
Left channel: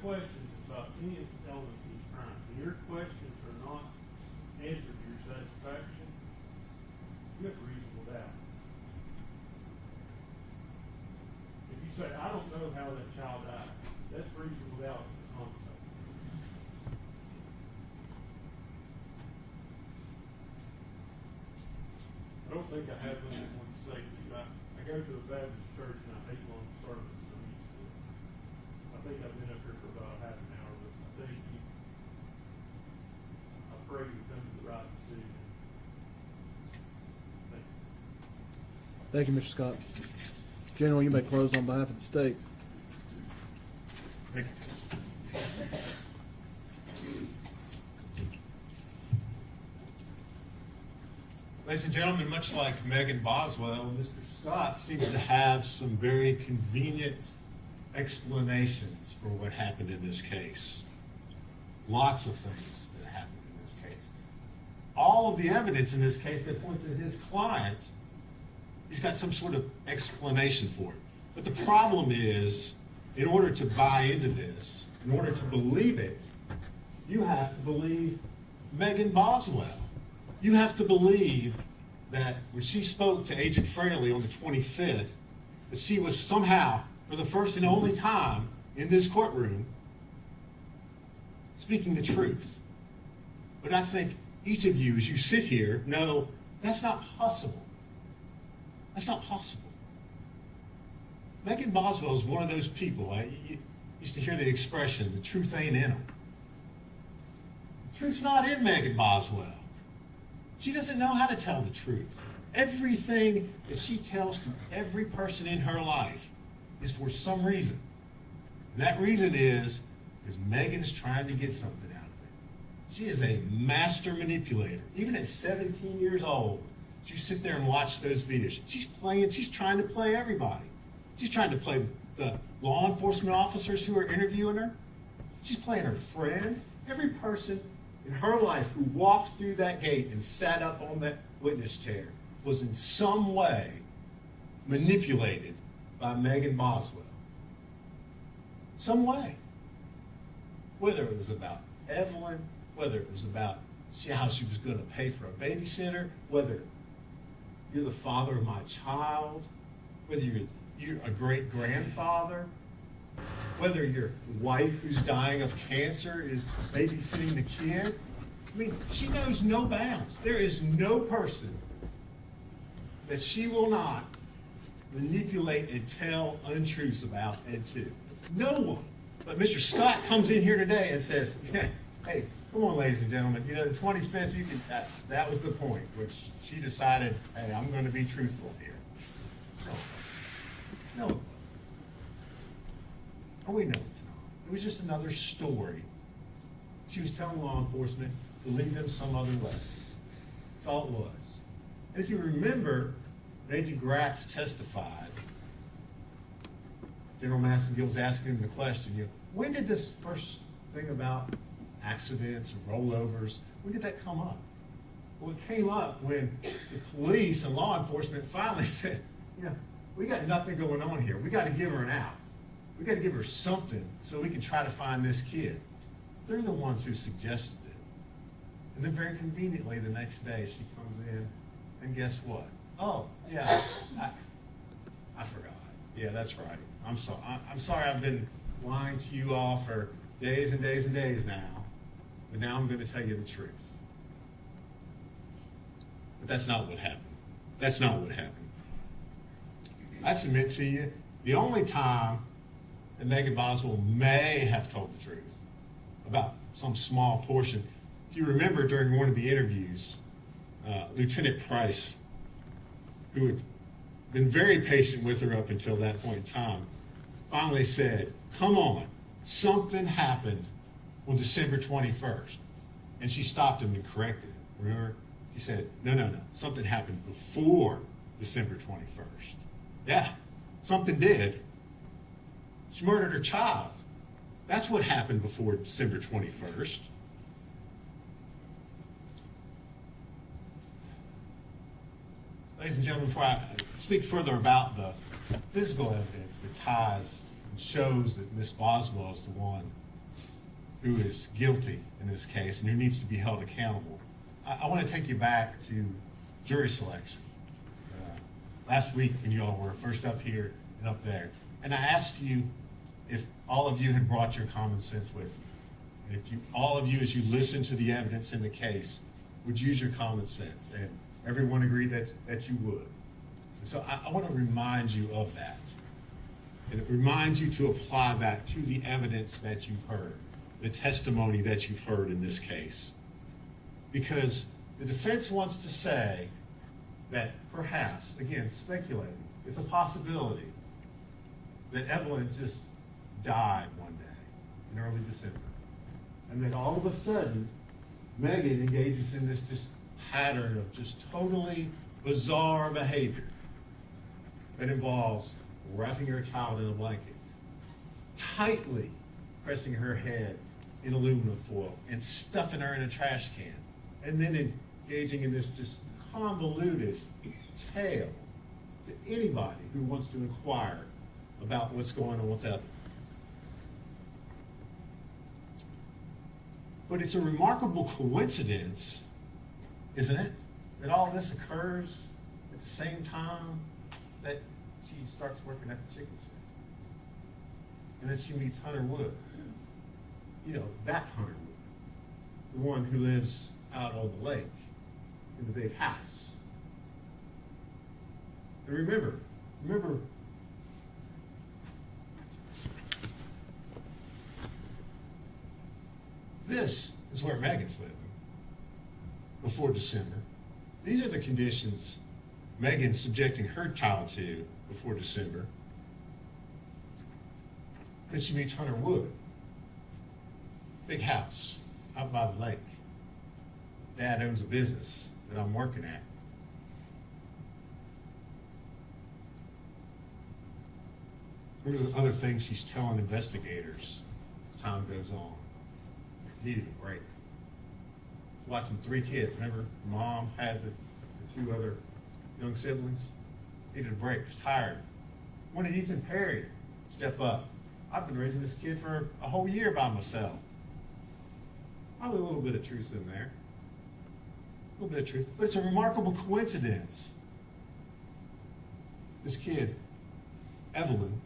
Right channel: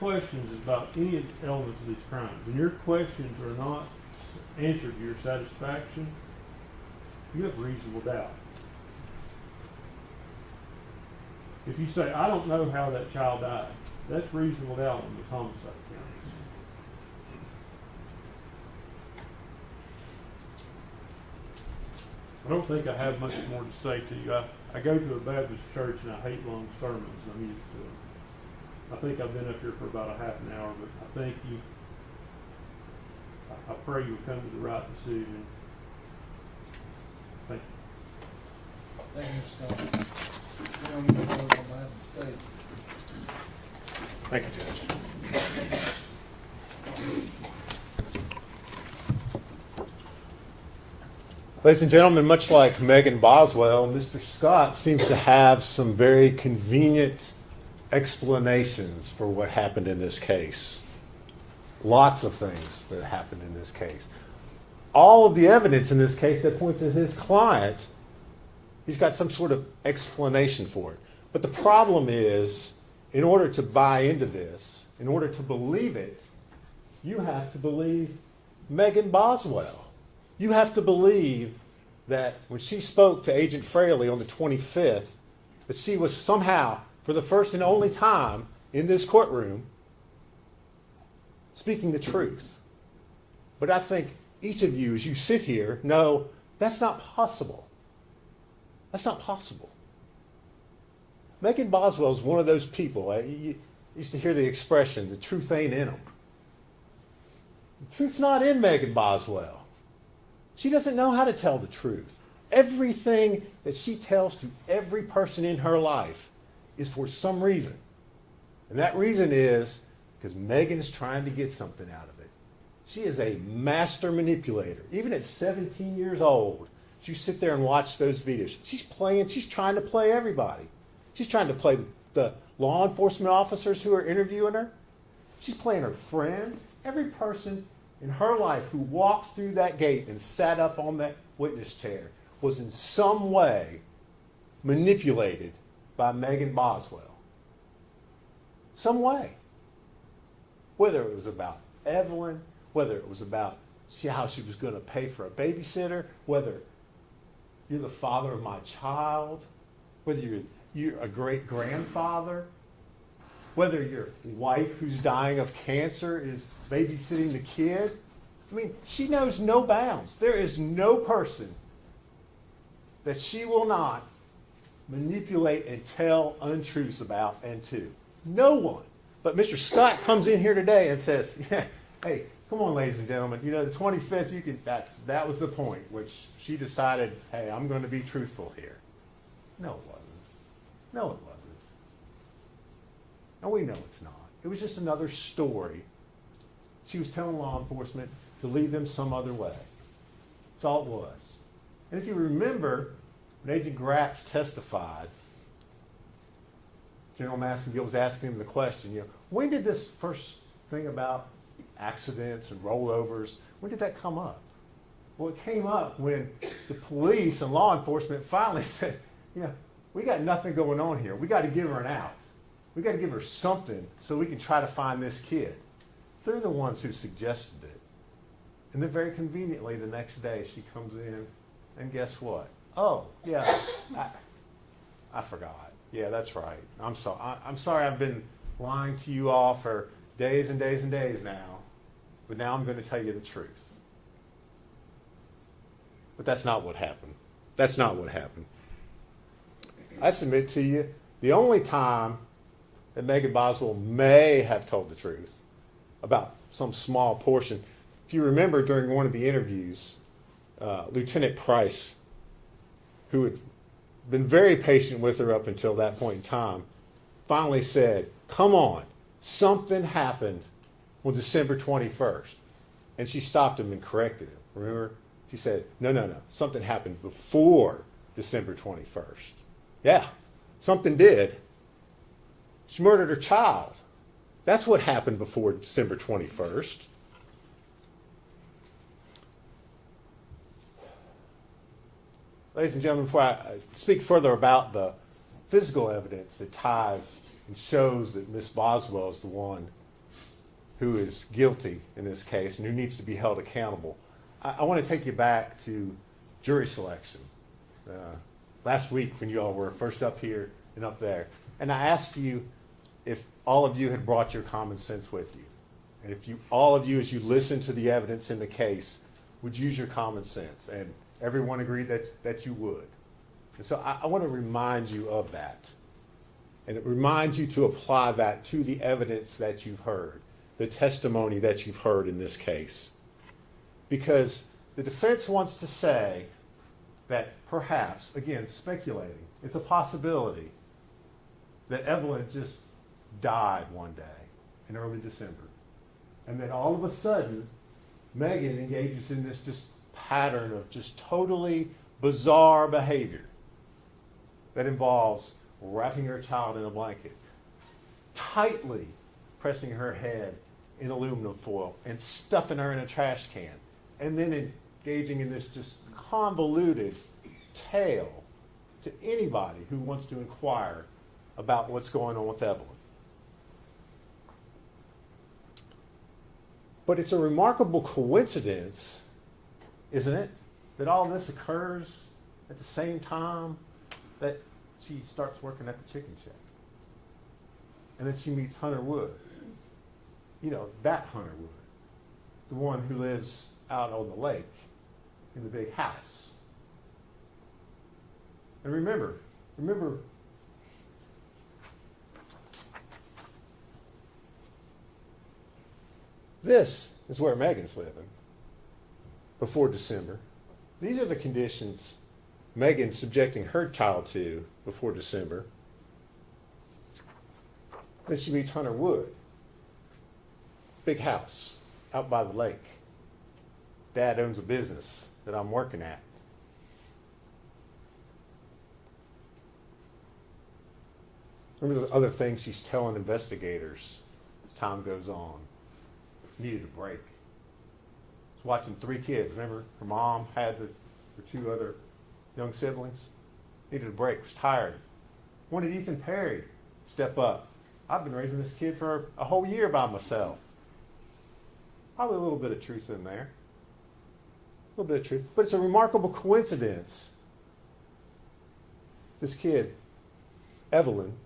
questions, about any elements of these crimes, and your questions are not answered to your satisfaction, you have reasonable doubt. If you say, I don't know how that child died, that's reasonable doubt in this homicide case. I don't think I have much more to say to you. I go to a Baptist church and I hate long sermons, and I'm used to it. I think I've been up here for about a half an hour, but I think I pray you'll come to the right decision. Thank you. Thank you, Mr. Scott. General, you may close on behalf of the state. Thank you, Judge. Ladies and gentlemen, much like Megan Boswell, Mr. Scott seems to have some very convenient explanations for what happened in this case. Lots of things that happened in this case. All of the evidence in this case that points to his client, he's got some sort of explanation for it. But the problem is, in order to buy into this, in order to believe it, you have to believe Megan Boswell. You have to believe that when she spoke to Agent Fraley on the 25th, that she was somehow, for the first and only time in this courtroom, speaking the truth. But I think each of you, as you sit here, know that's not possible. That's not possible. Megan Boswell is one of those people. You used to hear the expression, the truth ain't in them. The truth's not in Megan Boswell. She doesn't know how to tell the truth. Everything that she tells to every person in her life is for some reason. And that reason is because Megan's trying to get something out of it. She is a master manipulator. Even at 17 years old, you sit there and watch those videos. She's trying to play everybody. She's trying to play the law enforcement officers who are interviewing her. She's playing her friends, every person in her life who walked through that gate and sat up on that witness chair was in some way manipulated by Megan Boswell. Some way. Whether it was about Evelyn, whether it was about how she was going to pay for a babysitter, whether you're the father of my child, whether you're a great-grandfather, whether your wife who's dying of cancer is babysitting the kid. I mean, she knows no bounds. There is no person that she will not manipulate and tell untruths about and to. No one. But Mr. Scott comes in here today and says, yeah, hey, come on, ladies and gentlemen, the 25th, that was the point, which she decided, hey, I'm going to be truthful here. No, it wasn't. No, it wasn't. And we know it's not. It was just another story. She was telling law enforcement to lead them some other way. That's all it was. And if you remember, when Agent Gratz testified, General Massengill was asking him the question, when did this first thing about accidents and rollovers, when did that come up? Well, it came up when the police and law enforcement finally said, we got nothing going on here. We got to give her an out. We got to give her something so we can try to find this kid. They're the ones who suggested it. And then very conveniently the next day she comes in and guess what? Oh, yeah, I forgot. Yeah, that's right. I'm sorry I've been lying to you all for days and days and days now. but now I'm going to tell you the truth. But that's not what happened. That's not what happened. I submit to you, the only time that Megan Boswell may have told the truth about some small portion, if you remember during one of the interviews, Lieutenant Price, who had been very patient with her up until that point in time, finally said, "Come on, something happened on December 21st. And she stopped him and corrected him. Remember? She said, no, something happened before December 21st. Yeah, something did. She murdered her child. That's what happened before December 21st. Ladies and gentlemen, before I speak further about the physical evidence that ties and shows that Miss Boswell is the one who is guilty in this case and who needs to be held accountable, I want to take you back to jury selection. Last week when you all were first up here and up there, and I asked you if all of you had brought your common sense with you. And if you, all of you, as you listen to the evidence in the case, would use your common sense. And everyone agreed that you would. And so I want to remind you of that. And it reminds you to apply that to the evidence that you've heard, the testimony that you've heard in this case. Because the defense wants to say that perhaps, again, speculating, it's a possibility that Evelyn just died one day in early December. And then all of a sudden, Megan engages in this just pattern of just totally bizarre behavior that involves wrapping her child in a blanket, tightly pressing her head in aluminum foil and stuffing her in a trash can, and then engaging in this just convoluted tale to anybody who wants to inquire about what's going on with Evelyn. But it's a remarkable coincidence, isn't it, that all this occurs at the same time that she starts working at the chicken shack. And then she meets Hunter Wood. You know, that Hunter Wood. The one who lives out on the lake in the big house. And remember, this is where Megan's living before December. These are the conditions Megan's subjecting her child to before December. Then she meets Hunter Wood. Big house out by the lake. Dad owns a business that I'm working at. Remember the other things she's telling investigators as time goes on. Needed a break. Was watching 3 kids. Remember, her mom had the 2 other young siblings. Needed a break. Was tired. Wanted Ethan Perry to step up. I've been raising this kid for a whole year by myself. Probably a little bit of truth in there. A little bit of truth. But it's a remarkable coincidence. This kid, Evelyn,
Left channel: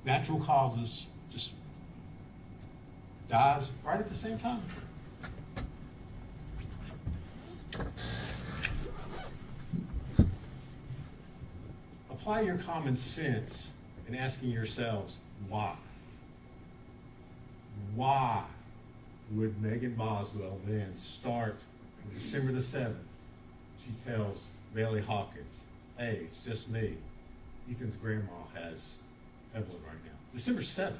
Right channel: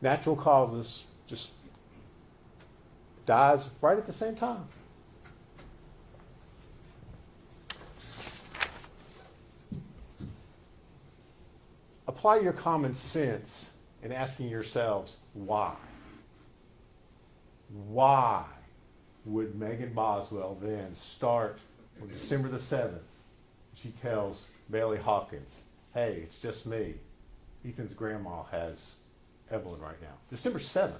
natural causes, just dies right at the same time. Apply your common sense in asking yourselves why. Why would Megan Boswell then start on December the 7th? She tells Bailey Hawkins, hey, it's just me. Ethan's grandma has Evelyn right now. December 7th.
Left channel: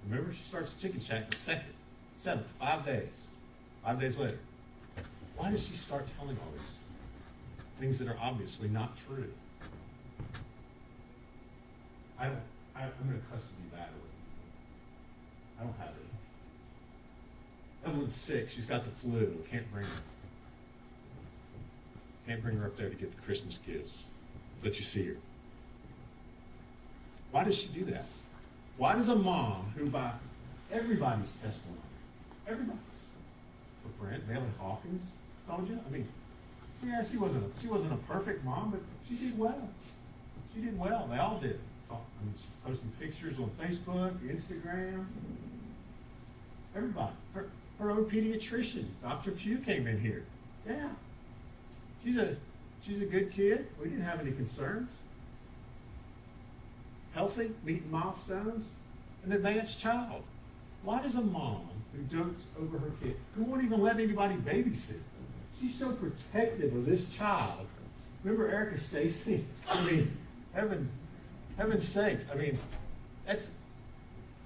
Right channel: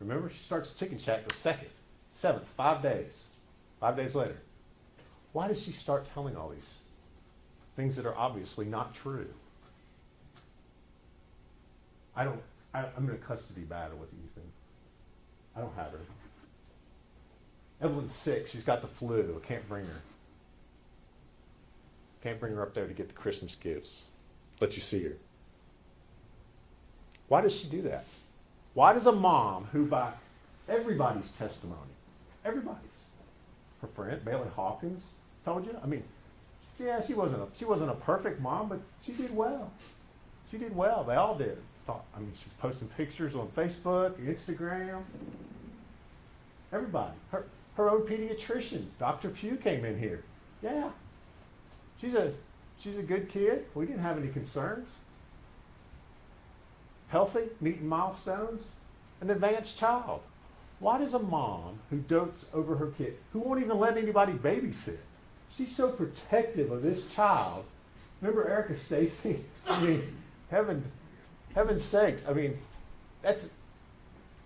Remember, she starts Chicken Shack the 2nd. 7th, 5 days. 5 days later. Why does she start telling all these things that are obviously not true? I'm in a custody battle with Ethan. I don't have her. Evelyn's sick. She's got the flu. I can't bring her. Can't bring her up there to get the Christmas gifts. Let you see her. Why does she do that? Why does a mom who, by everybody's testimony, everybody's, her friend Bailey Hawkins told you, I mean, yeah, she wasn't a perfect mom, but she did well. She did well. They all did. I mean, she's posting pictures on Facebook, Instagram. Everybody. her own pediatrician, Dr. Pugh, came in here. Yeah. She's a good kid. We didn't have any concerns. Healthy, meeting milestones, an advanced child. Why does a mom who dotes over her kid, who won't even let anybody babysit, she's so protective of this child? Remember Erica Stacy? I mean, heaven's sakes. I mean, that's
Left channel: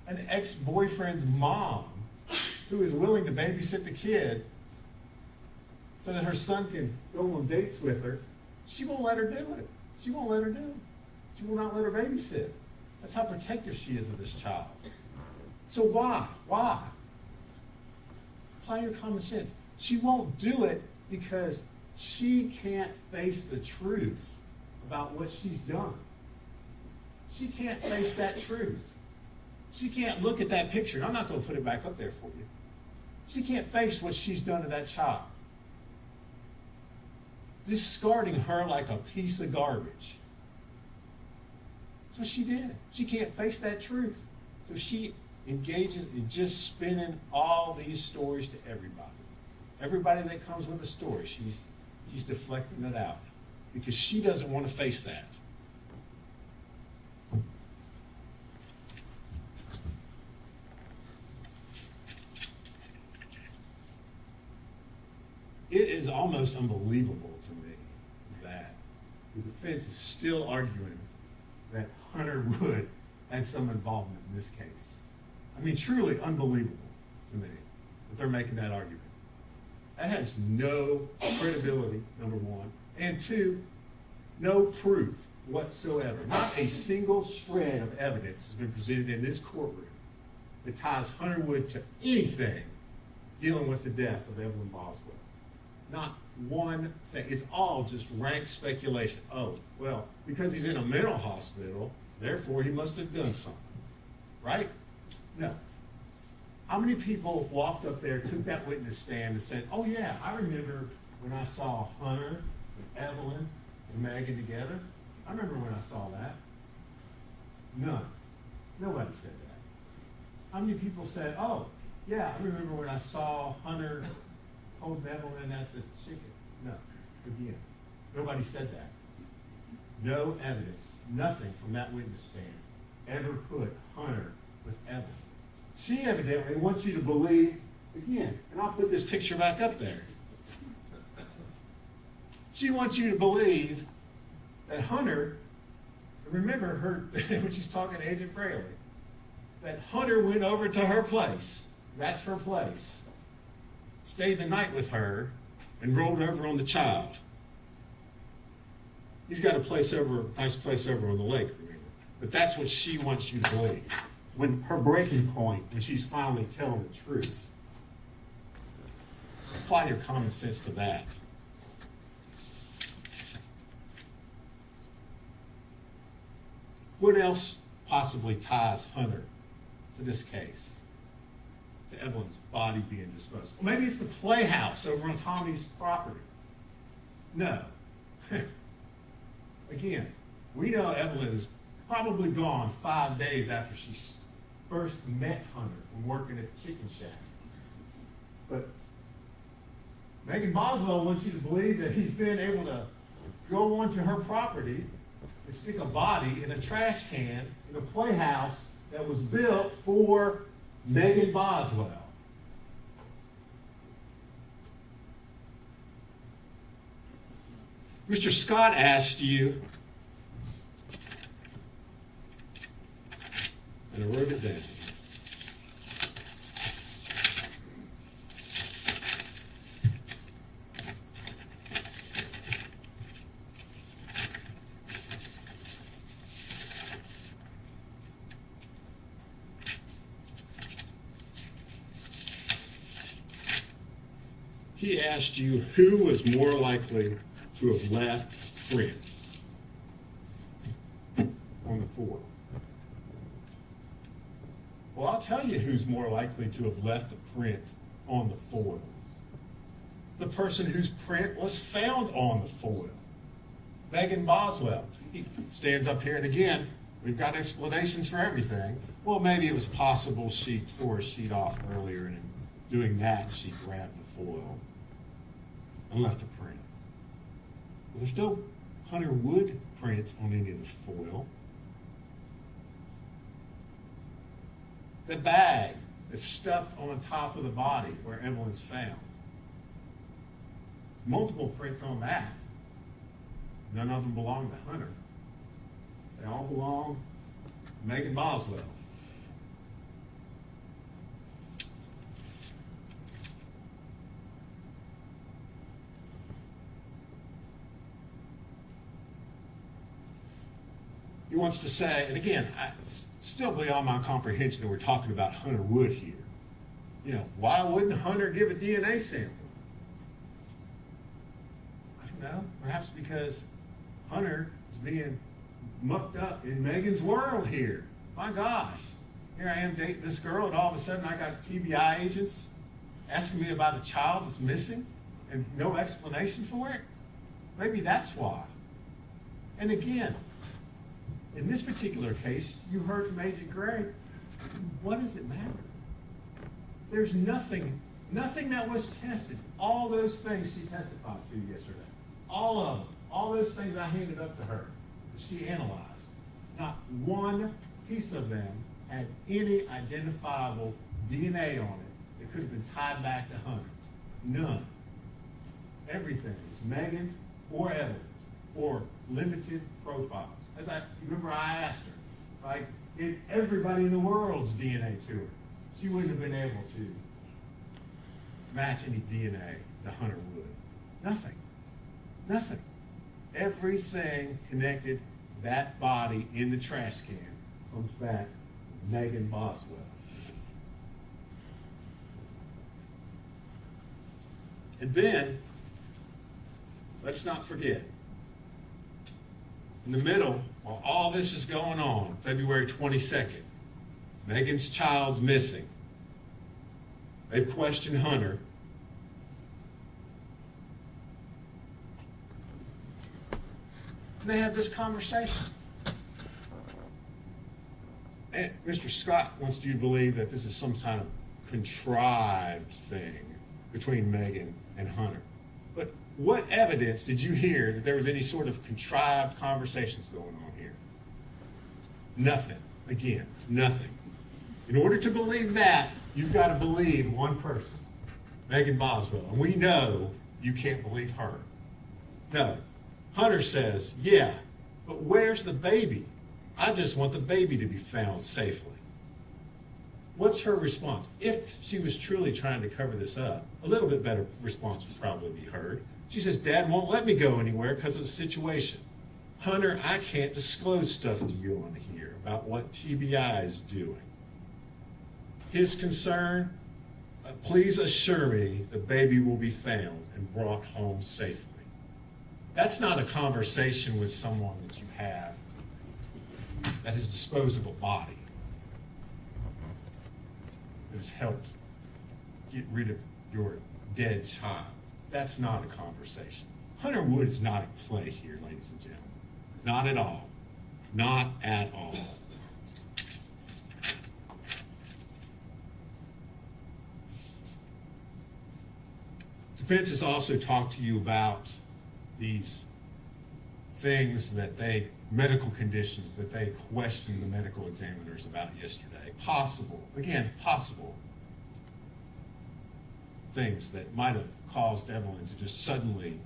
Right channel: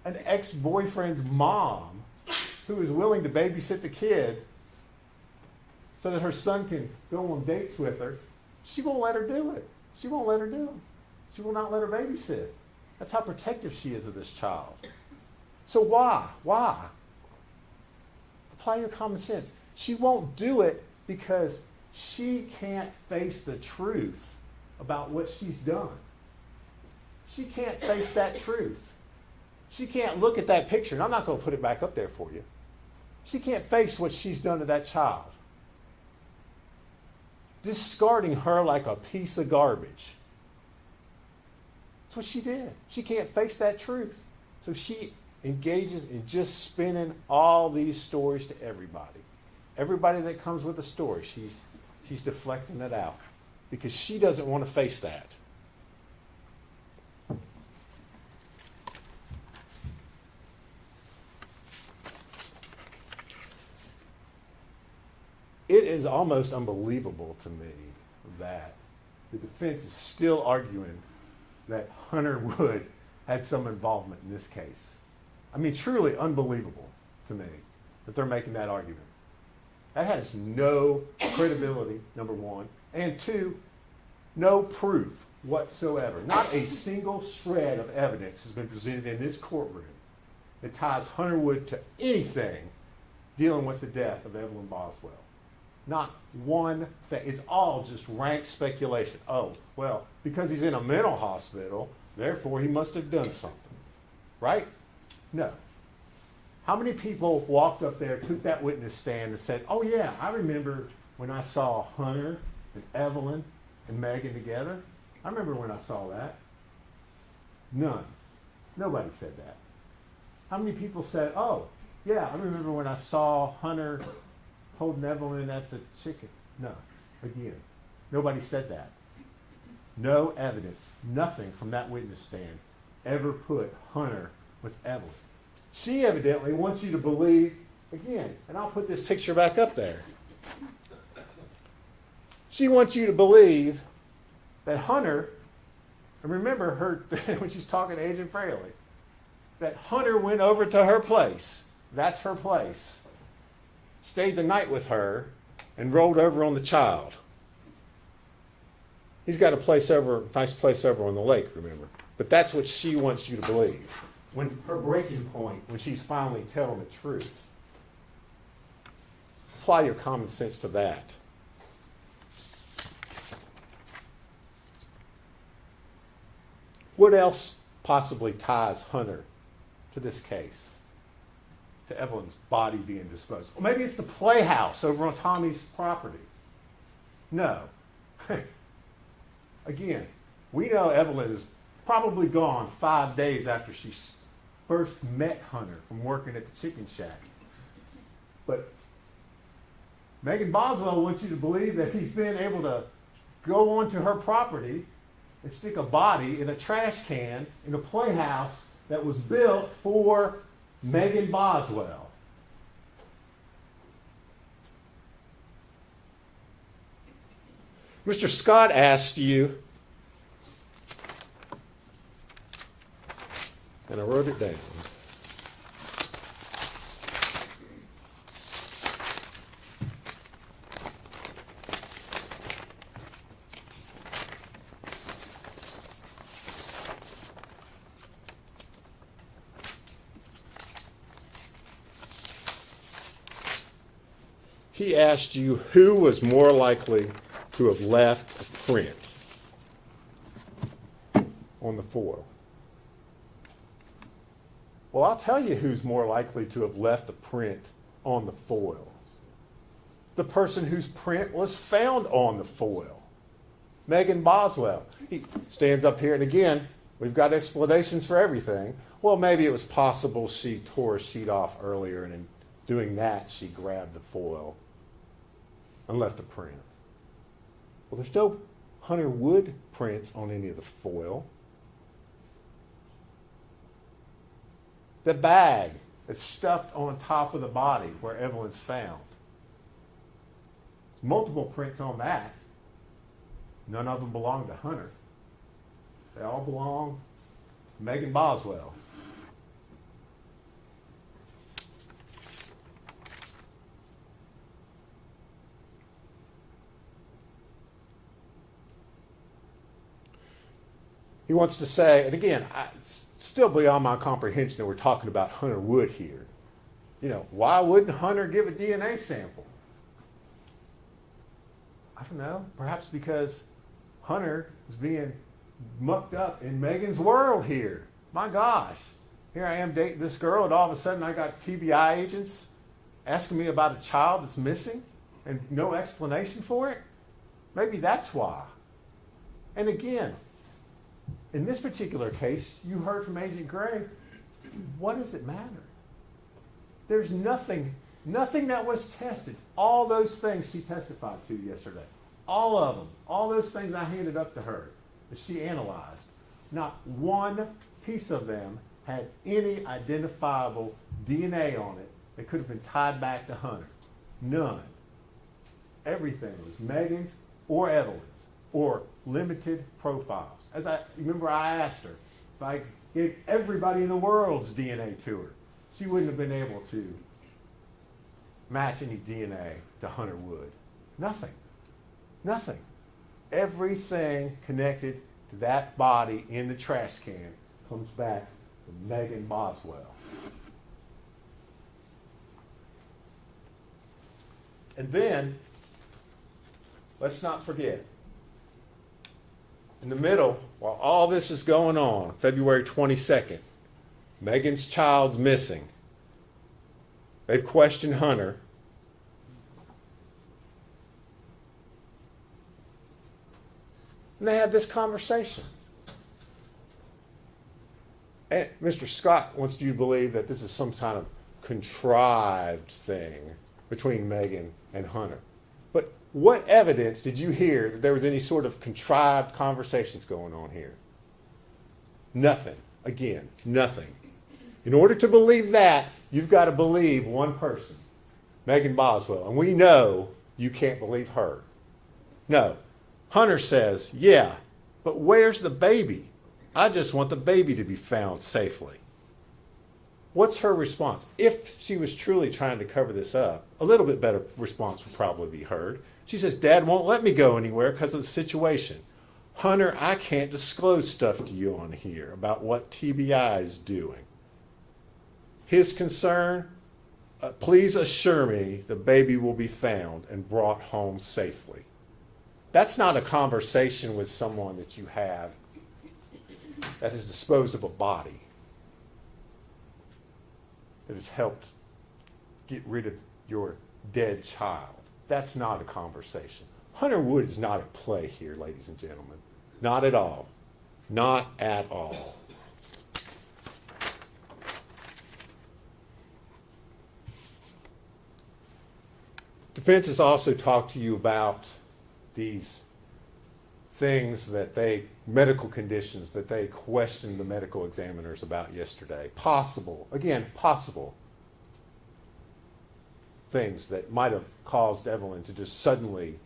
an ex-boyfriend's mom who is willing to babysit the kid so that her son can go on dates with her. She won't let her do it. She won't let her do it. She will not let her babysit. That's how protective she is of this child. So why? Why? Apply your common sense. She won't do it because she can't face the truth about what she's done. She can't face that truth. She can't look at that picture, and I'm not going to put it back up there for you. She can't face what she's done to that child. Discarding her like a piece of garbage. That's what she did. She can't face that truth. So she engages in just spinning all these stories to everybody. Everybody that comes with a story, she's deflecting that out because she doesn't want to face that. It is almost unbelievable to me that the defense is still arguing that Hunter Wood had some involvement in this case. I mean, truly unbelievable to me that they're making that argument. That has no credibility, number one, and two, no proof whatsoever. Not a single shred of evidence has been presented in this courtroom that ties Hunter Wood to anything dealing with the death of Evelyn Boswell. Not one thing. It's all just rank speculation. Oh, well, because he's in a mental hospital, therefore he must have done something. Right? No. How many people walked up there, took that witness stand and said, oh yeah, I remember when I saw Hunter and Evelyn and Megan together. I remember when I saw that. None. Nobody said that. How many people said, oh, yeah, I remember when I saw Hunter holding Evelyn at the chicken? No. Again, nobody said that. No evidence, nothing from that witness stand ever put Hunter with Evelyn. She evidently wants you to believe, again, and I'll put this picture back up there. She wants you to believe that Hunter, and remember her when she's talking to Agent Fraley, that Hunter went over to her place. That's her place. Stayed the night with her and rolled over on the child. He's got a place over, nice place over on the lake, remember. But that's what she wants you to believe. When her breaking point, when she's finally telling the truth. Apply your common sense to that. What else possibly ties Hunter to this case? To Evelyn's body being disposed of? Well, maybe it's the playhouse over on Tommy's property. No. Again, we know Evelyn is probably gone 5 days after she first met Hunter from working at the chicken shack. But Megan Boswell wants you to believe that he's then able to go onto her property and stick a body in a trash can in a playhouse that was built for Megan Boswell. Mr. Scott asked you, and I wrote it down. He asked you who was more likely to have left a print on the foil. Well, I'll tell you who's more likely to have left a print on the foil. The person whose print was found on the foil. Megan Boswell. He stands up here, and again, we've got explanations for everything. Well, maybe it was possible she tore a sheet off earlier and Doing that, she grabbed the foil and left a print. Well, there's no Hunter Wood prints on any of the foil. The bag that's stuffed on top of the body where Evelyn's found. Multiple prints on that. None of them belong to Hunter. They all belong to Megan Boswell. He wants to say, and again, it's still beyond my comprehension that we're talking about Hunter Wood here. You know, why wouldn't Hunter give a DNA sample? I don't know. Perhaps because Hunter is being mucked up in Megan's world here. My gosh. Here I am dating this girl, and all of a sudden I got TBI agents asking me about a child that's missing and no explanation for it. Maybe that's why. And again, in this particular case, you heard from Agent Gray. What does it matter? There's nothing that was tested. All those things she testified to yesterday, all of them, all those things I handed up to her that she analyzed, not one piece of them had any identifiable DNA on it that could have been tied back to Hunter. None. Everything was Megan's or Evelyn's or limited profiles. As I remember, I asked her if I gave everybody in the world's DNA to her, she wouldn't have been able to match any DNA to Hunter Wood. Nothing. Nothing. Everything connected to that body in the trash can comes back to Megan Boswell. And then, let's not forget, in the middle, while all this is going on, February 22nd, Megan's child's missing. They questioned Hunter. And they had this conversation. And Mr. Scott wants you to believe that this is some kind of contrived thing between Megan and Hunter. But what evidence did you hear that there was any sort of contrived conversations going on here? Nothing. Again, nothing. In order to believe that, you've got to believe one person, Megan Boswell. And we know you can't believe her. No. Hunter says, yeah, but where's the baby? I just want the baby to be found safely. What's her response? If she was truly trying to cover this up, a little bit better response would probably be heard. She says, Dad won't let me go anywhere because of the situation. Hunter, I can't disclose stuff to you on here about what TBI is doing. His concern, please assure me the baby will be found and brought home safely. That's not a conversation with someone that you have that has disposed of a body, that has helped get rid of your dead child. That's not a conversation. Hunter Wood is not at play here, ladies and gentlemen. Not at all. Not at all. Defense has also talked to you about these things that medical conditions that they questioned the medical examiners about yesterday. Possible things that might have caused Evelyn to just suddenly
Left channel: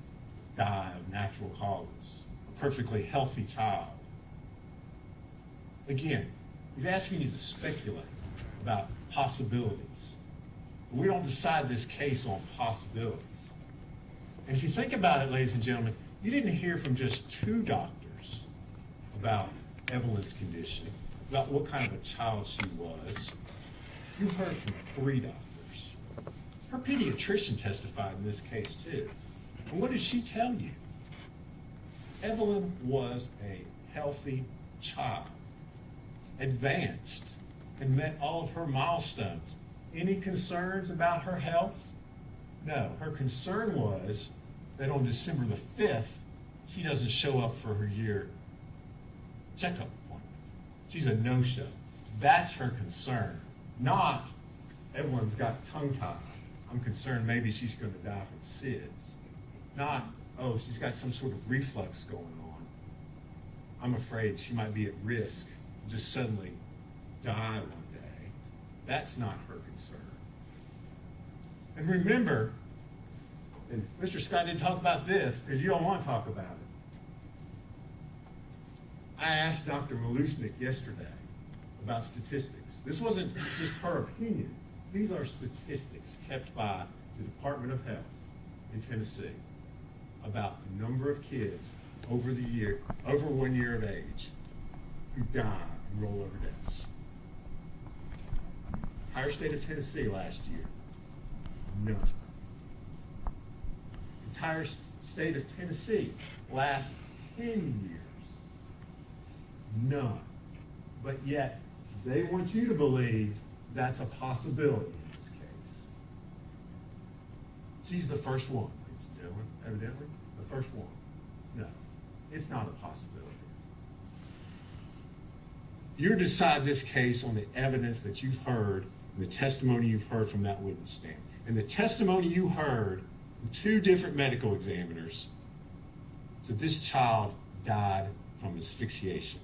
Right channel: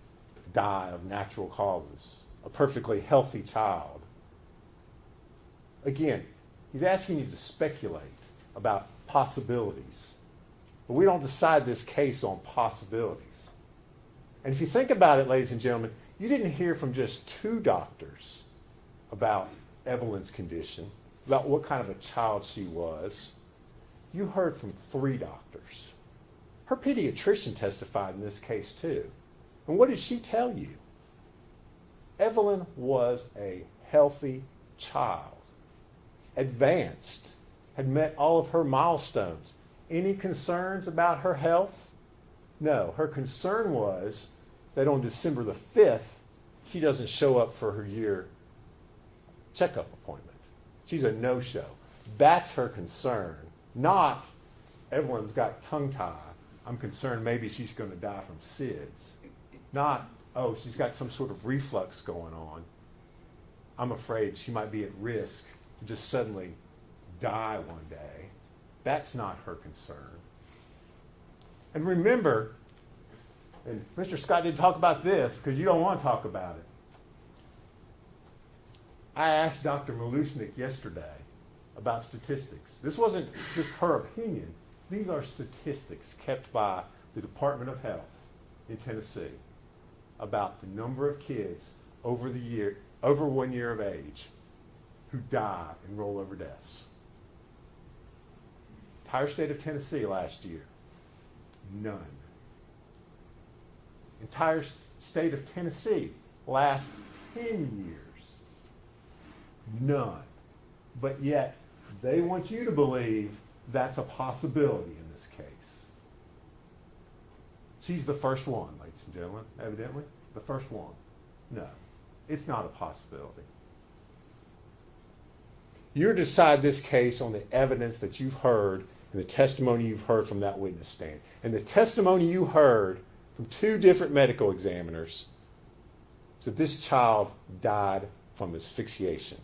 die of natural causes. A perfectly healthy child. Again, he's asking you to speculate about possibilities. But we don't decide this case on possibilities. And if you think about it, ladies and gentlemen, you didn't hear from just 2 doctors about Evelyn's condition, about what kind of a child she was. You heard from 3 doctors. Her pediatrician testified in this case too. And what did she tell you? Evelyn was a healthy child, advanced, had met all of her milestones. Any concerns about her health? No, her concern was that on December the 5th, she doesn't show up for her year checkup appointment. She's a no-show. That's her concern, not Evelyn's got tongue-tied. I'm concerned maybe she's going to die from SIDS. Not, oh, she's got some sort of reflux going on. I'm afraid she might be at risk to just suddenly die one day. That's not her concern. And remember, and Mr. Scott didn't talk about this because you don't want to talk about it. I asked Dr. Malushnik yesterday about statistics. This wasn't just her opinion. These are statistics kept by the Department of Health in Tennessee about the number of kids over 1 year of age who die in rollover deaths. Entire state of Tennessee last year, none. Entire state of Tennessee last 10 years, none. But yet, they want you to believe that's a possibility in this case. She's the first one, ladies and gentlemen, evidently. The first one. No, it's not a possibility. You decide this case on the evidence that you've heard and the testimony you've heard from that witness stand. And the testimony you heard from 2 different medical examiners said this child died from asphyxiation.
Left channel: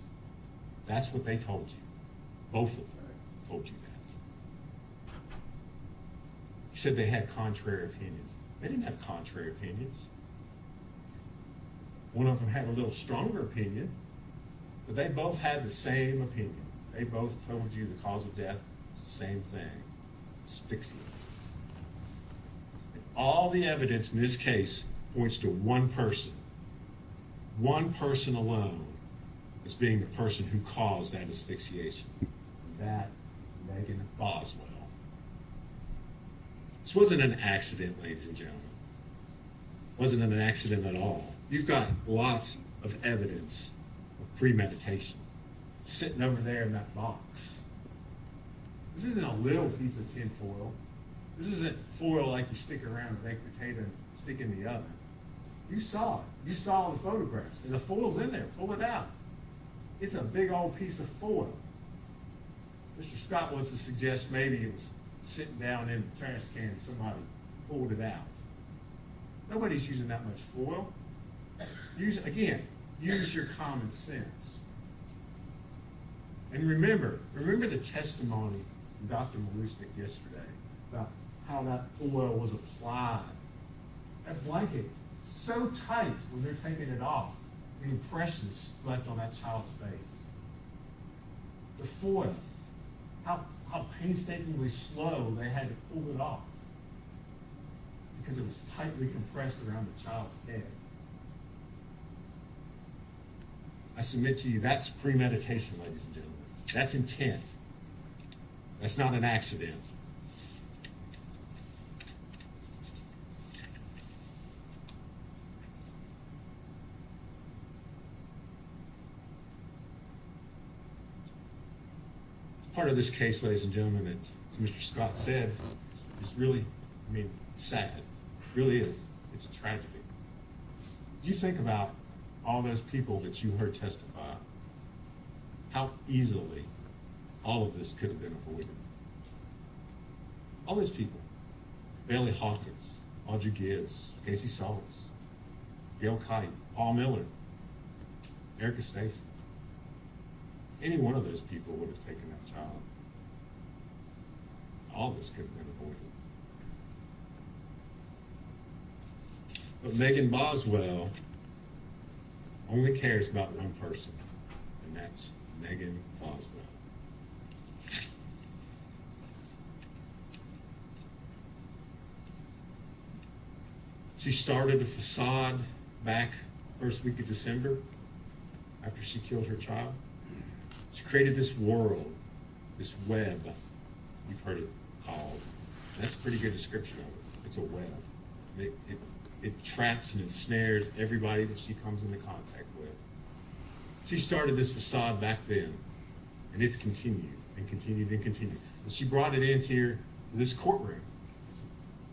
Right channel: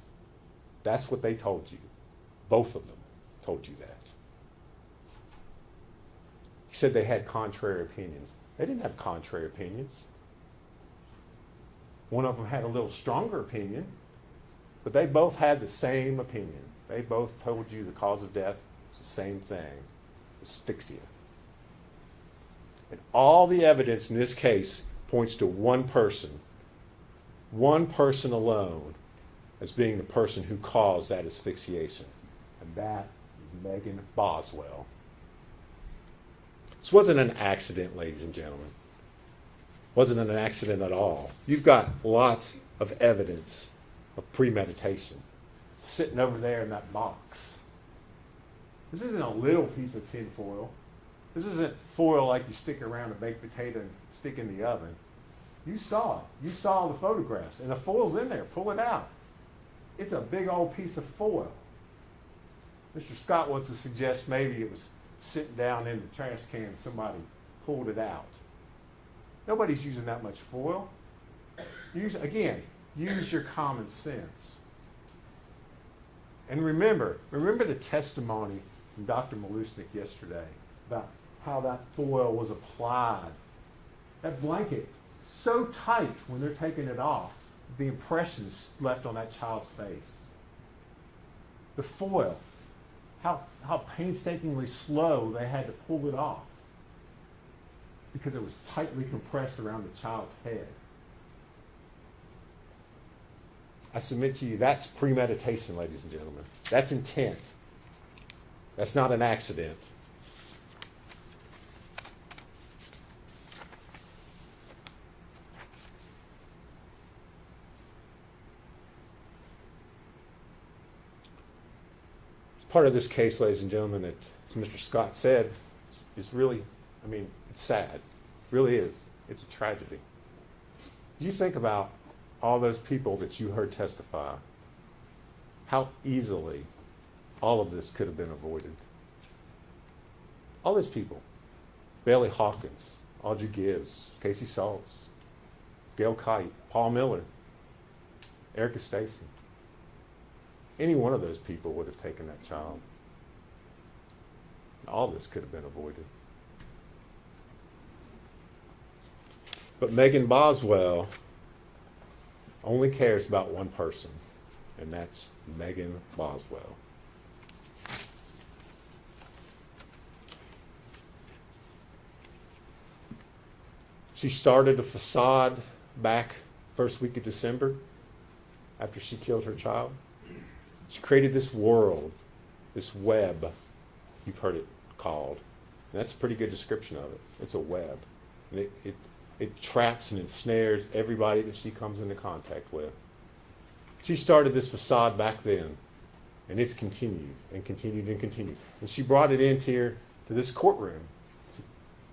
That's what they told you. Both of them told you that. He said they had contrary opinions. They didn't have contrary opinions. One of them had a little stronger opinion, but they both had the same opinion. They both told you the cause of death was the same thing, asphyxia. And all the evidence in this case points to one person alone as being the person who caused that asphyxiation. And that is Megan Boswell. This wasn't an accident, ladies and gentlemen. It wasn't an accident at all. You've got lots of evidence of premeditation sitting over there in that box. This isn't a little piece of tin foil. This isn't foil like you stick around a baked potato and stick in the oven. You saw it. You saw the photographs. And the foil's in there. Pull it out. It's a big old piece of foil. Mr. Scott wants to suggest maybe it's sitting down in the trash can and somebody pulled it out. Nobody's using that much foil. Use your common sense. And remember the testimony from Dr. Malushnik yesterday about how that foil was applied. That blanket, so tight when they're taking it off, the impressions left on that child's face. The foil, how painstakingly slow they had to pull it off because it was tightly compressed around the child's head. I submit to you, that's premeditation, ladies and gentlemen. That's intent. That's not an accident. Part of this case, ladies and gentlemen, that, as Mr. Scott said, is really, it's sad. It really is. It's a tragedy. You think about all those people that you heard testify, how easily all of this could have been avoided. All those people. Bailey Hawkins, Audrey Gibbs, Casey Saltz, Gail Kite, Paul Miller, Erica Stacy. Any one of those people would have taken that child. All this could have been avoided. But Megan Boswell only cares about one person, and that's Megan Boswell. She started a facade back first week of December after she killed her child. She created this world, this web, you've heard it called. And that's a pretty good description of it. It's a web. And it traps and ensnares everybody that she comes into contact with. She started this facade back then, and it's continued and continued and continued. And she brought it into here to this courtroom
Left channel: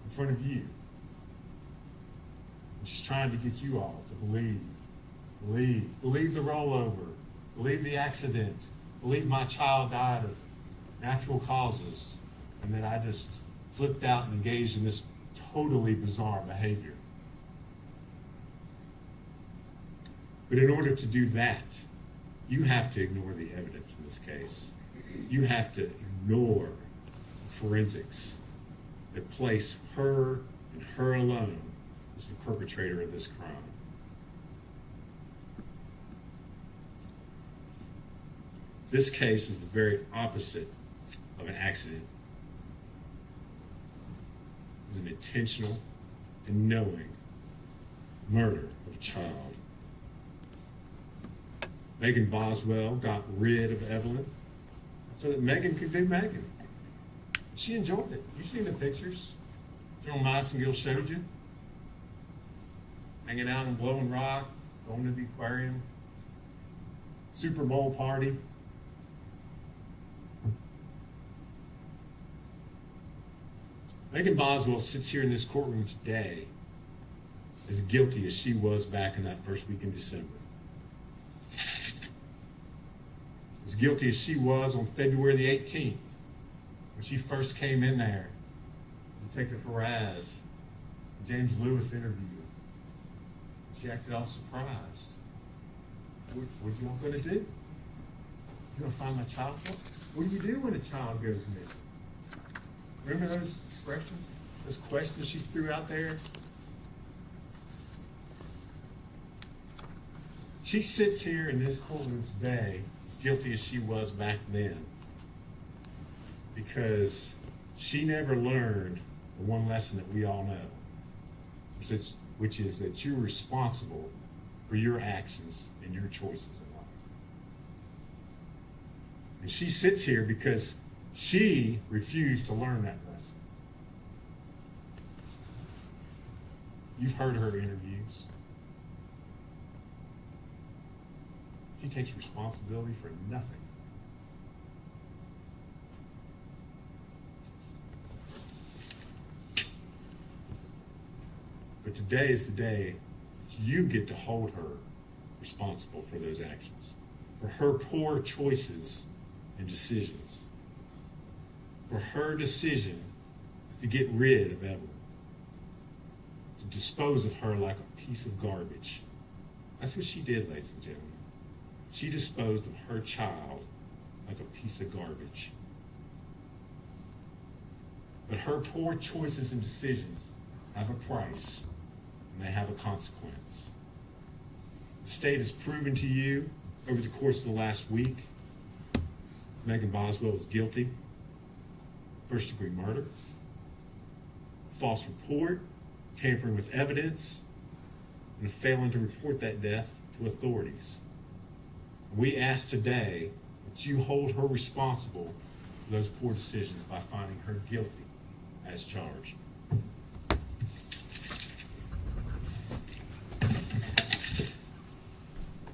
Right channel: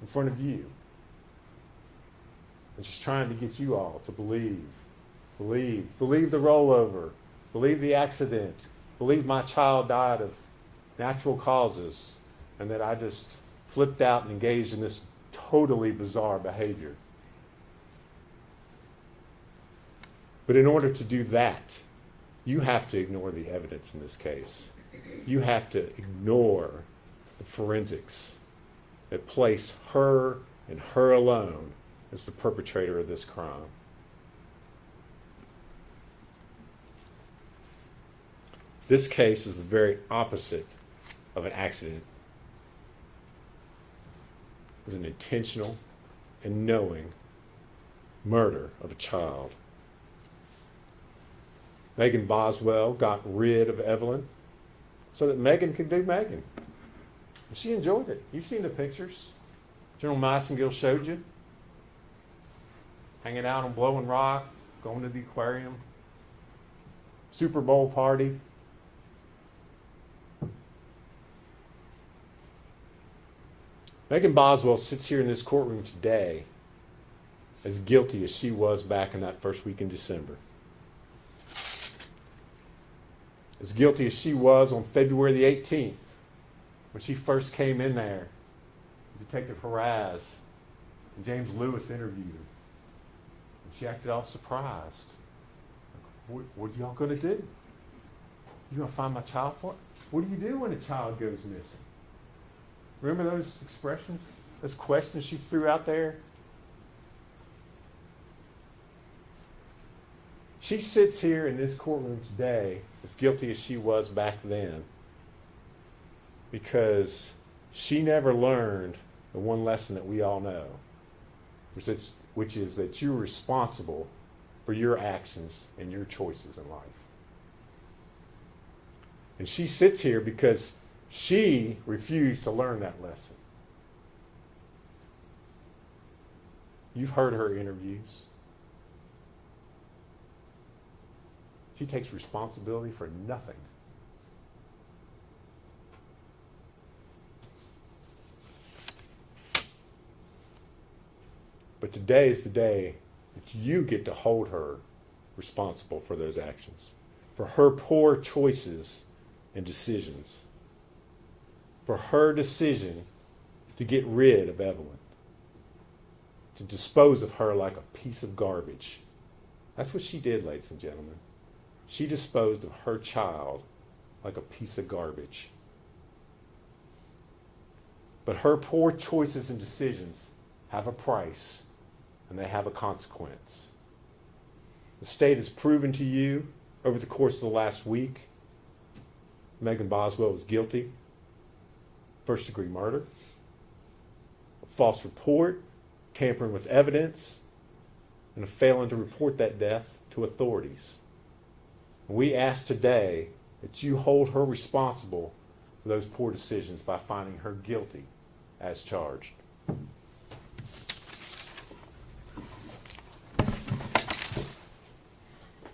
in front of you. And she's trying to get you all to believe the rollover, believe the accident, believe my child died of natural causes, and that I just flipped out and engaged in this totally bizarre behavior. But in order to do that, you have to ignore the evidence in this case. You have to ignore the forensics that place her and her alone as the perpetrator of this crime. This case is the very opposite of an accident. It's an intentional and knowing murder of a child. Megan Boswell got rid of Evelyn so that Megan could be Megan. She enjoyed it. You've seen the picturs General Massengill showed you. Hanging out on Blowing Rock, going to the aquarium, Super Bowl party. Megan Boswell sits here in this courtroom today as guilty as she was back in that first week in December. As guilty as she was on February the 18th, when she first came in there, Detective Haraz and James Lewis interviewed her. She acted all surprised. What are y'all going to do? You going to find my child for me? What do you do when a child goes missing? Remember those expressions, those questions she threw out there? She sits here in this courtroom today as guilty as she was back then because she never learned the one lesson that we all know, which is that you're responsible for your actions and your choices in life. And she sits here because she refused to learn that lesson. You've heard her interviews. She takes responsibility for nothing. But today is the day that you get to hold her responsible for those actions, for her poor choices and decisions, for her decision to get rid of Evelyn, to dispose of her like a piece of garbage. That's what she did, ladies and gentlemen. She disposed of her child like a piece of garbage. But her poor choices and decisions have a price, and they have a consequence. The state has proven to you over the course of the last week, Megan Boswell is guilty. First-degree murder, a false report, tampering with evidence, and a failing to report that death to authorities. We ask today that you hold her responsible for those poor decisions by finding her guilty as charged.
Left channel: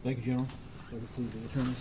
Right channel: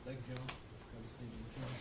Thank you, General. Have a seat, the attorneys.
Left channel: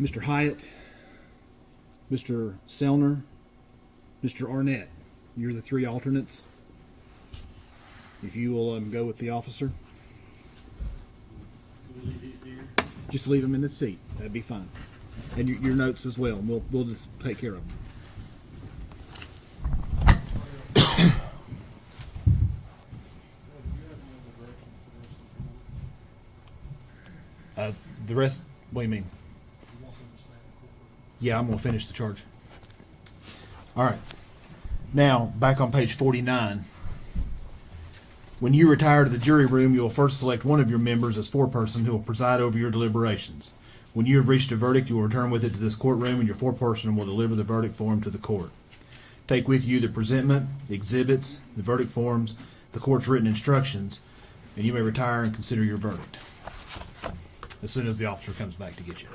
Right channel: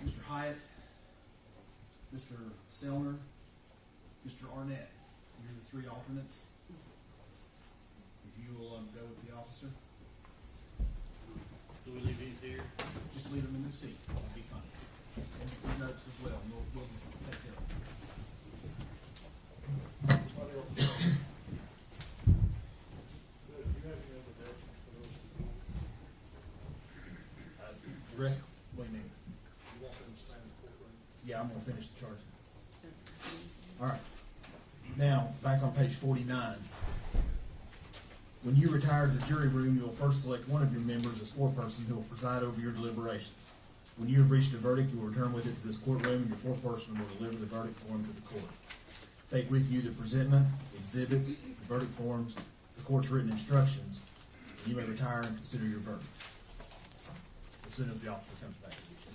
Mr. Hyatt, Mr. Selner, Mr. Arnett. You're the three alternates. If you will go with the officer. Will you be here? Just leave them in the seat. That'd be fine. And your notes as well. And we'll just take care of them. The rest, what do you mean? Yeah, I'm going to finish the charge. All right. Now, back on page 49. When you retire to the jury room, you will first select one of your members as foreperson who will preside over your deliberations. When you have reached a verdict, you will return with it to this courtroom, and your foreperson will deliver the verdict form to the court. Take with you the presentment, the exhibits, the verdict forms, the court's written instructions, and you may retire and consider your verdict as soon as the officer comes back to get you.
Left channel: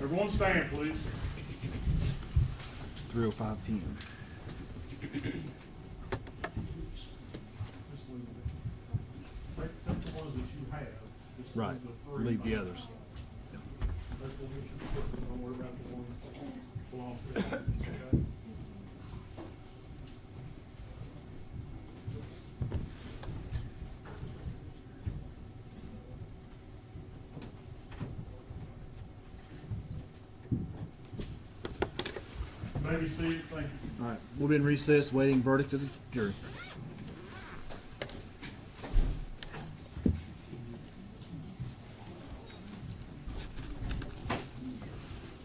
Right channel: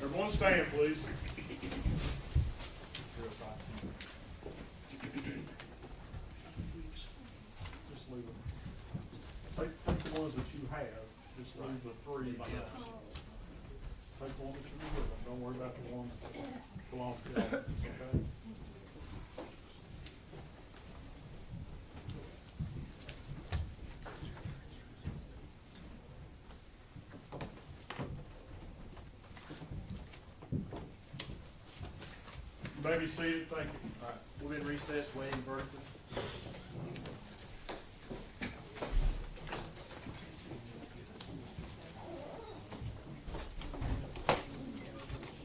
Everyone stand, please. 3:05 p.m. Take the ones that you have. Just Right. the three. Leave the others. Take the ones you have. Don't worry about the ones that belong to the others, okay? You may be seated. Thank you. All right. We'll be in recess waiting verdict of the jury.